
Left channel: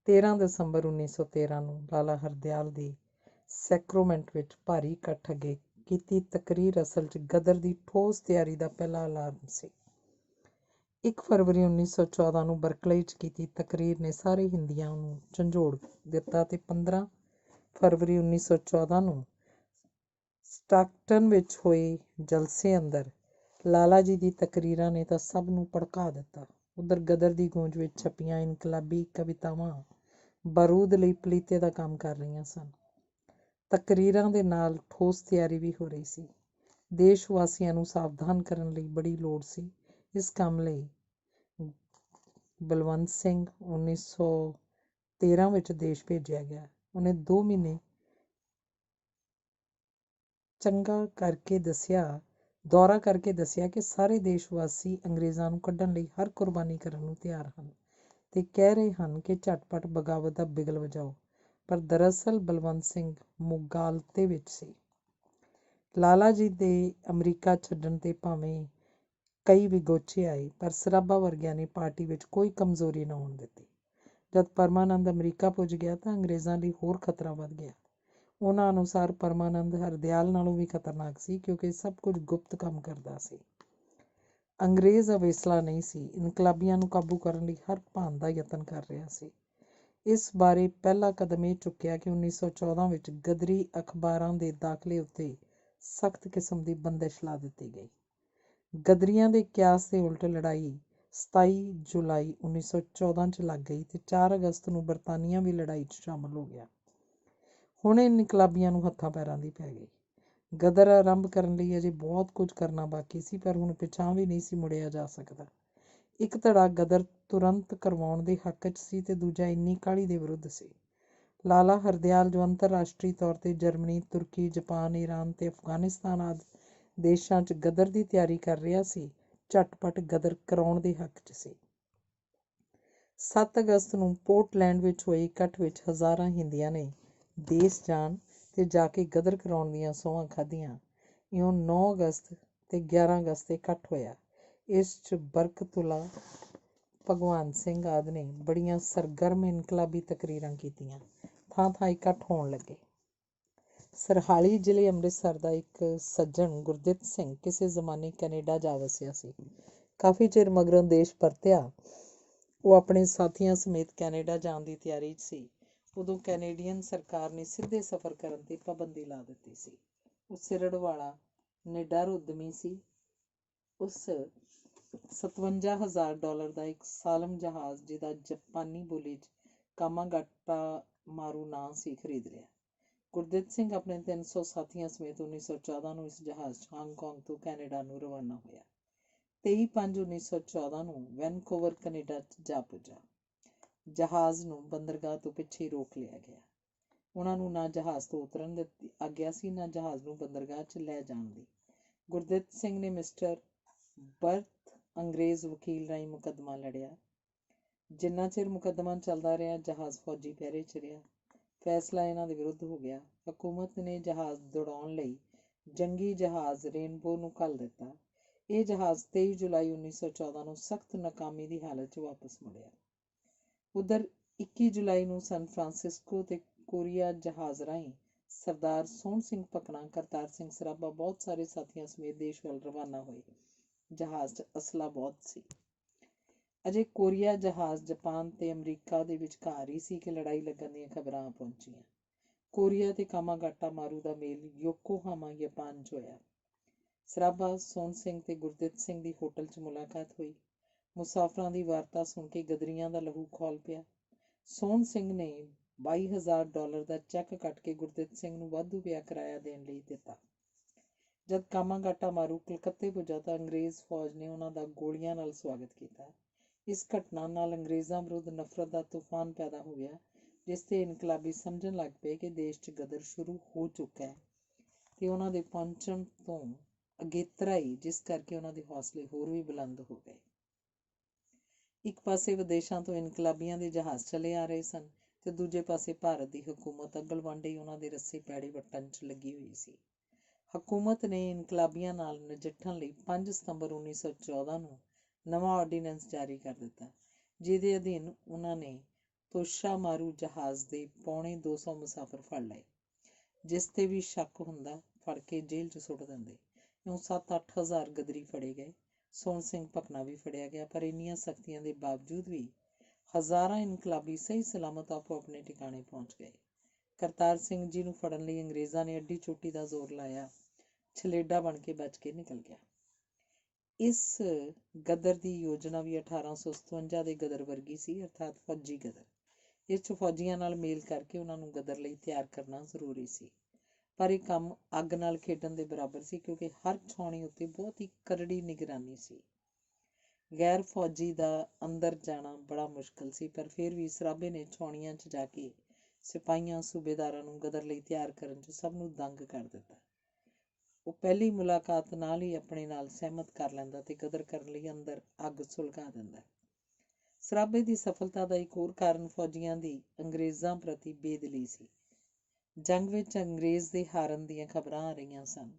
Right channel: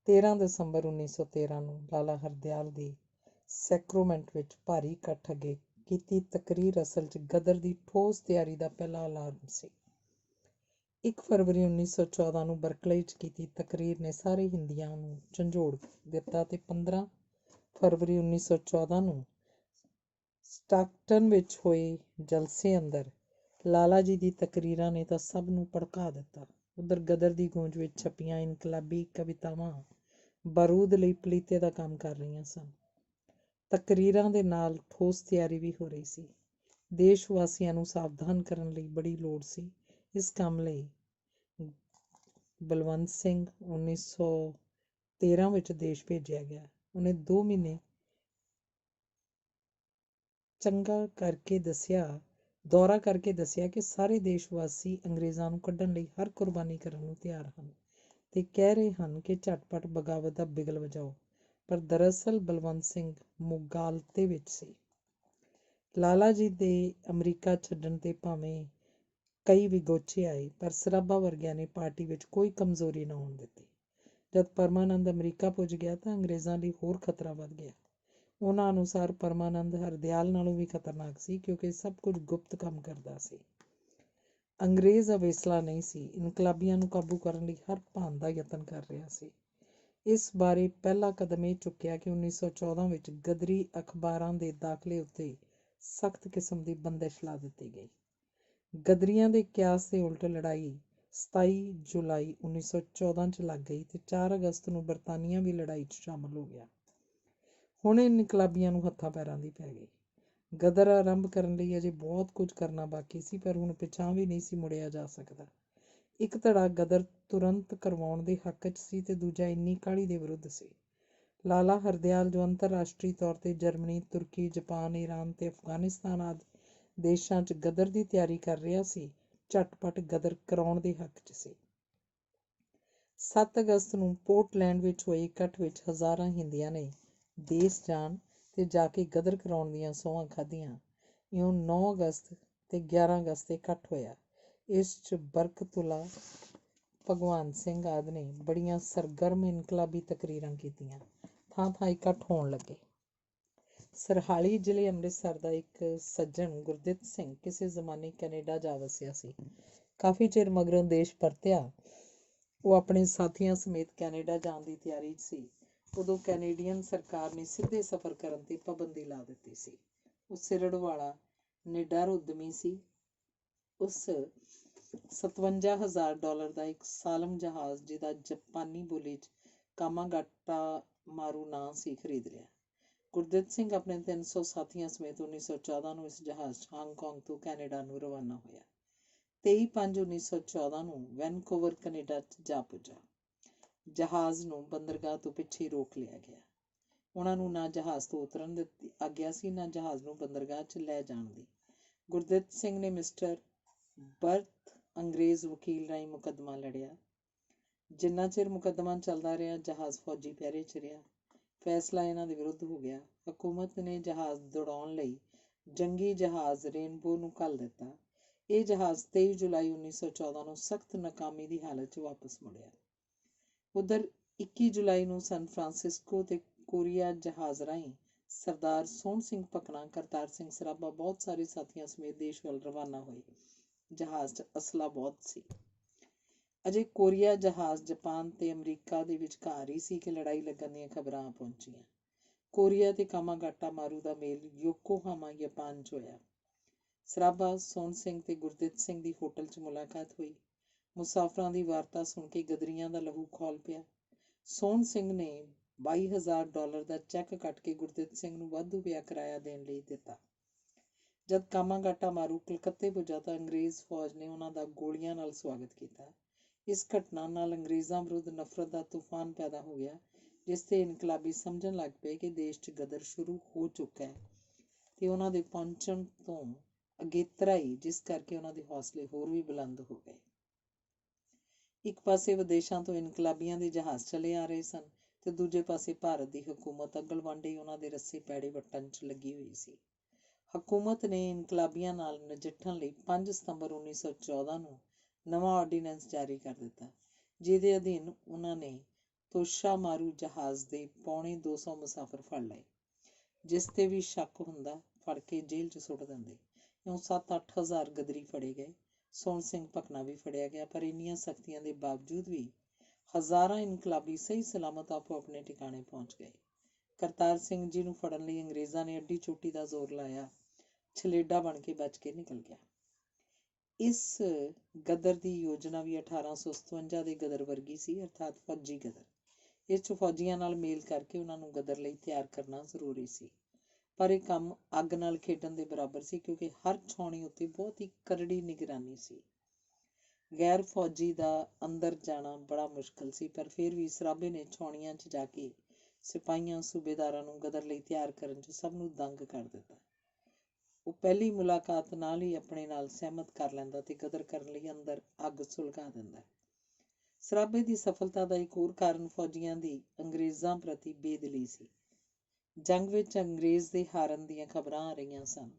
13 ਦਸੰਬਰ 1913 ਨੂੰ ਲਾਲਾ ਹਰਦਿਆਲ ਦੀ ਸੈਕਰੋਮੈਂਟ ਵਿੱਚ ਭਾਰੀ ਇਕੱਠ ਅੱਗੇ ਕੀਤੀ ਤਕਰੀਰ ਅਸਲ 'ਚ ਗਦਰ ਦੀ ਠੋਸ ਤਿਆਰੀ ਦਾ ਪਹਿਲਾ ਐਲਾਨ ਸੀ। 1 ਫਰਵਰੀ 1914 ਨੂੰ ਬਰਕਲੇ 'ਚ ਕੀਤੀ ਤਕਰੀਰ ਨੇ ਸਾਰੇ ਹਿੰਦੀਆਂ ਨੂੰ ਝੰਜੋੜ ਦਿੱਤਾ ਤੇ 15 ਫਰਵਰੀ 1914 ਨੂੰ ਸਟਾਕਟਨ ਵਿੱਚ ਹੋਏ ਜਲਸੇ ਅੰਦਰ ਲਾਲਾ ਜੀ ਦੀ ਤਕਰੀਰਾਂ ਨੇ ਤਾਂ ਸਭ ਨੂੰ ਭੜਕਾ ਦਿੱਤਾ। ਉਧਰ ਗਦਰ ਦੀ ਗੂੰਜ ਵਿੱਚ ਛਪੀਆਂ ਇਨਕਲਾਬੀ ਕਵਿਤਾਵਾਂ ਬਾਰੂਦ ਲਈ ਪਲੀਤੇ ਦਾ ਕੰਮ ਕਰ ਰਹੀਆਂ ਸਨ। ਤਕਰੀਰਾਂ ਦੇ ਨਾਲ ਠੋਸ ਤਿਆਰੀ ਵੀ ਹੋ ਰਹੀ ਸੀ। ਦੇਸ਼ ਵਾਸੀਆਂ ਨੂੰ ਸਾਵਧਾਨ ਕਰਨ ਲਈ ਬੜੀ ਲੋੜ ਸੀ। ਇਸ ਕੰਮ ਲਈ ਬਲਵੰਤ ਸਿੰਘ 1913 ਵਿੱਚ ਦੇਸ਼ ਭੇਜਿਆ ਗਿਆ। ਉਹਨੇ 2 ਮਹੀਨੇ ਦੌਰਾ ਕਰਕੇ ਦੱਸਿਆ ਕਿ ਸਾਰੇ ਦੇਸ਼ ਵਾਸੀ ਅੰਗਰੇਜ਼ਾਂ ਨੂੰ ਕੱਢਣ ਲਈ ਹਰ ਕੁਰਬਾਨੀ ਕਰਨ ਨੂੰ ਤਿਆਰ ਹਨ ਤੇ ਕਹਿ ਰਹੇ ਹਨ ਕਿ ਝਟਪਟ ਬਗਾਵਤ ਦਾ ਬਿਗਲ ਵਜਾਓ। ਪਰ ਦਰਅਸਲ ਬਲਵੰਤ ਸਿੰਘ ਮੁਗਾਲਤੇ ਵਿੱਚ ਸੀ। ਲਾਲਾ ਜੀ ਦੇ ਅਮਰੀਕਾ ਛੱਡਣ ਤੇ ਭਾਵੇਂ ਕਈ ਵਿਗੋਚੇ ਆਏ, ਪਰ ਸਰਾਭਾ ਵਰਗਿਆਂ ਨੇ ਪਾਰਟੀ ਵਿੱਚ ਕੋਈ ਕਮਜ਼ੋਰੀ ਨਾ ਆਉਣ ਦਿੱਤੀ। ਜਦ ਪਰਮਾਨੰਦ ਅਮਰੀਕਾ ਪੁੱਜ ਗਿਆ ਤਾਂ ਅੰਗਰੇਜ਼ਾਂ ਲਈ ਹੋਰ ਖਤਰਾ ਵੱਧ ਗਿਆ। ਉਹਨਾਂ ਅਨੁਸਾਰ ਪਰਮਾਨੰਦ ਹਰਦਿਆਲ ਨਾਲੋਂ ਵੀ ਖਤਰਨਾਕ ਸੀ, ਕਿਉਂਕਿ ਸਭ ਕੁਝ ਗੁਪਤ ਕੰਮ ਕਰਦਾ ਸੀ। ਅੰਗਰੇਜ਼ ਅਵੇਸਲਾ ਨਹੀਂ ਸੀ, ਇਨਕਲਾਬੀਆਂ ਨੂੰ ਕਾਬੂ ਕਰਨ ਲਈ ਹਰ ਭਾਂਤ ਦਾ ਯਤਨ ਕਰ ਰਿਹਾ ਸੀ। ਇਸ ਬਾਰੇ ਪਹਿਲਾ ਕਦਮ ਇਹ ਚੁੱਕਿਆ ਕਿ 1914 ਵਿੱਚ ਗਦਰੀ ਅਖਬਾਰਾਂ ਦੇ ਦਾਖਲੇ ਉੱਤੇ ਸਖਤ ਕਿਸਮ ਦੀ ਬੰਦਿਸ਼ ਲਾ ਦਿੱਤੀ ਗਈ। ਗਦਰੀਆਂ ਦੇ ਕਿਆਸ ਦੇ ਉਲਟ ਲੜਾਈ 27 ਜੁਲਾਈ 1914 'ਚ ਲੱਗ ਗਈ ਤੇ 4 ਅਗਸਤ ਨੂੰ ਬਰਤਾਨੀਆ ਵੀ ਲੜਾਈ 'ਚ ਸ਼ਾਮਲ ਹੋ ਗਿਆ। ਹੁਣ ਇਨਕਲਾਬੀਆਂ ਨੂੰ ਹੱਥਾਂ ਪੈਰਾਂ ਦੀ ਪੈ ਗਈ। ਗਦਰ ਆਰੰਭ ਕਰਨ ਲਈ ਅਜੇ ਬਹੁਤ ਕੁਝ ਕਰਨਾ ਬਾਕੀ ਸੀ, ਪਰ ਹੁਣ ਪਿਛਾਂਹ ਵੀ ਨਹੀਂ ਸੀ ਮੁੜਿਆ ਜਾ ਸਕਦਾ। ਇੱਕ ਧੜਾ ਗਦਰ ਤੁਰੰਤ ਕਰਵਾਉਣ ਦੇ ਹੱਕ 'ਚ ਸੀ ਤੇ ਦੂਜਾ ਇੰਨੀ ਕਾਹਲੀ ਦੇ ਵਿਰੁੱਧ ਸੀ। ਲਾਲਾ ਹਰਦਿਆਲ, ਜੋ ਅੰਤਰਰਾਸ਼ਟਰੀ ਤੌਰ 'ਤੇ ਜਰਮਨੀ, ਤੁਰਕੀ, ਜਾਪਾਨ, ਈਰਾਨ ਤੇ ਅਫਗਾਨਿਸਤਾਨ ਆਦਿ ਦੇਸ਼ਾਂ 'ਚ ਗਦਰ ਦੀ ਤਿਆਰੀ ਕਰ ਰਿਹਾ ਸੀ, ਝਟਪਟ ਗਦਰ ਕਰਾਉਣ ਦੇ ਹੱਕ 'ਚ ਸੀ। 7 ਅਗਸਤ ਨੂੰ ਪੋਰਟਲੈਂਡ ਵਿੱਚ ਹੋਏ ਇਕੱਠ ਵਿੱਚ ਹਜ਼ਾਰਾਂ ਹਿੰਦੀਆਂ ਨੇ ਦੇਸ਼ ਜਾਣ ਤੇ ਜਾ ਕੇ ਗਦਰ ਕਰਾਉਣ ਦੀਆਂ ਸਹੁੰਆਂ ਖਾਧੀਆਂ। ਇਉਂ 9 ਅਗਸਤ ਤੇ 11 ਅਗਸਤ 'ਤੇ ਇਕੱਠ ਹੋਇਆ। ਇਸ 'ਚ ਬਰਕਤੁੱਲਾ, ਭਗਵਾਨ ਸਿੰਘ ਆਦਿ ਨੇ ਬੜੀਆਂ ਸਰਗਰਮ ਇਨਕਲਾਬੀ ਤਕਰੀਰਾਂ ਕੀਤੀਆਂ। ਥਾਂ-ਥਾਂ ਇਕੱਠ ਹੋਣ ਲੱਗੇ। ਸਰਹਾਲੀ ਜ਼ਿਲ੍ਹੇ ਅੰਮ੍ਰਿਤਸਰ ਦਾ ਇੱਕ ਸੱਜਣ ਗੁਰਦਿੱਤ ਸਿੰਘ ਕਿਸੇ ਜ਼ਮਾਨੇ ਕੈਨੇਡਾ ਜਾ ਵਸਿਆ ਸੀ। ਕਾਫੀ ਚਿਰ ਮਗਰੋਂ ਦੇਸ਼ ਪਰਤਿਆ। ਉਹ ਆਪਣੇ ਸਾਥੀਆਂ ਸਮੇਤ ਕੈਨੇਡਾ ਜਾਣ ਦੀ ਤਿਆਰੀ 'ਚ ਸੀ। ਉਦੋਂ ਕੈਨੇਡੀਅਨ ਸਰਕਾਰ ਨੇ ਸਿੱਧੇ ਸਫ਼ਰ ਕਰਨ 'ਤੇ ਪਾਬੰਦੀ ਲਾ ਦਿੱਤੀ ਸੀ। ਉਹ ਸਿਰੜ ਵਾਲਾ ਨਿਡਰ ਉੱਦਮੀ ਸੀ। ਉਸ $57,000 ਦਾ ਇੱਕ ਸਾਲਮ ਜਹਾਜ਼, ਜਿਹਦਾ ਜਾਪਾਨੀ ਬੋਲੀ 'ਚ ਕਾਮਾਗਾਟਾ ਮਾਰੂ ਨਾਂ ਸੀ, ਖਰੀਦ ਲਿਆ। ਗੁਰਦਿੱਤ ਸਿੰਘ ਆਪਣੇ 300 ਸਾਥੀਆਂ ਸਮੇਤ 1914 ਨੂੰ ਇਸ ਜਹਾਜ਼ 'ਚ ਹਾਂਗਕਾਂਗ ਤੋਂ ਕੈਨੇਡਾ ਨੂੰ ਰਵਾਨਾ ਹੋਇਆ। 23/5/1914 ਨੂੰ ਵੈਨਕੂਵਰ, ਕੈਨੇਡਾ 'ਚ ਜਾ ਪੁੱਜਾ। ਜਹਾਜ਼ ਨੂੰ ਬੰਦਰਗਾਹ ਤੋਂ ਪਿੱਛੇ ਰੋਕ ਲਿਆ ਗਿਆ। ਉਹਨਾਂ ਨੂੰ ਨਾ ਜਹਾਜ਼ ਤੋਂ ਉਤਰਨ ਦੀ ਆਗਿਆ ਸੀ, ਨਾ ਜਹਾਜ਼ ਨੂੰ ਬੰਦਰਗਾਹ 'ਚ ਲੈ ਜਾਣ ਦੀ। ਗੁਰਦਿੱਤ ਸਿੰਘ ਨੇ ਮਿਸਟਰ ਬਰਥ ਅੰਗਰੇਜ਼ ਵਕੀਲ ਰਾਹੀਂ ਮੁਕੱਦਮਾ ਲੜਿਆ। ਜਿੰਨਾ ਚਿਰ ਮੁਕੱਦਮਾ ਚੱਲਦਾ ਰਿਹਾ, ਜਹਾਜ਼ ਫੌਜੀ ਪਹਿਰੇ 'ਚ ਰਿਹਾ। ਫੈਸਲਾ ਇਹਨਾਂ ਦੇ ਵਿਰੁੱਧ ਹੋ ਗਿਆ। ਹਕੂਮਤ ਨੇ ਜਹਾਜ਼ ਦੌੜਾਉਣ ਲਈ ਜੰਗੀ ਜਹਾਜ਼ ਰੇਨਬੋ ਨੂੰ ਘੱਲ ਦਿੱਤਾ। ਇਹ ਜਹਾਜ਼ 23 ਜੁਲਾਈ 1914 ਨੂੰ ਸਖਤ ਨਾਕਾਮੀ ਦੀ ਹਾਲਤ 'ਚ ਵਾਪਸ ਮੁੜਿਆ। ਉੱਧਰ 21 ਜੁਲਾਈ ਨੂੰ ਸਨ ਫਰਾਂਸਿਸਕੋ ਤੇ ਕੋਰੀਆ ਜਹਾਜ਼ ਰਾਹੀਂ ਸਰਦਾਰ ਸੋਹਣ ਸਿੰਘ ਭਕਨਾ, ਕਰਤਾਰ ਸਿੰਘ ਸਰਾਭਾ ਬਹੁਤ ਸਾਰੇ ਸਾਥੀਆਂ ਸਮੇਤ ਦੇਸ਼ ਵੱਲ ਰਵਾਨਾ ਹੋਏ। ਜਹਾਜ਼ 'ਚ ਅਸਲਾ ਬਹੁਤ ਸੀ। ਅਜੇ ਕੋਰੀਆ ਜਹਾਜ਼ ਜਾਪਾਨ ਤੇ ਅਮਰੀਕਾ ਦੇ ਵਿਚਕਾਰ ਹੀ ਸੀ ਕਿ ਲੜਾਈ ਲੱਗਣ ਦੀਆਂ ਖਬਰਾਂ ਆ ਪਹੁੰਚੀਆਂ। ਕੋਰੀਆ ਤੇ ਕਾਮਾਗਾਟਾ ਮਾਰੂ ਦਾ ਮੇਲ ਯੋਕੋਹਾਮਾ, ਜਾਪਾਨ 'ਚ ਹੋਇਆ। ਸਰਾਭਾ, ਸੋਹਣ ਸਿੰਘ ਤੇ ਗੁਰਦਿੱਤ ਸਿੰਘ ਦੀ ਹੋਟਲ 'ਚ ਮੁਲਾਕਾਤ ਹੋਈ। ਮੁਸਾਫਰਾਂ ਦੀ ਵਾਰਤਾ ਸੁਣ ਕੇ ਗਦਰੀਆਂ ਦਾ ਲਹੂ ਖੌਲ ਪਿਆ। ਸੋਹਣ ਸਿੰਘ ਨੇ $22,000 ਦਾ ਚੈੱਕ ਕੱਟ ਕੇ ਗੁਰਦਿੱਤ ਸਿੰਘ ਨੂੰ ਵਾਧੂ ਪਿਆ ਕਿਰਾਇਆ ਦੇਣ ਲਈ ਦਿੱਤਾ। ਜਦ ਕਾਮਾਗਾਟਾ ਮਾਰੂ ਕਲਕੱਤੇ ਪੁੱਜਾ ਤਾਂ ਅੰਗਰੇਜ਼ ਫੌਜ ਨੇ ਉਹਨਾਂ ਦਾ ਗੋਲੀਆਂ ਨਾਲ ਸਵਾਗਤ ਕੀਤਾ। ਇਸ ਘਟਨਾ ਨਾਲ ਅੰਗਰੇਜ਼ਾਂ ਵਿਰੁੱਧ ਨਫ਼ਰਤ ਦਾ ਤੂਫਾਨ ਪੈਦਾ ਹੋ ਗਿਆ, ਜਿਸ 'ਤੇ ਇਨਕਲਾਬੀ ਸਮਝਣ ਲੱਗ ਪਏ ਕਿ ਦੇਸ਼ 'ਚ ਗਦਰ ਸ਼ੁਰੂ ਹੋ ਚੁੱਕਾ ਹੈ ਤੇ ਉਹਨਾਂ ਦੇ ਪਹੁੰਚਣ ਤੋਂ ਅਗੇਤਰਾ ਹੀ, ਜਿਸ ਕਰਕੇ ਉਹਨਾਂ ਦੇ ਹੌਸਲੇ ਹੋਰ ਵੀ ਬੁਲੰਦ ਹੋ ਗਏ। ਇੱਕ ਪਾਸੇ ਵਿਦੇਸ਼ਾਂ ਤੋਂ ਇਨਕਲਾਬੀਆਂ ਦੇ ਜਹਾਜ਼ ਚਲੇ ਆ ਰਹੇ ਸਨ ਤੇ ਦੂਜੇ ਪਾਸੇ ਭਾਰਤ ਦੀ ਹਕੂਮਤ ਅਗਲ ਵਾਂਡੇ ਉਹਨਾਂ ਦੇ ਰੱਸੇ ਪੈੜੇ ਵੱਟਣ 'ਚ ਲੱਗੀ ਹੋਈ ਸੀ। ਹਕੂਮਤ ਨੇ ਇਨਕਲਾਬੀਆਂ ਨਾਲ ਨਜਿੱਠਣ ਲਈ 5 ਸਤੰਬਰ 1914 ਨੂੰ ਨਵਾਂ ਆਰਡੀਨੈਂਸ ਜਾਰੀ ਕਰ ਦਿੱਤਾ, ਜਿਹਦੇ ਅਧੀਨ ਉਹਨਾਂ ਨੇ ਤੋਸ਼ਾ ਮਾਰੂ ਜਹਾਜ਼ ਦੇ ਪੌਣੇ 200 ਮੁਸਾਫਰ ਫੜ ਲਏ। ਜਿਸ 'ਤੇ ਵੀ ਸ਼ੱਕ ਹੁੰਦਾ ਫੜ ਕੇ ਜੇਲ੍ਹ 'ਚ ਸੁੱਟ ਦਿੰਦੇ। ਇਉਂ 7-8 ਹਜ਼ਾਰ ਗਦਰੀ ਫੜੇ ਗਏ। ਸੋਹਣ ਸਿੰਘ ਭਕਨਾ ਵੀ ਫੜਿਆ ਗਿਆ, ਪਰ ਇੰਨੀਆਂ ਸਖਤੀਆਂ ਦੇ ਬਾਵਜੂਦ ਵੀ ਹਜ਼ਾਰਾਂ ਇਨਕਲਾਬੀ ਸਹੀ ਸਲਾਮਤ ਆਪੋ ਆਪਣੇ ਟਿਕਾਣੇ ਪਹੁੰਚ ਗਏ। ਕਰਤਾਰ ਸਿੰਘ ਜੀ ਨੂੰ ਫੜਨ ਲਈ ਅੰਗਰੇਜ਼ਾਂ ਨੇ ਅੱਡੀ ਚੋਟੀ ਦਾ ਜ਼ੋਰ ਲਾਇਆ। ਛਲੇਡਾ ਬਣ ਕੇ ਬਚ ਕੇ ਨਿਕਲ ਗਿਆ। ਇਸ ਗਦਰ ਦੀ ਯੋਜਨਾ ਵੀ 1857 ਦੇ ਗਦਰ ਵਰਗੀ ਸੀ, ਅਰਥਾਤ ਫੌਜੀ ਗਦਰ। ਇਸ 'ਚ ਫੌਜੀਆਂ ਨਾਲ ਮੇਲ ਕਰਕੇ ਉਹਨਾਂ ਨੂੰ ਗਦਰ ਲਈ ਤਿਆਰ ਕਰਨਾ ਜ਼ਰੂਰੀ ਸੀ। ਪਰ ਇਹ ਕੰਮ ਅੱਗ ਨਾਲ ਖੇਡਣ ਦੇ ਬਰਾਬਰ ਸੀ, ਕਿਉਂਕਿ ਹਰ ਛਾਉਣੀ ਉੱਤੇ ਬਹੁਤ ਹੀ ਕਰੜੀ ਨਿਗਰਾਨੀ ਸੀ। ਗੈਰ ਫੌਜੀ ਦਾ ਅੰਦਰ ਜਾਣਾ ਬੜਾ ਮੁਸ਼ਕਲ ਸੀ, ਪਰ ਫਿਰ ਵੀ ਸਰਾਭੇ ਨੇ ਛਾਉਣੀਆਂ 'ਚ ਜਾ ਕੇ ਸਿਪਾਹੀਆਂ ਸੂਬੇਦਾਰਾਂ ਨੂੰ ਗਦਰ ਲਈ ਤਿਆਰ ਕਰਨ 'ਚ ਸਭ ਨੂੰ ਦੰਗ ਕਰ ਦਿੱਤਾ। ਉਹ ਪਹਿਲੀ ਮੁਲਾਕਾਤ ਨਾਲ ਹੀ ਆਪਣੇ ਨਾਲ ਸਹਿਮਤ ਕਰ ਲੈਂਦਾ ਤੇ ਗਦਰ ਕਰਨ ਲਈ ਅੰਦਰ ਅੱਗ ਸੁਲਗਾ ਦਿੰਦਾ। ਸਰਾਭੇ ਦੀ ਸਫਲਤਾ ਦਾ ਇੱਕ ਹੋਰ ਕਾਰਨ ਫੌਜੀਆਂ ਦੀ ਅੰਗਰੇਜ਼ਾਂ ਪ੍ਰਤੀ ਬੇਦਿਲੀ ਸੀ। ਜੰਗ ਵਿੱਚ ਅੰਗਰੇਜ਼ ਦੇ ਹਾਰਨ ਦੀਆਂ ਖਬਰਾਂ ਆ ਰਹੀਆਂ ਸਨ।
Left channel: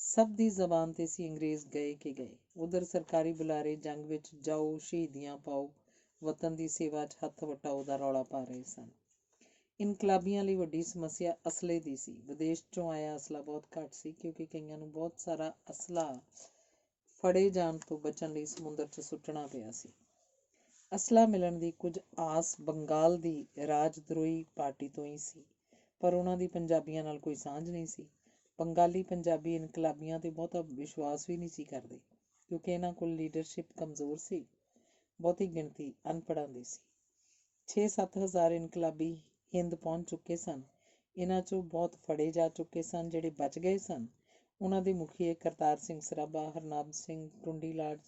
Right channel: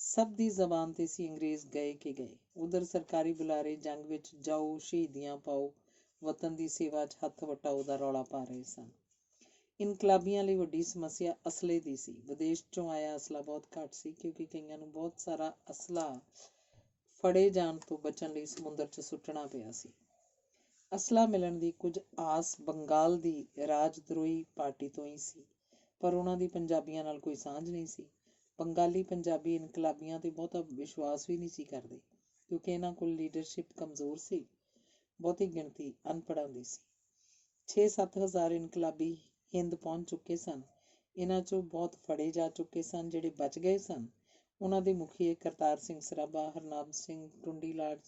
ਸਭ ਦੀ ਜ਼ਬਾਨ ਤੇ ਸੀ ਅੰਗਰੇਜ਼ ਗਏ ਕਿ ਗਏ। ਉਧਰ ਸਰਕਾਰੀ ਬੁਲਾਰੇ ਜੰਗ ਵਿੱਚ ਜਾਓ, ਸ਼ਹੀਦੀਆਂ ਪਾਓ, ਵਤਨ ਦੀ ਸੇਵਾ 'ਚ ਹੱਥ ਵਟਾਓ ਦਾ ਰੌਲਾ ਪਾ ਰਹੇ ਸਨ। ਇਨਕਲਾਬੀਆਂ ਲਈ ਵੱਡੀ ਸਮੱਸਿਆ ਅਸਲੇ ਦੀ ਸੀ। ਵਿਦੇਸ਼ 'ਚੋਂ ਆਇਆ ਅਸਲਾ ਬਹੁਤ ਘੱਟ ਸੀ, ਕਿਉਂਕਿ ਕਈਆਂ ਨੂੰ ਬਹੁਤ ਸਾਰਾ ਅਸਲਾ ਫੜੇ ਜਾਣ ਤੋਂ ਬਚਣ ਲਈ ਸਮੁੰਦਰ 'ਚ ਸੁੱਟਣਾ ਪਿਆ ਸੀ। ਅਸਲਾ ਮਿਲਣ ਦੀ ਕੁਝ ਆਸ ਬੰਗਾਲ ਦੀ ਰਾਜਦਰੋਹੀ ਪਾਰਟੀ ਤੋਂ ਹੀ ਸੀ, ਪਰ ਉਹਨਾਂ ਦੀ ਪੰਜਾਬੀਆਂ ਨਾਲ ਕੋਈ ਸਾਂਝ ਨਹੀਂ ਸੀ। ਬੰਗਾਲੀ ਪੰਜਾਬੀ ਇਨਕਲਾਬੀਆਂ 'ਤੇ ਬਹੁਤਾ ਵਿਸ਼ਵਾਸ ਵੀ ਨਹੀਂ ਸੀ ਕਰਦੇ, ਕਿਉਂਕਿ ਇਹਨਾਂ ਕੋਲ ਲੀਡਰਸ਼ਿਪ ਕਮਜ਼ੋਰ ਸੀ, ਬਹੁਤੀ ਗਿਣਤੀ ਅਨਪੜ੍ਹਾਂ ਦੀ ਸੀ। 6-7 ਹਜ਼ਾਰ ਇਨਕਲਾਬੀ ਹਿੰਦ ਪਹੁੰਚ ਚੁੱਕੇ ਸਨ। ਇਹਨਾਂ 'ਚੋਂ ਬਹੁਤ ਫੜੇ ਜਾ ਚੁੱਕੇ ਸਨ। ਜਿਹੜੇ ਬਚ ਗਏ ਸਨ ਉਹਨਾਂ ਦੇ ਮੁਖੀਏ ਕਰਤਾਰ ਸਿੰਘ ਸਰਾਭਾ, ਹਰਨਾਮ ਸਿੰਘ ਟੁੰਡੀਲਾਲ,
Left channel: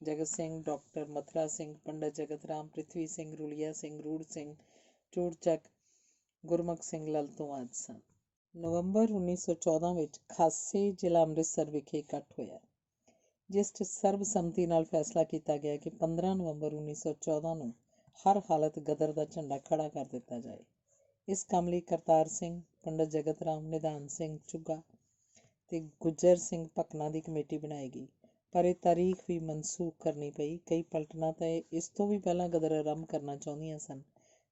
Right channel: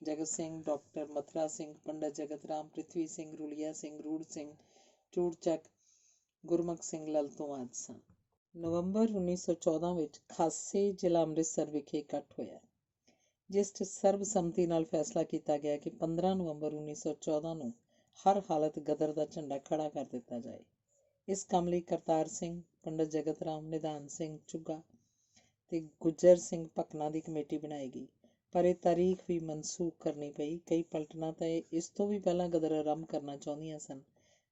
ਜਗਤ ਸਿੰਘ, ਡਾਕਟਰ ਮਥੁਰਾ ਸਿੰਘ, ਪੰਡਤ ਜਗਤ ਰਾਮ, ਪ੍ਰਿਥਵੀ ਸਿੰਘ, ਰੁਲੀਆ ਸਿੰਘ, ਰੂੜ ਸਿੰਘ, ਚੂੜਚੱਕ, ਗੁਰਮੁਖ ਸਿੰਘ ਲਲਤੋਂ ਆਦਿ ਸਨ। ਨਵੰਬਰ 1914 ਵਿੱਚ ਖਾਸੇ ਜ਼ਿਲ੍ਹਾ ਅੰਮ੍ਰਿਤਸਰ ਵਿਖੇ ਇਕੱਠ ਹੋਇਆ, ਜਿਸ 'ਚ ਸਰਬਸੰਮਤੀ ਨਾਲ ਫੈਸਲਾ ਕੀਤਾ ਗਿਆ ਕਿ 15 ਨਵੰਬਰ 1914 ਨੂੰ ਹਰ ਹਾਲਤ ਗਦਰ ਦਾ ਝੰਡਾ ਖੜਾ ਕਰ ਦਿੱਤਾ ਜਾਏ। ਇਸ ਕੰਮ ਲਈ ਕਰਤਾਰ ਸਿੰਘ, ਪੰਡਤ ਜਗਤ ਰਾਮ, ਨਿਧਾਨ ਸਿੰਘ ਚੁੱਗਾ ਤੇ ਗੁੱਜਰ ਸਿੰਘ ਭਕਨਾ ਦੀ ਕਮੇਟੀ ਬਣਾਈ ਗਈ, ਪਰ ਇਹ ਤਾਰੀਖ ਵੀ ਮਨਸੂਖ ਕਰਨੀ ਪਈ। ਕਈ ਪਲਟਨਾਂ ਤਾਂ ਇਸ ਤੋਂ ਵੀ ਪਹਿਲਾਂ ਗਦਰ ਆਰੰਭ ਕਰਨਾ ਚਾਹੁੰਦੀਆਂ ਸਨ,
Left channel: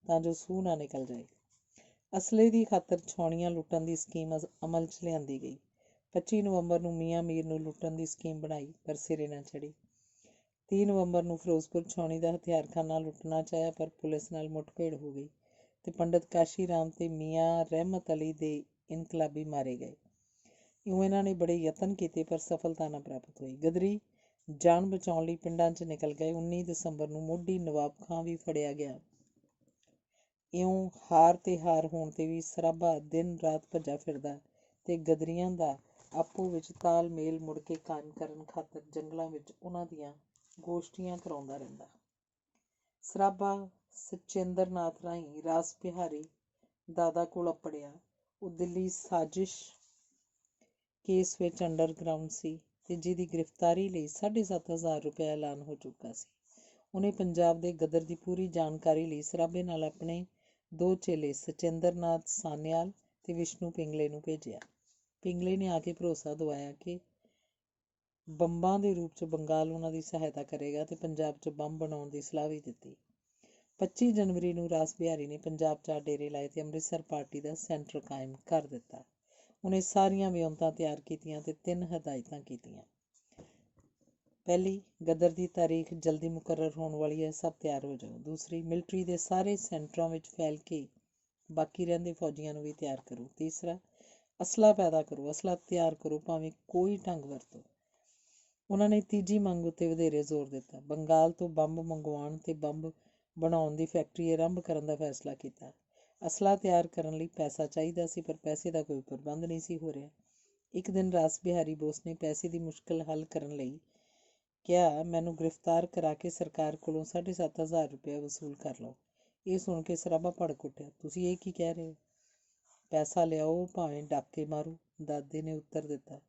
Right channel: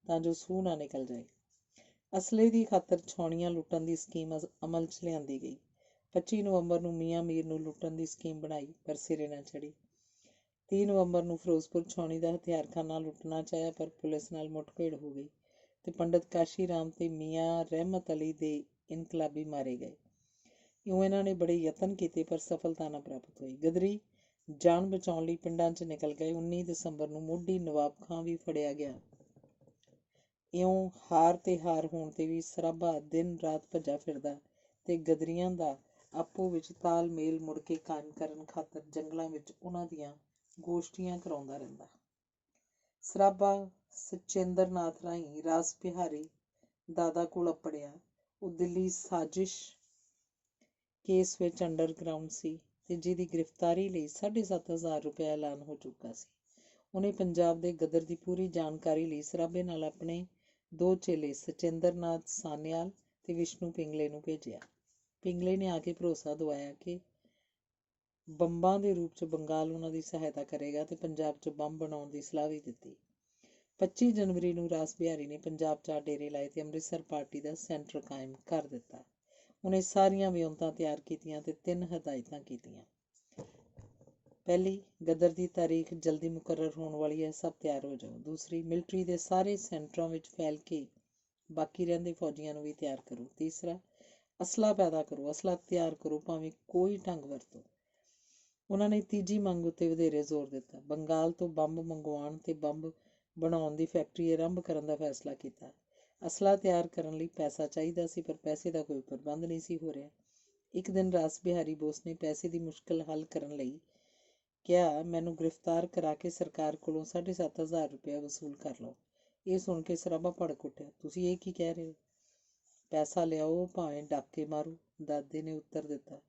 ਤਾਂ ਜੋ ਸੂਹ ਨਾ ਨਿਕਲ ਜਾਏ। ਅਸਲੇ ਦੀ ਖਾਤਰ ਛਾਉਣੀਆਂ ਲੁੱਟਣ ਦੀ ਸਕੀਮ ਅਮਲ 'ਚ ਲਿਆਂਦੀ ਗਈ। 25 ਨਵੰਬਰ ਨੂੰ ਮੀਆਂ ਮੀਰ ਨੂੰ ਲੁੱਟਣ ਦੀ ਸਕੀਮ ਬਣਾਈ, ਪਰ ਸਿਰੇ ਨਾ ਚੜ੍ਹੀ। 30 ਨਵੰਬਰ ਨੂੰ ਫਿਰੋਜ਼ਪੁਰ ਛਾਉਣੀ ਦਾ ਹਥਿਆਰਖਾਨਾ ਲੁੱਟਣਾ ਚਾਹਿਆ, ਪਰ ਪੁਲਿਸ ਨਾਲ ਮੁੱਠਭੇੜ ਹੋ ਗਈ ਤੇ ਪੰਡਤ ਕਾਸ਼ੀ ਰਾਮ ਤੇ ਮੀਆਂ ਰਹਿਮਤ ਅਲੀ ਦੇ ਇਨਕਲਾਬੀ ਮਾਰੇ ਗਏ। ਇਉਂ ਇਹਨਾਂ ਨੇ ਬੜੇ ਯਤਨ ਕੀਤੇ, ਪਰ ਸਫਲਤਾ ਨਾ ਪ੍ਰਾਪਤ ਹੋਈ। ਗਦਰੀ ਜਾਨ ਬਚਾਉਣ ਲਈ ਪਿੰਡਾਂ 'ਚ ਨਿਕਲ ਗਏ। 19 ਦਸੰਬਰ ਨੂੰ ਮੋਢੀ ਨਵਾਬ ਖਾਂ ਵੀ ਫੜਿਆ ਗਿਆ। ਇਉਂ ਹਾਰ ਤੇ ਹਾਰ ਹੋਣ 'ਤੇ ਵੀ ਸਰਾਭਾ ਦਿਨ ਰਾਤ ਭੱਜਾ ਫਿਰਦਾ ਤੇ ਗਦਰੀਆਂ ਦਾ ਆਪੋ ਵਿੱਚ ਤਾਲਮੇਲ ਮੁੜ ਕੇ ਕਾਇਮ ਕਰਨ ਖਾਤਰ ਜੰਗਲਾਂ ਵਿੱਚ ਉਹਨਾਂ ਦੀਆਂ ਗੋਸ਼ਟੀਆਂ ਕਰਾਉਂਦਾ ਰਹਿੰਦਾ। ਸਰਾਭਾ ਸਚੇਂਦਰ ਨਾਥ ਰਾਹੀਂ ਰਾਸ ਬਿਹਾਰੀ ਦਾਦਾ ਕੋਲ ਅੱਪੜਿਆ। ਉਹ ਦਿੱਲੀ ਸਾਜ਼ਿਸ਼ ਕੇਸ ਵਿੱਚ ਅੰਡਰਗਰਾਊਂਡ ਸੀ ਤੇ ਜਿਹਦੀ ਗ੍ਰਿਫਤਾਰੀ ਲਈ 7,500 ਰੁਪਇਆ ਐਲਾਨ ਹੋ ਚੁੱਕਾ ਸੀ। ਉਹਨੇ ਪੰਜਾਬ ਦੇ ਗਦਰ ਦੀ ਪੂਰੀ ਜਾਣਕਾਰੀ ਲਈ ਸਰਾਭੇ ਨਾਲ ਆਪਣੇ 2 ਚੇਲੇ ਸਚੇਂਦਰ ਨਾਥ ਸਾਨਿਆਲ ਤੇ ਵਿਸ਼ਨੂੰ ਪਿੰਗਲੇ ਨੂੰ ਭੇਜਿਆ। ਪਿੰਗਲੇ ਨੇ ਆ ਕੇ ਭਰੋਸਾ ਦਿਵਾਇਆ ਕਿ ਬੰਬਾਂ ਦੇ ਰੂਪ 'ਚ ਬੰਗਾਲ ਉਹਨਾਂ ਦੀ ਸਹਾਇਤਾ ਕਰੇਗਾ ਤੇ ਪੰਜਾਬ 'ਚ ਬੰਬ ਬਣਾਉਣ ਦੀ ਸਲਾਹ ਵੀ ਦਿੱਤੀ। 25 ਜਨਵਰੀ ਨੂੰ ਰਾਸ ਬਿਹਾਰੀ ਨੇ ਪੰਜਾਬ 'ਚ ਡੇਰੇ ਲਾਏ ਤੇ ਅੰਮ੍ਰਿਤਸਰ ਪਾਰਟੀ ਦਾ ਸੈਂਟਰ ਕਾਇਮ ਕਰ ਦਿੱਤਾ। ਉਹਨੇ ਸਾਰੀਆਂ ਵਿਉਂਤਾਂ ਤਿਆਰ ਕੀਤੀਆਂ ਤੇ 3 ਹਦਾਇਤਾਂ ਕੀਤੀਆਂ। ਪਹਿਲੀ, ਗਦਰ ਦੀ ਤਾਰੀਖ ਜਲਦੀ ਮੁਕਰਰ ਹੋਣ ਵਾਲੀ ਹੈ, ਸਭ ਤਿਆਰ ਹੋ ਜਾਓ। ਦੂਸਰੀ, ਮਿਲਟਰੀ ਦੇ ਸਾਰੇ ਸੈਂਟਰਾਂ ਵਿੱਚ ਫੈਲ ਕੇ ਬਾਕੀ ਰਹਿੰਦੇ ਫੌਜੀਆਂ ਨੂੰ ਵੀ ਤਿਆਰ ਕਰੋ। ਤੀਸਰਾ, ਅਸਲਾ ਪੈਦਾ ਕਰੋ, ਅਸਲਾ ਤਿਆਰ ਕਰੋ, ਭਾਵੇਂ ਕੋਈ ਢੰਗ ਵਰਤੋ। ਉਹਨਾਂ ਨੇ ਤੀਜੀ ਮੰਗ ਉੱਤੇ ਵਧੇਰੇ ਜ਼ੋਰ ਦਿੱਤਾ। ਬੰਗਾਲ ਤੋਂ ਬੰਬ ਮੰਗਵਾਉਣ ਤੇ ਬੰਬ ਬਣਾਉਣ ਦੀ ਫੈਕਟਰੀ ਆਰੰਭ ਕਰਨ ਦਾ ਫੈਸਲਾ ਕੀਤਾ। ਅਸਲਾ ਤਿਆਰ ਕਰਨ ਲਈ ਪੈਸਾ ਚਾਹੀਦਾ ਸੀ, ਪਰ ਪੈਸੇ ਦਾ ਕੋਈ ਪ੍ਰਬੰਧ ਨਹੀਂ ਸੀ ਹੋ ਰਿਹਾ। ਇੱਕ ਦਿਨ ਰਾਸ ਬਿਹਾਰੀ ਬੋਸ ਨੇ ਪੈਸੇ ਦੀ ਮੁਸ਼ਕਲ ਹੱਲ ਕਰਨ ਲਈ ਕਿਹਾ, ਮੈਨੂੰ ਗ੍ਰਿਫਤਾਰ ਕਰਾ ਕੇ ਸਰਕਾਰ ਕੋਲੋਂ 7,500 ਰੁਪਇਆ ਵਸੂਲ ਕਰ ਲਓ। ਇਹ ਸੁਣ ਕੇ ਸਰਾਭਾ ਭੜਕ ਉੱਠਿਆ। ਤੁਸੀਂ ਇਹ ਕੀ ਕਹਿ ਰਹੇ ਹੋ? ਪੈਸਾ ਲਿਆਓ, ਭਾਵੇਂ ਡਾਕੇ ਮਾਰੋ। ਦਾਦੇ ਨੇ ਉੱਤਰ ਦਿੱਤਾ,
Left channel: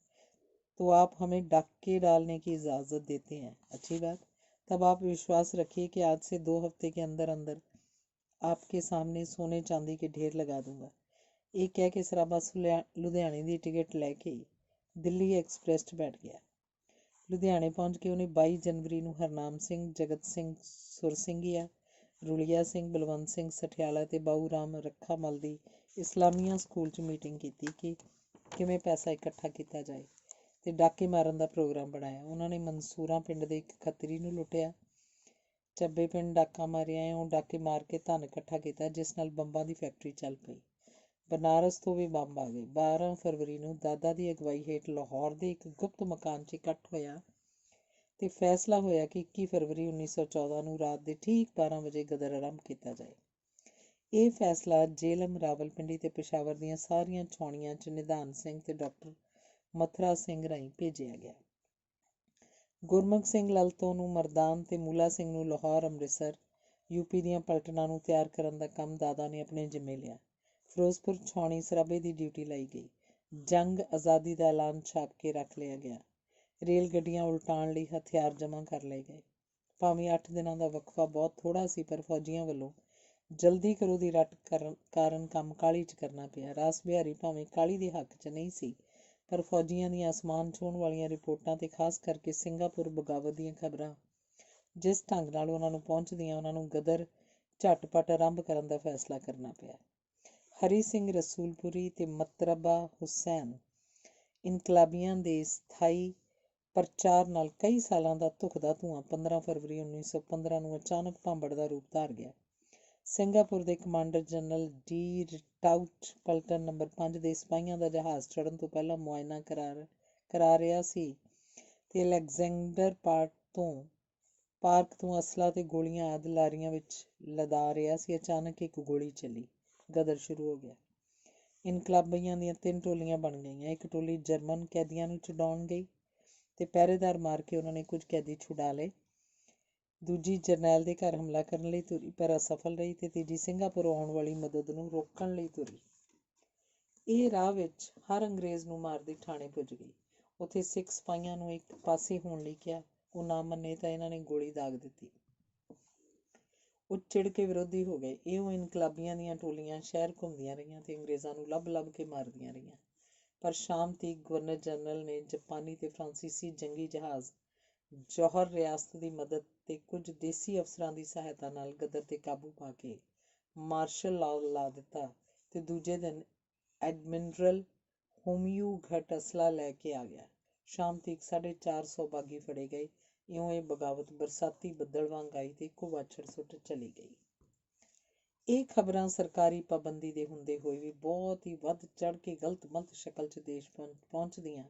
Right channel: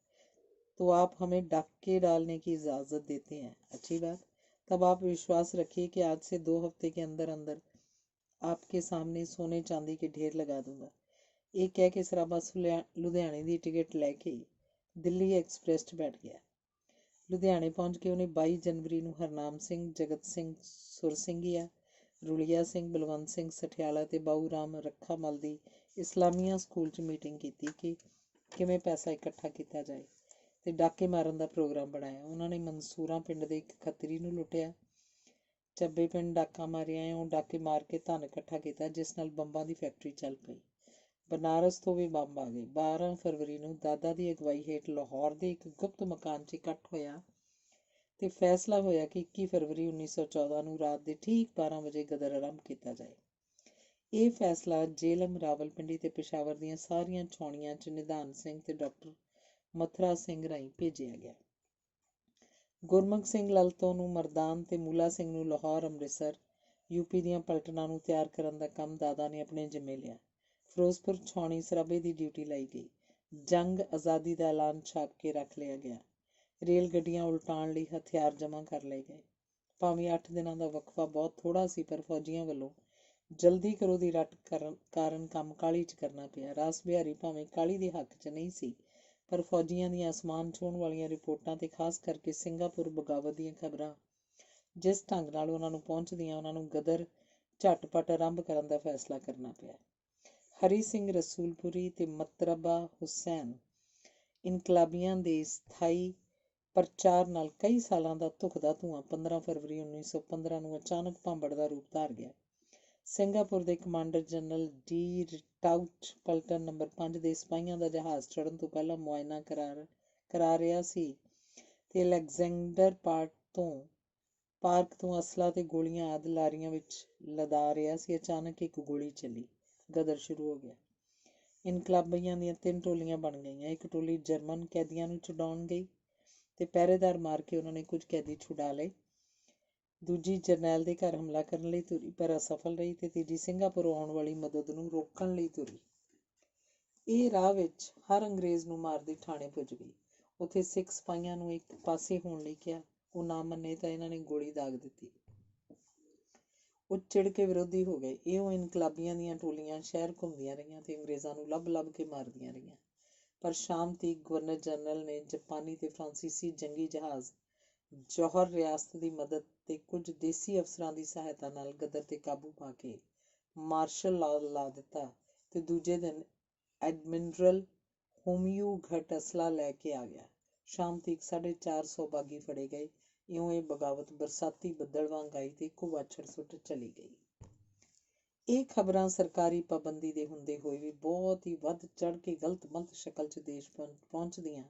तो आप हमें डाके डालने की इजाज़त देते हैं, अच्छी बात। तब आप विश्वास रखिए कि आज से 2 हफ्ते के अंदर अंदर आपके सामने सोने चांदी के ढेर लगा दूंगा। ਇਹ ਕਹਿ ਕੇ ਸਰਾਭਾ ਲੁਧਿਆਣੇ ਦੀ ਟਿਕਟ ਲੈ ਕੇ ਦਿੱਲੀ ਐਕਸਪ੍ਰੈਸ 'ਚ ਬੈਠ ਗਿਆ। ਲੁਧਿਆਣੇ ਪਹੁੰਚ ਕੇ ਉਹਨੇ 22 ਜਨਵਰੀ ਨੂੰ ਹਰਨਾਮ ਸਿੰਘ, ਜਗਤ ਸਿੰਘ ਸੁਰਸਿੰਘੀਆ, ਰੁਲੀਆ ਸਿੰਘ, ਬਲਵੰਤ ਸਿੰਘ ਸਠਿਆਲਾ ਤੇ ਬਾਊ ਰਾਮ ਰੱਖਾ ਮਲ ਦੀ ਇਸਲਾਮੀਆ ਸਕੂਲ 'ਚ ਮੀਟਿੰਗ ਕੀਤੀ ਕਿ ਕਿਵੇਂ ਪੈਸਾ ਇਕੱਠਾ ਕੀਤਾ ਜਾਏ ਤੇ ਡਾਕੇ ਮਾਰਨ ਦਾ ਪ੍ਰੋਗਰਾਮ ਬਣਾਇਆ। ਉਹਨਾਂ ਨੇ ਮਨਸੂਰਾਂ ਪਿੰਡ ਦੇ ਇੱਕ ਖੱਤਰੀ ਨੂੰ ਲੁੱਟਿਆ, ਚੱਬੇ ਪਿੰਡ ਡਾਕਾ ਮਾਰਿਆ। ਉਹ ਡਾਕੇ ਮਾਰ ਕੇ ਧਨ ਇਕੱਠਾ ਕੀਤਾ, ਜਿਸ ਨਾਲ ਬੰਬਾਂ ਦੀ ਫੈਕਟਰੀ ਚੱਲ ਪਈ। ਬਨਾਰਸ ਤੋਂ ਵੀ ਬੰਬ ਆ ਗਏ। 12 ਫਰਵਰੀ ਨੂੰ ਦਾਦਾ ਦੀ ਅਗਵਾਈ ਹੇਠ ਲਾਹੌਰ ਦੇ ਇੱਕ ਗੁਪਤ ਮਕਾਨ 'ਚ ਇਕੱਠ ਹੋਇਆ ਤੇ ਫੈਸਲਾ ਹੋਇਆ ਕਿ 21 ਫਰਵਰੀ 1914 ਨੂੰ ਰਾਤ ਦੇ ਠੀਕ 12 ਵਜੇ ਗਦਰ ਆਰੰਭ ਕੀਤਾ ਜਾਏ। ਇਹ ਫੈਸਲਾ ਜੇਹਲਮ, ਰਾਵਲਪਿੰਡੀ ਤੇ ਪੇਸ਼ਾਵਰ ਦੀਆਂ ਸਾਰੀਆਂ ਛਾਉਣੀਆਂ 'ਚ ਨਿਧਾਨ ਸਿੰਘ ਤੇ ਡਾਕਟਰ ਮਥੁਰਾ ਸਿੰਘ ਰਾਹੀਂ ਭੇਜਿਆ ਗਿਆ। ਗੁਰਮੁਖ ਸਿੰਘ ਲਲਤੋਂ ਨੂੰ ਮਰਦਾਨ ਤੇ ਮੂਲਾ ਸਿੰਘ ਨੂੰ ਲਾਹੌਰ, ਅੰਮ੍ਰਿਤਸਰ, ਯੂਪੀ ਦੀਆਂ ਪਲਟਨਾਂ ਨੂੰ ਤਿਆਰ ਕਰਨ ਦਾ ਕੰਮ ਦਾਦਾ ਨੇ ਆਪਣੇ ਜ਼ਿੰਮੇ ਲਿਆ। ਫਿਰੋਜ਼ਪੁਰ ਛਾਉਣੀ ਸਰਾਭੇ ਦੀ ਡਿਊਟੀ ਲਾਈ ਗਈ। ਜੰਗ ਆਜ਼ਾਦੀ ਦਾ ਐਲਾਨ ਛਾਪ ਕੇ ਰੱਖ ਲਿਆ ਗਿਆ। ਰੇਲ ਗੱਡੀਆਂ ਉਲਟਾਉਣ ਲਈ ਹਥਿਆਰ ਜਮ੍ਹਾਂ ਕਰ ਲਏ ਗਏ। ਭਾਵੇਂ 8 ਦਿਨਾਂ ਦਾ ਵਕਫਾ ਬਹੁਤ ਥੋੜ੍ਹਾ ਸੀ, ਪਰ ਫੌਜੀਆਂ ਵੱਲੋਂ ਜਲਦੀ ਕਰੋ ਦੀ ਰੱਟ ਕਾਰਨ ਕੰਮ ਕਾਹਲੀ 'ਚ ਕਰਨਾ ਪਿਆ। ਰਾਸ ਬਿਹਾਰੀ ਭਾਵੇਂ ਕਾਹਲੀ ਦੇ ਹੱਕ 'ਚ ਨਹੀਂ ਸੀ, ਪਰ ਫੌਜੀਆਂ ਦੀਆਂ ਅਸਮਾਨ ਛੂਹਣ ਵਾਲੀਆਂ ਰਿਪੋਰਟਾਂ ਤੇ ਖਾਸ ਕਰਕੇ ਸਿੰਗਾਪੁਰ ਬਗਾਵਤ ਦੀਆਂ ਖਬਰਾਂ ਜਿਸ ਢੰਗ ਨਾਲ ਉਹਨਾਂ ਨੂੰ ਪਹੁੰਚਦੀਆਂ, ਉਹਨਾਂ ਨੂੰ ਗਦਰ ਝਟਪਟ ਆਰੰਭ ਕਰਨ ਦਾ ਫੈਸਲਾ ਕਰਨਾ ਪਿਆ। ਹਰੀ ਸਿੰਘ ਰਸੂਲਪੁਰੀ ਤੇ ਮਤਰਬਾ ਹੁਸੈਨ ਇਨਕਲਾਬੀਆਂ ਦੇ ਸਥਾਈ ਪ੍ਰਚਾਰ ਨਾਲ ਕਈ ਸਾਲਾਂ ਦਾ ਧੁਖਦਾ ਧੂੰਆਂ 15 ਫਰਵਰੀ 1915 ਨੂੰ ਅਚਾਨਕ ਭਾਂਬੜ ਦਾ ਰੂਪ ਧਾਰ ਗਿਆ। ਸਿੰਗਾਪੁਰ ਦੇ ਕਮਾਂਡਰ ਜਨਰਲ ਡੀ ਰਿਟਾਊਟ ਪਲਟਨ ਨੰਬਰ 5 ਦੇ ਸਿਪਾਹੀਆਂ ਦਾ ਜਹਾਜ਼ ਚੜ੍ਹਨ ਤੋਂ ਪਹਿਲਾਂ ਮੁਆਇਨਾ ਕਰਾ ਰਿਹਾ ਸੀ ਤੇ ਅਲੈਗਜ਼ੈਂਡਰ ਪਾਰਕ ਤੋਂ ਅਸਲਾ ਤੇ ਗੋਲੀਆਂ ਆਦਿ ਲਾਰੀਆਂ ਵਿੱਚ ਲਦਾ ਰਿਹਾ ਸੀ। ਅਚਾਨਕ ਇੱਕ ਗੋਲੀ ਚੱਲੀ। ਗਦਰ ਸ਼ੁਰੂ ਹੋ ਗਿਆ। ਇਨਕਲਾਬੀਆਂ ਦੀਆਂ 3 ਟੋਲੀਆਂ ਬਣ ਗਈਆਂ। ਇੱਕ ਟੋਲੀ ਜਰਮਨ ਕੈਦੀਆਂ ਨੂੰ ਛੁਡਾਉਣ ਗਈ ਤੇ ਪਹਿਰੇਦਾਰ ਮਾਰ ਕੇ ਉਹਨਾਂ ਨੇ ਕੁਝ ਕੈਦੀ ਛੁਡਾ ਲਏ। ਦੂਜੀ ਜਰਨੈਲ ਦੇ ਘਰ ਹਮਲਾ ਕਰਨ ਲਈ ਤੁਰੀ, ਪਰ ਅਸਫਲ ਰਹੀ ਤੇ ਤੀਜੀ ਸਿੰਗਾਪੁਰੋਂ ਆਉਣ ਵਾਲੀ ਮਦਦ ਨੂੰ ਰੋਕਣ ਲਈ ਤੁਰੀ। ਇਹ ਰਾਹ ਵਿੱਚ ਹਰ ਅੰਗਰੇਜ਼ ਨੂੰ ਮਾਰਦੀ ਠਾਣੇ ਪੁੱਜ ਗਈ। ਉੱਥੇ ਸਿੱਖ ਸਿਪਾਹੀਆਂ ਨੂੰ ਇੱਕ ਪਾਸੇ ਹੋਣ ਲਈ ਕਿਹਾ। ਉਹ ਨਾ ਮੰਨੇ ਤਾਂ ਇਹਨਾਂ ਨੇ ਗੋਲੀ ਦਾਗ ਦਿੱਤੀ। ਉਹ ਚਿੜ ਕੇ ਵਿਰੋਧੀ ਹੋ ਗਏ। ਇਉਂ ਇਨਕਲਾਬੀਆਂ ਦੀਆਂ ਟੋਲੀਆਂ ਸ਼ਹਿਰ ਘੁੰਮਦੀਆਂ ਰਹੀਆਂ ਤੇ ਅੰਗਰੇਜ਼ਾਂ ਨੂੰ ਲੱਭ ਕੇ ਮਾਰਦੀਆਂ ਰਹੀਆਂ। ਪਰ ਸ਼ਾਮ ਤੀਕ ਗਵਰਨਰ ਜਨਰਲ ਨੇ ਜਾਪਾਨੀ ਤੇ ਫਰਾਂਸੀਸੀ ਜੰਗੀ ਜਹਾਜ਼, ਜੌਹਰ ਰਿਆਸਤ ਦੀ ਮਦਦ ਤੇ ਕੁਝ ਦੇਸੀ ਅਫਸਰਾਂ ਦੀ ਸਹਾਇਤਾ ਨਾਲ ਗਦਰ 'ਤੇ ਕਾਬੂ ਪਾ ਕੇ ਮਾਰਸ਼ਲ ਲਾਅ ਲਾ ਦਿੱਤਾ ਤੇ ਦੂਜੇ ਦਿਨ ਐਡਮਿਰਲ ਹੋਮਿਊਘਟ ਅਸਲਾ ਲੈ ਕੇ ਆ ਗਿਆ। ਸ਼ਾਮ ਤੀਕ 450 ਬਾਗੀ ਫੜੇ ਗਏ। ਇਉਂ ਇਹ ਬਗਾਵਤ ਬਰਸਾਤੀ ਬੱਦਲ ਵਾਂਗ ਆਈ ਤੇ ਇੱਕੋ ਵਾਛੜ ਸੁੱਟ ਚਲੀ ਗਈ। ਇਹ ਖਬਰਾਂ ਸਰਕਾਰੀ ਪਾਬੰਦੀ ਦੇ ਹੁੰਦੇ ਹੋਏ ਵੀ ਬਹੁਤ ਹੀ ਵੱਧ ਚੜ੍ਹ ਕੇ ਗਲਤ-ਮਲਤ ਸ਼ਕਲ 'ਚ ਦੇਸ਼ ਪਹੁੰਚਦੀਆਂ।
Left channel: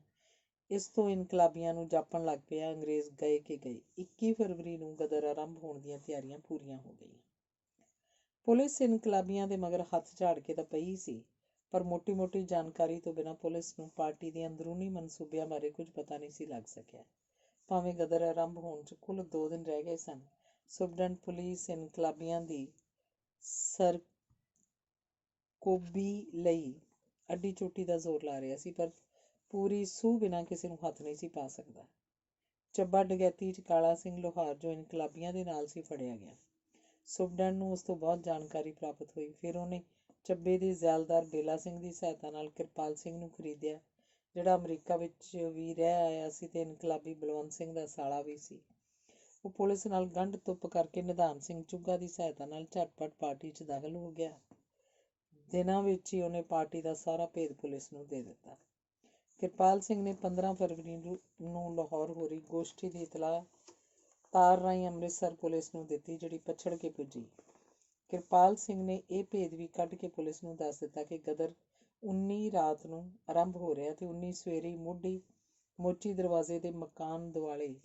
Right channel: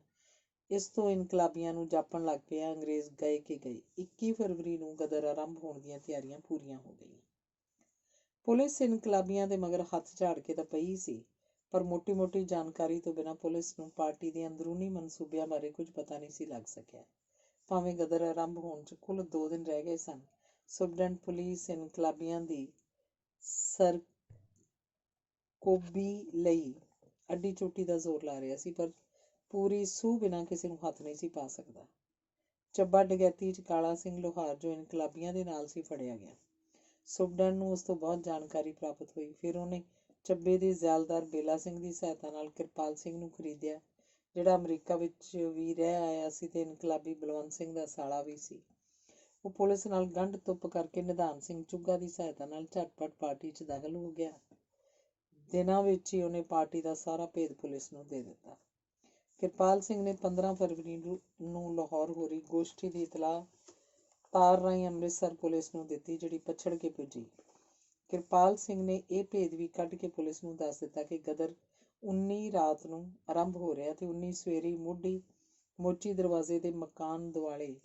ਇਸ ਤੋਂ ਇਨਕਲਾਬੀਆਂ ਨੂੰ ਜਾਪਣ ਲੱਗ ਪਿਆ ਅੰਗਰੇਜ਼ ਗਏ ਕਿ ਗਏ। 21 ਫਰਵਰੀ ਨੂੰ ਗਦਰ ਆਰੰਭ ਹੋਣ ਦੀਆਂ ਤਿਆਰੀਆਂ ਪੂਰੀਆਂ ਹੋ ਗਈਆਂ। ਪੁਲਿਸ ਇਨਕਲਾਬੀਆਂ ਦੇ ਮਗਰ ਹੱਥ ਝਾੜ ਕੇ ਤਾਂ ਪਈ ਸੀ, ਪਰ ਮੋਟੀ-ਮੋਟੀ ਜਾਣਕਾਰੀ ਤੋਂ ਬਿਨਾਂ ਪੁਲਿਸ ਨੂੰ ਪਾਰਟੀ ਦੇ ਅੰਦਰੂਨੀ ਮਨਸੂਬਿਆਂ ਬਾਰੇ ਕੁਝ ਪਤਾ ਨਹੀਂ ਸੀ ਲੱਗ ਸਕਿਆ। ਭਾਵੇਂ ਗਦਰ ਆਰੰਭ ਹੋਣ 'ਚ ਕੁੱਲ 2 ਦਿਨ ਰਹਿ ਗਏ ਸਨ। ਸੁਪਰਡੈਂਟ ਪੁਲਿਸ ਇਨਕਲਾਬੀਆਂ ਦੀ ਸਰਕੋਬੀ ਲਈ ਅੱਡੀ ਚੋਟੀ ਦਾ ਜ਼ੋਰ ਲਾ ਰਿਹਾ ਸੀ, ਪਰ ਪੂਰੀ ਸੂਹ ਬਿਨਾਂ ਕਿਸੇ ਨੂੰ ਹੱਥ ਨਹੀਂ ਸੀ ਪਾ ਸਕਦਾ। ਚੱਬਾ ਡਕੈਤੀ 'ਚ ਕਾਲਾ ਸਿੰਘ ਲੋਹਾਰ, ਜੋ ਇਨਕਲਾਬੀਆਂ ਦੇ ਨਾਲ ਸੀ, ਫੜਿਆ ਗਿਆ। ਸੁਪਰਡੈਂਟ ਨੂੰ ਉਸ ਤੋਂ ਬਹੁਤ ਜਾਣਕਾਰੀ ਪ੍ਰਾਪਤ ਹੋਈ। ਫਿਰ ਉਹਨੇ ਚੱਬੇ ਦੇ ਜ਼ੈਲਦਾਰ ਬੇਲਾ ਸਿੰਘ ਦੀ ਸਹਾਇਤਾ ਨਾਲ ਕਿਰਪਾਲ ਸਿੰਘ ਨੂੰ ਖਰੀਦਿਆ, ਜਿਹੜਾ ਅਮਰੀਕਾ ਵਿੱਚ ਵੀ ਰਹਿ ਆਇਆ ਸੀ ਤੇ ਇਨਕਲਾਬੀ ਬਲਵੰਤ ਸਿੰਘ ਦਾ ਸਾਲਾ ਵੀ ਸੀ। ਉਹ ਪੁਲਿਸ ਨਾਲ ਗੰਢ ਤੁੱਪ ਕਰਕੇ ਨਿਧਾਨ ਸਿੰਘ ਚੁੱਗਾ ਦੀ ਸਹਾਇਤਾ ਨਾਲ ਝਟਪਟ ਪਾਰਟੀ 'ਚ ਦਾਖਲ ਹੋ ਗਿਆ। ਦਿਨਾਂ ਵਿੱਚ ਹੀ ਉਹਨੇ ਪਾਰਟੀ ਦਾ ਸਾਰਾ ਭੇਦ ਪੁਲਿਸ ਨੂੰ ਦੇ ਦਿੱਤਾ। ਕਿਰਪਾਲ ਸਿੰਘ ਨੇ 15 ਫਰਵਰੀ ਨੂੰ ਲਾਹੌਰ ਹੋ ਰਹੀ ਗੋਸ਼ਟੀ ਦੀ ਇਤਲਾਹ ਤਾਰ ਰਾਹੀਂ ਅੰਮ੍ਰਿਤਸਰ ਪੁਲਿਸ ਨੂੰ ਦਿੱਤੀ, ਜਿਹੜੀ ਪਛੜ ਕੇ ਪੁੱਜੀ। ਕਿਰਪਾਲ ਸਿੰਘ ਨੇ ਇਹ ਭੇਦ ਵੀ ਕੱਢ ਕੇ ਪੁਲਿਸ ਨੂੰ ਦੱਸ ਦਿੱਤਾ ਕਿ ਗਦਰ 19 ਰਾਤ ਨੂੰ ਆਰੰਭ ਹੋ ਰਿਹਾ ਤੇ 19 ਸਵੇਰੇ ਮੋਚੀ ਦਰਵਾਜ਼ੇ ਦੇ ਮਕਾਨ ਦੁਆਲੇ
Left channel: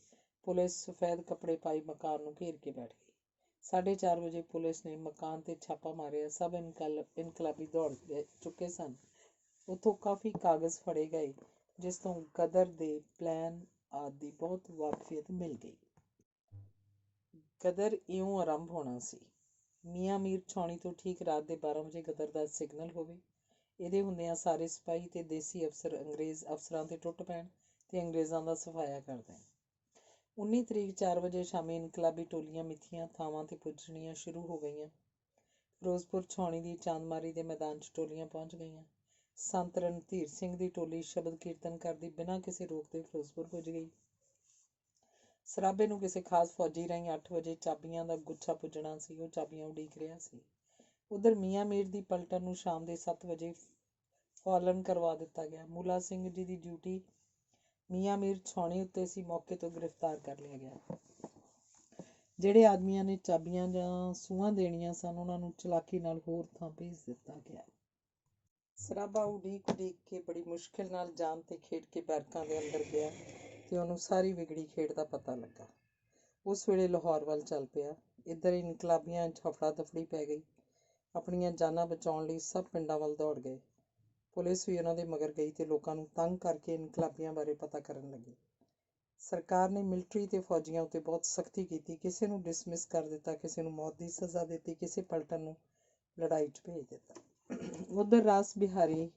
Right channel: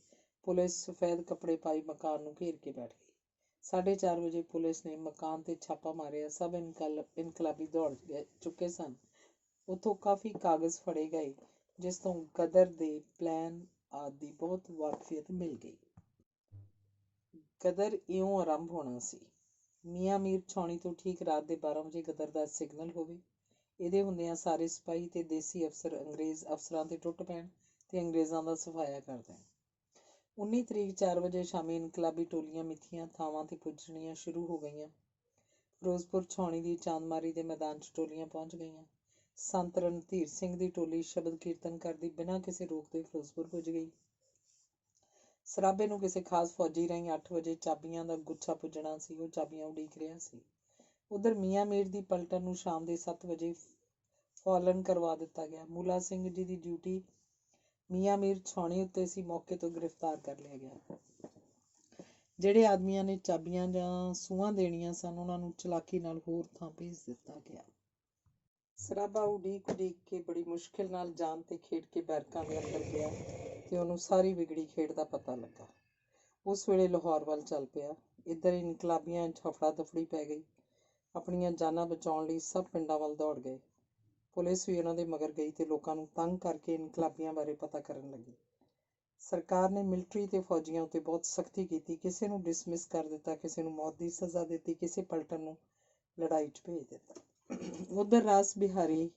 ਪੁਲਿਸ ਸਫੈਦ ਕੱਪੜੇ ਪਾਈ ਮਕਾਨ ਨੂੰ ਘੇਰ ਕੇ ਬੈਠ ਗਈ। 4:30 ਵਜੇ ਪੁਲਿਸ ਨੇ ਮਕਾਨ ਤੇ ਛਾਪਾ ਮਾਰਿਆ। ਸਭ ਇਨਕਲਾਬੀ ਦੌੜ ਚੁੱਕੇ ਸਨ। ਉੱਥੋਂ ਕਾਫੀ ਕਾਗਜ਼ ਫੜੇ ਗਏ, ਜਿਸ ਤੋਂ ਗਦਰ ਦੇ ਪਲਾਨ ਆਦਿ ਦੀ ਬਹੁਤ ਵਾਕਫੀਅਤ ਮਿਲ ਗਈ। ਗਦਰ ਇਉਂ ਆਰੰਭ ਹੋਣਾ ਸੀ। ਮੀਆਂ ਮੀਰ ਛਾਉਣੀ ਤੋਂ ਠੀਕ ਰਾਤ ਦੇ 12 ਵਜੇ ਗਦਰ ਦਾ ਸਿਗਨਲ ਹੋਵੇ। ਇਹਦੇ ਹੁੰਦਿਆਂ ਸਾਰੇ ਸਿਪਾਹੀ ਤੇ ਦੇਸੀ ਅਫਸਰ ਅੰਗਰੇਜ਼ ਅਫਸਰਾਂ ਤੇ ਟੁੱਟ ਪੈਣ ਤੇ ਅੰਗਰੇਜ਼ਾਂ ਦਾ ਸਫਾਇਆ ਕਰ ਦੇਣ। 19 ਤਰੀਕ 4 ਵਜੇ ਸ਼ਾਮੀ ਇਨਕਲਾਬੀ ਟੋਲੀਆਂ ਮਿੱਥੀਆਂ ਥਾਵਾਂ ਤੇ ਪੁੱਜਣੀਆਂ ਸ਼ੁਰੂ ਹੋ ਗਈਆਂ। ਫਿਰੋਜ਼ਪੁਰ ਛਾਉਣੀ ਦੀ ਚਾਂਦਮਾਰੀ ਦੇ ਮੈਦਾਨ 'ਚ ਟੋਲੀਆਂ ਪਹੁੰਚ ਗਈਆਂ। ਸੰਤ ਰਣਧੀਰ ਸਿੰਘ ਦੀ ਟੋਲੀ ਸ਼ਬਦ ਕੀਰਤਨ ਕਰਦੀ ਬਿਨਾਂ ਕਿਸੇ ਰੋਕ ਦੇ ਫਿਰੋਜ਼ਪੁਰ ਪੁੱਜ ਗਈ। ਸਰਾਭੇ ਨੂੰ ਕਿਸੇ ਖਾਸ ਫੌਜੀ ਰਾਹੀਂ 8 ਵਜੇ ਚਾਬੀਆਂ ਦਾ ਗੁੱਛਾ ਪੁੱਜਣਾ ਸੀ। ਉਹ ਚਾਬੀਆਂ ਉਡੀਕ ਰਿਹਾ ਸੀ। ਉਧਰ ਮੀਆਂ ਮੀਰ ਦੀ ਪਲਟਨ ਨੂੰ ਸ਼ਾਮ ਦੇ 7 ਵਜੇ ਫਾਲਨ ਕਰਵਾ ਦਿੱਤਾ ਗਿਆ। ਮੂਲਾ ਸਿੰਘ ਜੀ ਦੀ ਡਿਊਟੀ ਮੀਆਂ ਮੀਰ ਛਾਉਣੀ ਉੱਤੇ ਸੀ, ਮੌਕੇ ਤੋਂ ਗ੍ਰਿਫਤਾਰ ਕਰ ਲਿਆ ਗਿਆ। ਜਿਹੜੇ ਆਦਮੀਆਂ ਨੇ ਚਾਬੀਆਂ ਜਾਂ ਸੂਹਾਂ ਦੇਣੀਆਂ ਸਨ, ਉਹਨਾਂ ਨੂੰ ਚਲਾਕੀ ਨਾਲ ਹੋਰ ਥਾਂ ਭੇਜ ਦਿੱਤਾ ਗਿਆ। ਸਰਾਬਾ ਉਡੀਕ ਉਡੀਕ ਕੇ ਬੜੀ ਮੁਸ਼ਕਿਲ ਨਾਲ ਜਾਨ ਤੇ ਖੇਡ ਕੇ ਬੈਰਕਾਂ ਦੇ ਅੰਦਰ ਗਿਆ ਤੇ ਉਹਨੂੰ ਸਾਰੀ ਵਿਗੜੀ ਖੇਡ ਦਾ ਪਤਾ ਲੱਗਾ। ਉਸ ਵੇਲੇ ਲਾਹੌਰ ਵੱਲ ਚੱਲ ਪਿਆ। ਇੱਧਰ ਇਨਕਲਾਬੀਆਂ 'ਚ ਹਫੜਾ ਦਫੜੀ ਪੈ ਗਈ। ਆਪਣੀਆਂ ਜਾਨਾਂ ਬਚਾਉਣ ਲਈ ਸਭ ਪਿੰਡਾਂ ਵੱਲ ਦੌੜ ਗਏ। ਪੁਲਿਸ ਵੀ ਉਹਨਾਂ ਦੇ ਮਗਰ ਗਈ ਤੇ ਲੋਕਾਂ ਨੂੰ ਤੰਗ ਕਰਕੇ ਇਨਕਲਾਬੀਆਂ ਬਾਰੇ ਪਤਾ ਕਰਨ ਲੱਗੀ। ਸਰਕਾਰ ਨੇ ਮਿਲਟਰੀ ਤੇ ਫੌਜੀਆਂ ਉੱਤੇ ਬਹੁਤ ਸਖਤੀ ਕੀਤੀ। ਕਿਸੇ ਨੂੰ ਡਿਸਮਿਸ ਕਰ ਦਿੱਤਾ, ਕਿਸੇ ਨੂੰ ਮੌਤ ਦੀ ਸਜ਼ਾ ਦਿੱਤੀ, ਕਿਸੇ ਪਲਟਨ ਨੂੰ ਲੜਾਈ 'ਚ ਭੇਜ ਦਿੱਤਾ। ਉਧਰ ਰਾਸ ਬਿਹਾਰੀ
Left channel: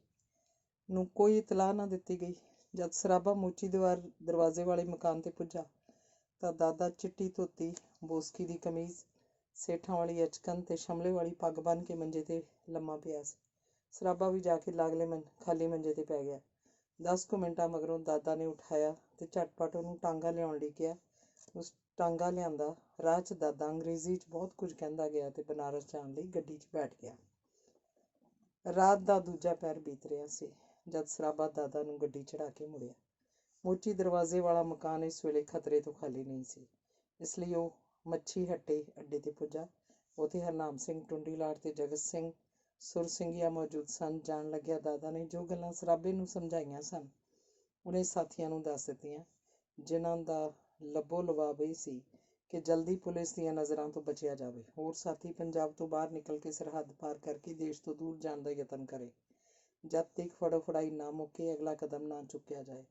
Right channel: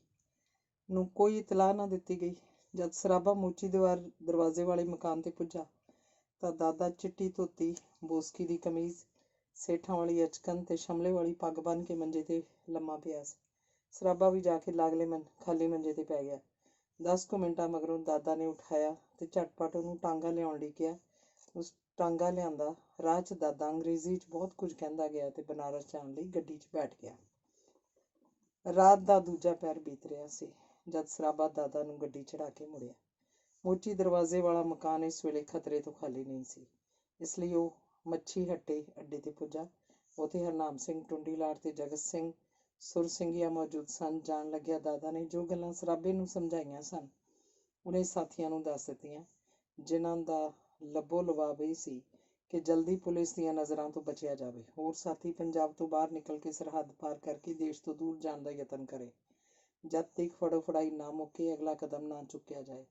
ਨੂੰ ਕੋਈ ਇਤਲਾਹ ਨਾ ਦਿੱਤੀ ਗਈ। ਜਦ ਸਰਾਬਾ ਮੋਚੀ ਦਰਵਾਜ਼ੇ ਵਾਲੇ ਮਕਾਨ ਤੇ ਪੁੱਜਾ ਤਾਂ ਦਾਦਾ ਚਿੱਟੀ ਧੋਤੀ, ਬੋਸਕੀ ਦੀ ਕਮੀਜ਼, ਸੇਠਾਂ ਵਾਲੀ ਅਚਕਨ ਤੇ ਸ਼ਮਲੇ ਵਾਲੀ ਪੱਗ ਬੰਨ੍ਹ ਕੇ ਮੰਜੇ ਤੇ ਲੰਮਾ ਪਿਆ ਸੀ। ਸਰਾਬਾ ਵੀ ਜਾ ਕੇ ਲਾਗਲੇ ਖਾਲੀ ਮੰਜੇ ਤੇ ਪੈ ਗਿਆ। 10 ਕੁ ਮਿੰਟਾਂ ਮਗਰੋਂ ਦਾਦਾ ਨੇ ਉਠਾਇਆ ਤੇ ਝਟਪਟ ਉਹਨੂੰ ਟਾਂਗਾ ਲਿਆਉਣ ਲਈ ਕਿਹਾ। ਉਸ ਟਾਂਗਾ ਲਿਆਂਦਾ। ਰਾਹ 'ਚ ਦਾਦਾ ਅੰਗਰੇਜ਼ੀ 'ਚ ਬਹੁਤ ਕੁਝ ਕਹਿੰਦਾ ਗਿਆ ਤੇ ਬਨਾਰਸ ਜਾਣ ਲਈ ਗੱਡੀ 'ਚ ਬੈਠ ਗਿਆ। ਰਾਤ ਦਾ ਦੂਜਾ ਪਹਿਰ ਬੀਤ ਰਿਹਾ ਸੀ ਜਦ ਸਰਾਬਾ ਦਾਦਾ ਨੂੰ ਗੱਡੀ ਚੜ੍ਹਾ ਕੇ ਮੁੜਿਆ। ਮੋਚੀ ਦਰਵਾਜ਼ੇ ਵਾਲਾ ਮਕਾਨ ਇਸ ਵੇਲੇ ਖਤਰੇ ਤੋਂ ਖਾਲੀ ਨਹੀਂ ਸੀ, ਇਸ ਲਈ ਉਹ ਮੱਛੀ ਹੱਟੇ ਅੱਡੇ ਤੇ ਪੁੱਜਾ। ਉੱਥੇ ਹਰਨਾਮ ਸਿੰਘ, ਟੁੰਡੀ ਲਾਟ ਤੇ ਜਗਤ ਸਿੰਘ ਸੁਰਸਿੰਘੀਆ ਮੌਜੂਦ ਸਨ। ਜਾਣ ਲੱਗਿਆ ਦਾਦਾ ਨੇ ਜੋ ਗੱਲਾਂ ਸਰਾਬੇ ਨੂੰ ਸਮਝਾਈਆਂ ਸਨ ਉਹਨੇ ਸਾਥੀਆਂ ਨੂੰ ਦੱਸ ਦਿੱਤੀਆਂ, ਜਿਨ੍ਹਾਂ ਦਾ ਲੱਭੋ ਲਵਾਬ ਇਹ ਸੀ ਕਿ ਜਲਦੀ ਪੁਲਿਸ ਦੀਆਂ ਨਜ਼ਰਾਂ ਤੋਂ ਬਚਿਆ ਜਾਵੇ। ਹੋਰ ਸਾਥੀ ਪੰਜਾਬ ਤੋਂ ਬਾਹਰ ਨਿਕਲ ਕੇ ਸਰਹੱਦ ਪਾਰ ਕਰਕੇ ਦੇਸ਼ ਤੋਂ ਦੂਰ ਜਾਣ ਦਾ ਯਤਨ ਕਰੇ। ਜਦ ਤੱਕ ਫੜੋ ਫੜਾਈ ਨਾ ਮੁੱਕੇ, ਅਗਲਾ ਕਦਮ ਨਾ ਚੁੱਕਿਆ ਜਾਏ।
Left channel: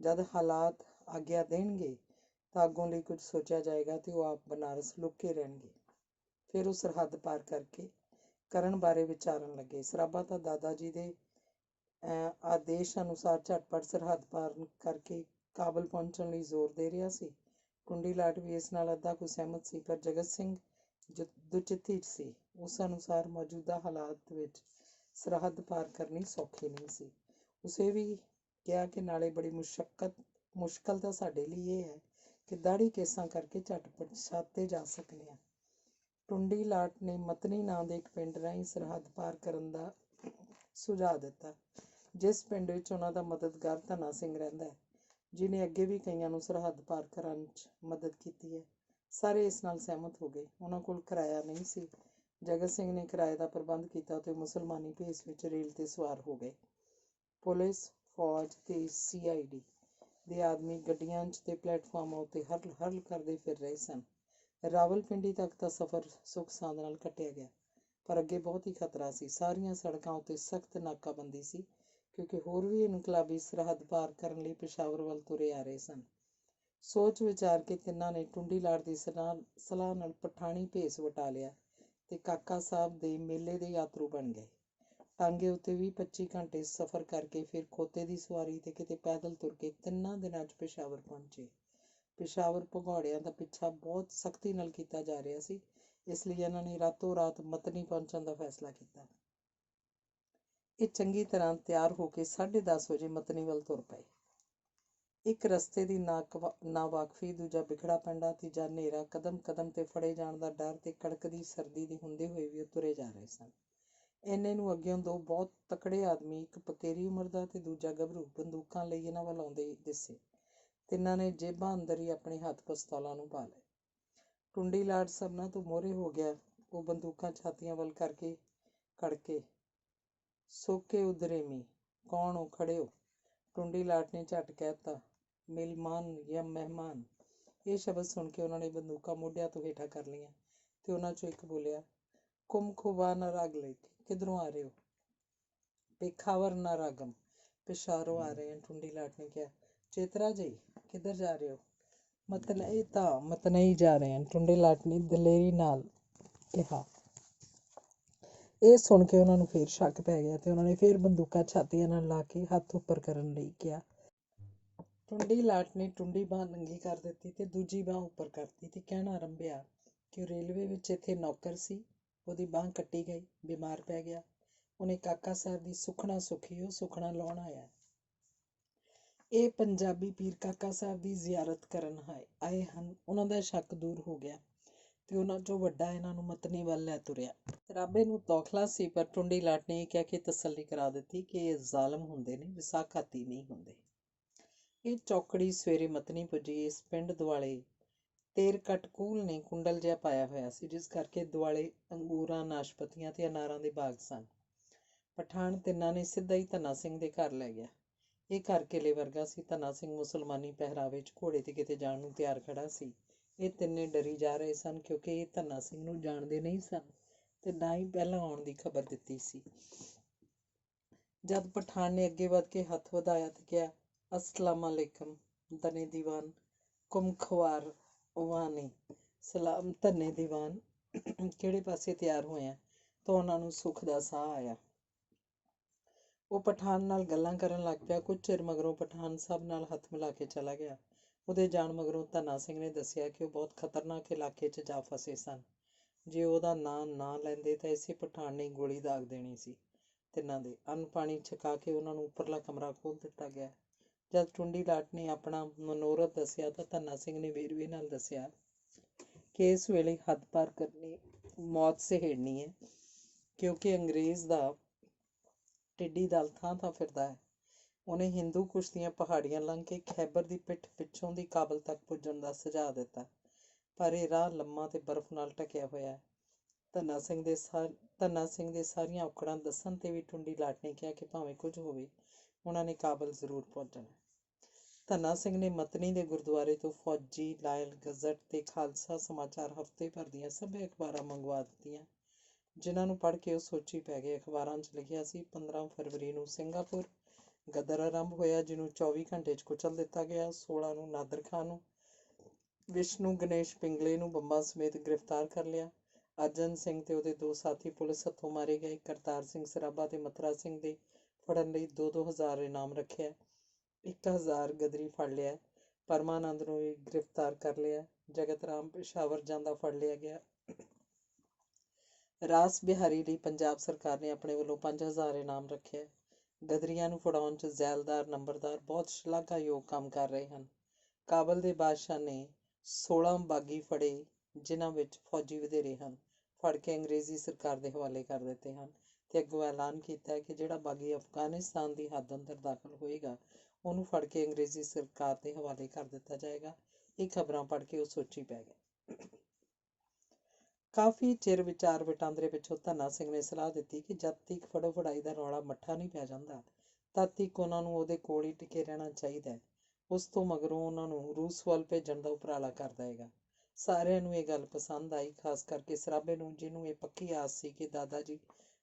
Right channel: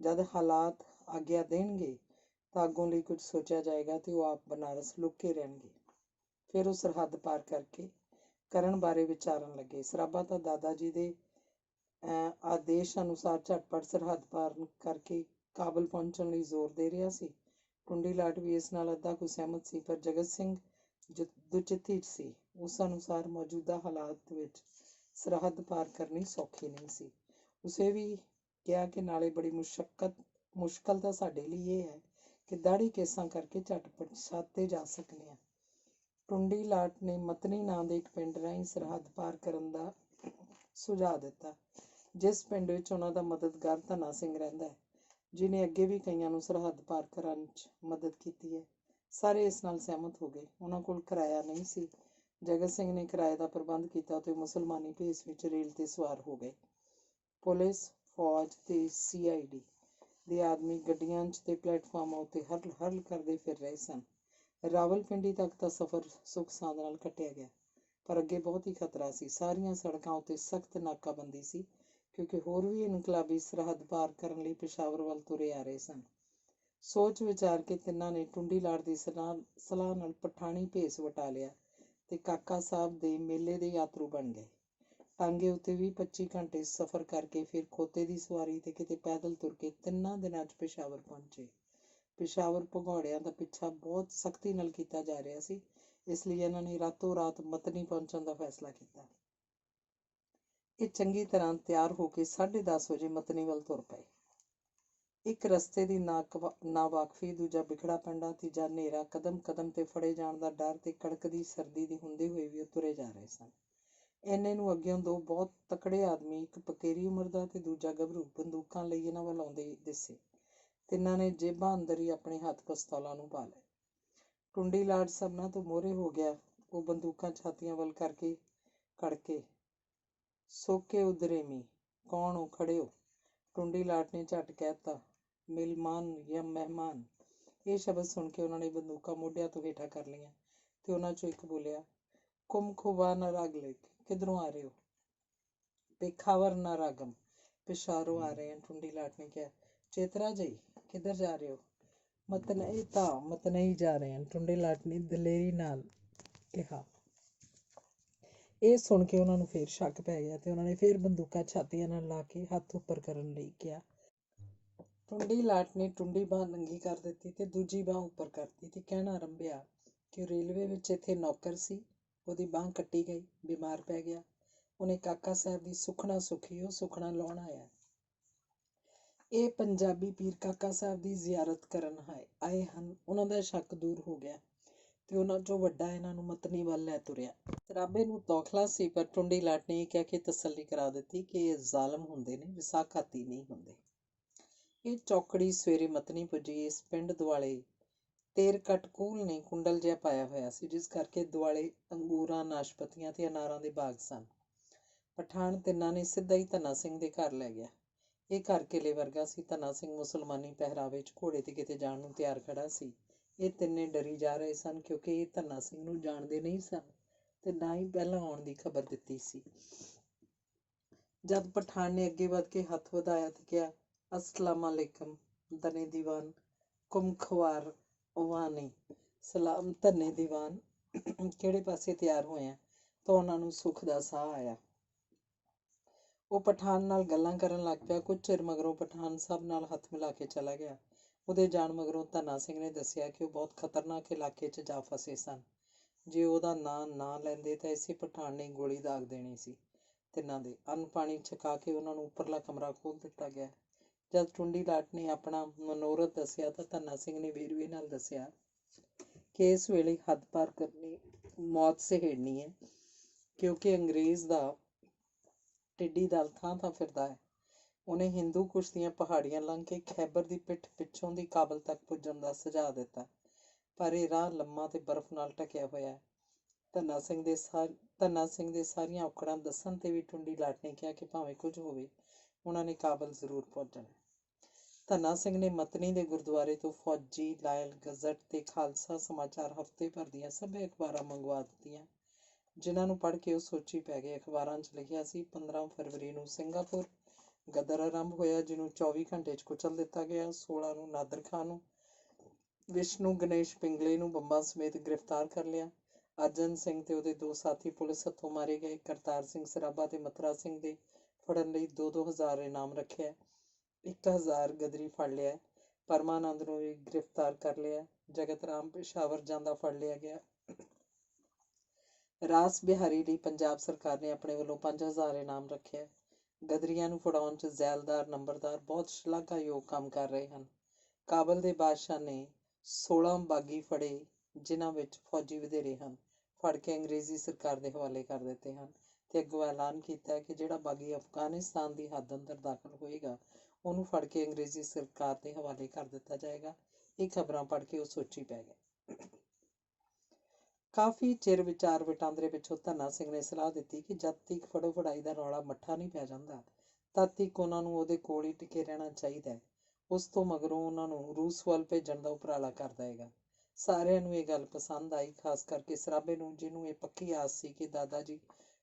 ਜਦ ਹਾਲਾਤ ਆਗਿਆ ਦੇਣਗੇ ਤਾਂ ਅੱਗੋਂ ਲਈ ਕੁਝ ਸੋਚਿਆ ਜਾਏਗਾ ਤੇ ਉਹ ਆਪ ਬਨਾਰਸ ਲੁੱਕ ਕੇ ਰਹਿਣਗੇ। ਫਿਰ ਉਹ ਸਰਹੱਦ ਪਾਰ ਕਰਨ ਬਾਰੇ ਵਿਚਾਰਨ ਲੱਗੇ। ਸਰਾਬਾ ਤਾਂ ਦਾਦਾ ਜੀ ਦੇ ਆਦੇਸ਼ ਅਨੁਸਾਰ ਝਟਪਟ ਸਰਹੱਦ ਪਾਰ ਕਰਕੇ ਕਾਬਲ ਪਹੁੰਚਣ ਲਈ ਜ਼ੋਰ ਦੇ ਰਿਹਾ ਸੀ। ਟੁੰਡੀ ਲਾਟ ਵੀ ਇਸ ਨਾਲ ਅੱਧਾ ਕੁ ਸਹਿਮਤ ਸੀ, ਪਰ ਜਗਤ ਸਿੰਘ ਦੁਚਿੱਤੀ 'ਚ ਸੀ। ਉਸ ਅਨੁਸਾਰ ਮੌਜੂਦਾ ਹਾਲਾਤ ਵਿੱਚ ਸਰਹੱਦ ਪਾਰ ਕਰਨੀ ਸੌਖੀ ਨਹੀਂ ਸੀ। ਉਸੇ ਵੀ ਕਿਹਾ ਕਿ ਨਾਲੇ ਬੜੀ ਮੁਸ਼ਕਲ ਤਾਂ ਸਾਡੇ ਲਈ ਇਹ ਹੈ ਕਿ ਦਾੜੀ ਕੇਸਾਂ ਕਰਕੇ ਝਟਪਟ ਛਾਤੇ ਜਾ ਸਕਦੇ ਹਾਂ। ਟੁੰਡੀ ਲਾਟ ਨੇ ਮਤਨੀ ਨਾਂ ਦੇ ਇੱਕ ਪਿੰਡ ਰਾਹੀਂ ਸਰਹੱਦ ਪਾਰ ਕਰਨ ਦਾ ਸੁਝਾਅ ਦਿੱਤਾ, ਜਿਸ ਪਿੰਡ ਵਿੱਚ ਉਹਨਾਂ ਦਾ ਮਦਦਗਾਰ ਧਨਾ ਸਿੰਘ ਰਹਿੰਦਾ ਹੈ, ਜਿਹਨੇ ਅੱਗੇ ਵੀ ਕਈਆਂ ਨੂੰ ਸਰਹੱਦ ਪਾਰ ਕਰਨ 'ਚ ਮਦਦ ਕੀਤੀ ਹੈ। ਸਾਰੇ ਇਸ ਨਾਲ ਸਹਿਮਤ ਹੋ ਗਏ। ਉਹਨਾਂ ਕੋਲ ਕਿਰਾਇਆ ਨਹੀਂ ਸੀ। ਜਗਤ ਸਿੰਘ ਨੇ ਕਿਰਾਏ ਦਾ ਪ੍ਰਬੰਧ ਕੀਤਾ ਤੇ ਮੁਸਲਮਾਨੀ ਭੇਸ ਵਿੱਚ ਰੇਲ ਤੇ ਸਵਾਰ ਹੋ ਗਏ। ਪੁਲਿਸ, ਫੌਜ ਤੇ CID ਦੇ ਆਦਮੀ ਗੱਡੀਆਂ 'ਚ ਤੇ ਪਲੇਟਫਾਰਮਾਂ ਉੱਤੇ ਹਰਲ ਕਰਦੇ ਫਿਰ ਰਹੇ ਸਨ। ਰਾਵਲਪਿੰਡੀ ਤੱਕ ਦਾ ਸਫ਼ਰ ਸੁੱਖ ਸਾਂਦ ਨਾਲ ਕੱਟਿਆ ਗਿਆ, ਪਰ ਅੱਗੇ ਬਹੁਤ ਹੀ ਖਤਰਾ ਸੀ। ਸਾਰੀਆਂ ਸੜਕਾਂ ਉੱਤੇ ਸਖਤ ਨਾਕਾਬੰਦੀ ਸੀ, ਕਿਉਂਕਿ ਹੋਰ ਵੀ ਇਨਕਲਾਬੀ ਸਰਹੱਦ ਪਾਰ ਕਰਨ ਲਈ ਪਿਸ਼ਾਵਰ ਵੱਲ ਤੁਰੇ ਆ ਰਹੇ ਸਨ। ਸੋਚ ਵਿਚਾਰ ਕੇ ਤਿੰਨਾਂ ਨੇ ਟੁੰਡੀ ਲਾਟ ਦੀ ਸਲਾਹ ਨਾਲ ਪਠਾਣੀ ਭੇਸ ਵਟਾ ਲਿਆ ਤੇ ਕਾਕਾ ਸਾਹਿਬ ਦੇ ਮੇਲੇ ਦੇ ਯਾਤਰੂ ਬਣ ਗਏ। ਟਾਂਗੇ ਉੱਤੇ 20-25 ਘੰਟੇ ਸਫ਼ਰ ਕਰਕੇ ਫਿਰ ਖੋਤੇ ਦੀ ਸਵਾਰੀ ਤੇ ਕਿਤੇ ਪੈਦਲ ਤੁਰ ਕੇ 3 ਦਿਨਾਂ 'ਚ ਪਿਸ਼ਾਵਰ ਪਹੁੰਚੇ। ਪਿਸ਼ਾਵਰ ਭਗੌੜਿਆਂ ਦਾ ਪਿੱਛਾ ਬਹੁਤ ਸਖਤੀ ਨਾਲ ਕੀਤਾ ਜਾ ਰਿਹਾ ਸੀ, ਇਸ ਲਈ ਇਹਨਾਂ ਨੇ ਰਾਤੋਂ ਰਾਤ ਮਤਨੀ ਪਹੁੰਚਣ ਦਾ ਫੈਸਲਾ ਕੀਤਾ। ਇਹ ਚੰਗੀ ਤਰ੍ਹਾਂ ਤਿਆਰ ਹੋ ਕੇ 10:30 ਵਜੇ ਮਤਨੀ ਵੱਲ ਤੁਰ ਪਏ। ਇੱਕ ਰਸਤੇ ਦੀ ਨਾਵਾਕਫੀ, ਦੂਜਾ ਬਿਖੜਾ ਪੈਂਡਾ, ਤੀਜਾ ਹਨੇਰਾ। ਕਦਮ ਕਦਮ ਤੇ ਫੜੇ ਜਾਣ ਦਾ ਡਰ ਤੇ ਕੜਕਦੀ ਸਰਦੀ ਦੇ ਹੁੰਦੇ ਹੋਏ ਵੀ ਉਹ ਤੁਰੇ ਜਾ ਰਹੇ ਸਨ। ਇੰਨੇ ਨੂੰ ਅੱਗਿਓਂ ਦੋ ਬਹੁਤ ਤਕੜੇ ਆਦਮੀ, ਇੱਕ ਪਕੇਰੀ ਉਮਰ ਦਾ ਤੇ ਦੂਜਾ ਗੱਭਰੂ, ਬੰਦੂਕਾਂ ਲਈ ਇਹਨਾਂ ਵੱਲ ਆਉਂਦੇ ਦਿਸੇ। ਤਿੰਨਾਂ ਨੇ ਜੇਬਾਂ ਅੰਦਰ ਹੀ ਆਪਣੇ ਹੱਥ ਪਿਸਤੌਲਾਂ ਨੂੰ ਪਾ ਲਏ। ਟੁੰਡੀ ਲਾਟ ਸਭਨਾਂ ਤੋਂ ਮੋਹਰੇ ਹੋ ਗਿਆ। ਉਹ ਬੰਦੂਕਾਂ ਛਾਤੀਆਂ ਵੱਲ ਕਰਕੇ ਕੜਕੇ, ਸੋਕੇ ਉਦਰੇਮੀ, ਕੌਣ ਹੋ, ਖੜੇ ਹੋ। ਟੁੰਡੀ ਲਾਟ ਨੇ ਝੱਟ ਕਹਿਤਾ, ਮਿਲਮਾਨ ਜਾਂ ਮਹਿਮਾਨ। ਇਹ ਸ਼ਬਦ ਸੁਣ ਕੇ ਉਹਨਾਂ ਨੇ ਬੰਦੂਕਾਂ ਮੋਢਿਆਂ ਤੋਂ ਹੇਠਾਂ ਕਰ ਲਈਆਂ ਤੇ ਉਹਨਾਂ 'ਚੋਂ ਇੱਕ ਬੋਲਿਆ, ਕੁਮ ਖੁਬਾ ਨਰਾਗਲਿਕ, ਕਿੱਧਰੋਂ ਆ ਰਹੇ ਹੋ? ਪੇਖਾਵਰ ਨਾਰਾਗਮ, ਪਿਸ਼ਾਵਰੋਂ ਆ ਰਹੇ ਹਾਂ, ਟੁੰਡੀ ਲਾਟ ਨੇ ਕਿਹਾ। ਚੇਤਰਾ ਜੀ, ਕਿੱਧਰ ਜਾ ਰਹੇ ਹੋ? ਮਤਨਈ ਜਾ ਰਹੇ ਹਾਂ, ਟੁੰਡੀ ਲਾਟ ਨੇ ਦਲੇਰੀ ਨਾਲ ਕਿਹਾ। ਇਹ ਸੁਣ ਕੇ ਉਹਨਾਂ ਨੂੰ ਫੇਰ ਸ਼ੱਕ ਪੈ ਗਿਆ ਤੇ ਉਹਨਾਂ ਨੇ ਫੇਰ ਬੰਦੂਕਾਂ ਛਾਤੀਆਂ ਨਾਲ ਲਾ ਕੇ ਹੱਥ ਉੱਪਰ ਕਰਨ ਲਈ ਕਿਹਾ। ਟੁੰਡੀ ਲਾਟ ਨੇ ਟੁੰਡੀ ਬਾਂਹ ਨੰਗੀ ਕਰ ਦਿੱਤੀ ਤੇ ਦੂਜੀ ਬਾਂਹ ਉੱਪਰ ਕਰਤੀ ਤੇ ਕਹਿਣਾ ਆਰੰਭਿਆ ਕਿ ਉਹ ਰੇਲਵੇ ਵਿੱਚ ਇੱਥੇ ਨੌਕਰ ਸੀ, ਉਹਦੀ ਬਾਂਹ ਕੱਟੀ ਗਈ, ਬਿਮਾਰ ਪੈ ਗਿਆ। ਉਹਨੇ ਕਾਕਾ ਸਾਹਿਬ ਦੀ ਸੁੱਖਣਾ ਸੁੱਖੀ, ਉਹ ਸੁੱਖਣਾ ਲਾਉਣ ਆਇਆ। ਇਹ ਪੰਜਾਬੀ ਪੀਰ ਕਾਕਾ ਸਾਹਿਬ ਦੀ ਜ਼ਿਆਰਤ ਕਰਨ ਆਏ ਹਨ। ਉਹਨਾਂ ਦਾ ਸ਼ੱਕ ਦੂਰ ਹੋ ਗਿਆ ਤੇ ਉਹਨਾਂ 'ਚੋਂ ਵੱਡਾ ਇਹਨਾਂ ਨੂੰ ਮਤਨੀ ਵੱਲ ਲੈ ਤੁਰਿਆ। ਸਰਾਬੇ ਨੂੰ ਤੌਖਲਾ ਸੀ, ਪਰ ਟੁੰਡੀ ਲਾਟ ਨੇ ਇਹ ਕਹਿ ਕੇ ਤਸੱਲੀ ਕਰਾ ਦਿੱਤੀ ਕਿ ਇਹ ਜ਼ਾਲਮ ਹੁੰਦੇ ਨੇ, ਵਿਸਾਖਾਤੀ ਨਹੀਂ ਹੁੰਦੇ। ਇਹ ਚੌਕੜੀ ਸਵੇਰੇ ਮਤਨੀ ਪੁੱਜੀ। ਇਸ ਪਿੰਡ ਦੁਆਲੇ ਤੇਰਕਟਕੂਲ ਨੇ ਕੁੰਡਲ ਜਿਹਾ ਪਾਇਆ ਹੋਇਆ ਸੀ, ਜਿਸ ਕਰਕੇ ਦੁਆਲੇ ਅੰਗੂਰਾਂ, ਨਾਸ਼ਪਤੀਆਂ ਤੇ ਅਨਾਰਾਂ ਦੇ ਬਾਗ ਸਨ। ਪਠਾਨ ਤਿੰਨਾਂ ਨੇ ਸਿੱਧਾ ਹੀ ਧੰਨਾ ਸਿੰਘ ਦੇ ਘਰ ਲੈ ਗਿਆ। ਇਹ ਘਰ ਕਿਲੇ ਵਰਗਾ ਸੀ। ਧੰਨਾ ਸਿੰਘ ਮੁਸਲਮਾਨੀ ਪਹਿਰਾਵੇ 'ਚ ਘੋੜੇ 'ਤੇ ਕਿਤੇ ਜਾਣ ਨੂੰ ਤਿਆਰ ਖੜਾ ਸੀ। ਇਹ ਤਿੰਨੇ ਡਰੀ ਜਾ ਰਹੇ ਸਨ ਕਿਉਂਕਿ ਇਹ ਧੰਨਾ ਸਿੰਘ ਨੂੰ ਜਾਣਦੇ ਨਹੀਂ ਸਨ ਤੇ ਨਾ ਹੀ ਪਹਿਲਾਂ ਆਉਣ ਦੀ ਖਬਰ ਦਿੱਤੀ ਸੀ। ਜਦ ਪਠਾਨ ਨੇ ਅੱਗੇ ਵੱਧ ਕੇ ਹੱਥ ਵਧਾਇਆ ਤੇ ਕਿਹਾ, ਅਸਲਾਮ ਅਲੈਕਮ ਧੰਨੇ ਦੀਵਾਨ ਕੁਮਖਵਾਰ ਵਾਨੀ। ਸਲਾਮ ਧੰਨੇ ਦੀਵਾਨ, ਕਿਹੜੇ ਪਾਸੇ ਤਿਆਰ ਹੋਇਆ? ਤਾਂ ਉਹਨਾਂ ਨੂੰ ਸੁੱਖ ਦਾ ਸਾਹ ਆਇਆ। ਉਹ ਪਠਾਨ ਨਾਲ ਗੱਲਾਂ ਕਰਨ ਲੱਗ ਪਿਆ। ਕੁਝ ਚਿਰ ਮਗਰੋਂ ਪਠਾਨ ਸਭ ਨਾਲ ਹੱਥ ਮਿਲਾ ਕੇ ਚਲਾ ਗਿਆ। ਉਹਦੇ ਜਾਣ ਮਗਰੋਂ ਧੰਨਾ ਸਿੰਘ ਨੇ ਦੱਸਿਆ ਕਿ ਉਹ ਬਹੁਤ ਖਤਰਨਾਕ ਇਲਾਕੇ 'ਚ ਜਾ ਫਸੇ ਸਨ। ਜੇ ਉਹਦਾ ਨਾਂ ਨਾ ਲੈਂਦੇ ਤਾਂ ਇਸੇ ਪਠਾਨ ਨੇ ਗੋਲੀ ਦਾਗ ਦੇਣੀ ਸੀ। ਤਿੰਨਾਂ ਦੇ ਅੰਨ ਪਾਣੀ ਛਕਾ ਕੇ ਉਹਨਾਂ ਨੂੰ ਉੱਪਰਲਾ ਕਮਰਾ ਖੋਲ੍ਹ ਦਿੱਤਾ ਗਿਆ। ਜਦ ਟੁੰਡੀ ਲਾਟ ਨੇ ਆਪਣਾ ਮਨੋਰਥ ਦੱਸਿਆ ਤਾਂ ਧੰਨਾ ਸਿੰਘ ਨੇ ਵੇਰਵੇ ਨਾਲ ਦੱਸਿਆ ਕਿ ਇਸ ਵੇਲੇ ਹੱਦ ਪਾਰ ਕਰਨੀ ਮੌਤ ਸਹੇੜਨੀ ਹੈ, ਕਿਉਂਕਿ ਅੰਗਰੇਜ਼ ਦਾ ਟਿੱਡੀ ਦਲ ਥਾਂ ਥਾਂ ਫਿਰਦਾ ਹੈ। ਉਹਨੇ ਹਿੰਦੂ ਕੁਸ਼ ਦੀਆਂ ਪਹਾੜੀਆਂ ਲੰਘ ਕੇ ਖੈਬਰ ਦੀ ਪਿੱਠ ਪਿੱਛੋਂ ਦੀ ਕਾਬਲ ਤੱਕ ਪੁੱਜਣ ਦਾ ਸੁਝਾਅ ਦਿੱਤਾ, ਪਰ ਇਹ ਰਾਹ ਲੰਮਾ ਤੇ ਬਰਫ਼ ਨਾਲ ਢਕਿਆ ਹੋਇਆ ਹੈ। ਧੰਨਾ ਸਿੰਘ ਦੇ ਸਾਰੀਆਂ ਔਕੜਾਂ ਦੱਸਣ 'ਤੇ ਵੀ ਟੁੰਡੀ ਲਾਟ ਨੇ ਕਿਹਾ ਕਿ ਭਾਵੇਂ ਕੁਝ ਹੋਵੇ, ਉਹਨਾਂ ਨੇ ਕਾਬਲ ਜ਼ਰੂਰ ਪਹੁੰਚਣਾ। ਧੰਨਾ ਸਿੰਘ ਨੇ ਮਤਨੀ ਦੇ ਗੁਰਦੁਆਰੇ ਤੋਂ ਫੌਜੀ ਲਾਇਲ ਗਜ਼ਟ ਤੇ ਖਾਲਸਾ ਸਮਾਚਾਰ ਹਫ਼ਤੇ ਭਰ ਦੀਆਂ ਸਭੇ ਅਖਬਾਰਾਂ ਮੰਗਵਾ ਦਿੱਤੀਆਂ, ਜਿਨ੍ਹਾਂ ਨੂੰ ਪੜ੍ਹ ਕੇ ਉਹ ਸੋਚੀ ਪੈ ਗਏ। ਅਖਬਾਰਾਂ 'ਚ ਲਿਖਿਆ ਸੀ, 15 ਫਰਵਰੀ ਨੂੰ ਸਿੰਗਾਪੁਰ ਗਦਰ ਆਰੰਭ ਹੋਇਆ, ਜਿਹਨੂੰ 24 ਘੰਟੇ 'ਚ ਕੁਚਲ ਦਿੱਤਾ ਗਿਆ। 16 ਨੂੰ ਨਾਦਰ ਖਾਂ ਨੂੰ, ਵਿਸ਼ਨੂੰ ਗਣੇਸ਼ ਪਿੰਗਲੇ ਨੂੰ ਬੰਬਾਂ ਸਮੇਤ ਗ੍ਰਿਫਤਾਰ ਕਰ ਲਿਆ। ਅਰਜਨ ਸਿੰਘ ਤੇ ਉਹਦੇ 2 ਸਾਥੀ ਪੁਲਿਸ ਹੱਥੋਂ ਮਾਰੇ ਗਏ। ਕਰਤਾਰ ਸਿੰਘ ਸਰਾਭਾ ਤੇ ਮਥੁਰਾ ਸਿੰਘ ਦੇ ਫੜਨ ਲਈ 2-2 ਹਜ਼ਾਰ ਇਨਾਮ ਰੱਖਿਆ। 1000 ਗਦਰੀ ਫੜ ਲਿਆ। ਪਰਮਾਨੰਦ ਨੂੰ ਵੀ ਗ੍ਰਿਫਤਾਰ ਕਰ ਲਿਆ। ਜਗਤ ਰਾਮ ਪੇਸ਼ਾਵਰ ਜਾਂਦਾ ਫੜ ਲਿਆ ਗਿਆ। ਰਾਸ ਬਿਹਾਰੀ ਲਈ ਪੰਜਾਬ ਸਰਕਾਰ ਨੇ ਆਪਣੇ ਵੱਲੋਂ 5000 ਇਨਾਮ ਰੱਖਿਆ। ਗਦਰੀਆਂ ਨੂੰ ਫੜਾਉਣ 'ਚ ਜ਼ੈਲਦਾਰ ਨੰਬਰਦਾਰ ਬਹੁਤ ਸ਼ਲਾਘਾਯੋਗ ਕੰਮ ਕਰ ਰਹੇ ਹਨ। ਕਾਬਲ ਦੇ ਬਾਦਸ਼ਾਹ ਨੇ 16 ਬਾਗੀ ਫੜੇ, ਜਿਨ੍ਹਾਂ ਵਿੱਚ ਫੌਜੀ ਵਧੇਰੇ ਹਨ, ਫੜ ਕੇ ਅੰਗਰੇਜ਼ੀ ਸਰਕਾਰ ਦੇ ਹਵਾਲੇ ਕਰ ਦਿੱਤੇ ਹਨ ਤੇ ਅੱਗੋਂ ਐਲਾਨ ਕੀਤਾ ਕਿ ਜਿਹੜਾ ਬਾਗੀ ਅਫਗਾਨਿਸਤਾਨ ਦੀ ਹੱਦ ਅੰਦਰ ਦਾਖਲ ਹੋਏਗਾ, ਉਹਨੂੰ ਫੜ ਕੇ ਅੰਗਰੇਜ਼ੀ ਸਰਕਾਰ ਦੇ ਹਵਾਲੇ ਕਰ ਦਿੱਤਾ ਜਾਏਗਾ। ਇਹ ਖਬਰਾਂ ਪੜ੍ਹ ਕੇ ਉਹ ਸੋਚੀ ਪੈ ਗਿਆ। ਕਾਫੀ ਚਿਰ ਵਿਚਾਰ ਵਟਾਂਦਰੇ ਪਿੱਛੋਂ ਧੰਨਾ ਸਿੰਘ ਨੇ ਸਲਾਹ ਦਿੱਤੀ ਕਿ ਜਦ ਤੱਕ ਫੜੋ ਫੜਾਈ ਦਾ ਰੌਲਾ ਮੱਠਾ ਨਹੀਂ ਪੈ ਜਾਂਦਾ, ਤਦ ਤੱਕ ਉਹਨਾਂ ਨੂੰ ਉਹਦੇ ਕੋਲ ਹੀ ਟਿਕੇ ਰਹਿਣਾ ਚਾਹੀਦਾ ਹੈ। ਉਸ ਤੋਂ ਮਗਰੋਂ ਉਹਨਾਂ ਨੂੰ ਰੂਸ ਵੱਲ ਭੇਜਣ ਦਾ ਉਪਰਾਲਾ ਕਰ ਦੇਵੇਗਾ। ਸਾਰਿਆਂ ਨੂੰ ਇਹ ਗੱਲ ਪਸੰਦ ਆਈ, ਖਾਸ ਕਰਕੇ ਸਰਾਭੇ ਨੂੰ, ਜਿਹਨੂੰ ਇਹ ਪੱਕੀ ਆਸ ਸੀ ਕਿ ਦਾਦਾ ਜੀ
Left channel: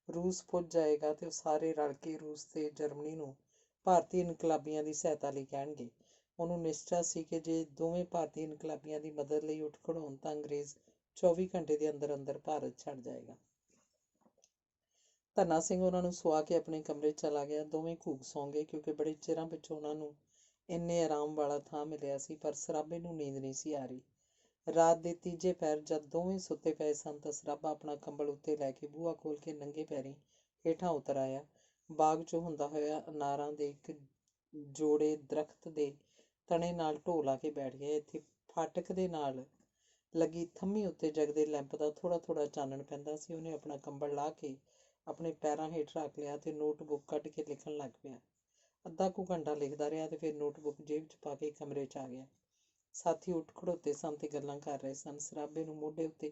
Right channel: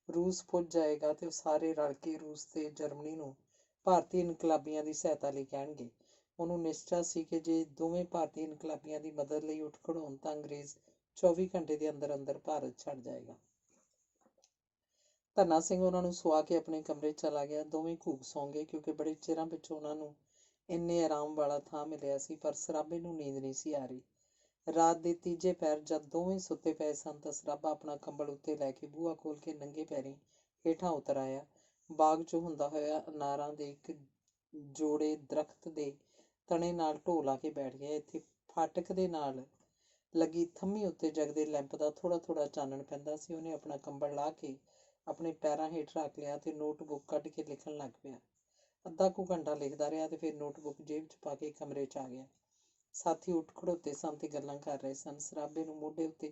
ਰੂਸ ਪੁੱਜ ਜਾਏਗਾ ਤੇ ਉਹ ਸਾਰੇ ਰਲ ਕੇ ਰੂਸ ਤੇ ਜਰਮਨੀ ਨੂੰ ਭਾਰਤੀ ਇਨਕਲਾਬੀਆਂ ਦੀ ਸਹਾਇਤਾ ਲਈ ਕਹਿਣਗੇ। ਉਹਨੂੰ ਨਿਸ਼ਚਾ ਸੀ ਕਿ ਜੇ ਦੋਵੇਂ ਭਾਰਤੀ ਇਨਕਲਾਬੀਆਂ ਦੀ ਮਦਦ ਲਈ ਉੱਠ ਖੜੋਣ ਤਾਂ ਅੰਗਰੇਜ਼ 24 ਘੰਟੇ ਦੇ ਅੰਦਰ ਅੰਦਰ ਭਾਰਤ ਛੱਡ ਜਾਏਗਾ। ਧੰਨਾ ਸਿੰਘ ਉਹਨਾਂ ਨੂੰ ਸੁਆ ਕੇ ਆਪਣੇ ਕਮਰੇ 'ਚ ਚਲਾ ਗਿਆ। ਦੋਵੇਂ ਘੂਕ ਸੌਂ ਗਏ, ਕਿਉਂਕਿ ਬੜੇ ਚਿਰਾਂ ਪਿੱਛੋਂ ਉਹਨਾਂ ਨੂੰ ਇੰਨੇ ਆਰਾਮ ਵਾਲਾ ਥਾਂ ਮਿਲਿਆ ਸੀ, ਪਰ ਸਰਾਭੇ ਨੂੰ ਨੀਂਦ ਨਹੀਂ ਸੀ ਆ ਰਹੀ। ਰਾਤ ਦੇ ਤੀਜੇ ਪਹਿਰ ਜਦ ਦੋਵੇਂ ਸੁੱਤੇ ਪਏ ਸਨ ਤਾਂ ਸਰਾਭਾ ਆਪਣਾ ਕੰਬਲ ਉੱਤੇ ਲੈ ਕੇ ਬੂਹਾ ਖੋਲ੍ਹ ਕੇ ਨੰਗੇ ਪੈਰੀਂ ਹੇਠਾਂ ਉਤਰ ਆਇਆ। ਬਾਗ 'ਚੋਂ ਹੁੰਦਾ ਹੋਇਆ ਅਨਾਰਾਂ ਦੇ ਇੱਕ ਜੋੜੇ ਦਰੱਖਤ ਦੇ ਤਣੇ ਨਾਲ ਢੋਹ ਲਾ ਕੇ ਬੈਠ ਗਿਆ। ਇੱਥੇ ਫਾਟਕ ਦੇ ਨਾਲ ਲੱਗੀ ਥੰਮੀ ਉੱਤੇ ਜਗਦੇ ਲੈਂਪ ਦਾ ਥੋੜ੍ਹਾ ਥੋੜ੍ਹਾ ਚਾਨਣ ਪੈਂਦਾ ਸੀ। ਉਹਨੇ ਆਪਣਾ ਕੰਬਲ ਲਾਹ ਕੇ ਆਪਣੇ ਪੈਰਾਂ ਹੇਠ ਰੱਖ ਲਿਆ ਤੇ ਨੋਟਬੁੱਕ ਕੱਢ ਕੇ ਲਿਖਣ ਲੱਗ ਪਿਆ। ਅੱਧਾ ਕੁ ਘੰਟਾ ਲਿਖਦਾ ਰਿਹਾ ਤੇ ਫਿਰ ਨੋਟਬੁੱਕ ਜੇਬ 'ਚ ਪਾ ਕੇ ਕਮਰੇ 'ਚ ਆ ਗਿਆ। ਸਾਥੀ ਉੱਠ ਖੜੋਤੇ ਸਨ ਤੇ ਗੱਲਾਂ ਕਰ ਰਹੇ ਸਨ। ਸਰਾਭੇ ਨੂੰ ਮੋਢੇ ਉੱਤੇ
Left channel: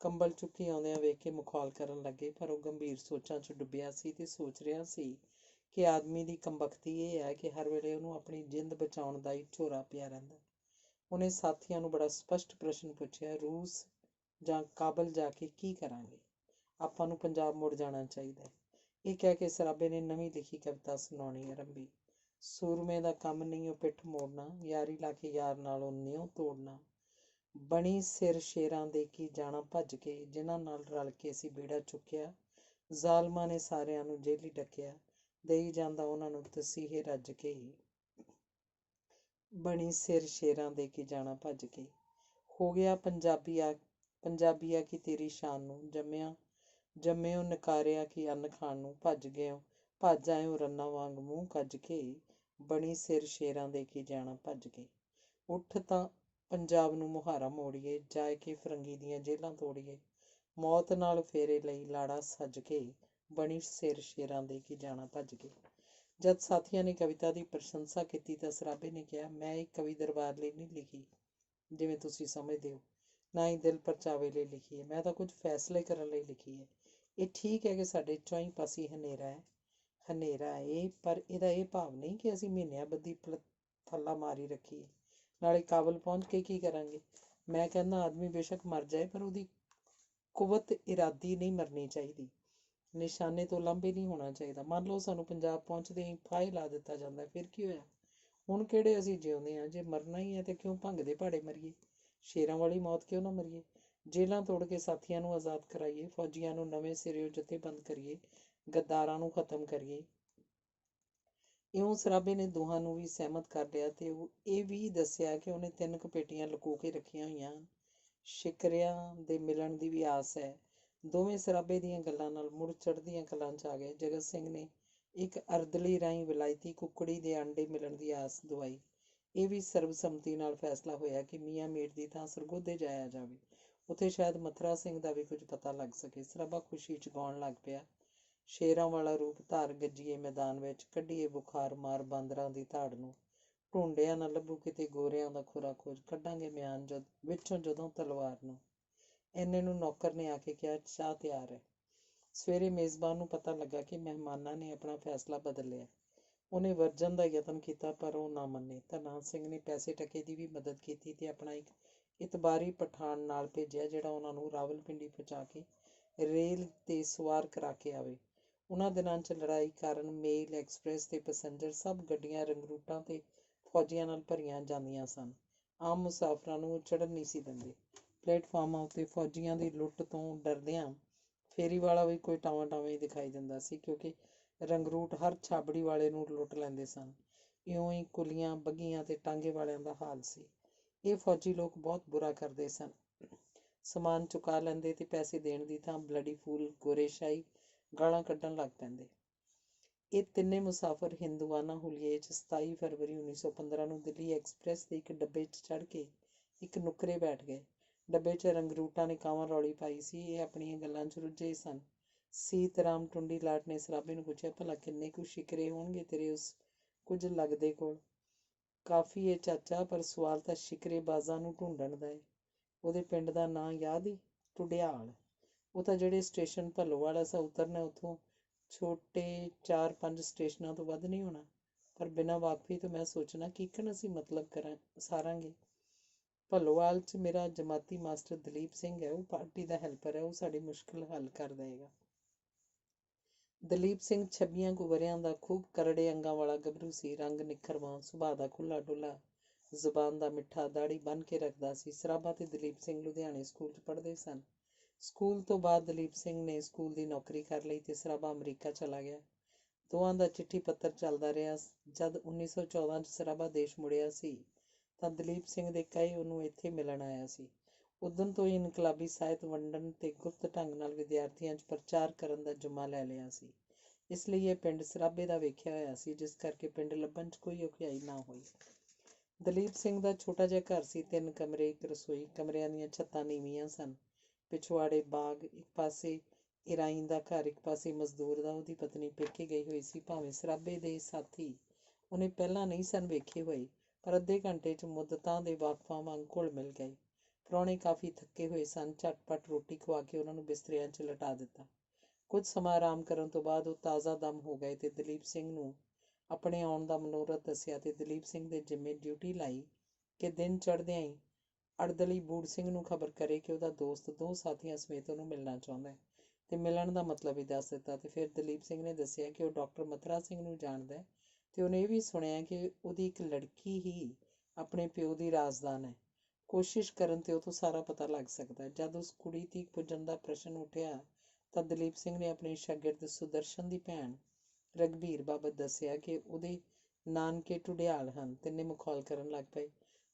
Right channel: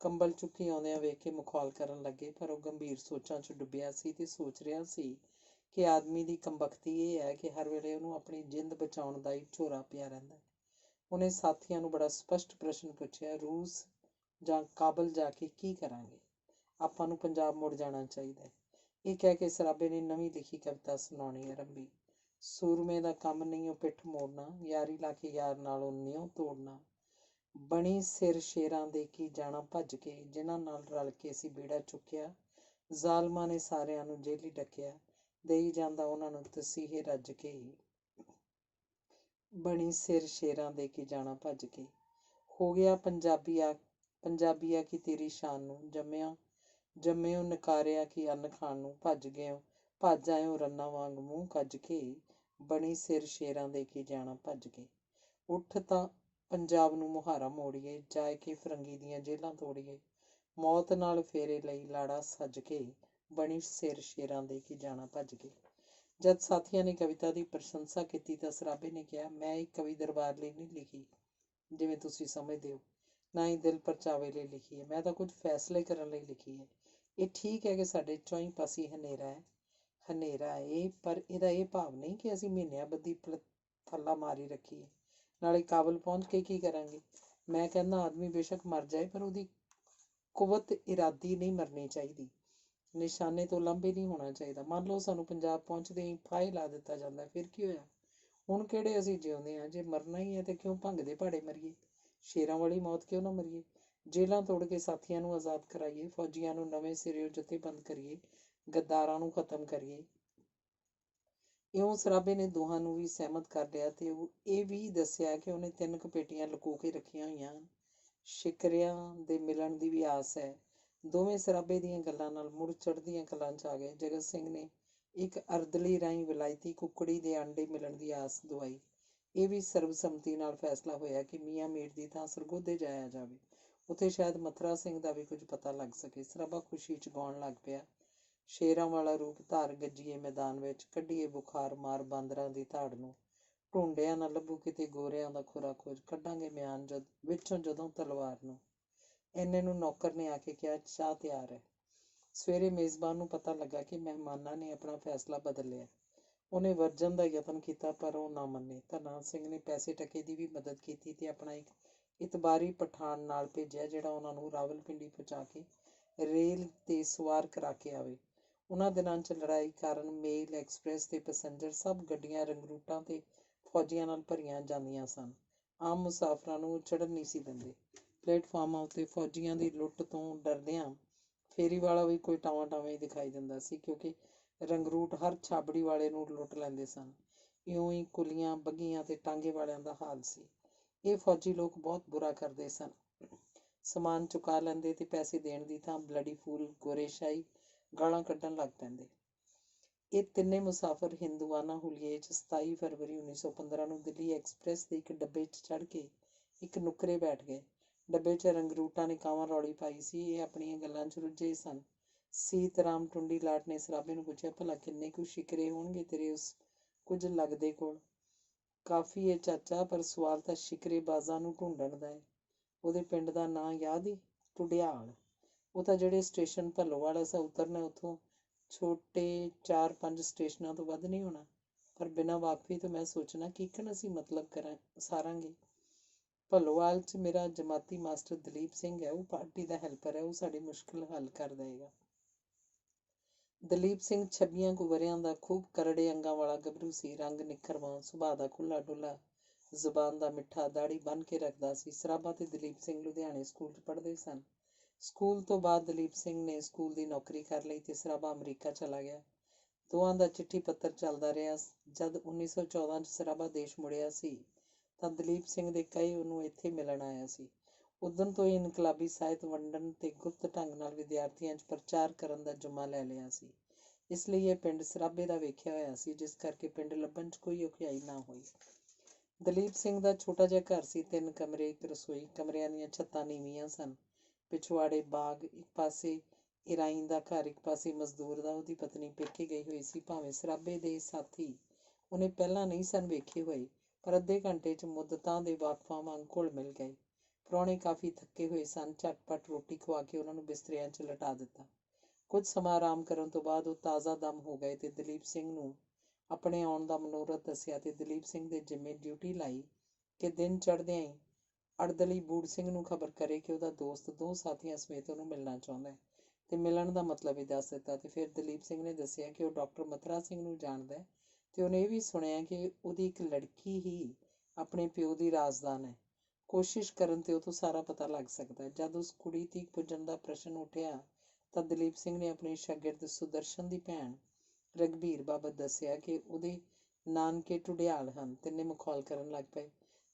ਕੰਬਲ ਚੁੱਕੀ ਆਉਂਦਿਆਂ ਵੇਖ ਕੇ ਮਖੌਲ ਕਰਨ ਲੱਗੇ, ਪਰ ਉਹ ਗੰਭੀਰ ਸੋਚਾਂ 'ਚ ਡੁੱਬਿਆ ਸੀ ਤੇ ਸੋਚ ਰਿਹਾ ਸੀ ਕਿ ਆਦਮੀ ਦੀ ਕਮਬਖਤੀ ਇਹ ਹੈ ਕਿ ਹਰ ਵੇਲੇ ਉਹਨੂੰ ਆਪਣੀ ਜਿੰਦ ਬਚਾਉਣ ਦਾ ਹੀ ਝੋਰਾ ਪਿਆ ਰਹਿੰਦਾ। ਉਹਨੇ ਸਾਥੀਆਂ ਨੂੰ ਬੜਾ ਸਪਸ਼ਟ ਪ੍ਰਸ਼ਨ ਪੁੱਛਿਆ, ਰੂਸ ਜਾਂ ਕਾਬਲ ਜਾ ਕੇ ਕੀ ਕਰਾਂਗੇ? ਆਪਾਂ ਨੂੰ ਪੰਜਾਬ ਮੁੜ ਜਾਣਾ ਚਾਹੀਦਾ ਹੈ। ਇਹ ਕਹਿ ਕੇ ਸਰਾਭੇ ਨੇ ਨਵੀਂ ਲਿਖੀ ਕਵਿਤਾ ਸੁਣਾਉਣੀ ਆਰੰਭੀ। ਸੂਰਮੇ ਦਾ ਕੰਮ ਨਹੀਂ ਉਹ ਪਿੱਠ ਮੋੜਨਾ, ਯਾਰੀ ਲਾ ਕੇ ਯਾਰ ਨਾਲੋਂ ਨਿਉ ਤੋੜਨਾ। ਬਣੀ ਸਿਰ ਸ਼ੇਰਾਂ ਦੇ ਕੀ ਜਾਣਾ ਭੱਜ ਕੇ, ਜਿਨ੍ਹਾਂ ਨਾਲ ਰਲ ਕੇ ਅਸੀਂ ਬੇੜਾ ਚੁੱਕਿਆ। ਜ਼ਾਲਮਾਂ ਨੇ ਸਾਰਿਆਂ ਨੂੰ ਜੇਲੀ ਡੱਕਿਆ, ਦੇਈ ਜਾਂਦਾ ਉਹਨਾਂ ਨੂੰ ਤਸੀਹੇ ਰੱਜ ਕੇ। ਬਣੀ ਸਿਰ ਸ਼ੇਰਾਂ ਦੇ ਕੀ ਜਾਣਾ ਭੱਜ ਕੇ। ਹੋ ਗਿਆ ਪੰਜਾਬੀਆ ਕੀ ਤੇਰੀ ਸ਼ਾਨ ਨੂੰ, ਜੰਮਿਓ ਨਕਾਰਿਆ ਕੀ ਅੰਨ ਖਾਣ ਨੂੰ। ਭੱਜ ਆਇਓ ਰੰਨਾਂ ਵਾਂਗ ਮੂੰਹ ਕੱਜ ਕੇ, ਬਣੀ ਸਿਰ ਸ਼ੇਰਾਂ ਦੇ ਕੀ ਜਾਣਾ ਭੱਜ ਕੇ। ਉੱਠ ਤਾਂ ਪੰਜਾਬ ਨੂੰ ਮੁਹਾਰਾ ਮੋੜੀਏ, ਜਾਏ ਕੇ ਫਰੰਗੀ ਦੀਆਂ ਜੇਲਾਂ ਤੋੜੀਏ। ਮੌਤ ਨਾਲ ਫੇਰੇ ਲਈ ਲਾੜਾ ਸੱਜ ਕੇ, ਬਣੀ ਸਿਰ ਸ਼ੇਰਾਂ ਦੇ ਕੀ ਜਾਣਾ ਭੱਜ ਕੇ। ਜਦ ਸਾਥੀਆਂ ਨੇ ਕਵਿਤਾ ਦੀ ਪ੍ਰਸ਼ੰਸਾ ਕੀਤੀ ਤਾਂ ਸਰਾਭੇ ਨੇ ਕਿਹਾ, ਮੈਂ ਇੱਕ ਕਵੀ ਦਰਬਾਰ ਲਈ ਨਹੀਂ ਲਿਖੀ ਜਿਵੇਂ ਤੁਸੀਂ ਸਮਝਦੇ ਹੋ, ਨਾ ਹੀ ਦਿਲ ਪਰਚਾਵੇ ਲਈ ਲਿਖੀ ਹੈ। ਮੈਂ ਤਾਂ ਕੁਝ ਫੈਸਲੇ ਕਰਨ ਲਈ ਲਿਖੀ ਹੈ। ਇਹ ਠੀਕ ਹੈ ਕਿ ਸਾਡੇ ਚੌਂਈ ਪਾਸੇ ਹਨੇਰਾ ਹੈ, ਹਨੇਰਾ ਏ, ਪਰ ਇਹਦਾ ਇਹ ਭਾਵ ਨਹੀਂ ਕਿ ਅਸੀਂ ਮਹੀਨਿਆਂ ਬੱਧੀ ਥੱਲਾ ਮਾਰੀ ਰੱਖੀਏ। ਨਾਲੇ ਕਾਬਲ ਪਹੁੰਚ ਕੇ ਕੀ ਕਰਾਂਗੇ? ਮੈਂ ਕਹਿੰਦਾ ਆਦਮੀ ਬੇਸ਼ੱਕ ਮਰ ਜਾਏ, ਪਰ ਉਹਦੀ ਕੁਵਤ ਇਰਾਦੀ ਨਹੀਂ ਮਰਨੀ ਚਾਹੀਦੀ। ਨਿਸ਼ਾਨੇ ਤੋਂ ਲਾਂਭੇ ਨਹੀਂ ਹੋਣਾ ਚਾਹੀਦਾ। ਮੰਨ ਲਓ ਸਾਨੂੰ ਪੰਜਾਬ ਪਹੁੰਚਦੇ ਹੀ ਫਾਹੇ ਲਾ ਦਿੱਤਾ ਜਾਂਦਾ, ਫਿਰ ਕੀ ਹੋਇਆ? ਹੁਣ ਕਿਹੜੇ ਅਸੀਂ ਜਿਉਂਦੇ ਹਾਂ? ਜੇ ਮਰਨਾ ਹੀ ਹੈ ਤੇ ਕਿਉਂ ਭੰਗਦੇ ਭਾੜੇ ਮਰੀਏ? ਸ਼ੇਰਾਂ ਵਾਲੀ ਮੌਤ ਕਿਉਂ ਨਾ ਮਰੀਏ? ਜੇਲ੍ਹਾਂ ਤੋੜ ਕੇ ਸਾਥੀਆਂ ਨੂੰ ਆਜ਼ਾਦ ਕਰਾਈਏ, ਫੌਜੀਆਂ ਨੂੰ ਨਵੇਂ ਸਿਰਿਓਂ ਜਥੇਬੰਦ ਕਰੀਏ, ਗੱਦਾਰਾਂ ਨੂੰ ਖਤਮ ਕਰੀਏ। ਇਉਂ ਸਰਾਭੇ ਨੇ ਦੋਹਾਂ ਨੂੰ ਵੀ ਸਹਿਮਤ ਕਰ ਲਿਆ ਤੇ ਉਹ ਇਹ ਵੀ ਦੱਸਿਆ ਕਿ ਉਹਨੇ 3 ਕੁ ਪੇਟੀਆਂ ਲੁਕੋ ਕੇ ਰੱਖੀਆਂ ਹੋਈਆਂ ਹਨ। ਸ਼ਿਕਰਿਆਂ ਦੇ ਮਿਲਣ ਦੀ ਵੀ ਆਸ ਹੈ। ਦੋਵੇਂ ਸਰਾਭੇ ਦੀਆਂ ਗੱਲਾਂ ਨਾਲ ਮੁੜ ਚੜ੍ਹਦੀਆਂ ਕਲਾਂ 'ਚ ਆ ਗਏ। ਜਗਤ ਸਿੰਘ ਨੇ ਇੱਕ ਅਰਦਲੀ ਰਾਹੀਂ ਵਿਲਾਇਤੀ ਕੁੱਕੜੀ ਦੇ ਆਂਡੇ ਮਿਲਣ ਦੀ ਆਸ ਦਵਾਈ। ਇਹ ਵੀ ਸਰਬਸੰਮਤੀ ਨਾਲ ਫੈਸਲਾ ਹੋਇਆ ਕਿ ਮੀਆਂ ਮੀਰ ਦੀ ਥਾਂ ਸਰਗੋਧੇ ਜਾਇਆ ਜਾਵੇ। ਉੱਥੇ ਸ਼ਾਇਦ ਮਥੁਰਾ ਸਿੰਘ ਦਾ ਵੀ ਕੁਝ ਪਤਾ ਲੱਗ ਸਕੇ। ਸਰਾਭਾ ਖੁਸ਼ੀ 'ਚ ਗਾਉਣ ਲੱਗ ਪਿਆ। ਸ਼ੇਰਾਂ ਵਾਲਾ ਰੂਪ ਧਾਰ ਗੱਜੀਏ ਮੈਦਾਨ ਵਿੱਚ, ਕੱਢੀਏ ਬੁਖਾਰ ਮਾਰ ਬਾਂਦਰਾਂ ਦੀ ਧਾੜ ਨੂੰ, ਢੂੰਡਿਆ ਨਾ ਲੱਭੂ ਕਿਤੇ ਗੋਰਿਆਂ ਦਾ ਖੁਰਾ ਖੋਜ, ਕੱਢਾਂਗੇ ਮਿਆਨ ਵਿੱਚੋਂ ਜਦੋਂ ਤਲਵਾਰ ਨੂੰ। ਇੰਨੇ ਨੂੰ ਨੌਕਰ ਨੇ ਆ ਕੇ ਕਿਹਾ, ਚਾਹ ਤਿਆਰ ਹੈ। ਸਵੇਰੇ ਮੇਜ਼ਬਾਨ ਨੂੰ ਪਤਾ ਲੱਗਾ ਕਿ ਮਹਿਮਾਨਾਂ ਨੇ ਆਪਣਾ ਫੈਸਲਾ ਬਦਲ ਲਿਆ। ਉਹਨੇ ਵਰਜਨ ਦਾ ਯਤਨ ਕੀਤਾ, ਪਰ ਉਹ ਨਾ ਮੰਨੇ। ਧੰਨਾ ਸਿੰਘ ਨੇ ਪੈਸੇ ਟਕੇ ਦੀ ਵੀ ਮਦਦ ਕੀਤੀ ਤੇ ਆਪਣਾ ਇੱਕ ਇਤਬਾਰੀ ਪਠਾਨ ਨਾਲ ਭੇਜਿਆ, ਜਿਹੜਾ ਉਹਨਾਂ ਨੂੰ ਰਾਵਲਪਿੰਡੀ ਪਹੁੰਚਾ ਕੇ ਰੇਲ 'ਤੇ ਸਵਾਰ ਕਰਾ ਕੇ ਆਵੇ। ਉਹਨਾਂ ਦਿਨਾਂ 'ਚ ਲੜਾਈ ਕਾਰਨ ਮੇਲ, ਐਕਸਪ੍ਰੈਸ ਤੇ ਪੈਸੰਜਰ ਸਭ ਗੱਡੀਆਂ ਰੰਗਰੂਟਾਂ ਤੇ ਫੌਜੀਆਂ ਨਾਲ ਭਰੀਆਂ ਜਾਂਦੀਆਂ ਸਨ। ਆਮ ਮੁਸਾਫਰਾਂ ਨੂੰ ਚੜ੍ਹਨ ਨਹੀਂ ਸੀ ਦਿੰਦੇ। ਪਲੇਟਫਾਰਮਾਂ ਉੱਤੇ ਫੌਜੀਆਂ ਦੀ ਲੁੱਟ ਤੋਂ ਡਰਦਿਆਂ ਫੇਰੀ ਵਾਲਾ ਵੀ ਕੋਈ ਟਾਵਾਂ-ਟਾਵੇਂ ਹੀ ਦਿਖਾਈ ਦਿੰਦਾ ਸੀ, ਕਿਉਂਕਿ ਰੰਗਰੂਟ ਹਰ ਛਾਬੜੀ ਵਾਲੇ ਨੂੰ ਲੁੱਟ ਲੈਂਦੇ ਸਨ। ਇਉਂ ਹੀ ਕੁਲੀਆਂ, ਬੱਘੀਆਂ ਤੇ ਟਾਂਗੇ ਵਾਲਿਆਂ ਦਾ ਹਾਲ ਸੀ। ਇਹ ਫੌਜੀ ਲੋਕ ਬਹੁਤ ਬੁਰਾ ਕਰਦੇ ਸਨ। ਸਮਾਨ ਚੁਕਾ ਲੈਂਦੇ ਤੇ ਪੈਸੇ ਦੇਣ ਦੀ ਥਾਂ ਬਲੱਡੀ ਫੂਲ, ਗੋਰੇਸ਼ਾਹੀ ਗਾਲਾਂ ਕੱਢਣ ਲੱਗ ਪੈਂਦੇ। ਇਹ ਤਿੰਨੇ ਮੁਸਾਫਰ ਹਿੰਦੂਆਨਾ ਹੁਲੀਏ 'ਚ 27 ਫਰਵਰੀ 1915 ਨੂੰ ਦਿੱਲੀ ਐਕਸਪ੍ਰੈਸ ਦੇ ਇੱਕ ਡੱਬੇ 'ਚ ਚੜ੍ਹ ਕੇ ਇੱਕ ਨੁੱਕਰੇ ਬੈਠ ਗਏ। ਡੱਬੇ 'ਚ ਰੰਗਰੂਟਾਂ ਨੇ ਕਾਂਵਾਂ ਰੌਲੀ ਪਾਈ ਸੀ। ਇਹ ਆਪਣੀਆਂ ਗੱਲਾਂ 'ਚ ਰੁੱਝੇ ਸਨ। ਸੀਤਰਾਮ ਟੁੰਡੀ ਲਾਟ ਨੇ ਸਰਾਭੇ ਨੂੰ ਪੁੱਛਿਆ, ਭਲਾ ਕਿੰਨੇ ਕੁ ਸ਼ਿਕਰੇ ਹੋਣਗੇ ਤੇਰੇ ਉਸ ਕੁਝ ਲੱਗਦੇ ਕੋਲ? ਕਾਫੀ ਏ ਚਾਚਾ, ਪਰ ਸਵਾਲ ਤਾਂ ਸ਼ਿਕਰੇਬਾਜ਼ਾਂ ਨੂੰ ਢੂੰਡਣ ਦਾ ਏ। ਉਹਦੇ ਪਿੰਡ ਦਾ ਨਾਂ ਯਾਦ ਈ? ਟੁਡਿਆਲ। ਉਹ ਤਾਂ ਜਿਹੜੇ ਸਟੇਸ਼ਨ ਭੱਲੋਵਾਲ ਅਸਾਂ ਉਤਰਨਾ, ਉੱਥੋਂ ਛੋਟੇ 4-5 ਸਟੇਸ਼ਨਾਂ ਤੋਂ ਵੱਧ ਨਹੀਂ ਹੋਣਾ। ਪਰ ਬਿਨਾਂ ਵਾਕਫੀ ਤੋਂ ਮੈਂ ਸੋਚਣਾ ਕਿਕਣ ਅਸੀਂ ਮਤਲਬ ਸਾਰਾਂਗੇ। ਭੱਲੋਵਾਲ 'ਚ ਮੇਰਾ ਜਮਾਤੀ ਮਾਸਟਰ ਦਲੀਪ ਸਿੰਘ ਹੈ। ਉਹ ਪਾਰਟੀ ਦਾ ਹੈਲਪਰ ਹੈ। ਉਹ ਸਾਡੀ ਮੁਸ਼ਕਿਲ ਹੱਲ ਕਰ ਦੇਵੇਗਾ। ਦਲੀਪ ਸਿੰਘ 26 ਕੁ ਵਰ੍ਹਿਆਂ ਦਾ, ਖੂਬ ਕਰੜੇ ਅੰਗਾਂ ਵਾਲਾ ਗੱਭਰੂ ਸੀ। ਰੰਗ ਨਿੱਖਰਵਾਂ, ਸੁਭਾਅ ਦਾ ਖੁੱਲ੍ਹਾ ਡੁੱਲ੍ਹਾ, ਜ਼ੁਬਾਨ ਦਾ ਮਿੱਠਾ, ਦਾੜ੍ਹੀ ਬੰਨ੍ਹ ਕੇ ਰੱਖਦਾ ਸੀ। ਸਰਾਭਾ ਤੇ ਦਲੀਪ ਸਿੰਘ ਲੁਧਿਆਣੇ ਸਕੂਲ 'ਚ ਪੜ੍ਹਦੇ ਸਨ। ਸਕੂਲ ਤੋਂ ਬਾਅਦ ਦਲੀਪ ਸਿੰਘ ਨੇ ਸਕੂਲ ਦੀ ਨੌਕਰੀ ਕਰ ਲਈ ਤੇ ਸਰਾਭਾ ਅਮਰੀਕਾ ਚਲਾ ਗਿਆ। ਦੋਹਾਂ ਦਾ ਚਿੱਠੀ ਪੱਤਰ ਚੱਲਦਾ ਰਿਹਾ। ਜਦ 1914 'ਚ ਸਰਾਭਾ ਦੇਸ਼ ਮੁੜਿਆ ਸੀ ਤਾਂ ਦਲੀਪ ਸਿੰਘ ਦੇ ਕਹੇ ਉਹਨੂੰ ਇੱਥੇ ਮਿਲਣ ਆਇਆ ਸੀ। ਉਦਣ ਤੋਂ ਹੀ ਇਨਕਲਾਬੀ ਸਾਹਿਤ ਵੰਡਣ ਤੇ ਗੁਪਤ ਢੰਗ ਨਾਲ ਵਿਦਿਆਰਥੀਆਂ 'ਚ ਪ੍ਰਚਾਰ ਕਰਨ ਦਾ ਜੁਮਾ ਲੈ ਲਿਆ ਸੀ। ਇਸ ਲਈ ਇਹ ਪਿੰਡ ਸਰਾਭੇ ਦਾ ਵੇਖਿਆ ਹੋਇਆ ਸੀ, ਜਿਸ ਕਰਕੇ ਪਿੰਡ ਲੱਭਣ 'ਚ ਕੋਈ ਔਖਿਆਈ ਨਾ ਹੋਈ। ਦਲੀਪ ਸਿੰਘ ਦਾ ਛੋਟਾ ਜਿਹਾ ਘਰ ਸੀ। 3 ਕਮਰੇ, ਇੱਕ ਰਸੋਈ। ਕਮਰਿਆਂ ਦੀਆਂ ਛੱਤਾਂ ਨੀਵੀਆਂ ਸਨ। ਪਿਛਵਾੜੇ ਬਾਗ, ਇੱਕ ਪਾਸੇ ਇਰਾਈਨ ਦਾ ਘਰ, ਇੱਕ ਪਾਸੇ ਮਜ਼ਦੂਰ ਦਾ। ਉਹਦੀ ਪਤਨੀ ਪੇਕੇ ਗਈ ਹੋਈ ਸੀ। ਭਾਵੇਂ ਸਰਾਭੇ ਦੇ ਸਾਥੀ ਉਹਨੇ ਪਹਿਲਾਂ ਨਹੀਂ ਸਨ ਵੇਖੇ ਹੋਏ, ਪਰ ਅੱਧੇ ਘੰਟੇ 'ਚ ਮੁੱਦਤਾਂ ਦੇ ਵਾਕਫਾਂ ਵਾਂਗ ਘੁਲ ਮਿਲ ਗਏ। ਪ੍ਰਾਹੁਣੇ ਕਾਫੀ ਥੱਕੇ ਹੋਏ ਸਨ। ਝਟਪਟ ਰੋਟੀ ਖਵਾ ਕੇ ਉਹਨਾਂ ਨੂੰ ਬਿਸਤਰਿਆਂ 'ਚ ਲਟਾ ਦਿੱਤਾ। ਕੁਝ ਸਮਾਂ ਆਰਾਮ ਕਰਨ ਤੋਂ ਬਾਅਦ ਉਹ ਤਾਜ਼ਾ ਦਮ ਹੋ ਗਏ ਤੇ ਦਲੀਪ ਸਿੰਘ ਨੂੰ ਆਪਣੇ ਆਉਣ ਦਾ ਮਨੋਰਥ ਦੱਸਿਆ ਤੇ ਦਲੀਪ ਸਿੰਘ ਦੇ ਜ਼ਿੰਮੇ ਡਿਊਟੀ ਲਾਈ ਕਿ ਦਿਨ ਚੜ੍ਹਦਿਆਂ ਹੀ ਅੜਦਲੀ ਬੂੜ ਸਿੰਘ ਨੂੰ ਖਬਰ ਕਰੇ ਕਿ ਉਹਦਾ ਦੋਸਤ 2 ਸਾਥੀਆਂ ਸਮੇਤ ਉਹਨੂੰ ਮਿਲਣਾ ਚਾਹੁੰਦਾ ਹੈ, ਤੇ ਮਿਲਣ ਦਾ ਮਤਲਬ ਹੀ ਦੱਸ ਦਿੱਤਾ। ਤੇ ਫਿਰ ਦਲੀਪ ਸਿੰਘ ਨੇ ਦੱਸਿਆ ਕਿ ਉਹ ਡਾਕਟਰ ਮਥੁਰਾ ਸਿੰਘ ਨੂੰ ਜਾਣਦਾ ਹੈ ਤੇ ਉਹਨੇ ਇਹ ਵੀ ਸੁਣਿਆ ਕਿ ਉਹਦੀ ਇੱਕ ਲੜਕੀ ਹੀ ਆਪਣੇ ਪਿਓ ਦੀ ਰਾਜ਼ਦਾਨ ਹੈ। ਕੋਸ਼ਿਸ਼ ਕਰਨ ਤੇ ਉਹ ਤੋਂ ਸਾਰਾ ਪਤਾ ਲੱਗ ਸਕਦਾ ਹੈ। ਜਦ ਉਸ ਕੁੜੀ ਤੀਕ ਪੁੱਜਣ ਦਾ ਪ੍ਰਸ਼ਨ ਉੱਠਿਆ ਤਾਂ ਦਲੀਪ ਸਿੰਘ ਨੇ ਆਪਣੇ ਸ਼ਾਗਿਰਦ ਸੁਦਰਸ਼ਨ ਦੀ ਭੈਣ ਰਘਬੀਰ ਬਾਬਤ ਦੱਸਿਆ ਕਿ ਉਹਦੇ ਨਾਨਕੇ ਟੁਡਿਆਲ ਹਨ। ਤਿੰਨੇ ਮਖੌਲ ਕਰਨ ਲੱਗ ਪਏ।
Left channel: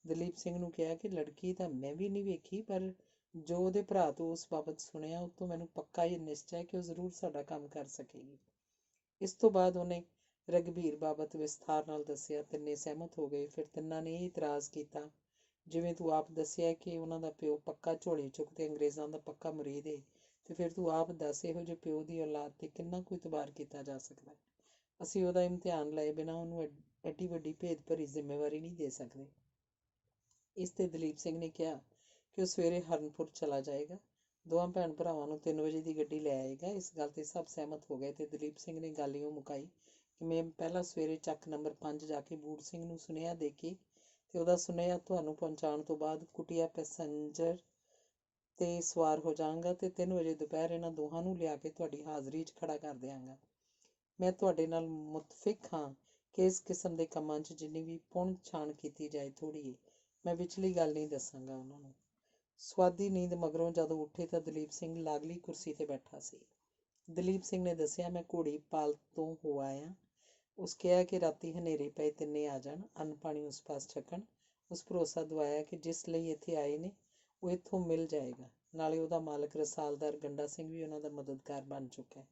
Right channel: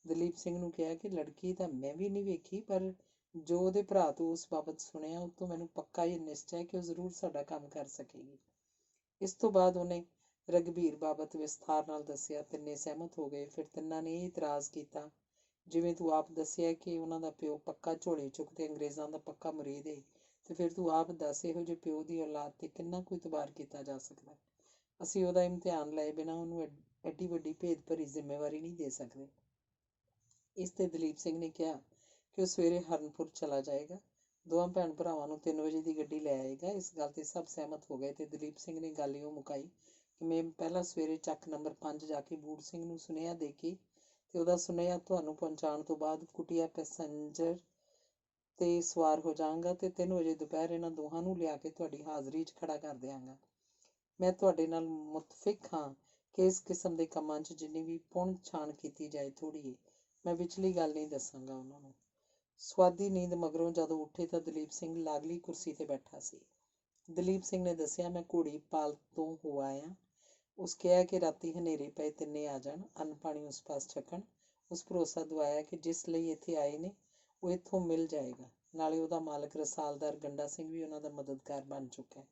ਦਲੀਪ ਸਿੰਘ ਨੂੰ ਕਿਹਾ ਕਿ ਲੜਕੀ ਤਾਂ ਮੈਂ ਵੀ ਨਹੀਂ ਵੇਖੀ, ਪਰ ਜੋ ਉਹਦੇ ਭਰਾ ਤੋਂ ਉਸ ਬਾਬਤ ਸੁਣਿਆ, ਉਹ ਤੋਂ ਮੈਨੂੰ ਪੱਕਾ ਇਹ ਨਿਸ਼ਚਾ ਹੈ ਕਿ ਉਹ ਜ਼ਰੂਰ ਸਾਡਾ ਕੰਮ ਕਰ ਸਕੇਗੀ। ਇਸ ਤੋਂ ਬਾਅਦ ਉਹਨੇ ਰਘਬੀਰ ਬਾਬਤ ਵਿਸਥਾਰ ਨਾਲ ਦੱਸਿਆ। ਤਿੰਨੇ ਸਹਿਮਤ ਹੋ ਗਏ। ਫਿਰ ਤਿੰਨਾਂ ਨੇ ਇਹ ਇਤਰਾਜ਼ ਕੀਤਾ, ਜਿਵੇਂ ਤੂੰ ਆਪ ਦੱਸਿਆ ਕਿ ਉਹਨਾਂ ਦਾ ਪਿਓ ਪੱਕਾ ਝੋਲੀ ਚੁੱਕ ਤੇ ਅੰਗਰੇਜ਼ਾਂ ਦਾ ਪੱਕਾ ਮੁਰੀਦ ਏ, ਤੇ ਫਿਰ ਤੂੰ ਆਪ ਦੱਸ ਇਹੋ ਜਿਹੇ ਪਿਓ ਦੀ ਔਲਾਦ ਤੇ ਕਿੰਨਾ ਕੁ ਇਤਬਾਰ ਕੀਤਾ ਜਾ ਸਕਦਾ। ਅਸੀਂ ਉਹਦਾ ਇਮਤਿਹਾਨ ਲਏ ਬਿਨਾਂ ਉਹਨੂੰ ਐਡੀ ਵੱਡੀ ਭੇਦ ਭਰੀ ਜ਼ਿੰਮੇਵਾਰੀ ਨਹੀਂ ਦੇ ਸਕਦੇ। ਇਸ ਤੇ ਦਲੀਪ ਸਿੰਘ ਨੇ ਕਿਹਾ ਕਿ ਉਹ ਸਵੇਰੇ ਹਰਨਪੁਰ ਚਲਾ ਜਾਏਗਾ। ਦੋਵਾਂ ਭੈਣ ਭਰਾਵਾਂ ਨੂੰ 3 ਵਜੇ ਦੀ ਗੱਡੀ ਲੈ ਆਏਗਾ। ਇਸ ਗੱਲ 'ਤੇ ਸਭ ਸਹਿਮਤ ਹੋ ਗਏ ਤੇ ਦਲੀਪ ਸਿੰਘ ਨੇ ਗੱਲ ਇਉਂ ਮੁਕਾਈ ਕਿ ਮੈਂ ਪਹਿਲਾਂ ਸਵੇਰੇ ਚੱਕ ਨੰਬਰ 5 ਜਾ ਕੇ ਬੂੜ ਸਿੰਘ ਨੂੰ ਸੁਨੇਹਾ ਦੇ ਕੇ ਤੇ ਉਹਦਾ ਸੁਨੇਹਾ ਤੁਹਾਨੂੰ ਪਹੁੰਚਾਉਣ ਤੋਂ ਬਾਅਦ ਕੁਟੀਆ ਪੈਸੰਜਰ 'ਤੇ ਸਵਾਰ ਹੋ ਜਾਵਾਂਗਾ ਤੇ 3 ਵਜੇ ਦੁਪਹਿਰ ਇਹਨਾਂ ਦੋਹਾਂ ਨੂੰ ਲਿਆ ਕੇ ਤੁਹਾਡੀ ਹਾਜ਼ਰੀ 'ਚ ਖੜਾ ਕਰ ਦਿਆਂਗਾ। ਮੈਂ ਤੁਹਾਡੇ ਨਾਲ ਮੁਤਫਿਕ ਹਾਂ ਕਿ ਇਸ ਕਿਸਮ ਦੇ ਕੰਮਾਂ 'ਚ ਜਿੰਨੀ ਵੀ ਪੁਣ ਛਾਣ ਕੀਤੀ ਜਾਏ ਥੋੜ੍ਹੀ ਏ। ਮੈਂ ਵਿਚਲੀ ਗੱਲ ਨਹੀਂ ਦੱਸਾਂਗਾ ਉਹਨਾਂ ਨੂੰ। ਸੁਆਦੀ ਨੀਂਦ ਮਗਰੋਂ ਜਦੋਂ ਉੱਠੇ ਤਾਂ ਦਲੀਪ ਸਿੰਘ ਲਾਗਲੀ ਕੁਰਸੀ 'ਤੇ ਬੈਠਾ ਸੀ। ਦਲੀਪ ਸਿੰਘ ਨੇ ਦੱਸਿਆ, ਮੈਂ ਘੋੜੀ ਪਾਲ ਤੋਂ ਹੋ ਆਇਆ। ਉਸ ਕਿਹਾ ਕਿ ਰਾਤੀ ਹਨੇਰੇ ਪਏ ਤਿੰਨੇ ਆ ਜਾਣ, ਅੰਨ ਪਾਣੀ ਉਸ ਪਾਸ ਛਕਣ। ਉਸ ਭਰੋਸਾ ਦਵਾਇਆ ਕਿ ਜਿਸ ਲਈ ਇੱਥੇ ਆਏ ਨੇ ਉਹ ਇੱਥੋਂ ਮਿਲ ਜਾਏਗਾ। ਨਾਲੇ ਉਹਦਾ ਮਾਲਕ ਰਸਾਲਦਾਰ ਗੰਡਾ ਸਿੰਘ ਵੀ ਉਹਨਾਂ ਦਾ ਮਦਦਗਾਰ ਬਣ ਚੁੱਕਾ ਹੈ।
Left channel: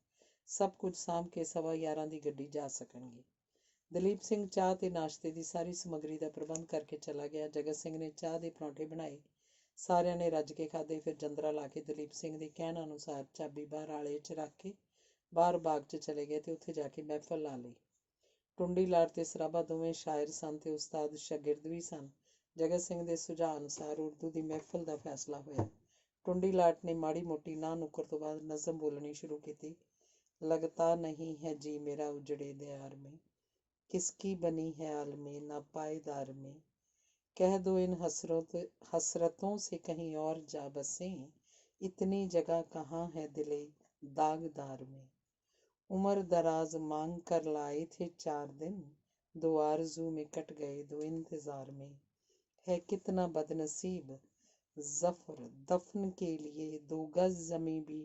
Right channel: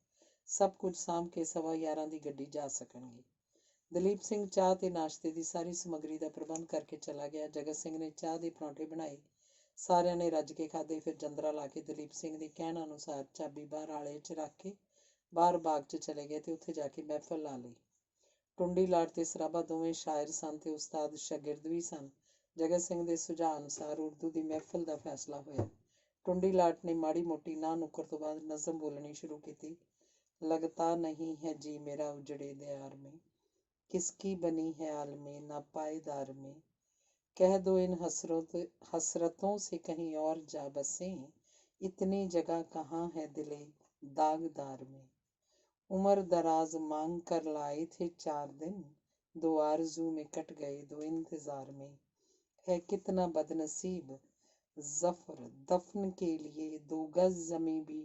ਸਭ ਕੁਝ ਸਾਂਭ ਕੇ 11:15 ਦੀ ਗੱਡੀ ਜਾ ਸਕਣਗੇ। ਦਲੀਪ ਸਿੰਘ ਚਾਹ ਤੇ ਨਾਸ਼ਤੇ ਦੀ ਸਾਰੀ ਸਮੱਗਰੀ ਦਾ ਪ੍ਰਬੰਧ ਕਰਕੇ ਚਲਾ ਗਿਆ। ਜਗਤ ਸਿੰਘ ਨੇ ਚਾਹ ਦੇ ਪਰੌਂਠੇ ਬਣਾਏ। ਸਾਰਿਆਂ ਨੇ ਰੱਜ ਕੇ ਖਾਧੇ। ਫਿਰ ਜੰਦਰਾ ਲਾ ਕੇ ਦਲੀਪ ਸਿੰਘ ਦੇ ਕਹਿਣ ਅਨੁਸਾਰ ਚਾਬੀ ਬਾਹਰ ਆਲੇ 'ਚ ਰੱਖ ਕੇ ਬਾਹਰ ਬਾਗ 'ਚ ਚਲੇ ਗਏ ਤੇ ਉੱਥੇ ਜਾ ਕੇ ਮਹਿਫਲ ਲਾ ਲਈ। ਟੁੰਡੀ ਲਾਟ ਤੇ ਸਰਾਭਾ ਦੋਵੇਂ ਸ਼ਾਇਰ ਸਨ ਤੇ ਉਸਤਾਦ ਸ਼ਾਗਿਰਦ ਵੀ ਸਨ। ਜਗਤ ਸਿੰਘ ਦੇ ਸੁਝਾਅ ਅਨੁਸਾਰ ਉਰਦੂ ਦੀ ਮਹਿਫਲ ਦਾ ਫੈਸਲਾ ਹੋਇਆ। ਟੁੰਡੀ ਲਾਟ ਨੇ ਮਾੜੀ ਮੋਟੀ ਨਾਂਹ ਨੁੱਕਰ ਤੋਂ ਬਾਅਦ ਨਜ਼ਮ ਬੋਲਣੀ ਸ਼ੁਰੂ ਕੀਤੀ। लगता नहीं है जी मेरा उजड़े दयार में, किसकी बनी है आलमे ना पायदार में, कह दो इन हसरतों से कहीं और जा बसें, इतनी जगह कहाँ है दिले दागदार में। उम्र दराज मांग कर लाए थे 4 दिन, 2 आरज़ू में कट गए 2 इंतजार में, है कितना बदनसीब ज़फ़र दफन के लिए 2 गज ज़मीं भी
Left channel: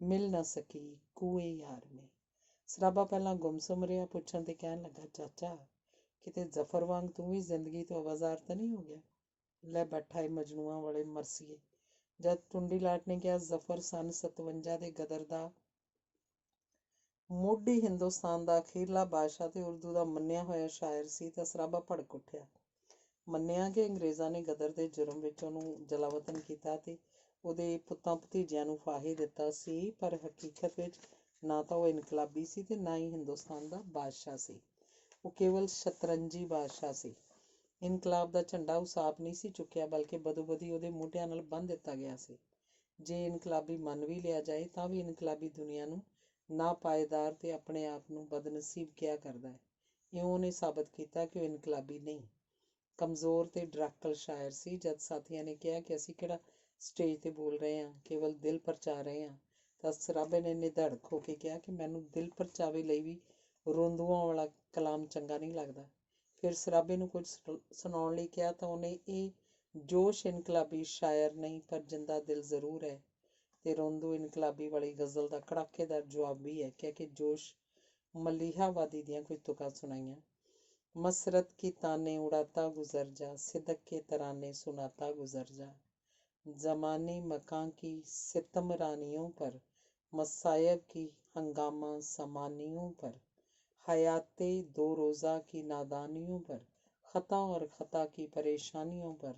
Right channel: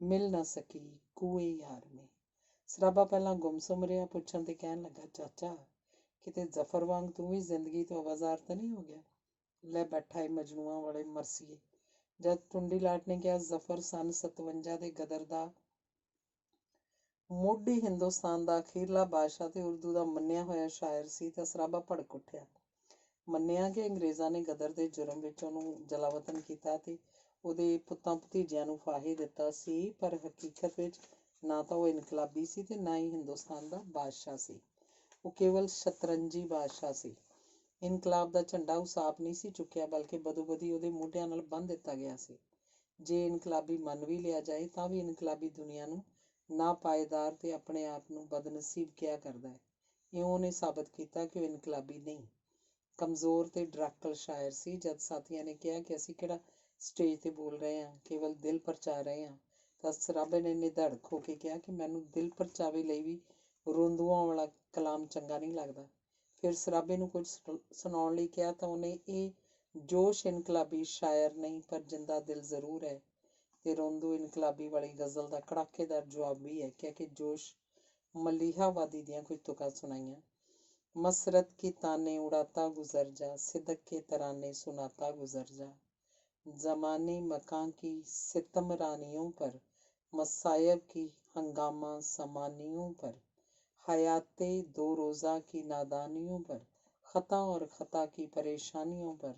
ਮਿਲ ਨਾ ਸਕੀ ਕੂਏ ਯਾਰ ਮੇ। ਸਰਾਭਾ ਪਹਿਲਾਂ ਗੁੰਮਸੁੰਮ ਰਿਹਾ, ਪੁੱਛਣ ਤੇ ਕਹਿਣ ਲੱਗਾ, ਚਾਚਾ ਕਿਤੇ ਜ਼ਫਰ ਵਾਂਗ ਤੂੰ ਵੀ ਜ਼ਿੰਦਗੀ ਤੋਂ ਆਵਾਜ਼ਾਰ ਤਾਂ ਨਹੀਂ ਹੋ ਗਿਆ? ਲੈ ਬੈਠਾ ਏ ਮਜਨੂਆਂ ਵਾਲੇ ਮਰਸੀਏ। ਜਦ ਟੁੰਡੀ ਲਾਟ ਨੇ ਕਿਹਾ ਜ਼ਫਰ ਸੰਨ 57 ਦੇ ਗਦਰ ਦਾ ਮੋਢੀ ਹਿੰਦੁਸਤਾਨ ਦਾ ਅਖੀਰਲਾ ਬਾਦਸ਼ਾਹ ਤੇ ਉਰਦੂ ਦਾ ਮੰਨਿਆ ਹੋਇਆ ਸ਼ਾਇਰ ਸੀ ਤਾਂ ਸਰਾਭਾ ਭੜਕ ਉੱਠਿਆ। ਮੰਨਿਆ ਕਿ ਅੰਗਰੇਜ਼ਾਂ ਨੇ ਗਦਰ ਦੇ ਜੁਰਮ ਵਿੱਚ ਉਹਨੂੰ ਜਲਾਵਤਨ ਕੀਤਾ ਤੇ ਉਹਦੇ ਪੁੱਤਾਂ ਭਤੀਜਿਆਂ ਨੂੰ ਫਾਹੇ ਦਿੱਤਾ ਸੀ, ਪਰ ਹਕੀਕਤ ਵਿੱਚ ਨਾ ਤਾਂ ਉਹ ਇਨਕਲਾਬੀ ਸੀ ਤੇ ਨਾ ਹੀ ਹਿੰਦੁਸਤਾਨ ਦਾ ਬਾਦਸ਼ਾਹ ਸੀ। ਉਹ ਕੇਵਲ ਸ਼ਤਰੰਜੀ ਬਾਦਸ਼ਾਹ ਸੀ। ਇਨਕਲਾਬ ਦਾ ਝੰਡਾ ਉਸ ਆਪ ਨਹੀਂ ਸੀ ਚੁੱਕਿਆ, ਬਲਕਿ ਬਦੋਬਦੀ ਉਹਦੇ ਮੋਢਿਆਂ ਨਾਲ ਬੰਨ੍ਹ ਦਿੱਤਾ ਗਿਆ ਸੀ। ਜੇ ਇਨਕਲਾਬੀ ਮੰਨ ਵੀ ਲਿਆ ਜਾਏ ਤਾਂ ਵੀ ਇਨਕਲਾਬੀ ਦੁਨੀਆ ਨੂੰ ਨਾਪਾਏਦਾਰ ਤੇ ਆਪਣੇ ਆਪ ਨੂੰ ਬਦਨਸੀਬ ਕਿਹਾ ਕਰਦਾ ਹੈ। ਇਉਂ ਉਹਨੇ ਸਾਬਤ ਕੀਤਾ ਕਿ ਉਹ ਇਨਕਲਾਬੀ ਨਹੀਂ, ਕਮਜ਼ੋਰ ਤੇ ਡਰਾਕਲ ਸ਼ਾਇਰ ਸੀ। ਜਦ ਸਾਥੀਆਂ ਨੇ ਕਿਹਾ ਕਿ ਅਸੀਂ ਕਿਹੜਾ ਸਟੇਜ 'ਤੇ ਬੋਲ ਰਹੇ ਹਾਂ, ਕੇਵਲ ਦਿਲ ਪਰਚਾ ਰਹੇ ਹਾਂ, ਤਾਂ ਸਰਾਭੇ ਨੇ ਨਿਧੜਕ ਹੋ ਕੇ ਕਿਹਾ ਕਿ ਮੈਨੂੰ ਦਿਲ ਪਰਚਾਵੇ ਲਈ ਵੀ ਰੋਂਦੂਆਂ ਵਾਲਾ ਕਲਾਮ ਚੰਗਾ ਨਹੀਂ ਲੱਗਦਾ। ਫਿਰ ਸਰਾਭੇ ਨੂੰ ਕੁਝ ਸੁਣਾਉਣ ਲਈ ਕਿਹਾ ਤਾਂ ਉਹਨੇ ਇਹ ਜੋਸ਼ ਇਨਕਲਾਬੀ ਸ਼ਾਇਰ ਨਹੀਂ ਪਰ ਜਿੰਦਾ ਦਿਲ ਜ਼ਰੂਰ ਹੈ ਤੇ ਰੋਂਦੂ ਇਨਕਲਾਬੀ ਵਾਲੀ ਗਜ਼ਲ ਦਾ ਕੜਾਕੇਦਾਰ ਜਵਾਬ ਵੀ ਹੈ, ਕਹਿ ਕੇ ਜੋਸ਼ ਮਲੀਹਾਵਾਦੀ ਦੀਆਂ ਕੁਝ ਤੁਕਾਂ ਸੁਣਾਈਆਂ। मसरत की ताने उड़ाता गुजर जा, सिदक के तराने सुनाता गुजर जा, ज़माने मकां की सितम रानियों पर, मसायब की हंगामा समानियों पर, हयाते 2 रोज़ा की नादानियों पर, ख़ता और ख़ता की परेशानियों पर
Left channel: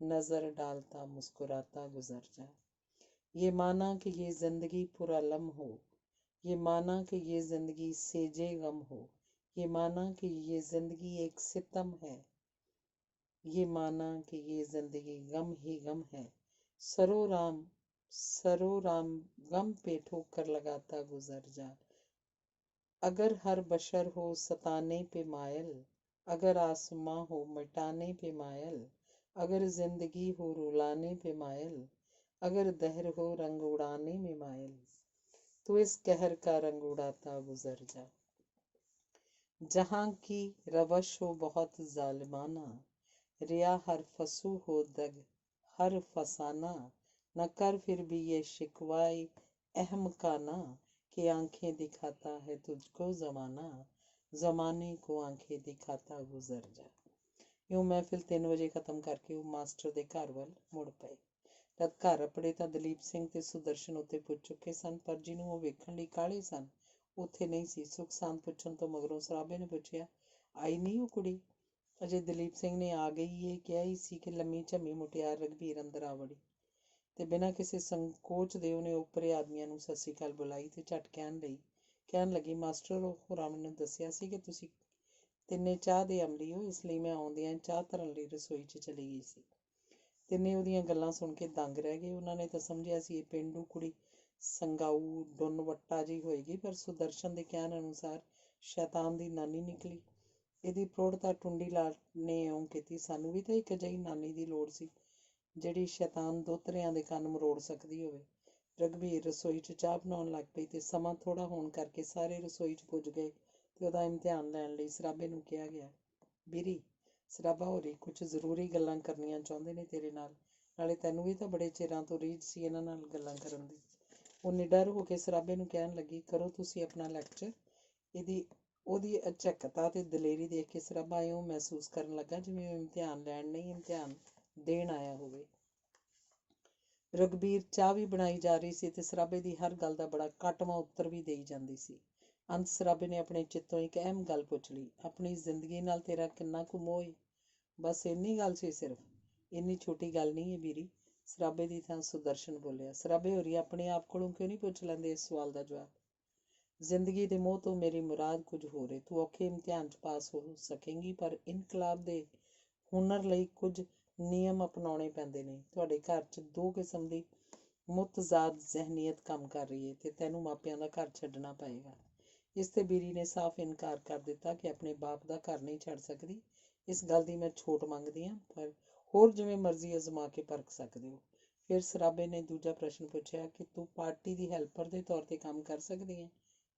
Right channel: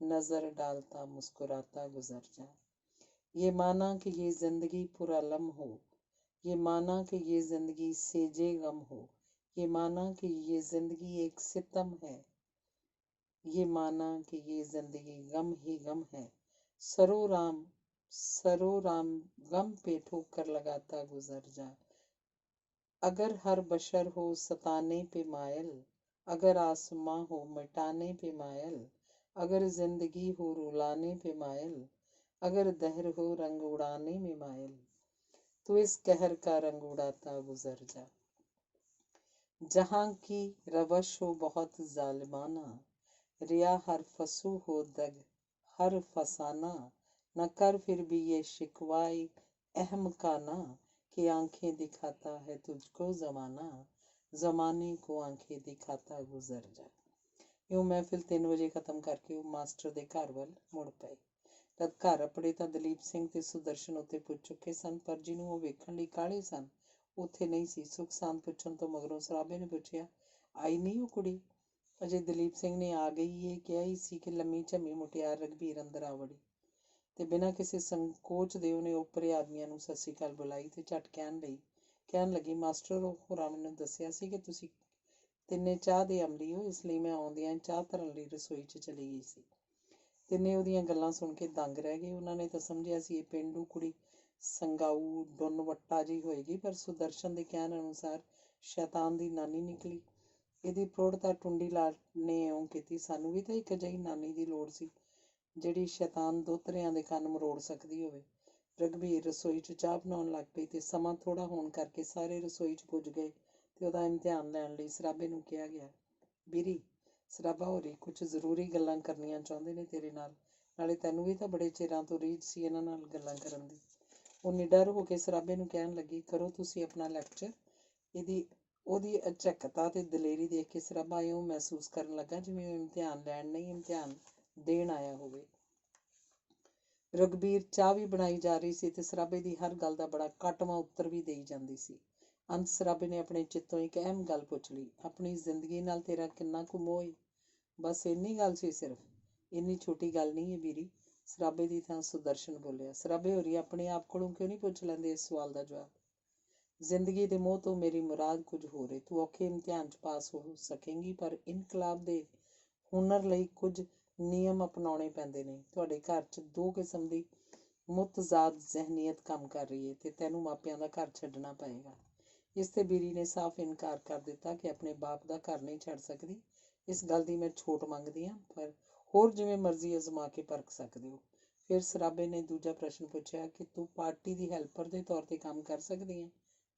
नज़र डालता मुस्कुराता गुजर जा। ये माना कि ये ज़िंदगी पुरअलम हो, ये माना कि ये ज़िंदगी सेजे गम हो, ये माना कि ये जिंदगी एक सितम है, ये माना कि ये जिंदगी गम ही गम है, सरो राम गम पे ठोकर लगाता गुजर जा। अगर हर बशर हो सताने पे मायल, अगर आसमां हो मिटाने पे मायल, अगर जिंदगी हो रुलाने पे मायल, अगर दहर हो रंग उड़ाने में मायल, तो इस कहर का रंग उड़ाता गुजर जा। जहाँ की रवश हो बहुत जालिमाना, रिया हर फसू हो दग हर फसाना, न कर फिर भी ये शिकवाए अहमकाना, कि आंखें दिखाता है तुझको जमाना, जमाने को आंखें दिखाता गुजर जा। यूं महफिल 3 ਵਜੇ ਖਤਮ ਕਰਕੇ ਉਹ ਮਾਸਟਰ ਦੇ ਘਰ ਵੱਲ ਮੁੜ ਪਏ। ਜਦ ਘਰ ਅੱਪੜੇ ਤਾਂ ਦਲੀਪ ਸਿੰਘ ਤੇ ਸੁਦਰਸ਼ਨ ਉੱਤੇ ਪੁੱਜ ਚੁੱਕੇ ਸਨ, ਪਰ ਜਿਹਨੂੰ ਉਹ ਵੇਖਣ ਲਈ ਕਾਹਲੇ ਸਨ ਉੱਥੇ ਨਹੀਂ ਸੀ। ਸੁੱਖ ਸਾਂਦ ਪੁੱਛਣ ਤੋਂ ਮਗਰੋਂ ਸਰਾਭੇ ਨੇ ਪੁੱਛਿਆ, ਆਈ ਨਹੀਂ ਉਹ ਕੁੜੀ? ਅਜੇ ਦਲੀਪ ਸਿੰਘ ਨੇ ਆ ਗਈ ਇਹ ਕਿਹਾ ਹੀ ਸੀ ਕਿ ਲੰਮੀ ਝੰਮੀ ਮੁਟਿਆਰ ਰਘਬੀਰ ਅੰਦਰ ਆ ਵੜੀ ਤੇ ਬਿਨਾਂ ਕਿਸੇ ਸੰਕੋਚ ਦੇ ਉਹਨੇ ਓਪਰੇ ਆਦਮੀਆਂ ਨੂੰ ਸਤਿ ਸ੍ਰੀ ਅਕਾਲ ਬੁਲਾਈ ਤੇ ਝਟ ਕਹਿਣ ਲੱਗੀ, ਮਾਸਟਰ ਹੋਰਾਂ ਮੈਨੂੰ ਦੱਸਿਆ ਸੀ ਕਿ ਤੁਸੀਂ ਤਿੰਨੇ ਚਾਹ ਦੇ ਅਮਲੀ ਹੋ, ਇਸ ਲਈ ਮੈਂ ਆਉਂਦਿਆਂ ਚਾਹ ਧਰਨ ਲਈ ਰਸੋਈ 'ਚ ਚਲੀ ਗਈ ਸੀ ਤਿੰਨੇ ਉਹਦੀਆਂ ਗੱਲਾਂ ਸੁਣ ਕੇ ਦੰਗ ਰਹਿ ਗਏ। ਉਹਨਾਂ ਨੇ ਤਾਂ ਸਮਝਿਆ ਸੀ ਇਹ ਪੇਂਡੂ ਕੁੜੀ ਸੰਗਾਊ ਡੁੰਨ ਵੱਟਾ ਜਿਹੀ ਹੋਏਗੀ, ਪਰ ਸੁਦਰਸ਼ਨ ਦੇ ਕਹਿਣ ਅਨੁਸਾਰ ਸ਼ੈਤਾਨ ਦੀ ਨਾਨੀ ਨਿਕਲੀ। ਇਹਦੀ ਪ੍ਰੌੜਤਾ ਟੁੰਡੀ ਲਾਲ ਨੇ ਇਉਂ ਕੀਤੀ, ਸਾਨੂੰ ਵੀ ਤਾਂ ਇੱਕ ਅਜਿਹੀ ਨਾਨੀ ਦੀ ਲੋੜ ਸੀ ਜਿਹੜੀ ਸ਼ੈਤਾਨ ਦੋਹਤਰਿਆਂ ਦੇ ਕੰਨ ਮਰੋੜ ਸਕਦੀ ਹੋਵੇ। ਰਘਬੀਰ ਰਸੋਈ 'ਚ ਚਾਹ ਬਣਾਉਣ ਲੱਗ ਪਈ ਤੇ ਸਮਾਂ ਥੋੜ੍ਹਾ ਹੋਣ ਕਰਕੇ ਸਾਰੇ ਰਸੋਈ 'ਚ ਪੁੱਜ ਗਏ ਤੇ ਉਹਦਾ ਇਮਤਿਹਾਨ ਲੈਣ ਲਈ ਸਰਾਬੇ ਨੂੰ ਕਿਹਾ ਗਿਆ। ਬੀਰੀ, ਸਰਾਬਾ ਹੋਰੀ ਕੁਝ ਜ਼ਰੂਰੀ ਗੱਲਾਂ ਕਰਨੀਆਂ ਚਾਹੁੰਦੇ ਨੇ ਤੇਰੇ ਨਾਲ, ਨਾਲੇ ਤੈਨੂੰ ਵੀ ਤਾਂ ਬੜੇ ਚਿਰਾਂ ਤੋਂ ਰੀਝ ਸੀ ਇਹਨਾਂ ਨਾਲ ਗੱਲਾਂ ਕਰਨ ਦੀ। ਉਹ ਨਿਡਰ ਹੋ ਕੇ ਸਰਾਬੇ ਨੂੰ ਕਹਿਣ ਲੱਗੀ, ਕਰੋ ਤੁਸੀਂ ਆਪਣਾ ਲੈਕਚਰ। ਉਹਦੀ ਅਚੱਕਤਾ ਤੇ ਦਲੇਰੀ ਦੇਖ ਕੇ ਸਰਾਬਾ ਇਉਂ ਮਹਿਸੂਸ ਕਰਨ ਲੱਗਾ ਜਿਵੇਂ ਉਹ ਇਮਤਿਹਾਨ ਲੈਣ ਨਹੀਂ, ਇਮਤਿਹਾਨ ਦੇਣ ਆਇਆ ਹੋਵੇ। ਰਘਬੀਰ ਚਾਹ ਵੀ ਬਣਾਈ ਜਾ ਰਹੀ ਸੀ ਤੇ ਸਰਾਬੇ ਦੀ ਹਰ ਗੱਲ ਦਾ ਬੜਾ ਕੱਟਵਾਂ ਉੱਤਰ ਵੀ ਦੇਈ ਜਾਂਦੀ ਸੀ। ਅੰਤ ਸਰਾਬੇ ਨੇ ਆਪਣੇ ਚਿੱਤੋਂ ਇੱਕ ਅਹਿਮ ਗੱਲ ਪੁੱਛ ਲਈ, ਆਪਣੀ ਜ਼ਿੰਦਗੀ ਨਾਲ ਤੇਰਾ ਕਿੰਨਾ ਕੁ ਮੋਹ ਏ? ਬਸ ਇੰਨੀ ਗੱਲ ਸੀ ਸਿਰਫ? ਇੰਨੀ ਛੋਟੀ ਗੱਲ ਨਹੀਂ ਹੈ ਬੀਰੀ, ਸਰਾਬੇ ਦੀ ਥਾਂ ਸੁਦਰਸ਼ਨ ਬੋਲਿਆ। ਸਰਾਬੇ ਹੋਰੀ ਆਪਣੇ ਆਪ ਕੋਲੋਂ ਕਿਉਂ ਨਹੀਂ ਪੁੱਛ ਲੈਂਦੇ ਇਸ ਸਵਾਲ ਦਾ ਜਵਾਬ? ਜ਼ਿੰਦਗੀ ਦੇ ਮੋਹ ਤੋਂ ਮੇਰੀ ਮੁਰਾਦ ਕੁਝ ਹੋਰ ਏ। ਤੂੰ ਔਖੇ ਇਮਤਿਹਾਨ 'ਚ ਪਾਸ ਹੋ ਸਕੇਂਗੀ, ਪਰ ਇਨਕਲਾਬ ਦੇ ਹੁਨਰ ਲਈ ਕੁਝ ਨਿਯਮ ਅਪਣਾਉਣੇ ਪੈਂਦੇ ਨੇ। ਤੁਹਾਡੇ ਘਰ 'ਚ ਦੋ ਕਿਸਮ ਦੀ ਮੁਤਜ਼ਾਦ ਜ਼ਹਿਨੀਅਤ ਕੰਮ ਕਰ ਰਹੀ ਹੈ ਤੇ ਤੈਨੂੰ ਮਾਪਿਆਂ ਦਾ ਘਰ ਛੱਡਣਾ ਪਏਗਾ। ਇਸ ਤੇ ਬੀਰੀ ਨੇ ਸਾਫ਼ ਇਨਕਾਰ ਕਰ ਦਿੱਤਾ ਕਿ ਆਪਣੇ ਬਾਪ ਦਾ ਘਰ ਨਹੀਂ ਛੱਡ ਸਕਦੀ। ਇਸ ਗੱਲ ਦੀ ਮੈਂ ਛੋਟ ਮੰਗਦੀ ਹਾਂ, ਪਰ ਹੋਰ ਜਿਵੇਂ ਮਰਜ਼ੀ ਅਜ਼ਮਾ ਕੇ ਪਰਖ ਸਕਦੇ ਹੋ। ਫਿਰ ਸਰਾਬੇ ਨੇ ਦੂਜਾ ਪ੍ਰਸ਼ਨ ਪੁੱਛਿਆ ਕਿ ਤੂੰ ਪਾਰਟੀ ਦੀ ਹੈਲਪਰ ਦੇ ਤੌਰ 'ਤੇ ਕੰਮ ਕਰ ਸਕਦੀ ਹੈ?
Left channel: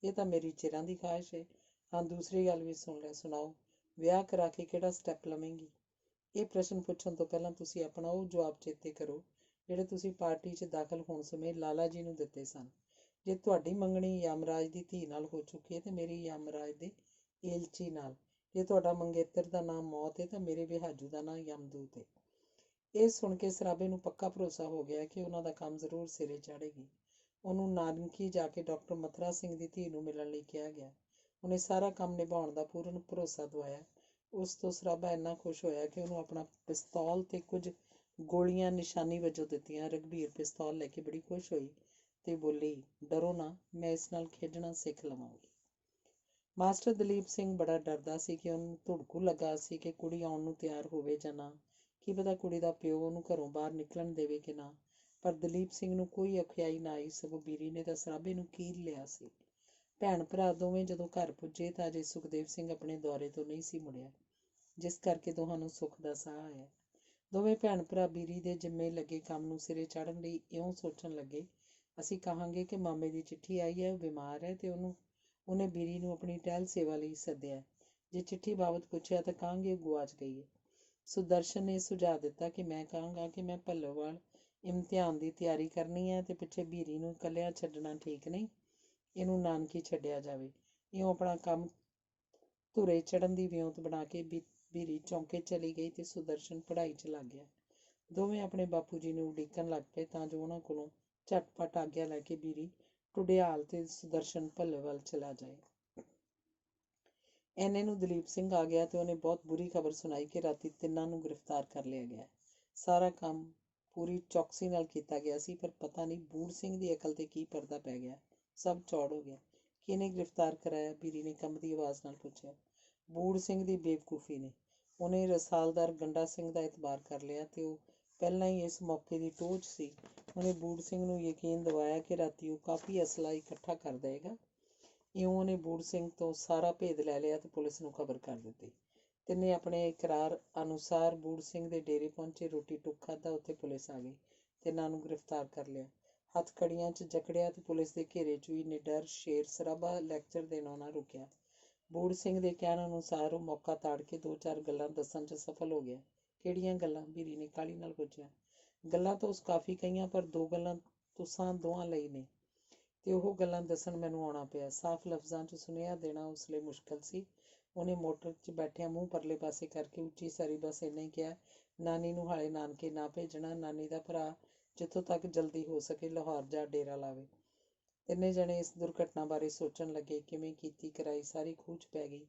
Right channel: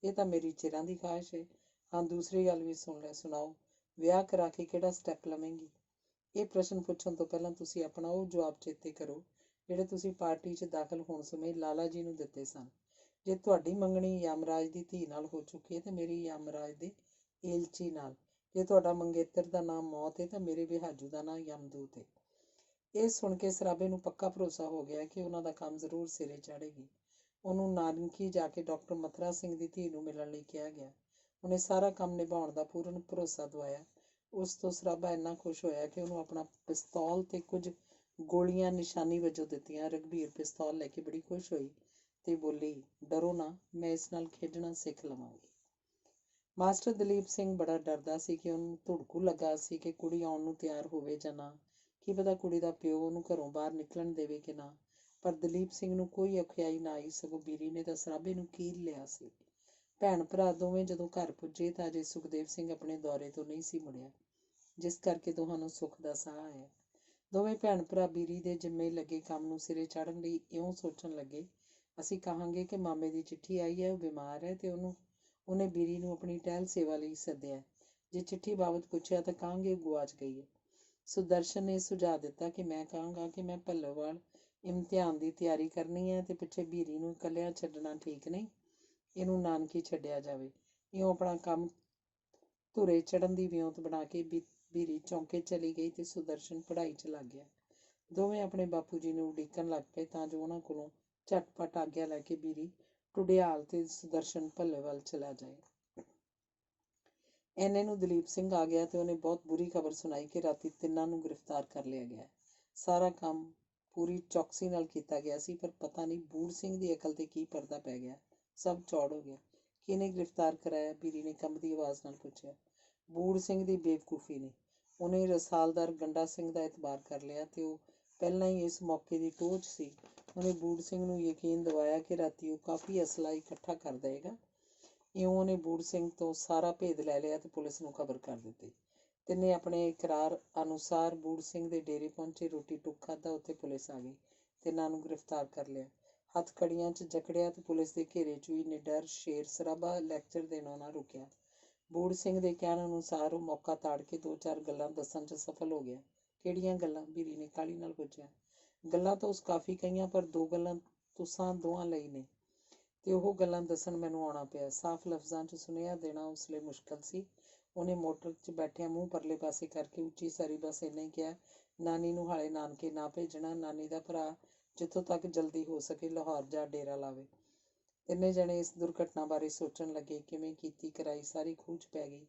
ਇਹ ਤਾਂ ਮੇਰੀ ਚਿਰਾਂ ਦੀ ਖਾਹਿਸ਼ ਹੈ। ਹਾਂ, ਦੂਸਰੀ ਗੱਲ ਵੀ ਸੁਣ ਲੈ, ਸੁਣਾਓ, ਵਿਆਹ ਕਰਾ ਕੇ ਕਿਹੜਾ ਸਟੈਪ ਲਵੇਂਗੀ? ਇਹ ਪ੍ਰਸ਼ਨ ਪੁੱਛਣ ਤੋਂ ਪਹਿਲਾਂ ਤੁਸੀਂ ਆਪਣਾ ਉਹ ਜਵਾਬ ਚੇਤੇ ਕਰੋ ਜਿਹੜੇ ਤੁਸੀਂ ਪਾਰਟੀ 'ਚ ਦਾਖਲ ਹੋਣ ਸਮੇਂ ਲਾਲਾ ਜੀ ਨੂੰ ਦਿੱਤੇ ਸਨ। ਜੇ ਤੁਹਾਡੀ ਮੰਗਣੀ ਯਮਰਾਜ ਦੀ ਧੀ ਨਾਲ ਹੋ ਚੁੱਕੀ ਹੈ ਤੇ ਮੇਰੀ ਯਮਰਾਜ ਦੇ ਏਲਚੀ ਨਾਲ। ਜੇ ਤੁਹਾਡਾ ਮੰਗੇਤਰ ਦਾ ਨਾਮ ਮੌਤ ਹੈ ਤਾਂ ਮੇਰੇ ਵਿਹਾਜੂ ਦਾ ਨਾਂ ਯਮਦੂਤ ਹੈ। ਇਹ ਸੁਣ ਕੇ ਸਰਾਬੇ ਨੂੰ ਪੱਕਾ ਭਰੋਸਾ ਹੋ ਗਿਆ ਕਿ ਉਹਨਾਂ ਦਾ ਕੰਮ ਜ਼ਰੂਰ ਸਿਰੇ ਚੜ੍ਹੇਗੀ। ਉਹਨੂੰ ਨਾਨਕੀ ਜਾ ਕੇ ਡਾਕਟਰ ਮਥੁਰਾ ਸਿੰਘ ਦੀ ਧੀ ਨੂੰ ਮਿਲਣ ਲਈ ਕਿਹਾ ਗਿਆ। ਉਹਨੇ ਸਾਰਾ ਕੰਮ ਨਿਭਾਉਣ ਦਾ ਪੂਰਨ ਭਰੋਸਾ ਦਵਾਇਆ। ਉਸ ਤੋਂ ਸਰਾਬਾ ਇੰਨਾ ਖੁਸ਼ ਹੋਇਆ ਕਿ ਉਹਨੂੰ ਆਪਣਾ ਪਿਸਤੌਲ ਤੇ ਕੁਝ ਗੋਲੀਆਂ ਨਿਸ਼ਾਨੀ ਵਜੋਂ ਦਿੱਤੀਆਂ। ਰਘਬੀਰ ਪਿਸਤੌਲ ਲੈ ਕੇ ਬੜੀ ਖੁਸ਼ ਹੋਈ ਤੇ ਬੋਲੀ, ਡਰੋ ਨਾ, ਮੈਂ ਇਸ ਨਾਲ ਖੇਡਣਾ ਸਿੱਖ ਲਵਾਂਗੀ। ਮਾਸਟਰ ਦਲੀਪ ਸਿੰਘ ਬੜਾ ਡਰਦਾ ਸੀ ਕਿ ਉਹਨੂੰ ਧੁੜਕੂ ਲੱਗਾ ਸੀ ਕਿ ਕੁੜੀ ਆਉਣ ਨੂੰ ਤਿਆਰ ਹੋਵੇ ਜਾਂ ਨਾ। ਕੀ ਪਤਾ ਕੁੜੀ ਦਾ ਪਿਓ ਉਹਨੂੰ ਘਰੋਂ ਬਾਹਰ ਨਿਕਲਣ ਦੇਵੇ ਕਿ ਨਾ। ਪਰ ਦਲੀਪ ਸਿੰਘ ਨੂੰ ਕੋਈ ਔਖਿਆਈ ਨਾ ਆਈ, ਸਗੋਂ ਬੀਰੀ ਨੇ ਤਾਂ ਸਰਾਬੇ ਨੂੰ ਕੀਲ ਲਿਆ ਸੀ। ਭੈਣ ਭਰਾ ਦੋਵੇਂ ਜਦੋਂ ਘਰ ਪੁੱਜੇ ਤਾਂ ਅਜੇ ਸੁਖਦੇਵ ਸਿੰਘ ਆਪਣੇ ਦੌਰੇ ਤੋਂ ਨਹੀਂ ਸੀ ਮੁੜਿਆ, ਜਿਸ ਕਰਕੇ ਦੋਹਾਂ ਨੂੰ ਸੁੱਖ ਦਾ ਸਾਹ ਆਇਆ। ਦੋਵੇਂ ਭੈਣ ਭਰਾ ਬੀਰੀ ਦੇ ਜਿੰਮੇ ਲੱਗੇ ਕੰਮ ਨੂੰ ਸਿਰੇ ਚਾੜ੍ਹਨ ਲਈ ਇਉਂ ਸੋਚਣ ਲੱਗੇ, ਅਸੀਂ ਕਹਾਂਗੇ ਕਿ ਮਾਮੇ ਦੀ ਚਿੱਠੀ ਆਈ ਹੈ, ਉਹ ਬਿਮਾਰ ਹੈ ਤੇ ਉਹਨੇ ਬੀਰੀ ਨੂੰ ਆਪਣੀ ਟਹਿਲ ਸੇਵਾ ਲਈ ਸੱਦਿਆ। ਜੇ ਚਿੱਠੀ ਬਾਬਤ ਪੁੱਛਿਆ ਤਾਂ ਕਹਾਂਗੇ ਗੁਆਚ ਗਈ ਹੈ। ਸੁਦਰਸ਼ਨ ਨੇ ਸੁਝਾਅ ਦਿੱਤਾ ਕਿ ਮੈਂ ਕਹਾਂਗਾ ਕਿ ਮੈਂ ਭੱਲੋਵਾਲ ਇਮਤਿਹਾਨ ਦੀ ਤਿਆਰੀ ਕਰਨੀ ਹੈ ਤੇ ਪਿੱਛੇ ਬੀਰੀ ਨੂੰ ਇਕੱਲਿਆਂ ਛੱਡਣਾ ਠੀਕ ਨਹੀਂ, ਇਹਨੂੰ ਨਾਨਕੀ ਛੱਡਿਆ ਜਾਵੇ। ਇਉਂ ਆਪਣਾ ਕੰਮ ਧੁਰੇ ਚੜ੍ਹਨ ਦੀ ਵਿਉਂਤ ਬਣਾ ਕੇ ਬੀਰੀ ਚੌਂਕੇ ਚਲੀ ਗਈ ਤੇ ਸੁਦਰਸ਼ਨ ਪੜ੍ਹਾਈ 'ਚ ਲੱਗ ਗਿਆ। ਦੋਵੇਂ ਆਪਣੇ ਬਾਪੂ ਜੀ ਨੂੰ ਉਡੀਕਣ ਲੱਗ ਪਏ ਤਾਂ ਜੋ ਉਹਨਾਂ ਕੋਲੋਂ ਝਟਪਟ ਆਗਿਆ ਲੈ ਕੇ ਬੀਰੀ ਟੁਡਿਆਲ ਤੇ ਸੁਦਰਸ਼ਨ ਭੱਲੋਵਾਲ ਚਲਾ ਜਾਏ। ਐਨੇ ਨੂੰ ਦਲੀਪ ਸਿੰਘ ਆ ਗਿਆ ਤੇ ਉਹਨੇ ਬਹੁਤ ਬੁਰੀ ਖਬਰ ਸੁਣਾਈ ਕਿ ਰਾਤੀ ਤਿੰਨਾਂ ਨੂੰ ਗ੍ਰਿਫਤਾਰ ਕਰ ਲਿਆ ਗਿਆ। ਸਾਰਾ ਕੰਮ ਪੂਰੀ ਚੌਕਸੀ ਨਾਲ ਕੀਤਾ ਗਿਆ ਸੀ, ਪਰ ਪਤਾ ਨਹੀਂ ਬੂੜ ਸਿੰਘ ਦੀ ਅਕਲ ਤੇ ਕੀ ਪਰਦਾ ਪੈ ਗਿਆ, ਸਭ ਚੌੜ ਹੋ ਗਿਆ। ਕਿਹਨੇ ਗ੍ਰਿਫਤਾਰ ਕਰਾਇਆ? ਬੀਰੀ ਨੇ ਕੰਬਦੀ ਆਵਾਜ਼ ਨਾਲ ਪੁੱਛਿਆ। ਬੂੜ ਸਿੰਘ ਦੀ ਬੇਵਕੂਫੀ ਨੇ। ਉਹਨੇ ਰਸਾਲਦਾਰ ਗੰਡਾ ਸਿੰਘ ਦਾ ਇਤਬਾਰ ਕਰ ਲਿਆ ਤੇ ਉਹ ਪਹਿਲਾਂ ਹੀ ਇਸ ਮੌਕੇ ਦੀ ਟੋਹ 'ਚ ਸੀ। ਉਹਨੇ ਬੂੜ ਸਿੰਘ ਨੂੰ ਯਕੀਨ ਦਿਵਾਇਆ ਕਿ ਰਾਤੀ ਉਹ ਕਾਫੀ ਅਸਲਾ ਇਕੱਠਾ ਕਰ ਦੇਵੇਗਾ। ਇਉਂ ਉਹਨੇ ਬੂੜ ਸਿੰਘ ਤੋਂ ਸਾਰਾ ਭੇਦ ਲੈ ਲਿਆ ਤੇ ਪੁਲਿਸ ਨੂੰ ਖਬਰ ਕਰ ਦਿੱਤੀ। ਤਿੰਨੇ ਆਪਣੇ ਇਕਰਾਰ ਅਨੁਸਾਰ ਬੂੜ ਸਿੰਘ ਦੇ ਡੇਰੇ ਪਹੁੰਚੇ, ਰੋਟੀ ਟੁੱਕ ਖਾਧਾ, ਉੱਥੇ ਪੁਲਿਸ ਆ ਗਈ। ਤਿੰਨਾਂ ਨੂੰ ਗ੍ਰਿਫਤਾਰ ਕਰ ਲਿਆ, ਹੱਥ ਕੜੀਆਂ 'ਚ ਜਕੜਿਆ ਤੇ ਪੁਲਿਸ ਦੇ ਘੇਰੇ 'ਚ ਵੀ ਨਿਡਰ ਸ਼ੇਰ ਸਰਾਬਾ ਲੈਕਚਰ ਦੇਣੋਂ ਨਾ ਰੁਕਿਆ। ਬੂੜ ਸਿੰਘ ਦੇ ਕਹਿਣ ਅਨੁਸਾਰ ਉਹ ਮੌਕਾ ਤਾੜ ਕੇ 2-4 ਗੱਲਾਂ ਦੱਸਣ 'ਚ ਸਫਲ ਹੋ ਗਿਆ। ਕਿਹੜੀਆਂ ਗੱਲਾਂ? ਬੀਰੀ ਨੇ ਕਾਹਲੀ ਨਾਲ ਪੁੱਛਿਆ। ਗੱਲਾਂ ਤਾਂ ਉਸ ਕਾਫੀ ਕਹੀਆਂ, ਪਰ 2 ਗੱਲਾਂ ਤੁਸਾਂ ਦੋਹਾਂ ਲਈ ਨੇ ਤੇ ਉਹ ਗੱਲਾਂ ਦੱਸਣ ਮੈਨੂੰ ਆਉਣਾ ਪਿਆ। ਸਾਫ਼ ਲਫ਼ਜ਼ਾਂ 'ਚ ਸੁਨੇਹਾ ਦੇਣਾ ਉਸ ਲਈ ਮੁਸ਼ਕਲ ਸੀ। ਉਹਨੇ ਮੋਟਰ 'ਚ ਬੈਠਿਆਂ ਮੂੰਹ ਪਰਲੇ ਪਾਸੇ ਕਰਕੇ ਉੱਚੀ ਸਾਰੀ ਬਸ ਇੰਨਾ ਹੀ ਕਿਹਾ, ਨਾਨੀ ਨੂੰ ਹਾਲੇ ਨਾਨਕੇ ਨਾ ਭੇਜਣਾ। ਨਾਨੀ ਦਾ ਭਰਾ ਜਿੱਥੋਂ ਤੱਕ ਜਲਦੀ ਹੋ ਸਕੇ ਲਾਹੌਰ ਜਾ ਡੇਰਾ ਲਾਵੇ। ਤਿੰਨੇ ਜਣੇ ਇਸ ਦੁਰਘਟਨਾ ਬਾਰੇ ਸੋਚਣ ਲੱਗੇ। ਕਿਵੇਂ ਕੀਤੀ ਕਰਾਈ ਸਾਰੀ ਖੂਹ 'ਚ ਪੈ ਗਈ।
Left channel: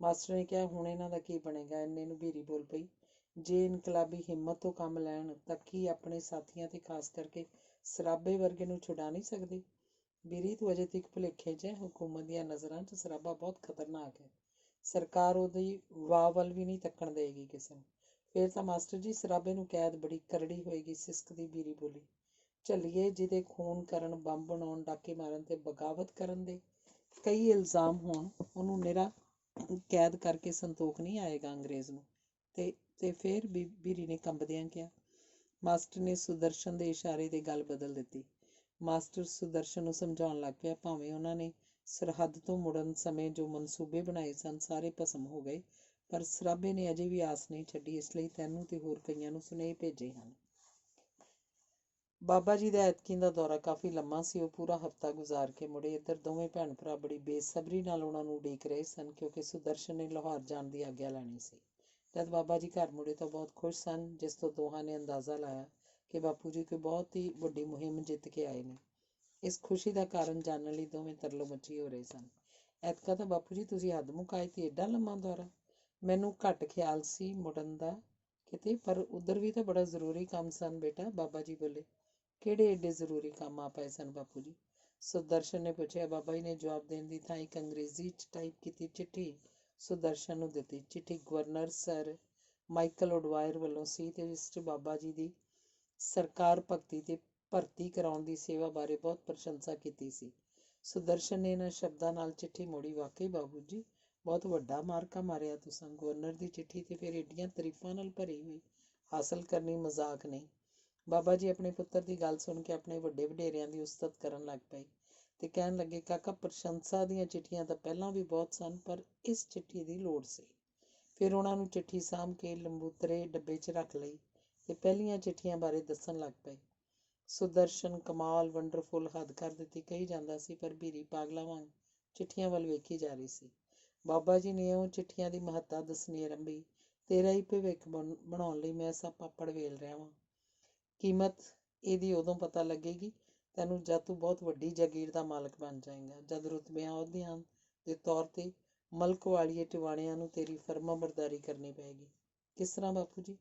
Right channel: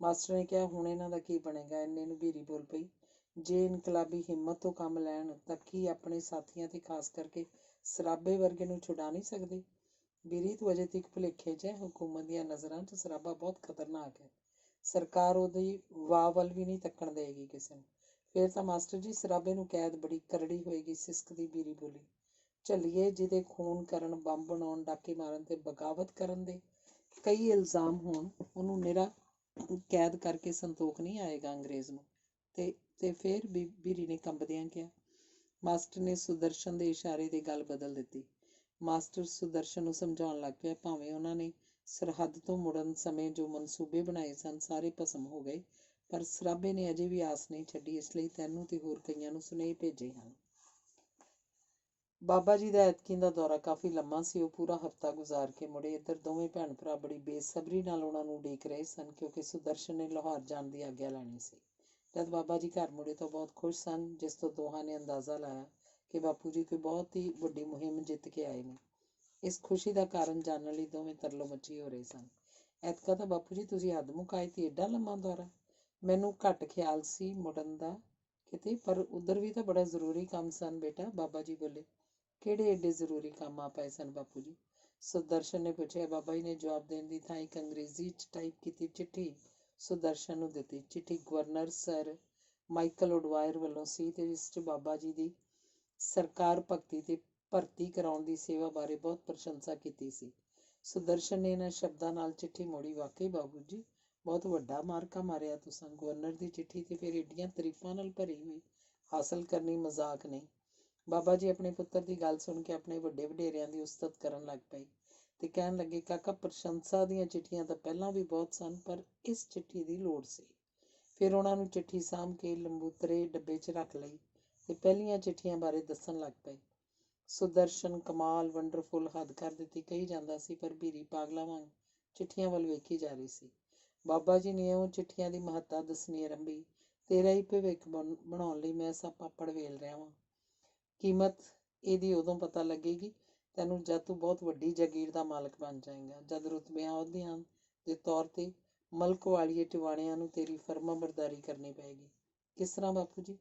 ਮਾਸਟਰ ਨੇ ਕਿਹਾ, ਹੁਣ ਇਹਨਾਂ ਦਾ ਕੀ ਬਣੇਗਾ? ਇੰਨੇ ਨੂੰ ਬੀਰੀ ਬੋਲ ਪਈ, ਜੇ ਇਨਕਲਾਬੀ ਹਿੰਮਤ ਤੋਂ ਕੰਮ ਲੈਣ ਤਾਂ ਕੀ ਆਪਣੇ ਸਾਥੀਆਂ ਤੇ ਖਾਸ ਕਰਕੇ ਸਰਾਬੇ ਵਰਗੇ ਨੂੰ ਛੁਡਾ ਨਹੀਂ ਸਕਦੇ? ਬੀਰੀ, ਤੂੰ ਅਜੇ ਤੱਕ ਭੁਲੇਖੇ 'ਚ ਹੈ। ਹਕੂਮਤ ਦੀਆਂ ਨਜ਼ਰਾਂ 'ਚ ਸਰਾਬਾ ਬਹੁਤ ਖਤਰਨਾਕ ਹੈ। ਸਰਕਾਰ ਉਹਦੀ ਵਾਹ ਵੱਲ ਵੀ ਨਹੀਂ ਤੱਕਣ ਦੇਵੇਗੀ ਕਿਸੇ ਨੂੰ। ਫਿਰ ਤਾਂ ਮਾਸਟਰ ਜੀ ਸਰਾਬੇ ਨੂੰ ਕੈਦ ਬੜੀ ਕਰੜੀ ਹੋਏਗੀ, ਸਿਸਕਦੀ ਬੀਰੀ ਬੋਲੀ। ਝੱਲੀਏ, ਜਿਹਦੇ ਖੂਨ ਕਰਨ, ਬੰਬ ਬਣਾਉਣ, ਡਾਕੇ ਮਾਰਨ ਤੇ ਬਗਾਵਤ ਕਰਨ ਦੇ ਕਈ ਇਲਜ਼ਾਮ ਹੋਣ, ਉਹਨੂੰ ਨਿਰਾ ਕੈਦ ਕਰਕੇ ਸੰਤੋਖ ਨਹੀਂ ਆਏਗਾ ਅੰਗਰੇਜ਼ ਨੂੰ। ਤੇ ਫਿਰ ਬੀਰੀ ਨੇ ਕੰਬਦਿਆਂ ਕਿਹਾ। ਮਾਸਟਰ ਨੇ ਸੁਦਰਸ਼ਨ ਦੇ ਇਸ਼ਾਰੇ ਤੇ ਗੱਲ ਬਦਲ ਦਿੱਤੀ। ਮਾਸਟਰ ਸੁਦਰਸ਼ਨ ਨੂੰ ਸਮਝਾਉਣ ਲੱਗ ਪਿਆ, ਭਾਵੇਂ ਉਹਨਾਂ ਨੇ ਸਰਹੱਦ ਤੋਂ ਮੁੜਨ ਸਮੇਂ ਜੋ ਮਨਸੂਬੇ ਬਣਾਏ ਸਨ ਸਾਰੇ ਭਸਮ ਹੋ ਗਏ, ਪਰ ਸਰਾਬੇ ਨੇ ਅਜੇ ਵੀ ਆਸ ਨਹੀਂ ਛੱਡੀ, ਇਸ ਲਈ ਤੈਨੂੰ ਤੇ ਹੋਰ ਕਈਆਂ ਨੂੰ ਸੁਨੇਹੇ ਭੇਜੇ ਹਨ। ਬਾਬਾ ਜੀ ਦਾ ਐਤਕੀਂ ਦਾ ਦੌਰਾ ਕਾਫੀ ਲੰਮਾ ਸੀ। ਉਹ ਪੂਰਾ ਹਫ਼ਤਾ ਗੁਜ਼ਾਰ ਕੇ ਮੁੜੇ। ਇੱਧਰ ਦੋਵੇਂ ਭੈਣ ਭਰਾ ਬੜੀ ਬੇਸਬਰੀ ਨਾਲ ਉਹਨਾਂ ਨੂੰ ਉਡੀਕ ਰਹੇ ਸਨ, ਕਿਉਂਕਿ ਸੁਦਰਸ਼ਨ ਨੇ ਲਾਹੌਰ ਜਾਣ ਦੀ ਆਗਿਆ ਲੈਣੀ ਸੀ। ਜਦ ਬਾਬਾ ਜੀ ਘਰ ਮੁੜੇ ਤਾਂ ਬਹੁਤ ਖੁਸ਼ ਸਨ, ਜਿਸ ਤੋਂ ਦੋਹਾਂ ਨੇ ਅੰਦਾਜ਼ਾ ਲਾਇਆ ਕਿ ਬਾਪੂ ਜੀ ਕੋਈ ਬਹੁਤ ਹੀ ਵੱਡੀ ਮੁਹਿੰਮ ਜਿੱਤ ਕੇ ਆਏ ਨੇ। ਇਸ ਖੁਸ਼ੀ ਦਾ ਕਾਰਨ ਜਾਣਨ ਲਈ ਦੋਵੇਂ ਤਰਲੋ ਮੱਚੀ ਹੋ ਰਹੇ ਸਨ। ਐਤਕਾਂ ਤਾਂ ਬਾਪੂ ਜੀ ਤੁਸੀਂ ਹੱਦ ਮੁਕਾਈ ਤੇ ਏਡਾ ਲੰਮਾ ਦੌਰਾ। ਮੈਨੂੰ ਘੱਟ ਖਿਆਲ ਸੀ ਮੁੜਨ ਦਾ ਕਿਤੇ, ਪਰ ਉੱਧਰ ਵੀ ਤਾਂ ਬੜਾ ਜ਼ਰੂਰੀ ਕੰਮ ਸਨ ਬੇਟਾ, ਬਾਬਾ ਜੀ ਬੋਲੇ। ਕਿਹੜੇ ਏਡੇ ਜ਼ਰੂਰੀ ਕੰਮ ਆ ਪਏ ਸਨ ਬਾਪੂ ਜੀ? ਸੁਦਰਸ਼ਨ ਨੇ ਪੁੱਛਿਆ। ਬਾਬਾ ਜੀ ਨੇ ਜਵਾਬ ਦੇਣ ਦੀ ਥਾਂ ਇੱਕ ਅੰਗਰੇਜ਼ੀ 'ਚ ਟਾਈਪ ਕੀਤੀ ਚਿੱਠੀ ਸੁਦਰਸ਼ਨ ਨੂੰ ਦਿੱਤੀ। ਚਿੱਠੀ ਗਵਰਨਰ ਸਰ ਮਾਈਕਲ ਉਡਵਾਇਰ ਵੱਲੋਂ ਸੀ ਤੇ ਇਸ 'ਚ ਬਾਬਾ ਜੀ ਦੀ ਸਰਕਾਰ ਭਗਤੀ ਤੇ ਭਰਤੀ ਕਰਾਉਣ ਦੀ ਸੇਵਾ ਬਾਰੇ ਬਹੁਤ ਪ੍ਰਸ਼ੰਸਾ ਕੀਤੀ ਸੀ। ਸੁਦਰਸ਼ਨ ਨੇ ਇਹਨਾਂ ਸ਼ਬਦਾਂ ਨਾਲ ਚਿੱਠੀ ਮੋੜੀ। ਵਾਕਈ ਬਾਬੂ ਜੀ, ਬਹੁਤ ਵੱਡਾ ਮਾਰਕਾ ਮਾਰਿਆ ਤੁਸਾਂ। ਗਵਰਨਰ ਦੀ ਚਿੱਠੀ ਤੇ ਫਿਰ ਏਡੀਆਂ ਤਾਰੀਫਾਂ ਨਾਲ ਭਰੀ ਹੋਈ, ਹਾਸਲ ਕਰਨੀ ਮਜ਼ਾਕ ਨਹੀਂ। ਬਾਬਾ ਜੀ ਆਪਣੇ ਪੁੱਤਰ ਦੀ ਗੱਲ ਸੁਣ ਕੇ ਆਪਣੇ ਵੱਡੇ ਵਡੇਰਿਆਂ ਦੀ ਉਸਤਤ ਕਰਨ ਲੱਗ ਪਏ ਤੇ ਕਹਿਣ ਲੱਗੇ, ਕਾਕਾ, ਪ੍ਰਸ਼ੰਸਾ ਦੀਆਂ ਚਿੱਠੀਆਂ ਤਾਂ ਪਹਿਲਾਂ ਵੀ ਬਹੁਤ ਸਨ, ਪਰ ਇਸ ਚਿੱਠੀ ਦੀ ਲੋੜ ਸੀ। ਫਿਰ ਉਹਨਾਂ ਨੂੰ ਚਿੱਠੀ ਸਾਂਭ ਕੇ ਲੰਬੂਤਰੇ ਡੱਬੇ 'ਚ ਰੱਖ ਲਈ ਤੇ ਪਹਿਲੀਆਂ ਚਿੱਠੀਆਂ ਬਾਰੇ ਦੱਸਣ ਲੱਗ ਪਏ। ਸੁਦਰਸ਼ਨ ਕਮਾਲ, ਵੰਡਰਫੁਲ, ਹੱਦ ਕਰ ਦਿੱਤੀ ਕਹੀ ਜਾਂਦਾ ਸੀ, ਪਰ ਬੀਰੀ ਪਾਗਲਾਂ ਵਾਂਗ ਚਿੱਠੀਆਂ ਵੱਲ ਵੇਖੀ ਜਾ ਰਹੀ ਸੀ। ਬਾਬਾ ਜੀ ਨੇ ਉਹ ਚਿੱਠੀਆਂ ਦੀ ਮਹੱਤਤਾ ਦੱਸਣੀ ਆਰੰਭੀ। ਤੇਰਾ ਹੀ ਭਵਿੱਖ ਬਣਾਉਣ ਲਈ ਮੈਂ ਸਭ ਪਾਪੜ ਵੇਲ ਰਿਹਾ ਵਾਂ। ਕੀਮਤ ਇਹਦੀ ਉਦੋਂ ਪਤਾ ਲੱਗੇਗੀ ਤੈਨੂੰ ਜਦ ਤੂੰ ਬਹੁਤ ਵੱਡੀ ਜਾਗੀਰ ਦਾ ਮਾਲਕ ਬਣ ਜਾਏਗਾ, ਜਦ ਰੁਤਬਿਆਂ ਅਹੁਦਿਆਂ ਦੇ ਤੌਰ ਤੇ ਮਲਕ ਵਾਲੀਏ ਟਿਵਾਣਿਆਂ ਨੂੰ ਤੇਰੀ ਫਰਮਾਬਰਦਾਰੀ ਕਰਨੀ ਪਏਗੀ। ਕਿਸ ਤਰ੍ਹਾਂ ਬਾਪੂ ਜੀ?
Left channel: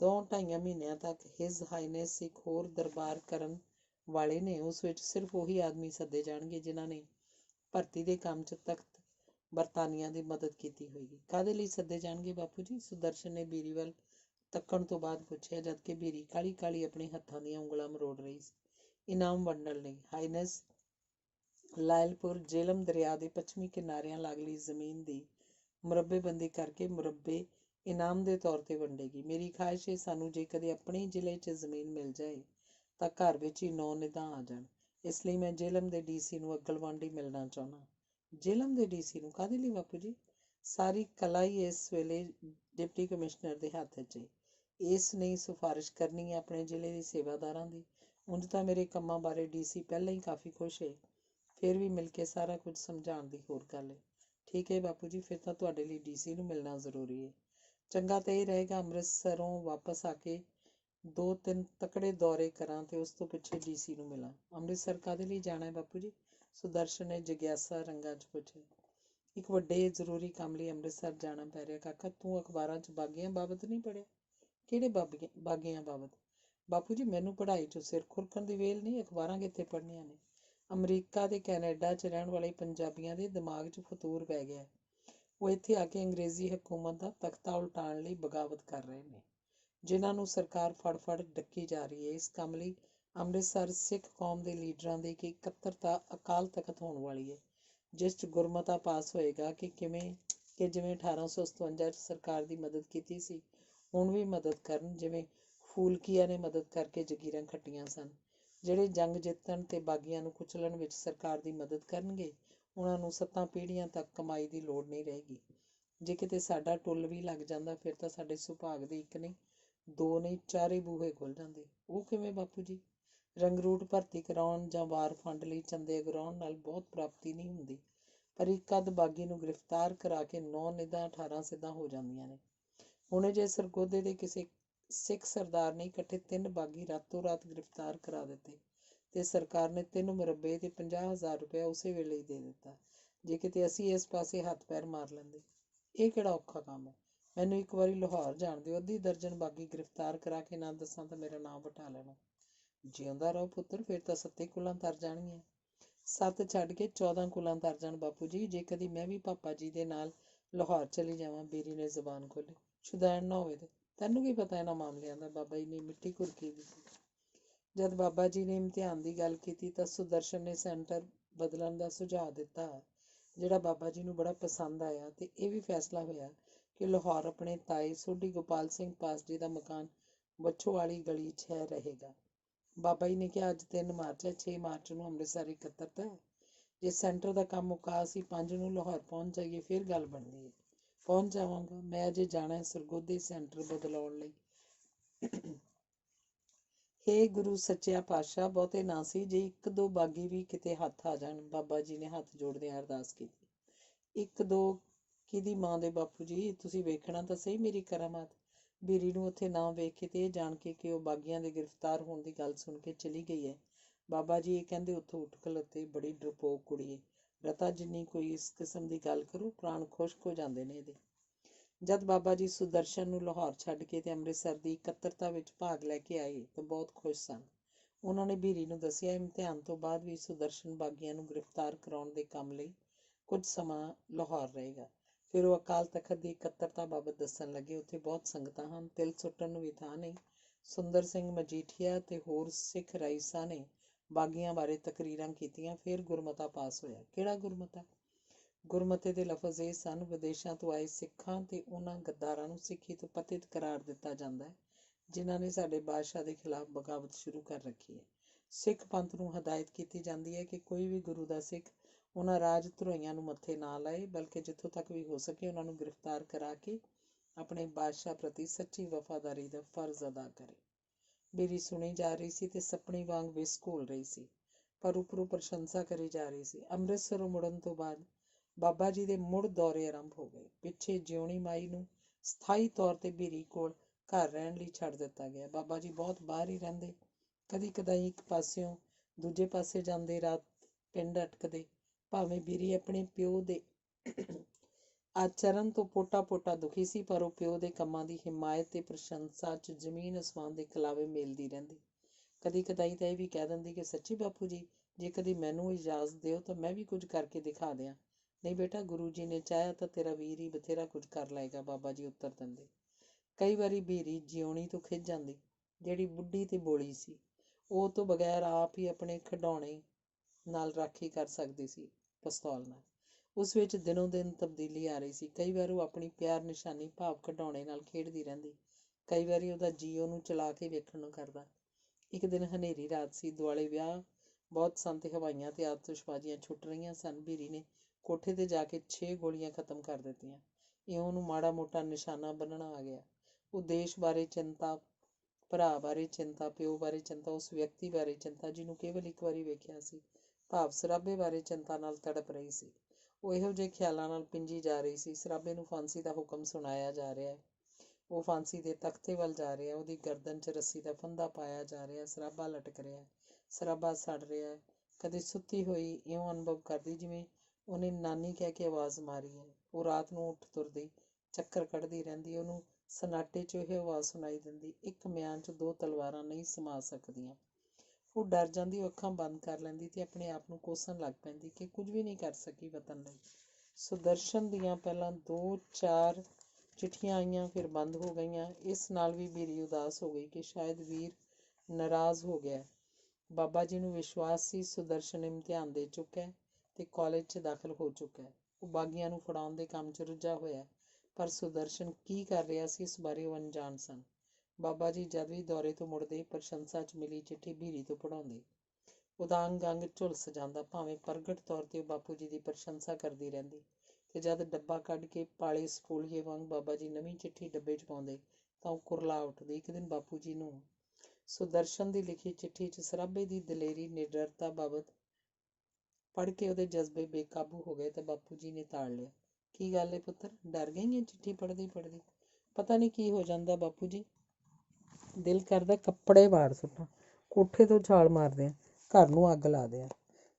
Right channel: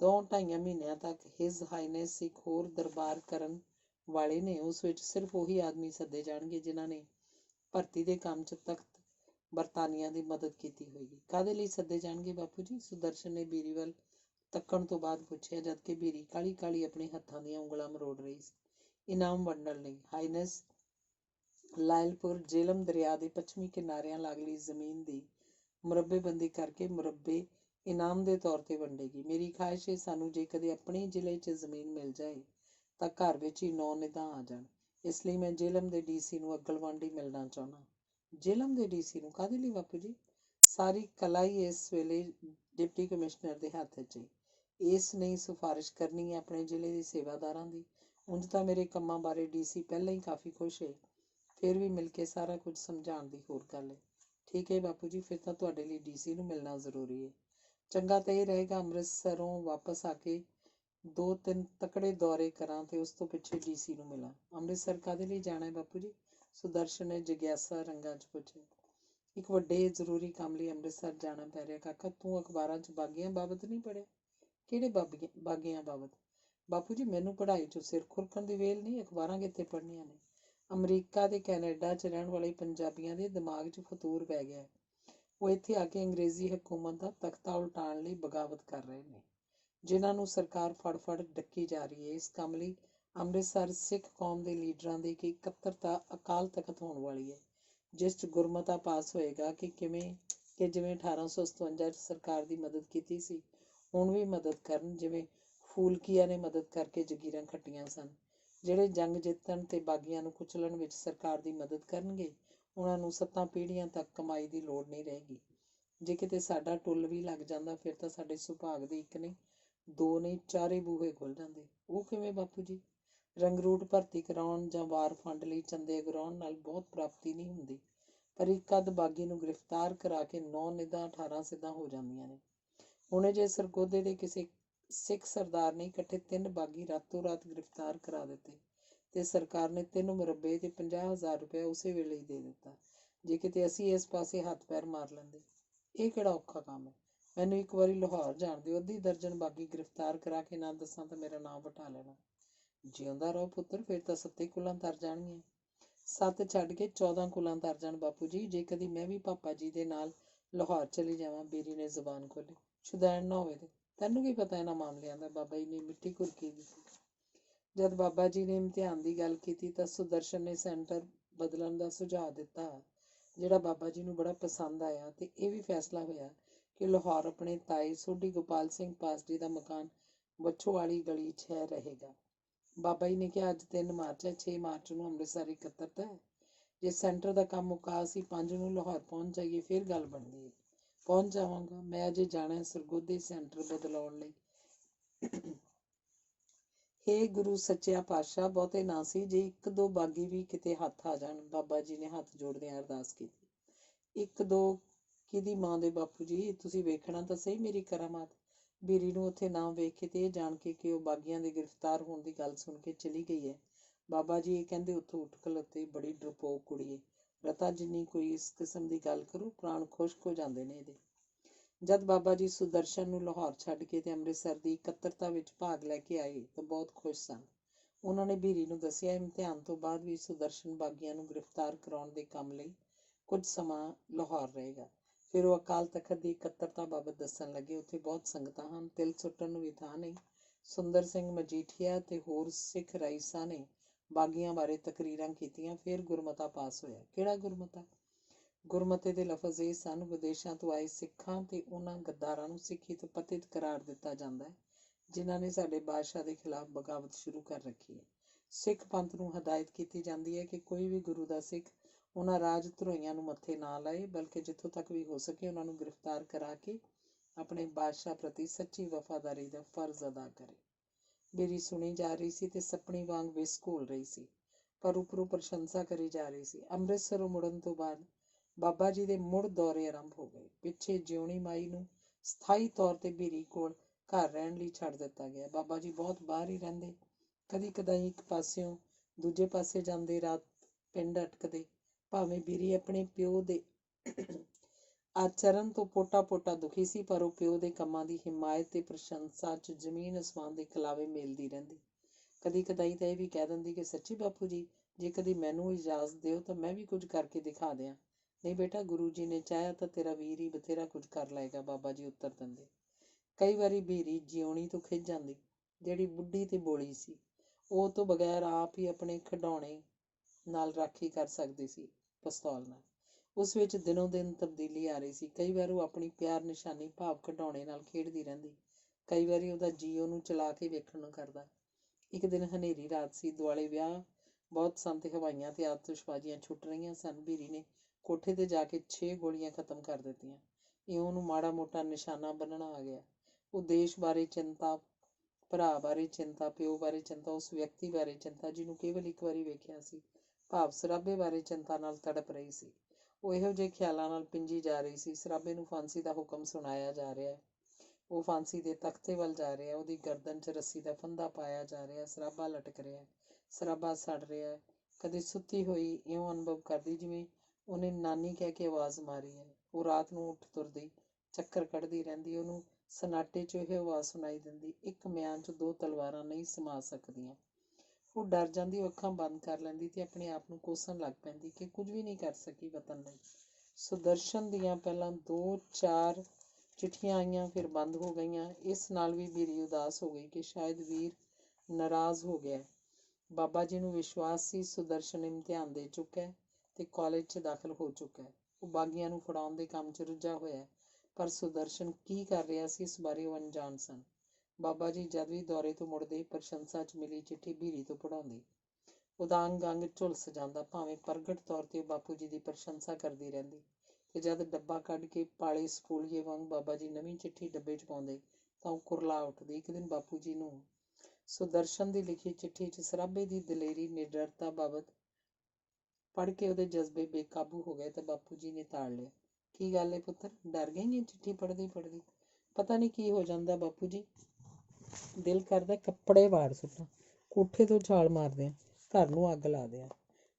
2-2.5 ਮਹੀਨਿਆਂ ਤੱਕ ਹਿਜ਼ ਹਾਈਨੈਸ ਇੱਕ ਹੋਰ ਦਰਬਾਰ ਕਰਨ ਵਾਲੇ ਨੇ। ਉਸ ਵਿੱਚ ਸਿਰਫ ਉਹੀ ਆਦਮੀ ਸੱਦੇ ਜਾਣਗੇ ਜਿਨ੍ਹਾਂ ਨੇ ਭਰਤੀ ਦੇ ਕੰਮ 'ਚ ਤਖਤ ਬਰਤਾਨੀਆ ਦੀ ਮਦਦ ਕੀਤੀ ਹੋਏਗੀ। ਕਾਹਦੇ ਲਈ ਸੱਦੇ ਜਾਣਗੇ ਬਾਪੂ ਜੀ? ਸੁਦਰਸ਼ਨ ਨੇ ਬੀਰੀ ਵੱਲ ਤੱਕਣ ਤੋਂ ਬਾਅਦ ਪੁੱਛਿਆ, ਜਦਕਿ ਬੀਰੀ ਕਾਲੀ ਕਾਲੀ ਆਪਣੇ ਹੱਥਾਂ ਦੀਆਂ ਉਂਗਲਾਂ ਮਰੋੜ ਰਹੀ ਸੀ। ਇਨਾਮ ਵੰਡਣ ਲਈ। ਹਾਈਨੈਸ ਲਾਇਲਪੁਰ ਜੇਹਲਮ ਦਰਿਆ ਦੇ ਪੱਛਮੀ ਕਿਨਾਰਿਆਂ ਲਾਗਲੀ ਜ਼ਮੀਨ ਦੀ ਮੁਰੱਬੇਬੰਦੀ ਕਰਕੇ ਮੁਰੱਬੇ ਇਨਾਮ ਦੇ ਤੌਰ ਤੇ ਵੰਡੇਗੀ। ਮੇਰੀ ਖਾਹਿਸ਼ ਹੈ ਸਾਨੂੰ ਜੇ ਕਦੇ ਆਪਣੇ ਜ਼ਿਲ੍ਹੇ 'ਚ ਜ਼ਮੀਨ ਮਿਲ ਜਾਏ ਤਾਂ ਘਰ ਵਿੱਚ ਹੀ 9 ਨਿਦਾਂ ਆ ਜਾਣ। ਇਸ ਲਈ ਮੈਂ ਜੇਹਲਮ ਦੇ ਡੀਸੀ ਨੂੰ ਅਗਲਵਾਂਢੀ ਮਿਲਣਾ ਚਾਹੁੰਦਾ। ਜੇਹਲਮ ਦੇ ਡੀਸੀ ਨੂੰ? ਕਾਹਦੇ ਲਈ ਬਾਪੂ ਜੀ? ਸਾਰੀ ਕਲਾ ਹੀ ਇਸ ਵੇਲੇ ਡਿਪਟੀ ਕਮਿਸ਼ਨਰ ਦੇ ਹੱਥ 'ਚ ਹੈ। ਇਸ ਨੇ ਸਿਫਾਰਿਸ਼ ਕਰਨੀ ਹੈ ਆਪਣੇ ਜ਼ਿਲ੍ਹੇ ਦੇ ਸੇਵਾਦਾਰਾਂ ਦੀ। ਉਂਝ ਤਾਂ ਮੇਰੇ ਕੰਮਾਂ ਬਾਰੇ ਡੀਸੀ ਪਹਿਲਾਂ ਹੀ ਕਾਫੀ ਖੁਸ਼ ਹੈ, ਫਿਰ ਵੀ ਮਿਲ ਕੇ ਸਾਰਾ ਕੁਝ ਸਮਝਾਉਣ ਦੀ ਹੋਰ ਗੱਲ ਹੈ। ਠੀਕ ਹੈ ਬਾਪੂ ਜੀ, ਫਿਰ ਤਾਂ ਤੁਹਾਡੇ ਲਈ ਡੀਸੀ ਨੂੰ ਮਿਲਣਾ ਜ਼ਰੂਰੀ ਹੈ। ਚੰਗਾ ਤਾਂ ਇਹ ਰਹੇਗਾ ਅੰਮ੍ਰਿਤਸਰੋਂ ਵਾਪਸ ਆ ਕੇ 2-3 ਤਕੜੇ ਦੌਰੇ ਕਰਾਂ ਤੇ ਉਸ ਤੋਂ ਪਿੱਛੇ ਡੀਸੀ ਨੂੰ ਮਿਲਾਂ। ਅੰਮ੍ਰਿਤਸਰ ਕਾਹਦੇ ਲਈ ਜਾਣਾ ਹੈ ਬਾਪੂ ਜੀ? ਸੁਦਰਸ਼ਨ ਨੇ ਜਿਗਿਆਸਾ ਰੰਗਾਂ 'ਚ ਪੁੱਛਿਆ। ਇੱਕ ਵੱਡੇ ਜ਼ਰੂਰੀ ਕੰਮ ਲਈ ਅੰਮ੍ਰਿਤਸਰ ਜਾਣਾ ਪੈ ਰਿਹਾ। ਕਾਕਾ, ਤੂੰ ਅਖਬਾਰਾਂ 'ਚ ਬਾਗੀਆਂ ਬਾਬਤ ਨਹੀਂ ਪੜ੍ਹਿਆ? ਕਿਹੜੇ ਬਾਗੀਆਂ ਬਾਬਤ? ਬਾਪੂ ਜੀ, ਮੈਨੂੰ ਪੜ੍ਹਾਈ 'ਚੋਂ ਸਿਰ ਖੁਰਕਣ ਦੀ ਵੇਲ ਨਹੀਂ, ਅਖਬਾਰਾਂ ਕਿੱਥੇ ਪੜ੍ਹਨੀਆਂ ਨੇ। ਅਮਰੀਕਾ ਤੇ ਕੈਨੇਡਾ 'ਚ ਰਹਿਣ ਵਾਲੇ ਪੰਜਾਬੀਆਂ ਦੇ ਦਿਮਾਗ 'ਚ ਫਤੂਰ ਪੈ ਗਿਆ। ਉਹ ਇੱਥੇ ਆ ਕੇ ਅੰਗਰੇਜ਼ੀ ਹਕੂਮਤ ਦਾ ਤਖਤਾ ਉਲਟਾਉਣ ਲਈ ਬਗਾਵਤ ਕਰ ਰਹੇ ਨੇ, ਜਿਨ੍ਹਾਂ ਨੂੰ ਸਰਕਾਰ ਫੜ ਡੱਕੀ ਜਾ ਰਹੀ ਹੈ। ਇਸ ਕੰਮ ਲਈ ਅੰਮ੍ਰਿਤਸਰ ਸਿੱਖ ਕੌਮ ਦੇ ਲੀਡਰਾਂ ਦੀ ਇੱਕ ਇਕੱਤਰਤਾ ਅਕਾਲ ਤਖਤ ਹੋਣ ਵਾਲੀ ਹੈ, ਜਿਸ 'ਚ ਗੁਰਮਤਾ ਪਾਸ ਹੋਏਗਾ ਕਿ ਜਿਵੇਂ 1857 'ਚ ਸਰਕਾਰ ਦੀ ਮਦਦ ਕੀਤੀ ਸੀ, ਹੁਣ ਵੀ ਮਦਦ ਕਰਨ, ਜਿਵੇਂ ਫੂਲਕੀਆਂ ਨੇ ਮਦਦ ਕਰਕੇ ਜਗੀਰਾਂ ਖੱਟੀਆਂ ਸਨ। ਜਿਹੜੇ ਜੰਗ ਜਿੱਤਣ ਤੇ ਬਾਗੀਆਂ ਨੂੰ ਕੁਚਲਣ ਵਿੱਚ ਸਰਕਾਰ ਦੀ ਮਦਦ ਕਰਨਗੇ, ਉਹਨਾਂ ਨੂੰ 7 ਪੀੜ੍ਹੀਆਂ ਤੱਕ ਕਮਾਈ ਦੀ ਲੋੜ ਨਹੀਂ ਰਹੇਗੀ। ਜੇ ਕਿਤੇ ਸਾਡਾ ਟੁੱਲ ਵੀ ਲੱਗ ਜਾਂਦਾ, ਫਿਰ ਤਾਂ ਸਾਡੇ ਸੁਭਾਗ ਦੇ 1 ਨਹੀਂ 2 ਨਹੀਂ 4 ਬੂਹੇ ਖੁੱਲ ਜਾਂਦੇ। ਉਹ ਕਿਵੇਂ ਬਾਪੂ ਜੀ? ਰੰਗਰੂਟ ਭਰਤੀ ਕਰਾਉਣ ਜਾਂ ਵਾਰ ਫੰਡ ਲਈ ਚੰਦੇ ਅਗਰਾਉਣ ਨਾਲ ਬਹੁਤ ਪ੍ਰਾਪਤੀ ਨਹੀਂ ਹੁੰਦੀ, ਪਰ ਇੱਕ ਅੱਧ ਬਾਗੀ ਨੂੰ ਗ੍ਰਿਫਤਾਰ ਕਰਾ ਕੇ 9 ਨਿਦਾਂ 18 ਸਿੱਧਾਂ ਹੋ ਜਾਂਦੀਆਂ ਨੇ। ਹੁਣ ਜੇ ਸਰਗੋਧੇ ਦੇ ਕਿਸੇ ਸਿੱਖ ਸਰਦਾਰ ਨੇ ਇਕੱਠੇ 3 ਬਾਗੀ ਰਾਤੋਂ ਰਾਤ ਗ੍ਰਿਫਤਾਰ ਕਰਾ ਦਿੱਤੇ ਤੇ ਸਰਕਾਰ ਨੇ 3 ਮੁਰੱਬੇ ਤੇ 50,000 ਰੁਪਇਆ ਉਸੇ ਵੇਲੇ ਹੀ ਦੇ ਦਿੱਤਾ। ਜੇ ਕਿਤੇ ਅਸੀਂ ਇਸ ਪਾਸੇ ਹੱਥ ਪੈਰ ਮਾਰ ਲੈਂਦੇ। ਇਹ ਕਿਹੜਾ ਔਖਾ ਕੰਮ ਹੈ? ਮੈਨੂੰ ਇੱਕ ਵਾਰੀ ਲਾਹੌਰ ਜਾਣ ਦਿਓ, ਅੱਧੀ ਦਰਜਨ ਬਾਗੀ ਗ੍ਰਿਫਤਾਰ ਕਰਾ ਕੇ ਨਾ ਦੱਸਾਂ ਤਾਂ ਮੇਰਾ ਨਾਂ ਵਟਾ ਲੈਣਾ। ਜਿਉਂਦਾ ਰਹੋ ਪੁੱਤਰ, ਫਿਰ ਤਾਂ 7 ਕੁਲਾਂ ਤਰ ਜਾਣਗੀਆਂ। 7 ਛੱਡ ਕੇ 14 ਕੁਲਾਂ ਤਰ ਜਾਣ ਬਾਪੂ ਜੀ, ਜੇ ਕਦੀ ਮੈਂ ਵੀ ਪਾਪਾ ਜੀ ਦੇ ਨਾਲ ਲਾਹੌਰ ਚਲੀ ਜਾਵਾਂ। ਬੀਰੀ ਨੇ ਜ਼ਬਾਨ ਖੋਲ੍ਹੀ। ਸ਼ੁਦੈਣ ਨਾ ਹੋਵੇ ਤੇ ਤੈਨੂੰ ਕੀ ਪਤਾ ਇਹਨਾਂ ਮਾਮਲਿਆਂ ਦਾ, ਬਾਬਾ ਜੀ ਨੇ ਮਿੱਟੀ ਘੁਰਕੀ ਦਿੱਤੀ। ਜਦ ਬਾਬਾ ਜੀ ਨੇ ਇਮਤਿਹਾਨ ਦੀ ਗੱਲ ਕੀਤੀ ਤਾਂ ਸੁਦਰਸ਼ਨ ਨੇ ਸੈਂਟਰ ਬਦਲਣ ਦਾ ਸੁਝਾਅ ਦਿੱਤਾ, ਜਿਹੜਾ ਬਾਬਾ ਜੀ ਨੂੰ ਬੜਾ ਪਸੰਦ ਆਇਆ, ਤੇ ਇਹ ਵੀ ਫੈਸਲਾ ਹੋਇਆ ਕਿ ਲਾਹੌਰ ਆਪਣੇ ਤਾਏ ਸੋਢੀ ਗੋਪਾਲ ਸਿੰਘ ਪਾਸ ਜੀ ਦਾ ਮਕਾਨ ਵੱਛੋ ਵਾਲੀ ਗਲੀ 'ਚ ਰਹੇਗਾ। ਬਾਬਾ ਜੀ ਨੇ ਕਿਹਾ, ਅੱਜ 3 ਮਾਰਚ ਹੈ, 6 ਮਾਰਚ ਨੂੰ ਅੰਮ੍ਰਿਤਸਰ ਇਕੱਤਰਤਾ ਹੈ। ਜੇ ਸੈਂਟਰ ਦਾ ਕੰਮ ਮੁਕਾ ਅਸੀਂ 5 ਨੂੰ ਲਾਹੌਰ ਪਹੁੰਚ ਜਾਈਏ ਫਿਰ ਗੱਲ ਬਣਦੀ ਹੈ। ਪਹੁੰਚ ਜਾਵਾਂਗਾ, ਮੈਂ ਅਜੇ ਜਾਣਾ ਸਰਗੋਧੇ ਸੈਂਟਰ ਬਦਲਾਉਣ ਲਈ। ਹੇ ਗੁਰੂ ਸੱਚਿਆ ਪਾਤਸ਼ਾਹ, ਬਹੁਤੇ ਨਾ ਸੀ ਜੇ 1-2 ਬਾਗੀ ਵੀ ਕਿਤੇ ਹੱਥ ਆ ਜਾਣ। ਬਾਬਾ ਜੀ ਨੇ ਹੱਥ ਜੋੜਦਿਆਂ ਅਰਦਾਸ ਕੀਤੀ। 1-2 ਕਿਹਦੀ ਮਾਂ ਦੇ ਬਾਪੂ ਜੀ, ਤੁਸੀਂ ਵੇਖਣਾ ਤਾਂ ਸਹੀ ਮੇਰੀ ਕਰਾਮਾਤ। ਬੀਰੀ ਨੂੰ ਉੱਥੇ ਨਾ ਵੇਖ ਕੇ ਤੇ ਇਹ ਜਾਣ ਕੇ ਕਿ ਉਹ ਬਾਗੀਆਂ ਦੇ ਗ੍ਰਿਫਤਾਰ ਹੋਣ ਦੀ ਗੱਲ ਸੁਣ ਕੇ ਚਲੀ ਗਈ ਹੈ। ਬਾਬਾ ਜੀ ਇਹ ਕਹਿੰਦੇ ਉੱਥੋਂ ਉੱਠ ਖਲੋਤੇ, ਬੜੀ ਡਰਪੋਕ ਕੁੜੀਏ, ਰਤਾ ਜਿੰਨੀ ਕੋਈ ਇਸ ਕਿਸਮ ਦੀ ਗੱਲ ਕਰੂ ਪ੍ਰਾਣ ਖੁਸ਼ਕ ਹੋ ਜਾਂਦੇ ਨੇ ਇਹਦੇ। ਜਦ ਬਾਬਾ ਜੀ ਸੁਦਰਸ਼ਨ ਨੂੰ ਲਾਹੌਰ ਛੱਡ ਕੇ ਤੇ ਅੰਮ੍ਰਿਤਸਰ ਦੀ ਇਕੱਤਰਤਾ ਵਿੱਚ ਭਾਗ ਲੈ ਕੇ ਆਏ ਤਾਂ ਬਹੁਤ ਖੁਸ਼ ਸਨ। ਉਹਨਾਂ ਨੇ ਬੀਰੀ ਨੂੰ ਦੱਸਿਆ, ਇਮਤਿਹਾਨ ਤੋਂ ਬਾਅਦ ਵੀ ਸੁਦਰਸ਼ਨ ਬਾਗੀਆਂ ਨੂੰ ਗ੍ਰਿਫਤਾਰ ਕਰਾਉਣ ਦੇ ਕੰਮ ਲਈ ਕੁਝ ਸਮਾਂ ਲਾਹੌਰ ਰਹੇਗਾ। ਫਿਰ ਉਹ ਅਕਾਲ ਤਖਤ ਦੀ ਇਕੱਤਰਤਾ ਬਾਬਤ ਦੱਸਣ ਲੱਗੇ। ਉੱਥੇ ਬਹੁਤ ਸੰਗਤਾਂ ਹਨ, ਤਿਲ ਸੁੱਟਣ ਨੂੰ ਵੀ ਥਾਂ ਨਹੀਂ। ਸੁੰਦਰ ਸਿੰਘ ਮਜੀਠੀਆ ਤੇ ਹੋਰ ਸਿੱਖ ਰਾਈਸਾਂ ਨੇ ਬਾਗੀਆਂ ਬਾਰੇ ਤਕਰੀਰਾਂ ਕੀਤੀਆਂ। ਫਿਰ ਗੁਰਮਤਾ ਪਾਸ ਹੋਇਆ। ਕਿਹੜਾ ਗੁਰਮਤਾ? ਗੁਰਮਤੇ ਦੇ ਲਫ਼ਜ਼ ਇਹ ਸਨ, ਵਿਦੇਸ਼ਾਂ ਤੋਂ ਆਏ ਸਿੱਖਾਂ ਤੇ ਉਹਨਾਂ ਗੱਦਾਰਾਂ ਨੂੰ ਸਿੱਖੀ ਤੋਂ ਪਤਿਤ ਕਰਾਰ ਦਿੱਤਾ ਜਾਂਦਾ ਹੈ ਜਿਨ੍ਹਾਂ ਨੇ ਸਾਡੇ ਬਾਦਸ਼ਾਹ ਦੇ ਖਿਲਾਫ ਬਗਾਵਤ ਸ਼ੁਰੂ ਕਰ ਰੱਖੀ ਹੈ। ਸਿੱਖ ਪੰਥ ਨੂੰ ਹਦਾਇਤ ਕੀਤੀ ਜਾਂਦੀ ਹੈ ਕਿ ਕੋਈ ਵੀ ਗੁਰੂ ਦਾ ਸਿੱਖ ਉਹਨਾਂ ਰਾਜ ਧਰੋਈਆਂ ਨੂੰ ਮੱਥੇ ਨਾ ਲਾਏ, ਬਲਕਿ ਜਿੱਥੋਂ ਤੱਕ ਵੀ ਹੋ ਸਕੇ ਉਹਨਾਂ ਨੂੰ ਗ੍ਰਿਫਤਾਰ ਕਰਾ ਕੇ ਆਪਣੇ ਬਾਦਸ਼ਾਹ ਪ੍ਰਤੀ ਸੱਚੀ ਵਫਾਦਾਰੀ ਦਾ ਫਰਜ਼ ਅਦਾ ਕਰੇ। ਬੀਰੀ ਸੁਣੀ ਜਾ ਰਹੀ ਸੀ ਤੇ ਸੱਪਣੀ ਵਾਂਗ ਵਿਸ ਘੋਲ ਰਹੀ ਸੀ, ਪਰ ਉੱਪਰੋਂ ਪ੍ਰਸ਼ੰਸਾ ਕਰੀ ਜਾ ਰਹੀ ਸੀ। ਅੰਮ੍ਰਿਤਸਰੋਂ ਮੁੜਨ ਤੋਂ ਬਾਅਦ ਬਾਬਾ ਜੀ ਦੇ ਮੁੜ ਦੌਰੇ ਆਰੰਭ ਹੋ ਗਏ। ਪਿੱਛੇ ਜਿਉਣੀ ਮਾਈ ਨੂੰ ਸਥਾਈ ਤੌਰ ਤੇ ਬੀਰੀ ਕੋਲ ਘਰ ਰਹਿਣ ਲਈ ਛੱਡ ਦਿੱਤਾ ਗਿਆ। ਬਾਬਾ ਜੀ ਬਹੁਤ ਬਾਹਰ ਹੀ ਰਹਿੰਦੇ, ਕਦੀ ਕਦਾਈ ਇੱਕ ਪਾਸਿਓਂ ਦੂਜੇ ਪਾਸੇ ਜਾਂਦੇ, ਰਾਤ ਪਿੰਡ ਅਟਕਦੇ। ਭਾਵੇਂ ਬੀਰੀ ਆਪਣੇ ਪਿਓ ਦੇ ਆਚਰਨ ਤੋਂ ਪੋਟਾ ਦੁਖੀ ਸੀ, ਪਰ ਉਹ ਪਿਓ ਦੇ ਕੰਮਾਂ ਦੀ ਹਿਮਾਇਤ ਤੇ ਪ੍ਰਸ਼ੰਸਾ 'ਚ ਜ਼ਮੀਨ ਅਸਮਾਨ ਦੇ ਖਿਲਾਵੇ ਮੇਲਦੀ ਰਹਿੰਦੀ। ਕਦੀ ਕਦਾਈ ਤਾਂ ਇਹ ਵੀ ਕਹਿ ਦਿੰਦੀ ਕਿ ਸੱਚੀ ਬਾਪੂ ਜੀ, ਜੇ ਕਦੀ ਮੈਨੂੰ ਇਜਾਜ਼ਤ ਦਿਓ ਤਾਂ ਮੈਂ ਵੀ ਕੁਝ ਕਰਕੇ ਦਿਖਾ ਦਿਆਂ। ਨਹੀਂ ਬੇਟਾ, ਗੁਰੂ ਜੀ ਨੇ ਚਾਹਿਆ ਤਾਂ ਤੇਰਾ ਵੀਰ ਹੀ ਬਥੇਰਾ ਕੁਝ ਕਰ ਲਏਗਾ, ਬਾਬਾ ਜੀ ਉੱਤਰ ਦਿੰਦੇ। ਕਈ ਵਾਰੀ ਬੀਰੀ ਜਿਉਣੀ ਤੋਂ ਖਿਝ ਜਾਂਦੀ, ਜਿਹੜੀ ਬੁੱਢੀ ਤੇ ਬੋਲੀ ਸੀ। ਉਹ ਤੋਂ ਬਗੈਰ ਆਪ ਹੀ ਆਪਣੇ ਖਿਡੌਣੇ ਨਾਲ ਰਾਖੀ ਕਰ ਸਕਦੀ ਸੀ, ਪਿਸਤੌਲ ਨਾਲ। ਉਸ ਵਿੱਚ ਦਿਨੋਂ ਦਿਨ ਤਬਦੀਲੀ ਆ ਰਹੀ ਸੀ। ਕਈ ਵਾਰ ਉਹ ਆਪਣੀ ਪਿਆਰ ਨਿਸ਼ਾਨੀ ਭਾਵ ਖਿਡੌਣੇ ਨਾਲ ਖੇਡਦੀ ਰਹਿੰਦੀ, ਕਈ ਵਾਰੀ ਉਹਦਾ ਜੀ ਉਹਨੂੰ ਚਲਾ ਕੇ ਵੇਖਣ ਨੂੰ ਕਰਦਾ। ਇੱਕ ਦਿਨ ਹਨੇਰੀ ਰਾਤ ਸੀ, ਦੁਆਲੇ ਵਿਆਹ ਬਹੁਤ ਸਨ ਤੇ ਹਵਾਈਆਂ ਤੇ ਆਤਿਸ਼ਬਾਜ਼ੀਆਂ ਛੁੱਟ ਰਹੀਆਂ ਸਨ। ਬੀਰੀ ਨੇ ਕੋਠੇ ਤੇ ਜਾ ਕੇ 6 ਗੋਲੀਆਂ ਖਤਮ ਕਰ ਦਿੱਤੀਆਂ। ਇਉਂ ਉਹਨੂੰ ਮਾੜਾ ਮੋਟਾ ਨਿਸ਼ਾਨਾ ਬੰਨ੍ਹਣਾ ਆ ਗਿਆ। ਉਹ ਦੇਸ਼ ਬਾਰੇ ਚਿੰਤਾ, ਭਰਾ ਬਾਰੇ ਚਿੰਤਾ, ਪਿਓ ਬਾਰੇ ਚਿੰਤਾ, ਉਸ ਵਿਅਕਤੀ ਬਾਰੇ ਚਿੰਤਾ ਜਿਹਨੂੰ ਕੇਵਲ ਇੱਕ ਵਾਰੀ ਵੇਖਿਆ ਸੀ, ਭਾਵ ਸਰਾਬੇ ਬਾਰੇ ਚਿੰਤਾ ਨਾਲ ਤੜਪ ਰਹੀ ਸੀ। ਉਹ ਇਹੋ ਜਿਹੇ ਖਿਆਲਾਂ ਨਾਲ ਪਿੰਜੀ ਜਾ ਰਹੀ ਸੀ। ਸਰਾਬੇ ਨੂੰ ਫਾਂਸੀ ਦਾ ਹੁਕਮ ਸੁਣਾਇਆ ਜਾ ਰਿਹਾ ਹੈ। ਉਹ ਫਾਂਸੀ ਦੇ ਤਖਤੇ ਵੱਲ ਜਾ ਰਿਹਾ। ਉਹਦੀ ਗਰਦਨ 'ਚ ਰੱਸੀ ਦਾ ਫੰਦਾ ਪਾਇਆ ਜਾ ਰਿਹਾ। ਸਰਾਬਾ ਲਟਕ ਰਿਹਾ, ਸਰਾਬਾ ਸੜ ਰਿਹਾ ਹੈ। ਕਦੇ ਸੁੱਤੀ ਹੋਈ ਇਉਂ ਅਨੁਭਵ ਕਰਦੀ ਜਿਵੇਂ ਉਹਨੇ ਨਾਨੀ ਕਹਿ ਕੇ ਆਵਾਜ਼ ਮਾਰੀ ਹੈ। ਉਹ ਰਾਤ ਨੂੰ ਉੱਠ ਤੁਰਦੀ, ਚੱਕਰ ਕੱਢਦੀ ਰਹਿੰਦੀ। ਉਹਨੂੰ ਸਨਾਟੇ 'ਚ ਇਹ ਆਵਾਜ਼ ਸੁਣਾਈ ਦਿੰਦੀ, ਇੱਕ ਮਿਆਨ 'ਚ 2 ਤਲਵਾਰਾਂ ਨਹੀਂ ਸਮਾ ਸਕਦੀਆਂ। ਉਹ ਡਰ ਜਾਂਦੀ, ਉਹ ਅੱਖਾਂ ਬੰਦ ਕਰ ਲੈਂਦੀ ਤੇ ਆਪਣੇ ਆਪ ਨੂੰ ਕੋਸਣ ਲੱਗ ਪੈਂਦੀ ਕਿ ਕੁਝ ਵੀ ਨਹੀਂ ਕਰ ਸਕੀ ਵਤਨ ਲਈ। ਸੁਦਰਸ਼ਨ ਦੀਆਂ ਪਹਿਲਾਂ 2-4 ਚਿੱਠੀਆਂ ਆਈਆਂ, ਫਿਰ ਬੰਦ ਹੋ ਗਈਆਂ। ਇਸ ਨਾਲ ਵੀ ਬੀਰੀ ਉਦਾਸ ਹੋ ਗਈ ਕਿ ਸ਼ਾਇਦ ਵੀਰ ਨਾਰਾਜ਼ ਹੋ ਗਿਆ। ਬਾਬਾ ਜੀ ਨੂੰ ਵਿਸ਼ਵਾਸ ਸੀ ਸੁਦਰਸ਼ਨ ਇਮਤਿਹਾਨ ਦੇ ਚੁੱਕਾ ਤੇ ਕਾਲਜ 'ਚ ਦਾਖਲ ਹੋ ਚੁੱਕਾ। ਉਹ ਬਾਗੀਆਂ ਨੂੰ ਫੜਾਉਣ ਦੇ ਕੰਮ 'ਚ ਰੁੱਝਾ ਹੋਇਆ, ਪਰ ਸੁਦਰਸ਼ਨ ਕੀ ਕਰ ਰਿਹਾ ਸੀ ਇਸ ਬਾਰੇ ਉਹ ਅਣਜਾਣ ਸਨ। ਬਾਬਾ ਜੀ ਜਦ ਵੀ ਦੌਰੇ ਤੋਂ ਮੁੜਦੇ, ਪ੍ਰਸ਼ੰਸਾ 'ਚ ਮਿਲੀ ਚਿੱਠੀ ਬੀਰੀ ਤੋਂ ਪੜ੍ਹਾਉਂਦੇ। ਉਹਦਾ ਅੰਗ ਅੰਗ ਝੁਲਸ ਜਾਂਦਾ। ਭਾਵੇਂ ਪ੍ਰਗਟ ਤੌਰ ਤੇ ਉਹ ਬਾਪੂ ਜੀ ਦੀ ਪ੍ਰਸ਼ੰਸਾ ਕਰਦੀ ਰਹਿੰਦੀ, ਤੇ ਜਦ ਡੱਬਾ ਕੱਢ ਕੇ ਪਾਲੇ ਸਪੂਲੀਏ ਵਾਂਗ ਬਾਬਾ ਜੀ ਨਵੀਂ ਚਿੱਠੀ ਡੱਬੇ 'ਚ ਪਾਉਂਦੇ ਤਾਂ ਉਹ ਕੁਰਲਾ ਉੱਠਦੀ। ਇੱਕ ਦਿਨ ਬਾਪੂ ਜੀ ਨੂੰ ਸੁਦਰਸ਼ਨ ਦੀ ਲਿਖੀ ਚਿੱਠੀ 'ਚ ਸਰਾਬੇ ਦੀ ਦਲੇਰੀ, ਨਿਡਰਤਾ ਬਾਬਤ ਪੜ੍ਹ ਕੇ ਉਹਦੇ ਜਜ਼ਬੇ ਬੇਕਾਬੂ ਹੋ ਗਏ ਤਾਂ ਬਾਪੂ ਜੀ ਨੇ ਤਾੜ ਲਿਆ। ਕੀ ਗੱਲ ਏ ਪੁੱਤਰ, ਡਰ ਗਈ ਏ ਚਿੱਠੀ ਪੜ੍ਹਦੀ? ਪਤਾ ਨਹੀਂ ਕੀ ਹੋ ਜਾਂਦਾ ਬਾਪੂ ਜੀ, ਦਿਲ ਕਰਦਾ ਕੱਪੜੇ ਵਾੜ ਸੁੱਟਾਂ, ਕੋਠੇ ਤੋਂ ਛਾਲ ਮਾਰਦੇ ਆ, ਘਰ ਨੂੰ ਅੱਗ ਲਾ ਦਿਆਂ।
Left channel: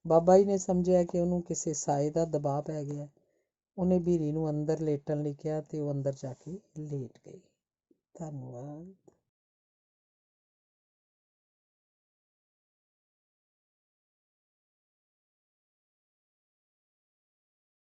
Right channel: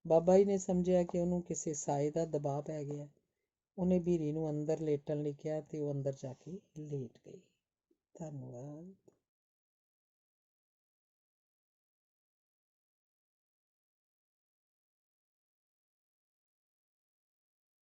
ਬਾਬਾ ਜੀ ਨੇ ਸਮਝਿਆ ਕਿ ਉਹਨੂੰ ਕਿਸੇ ਸਾਏ ਦਾ ਦਬਾਅ ਪੈ ਗਿਆ। ਉਹਨੇ ਬੀਰੀ ਨੂੰ ਅੰਦਰ ਲੇਟਣ ਲਈ ਕਿਹਾ ਤੇ ਉਹ ਅੰਦਰ ਜਾ ਕੇ ਲੇਟ ਗਈ। ਧੰਨਵਾਦ।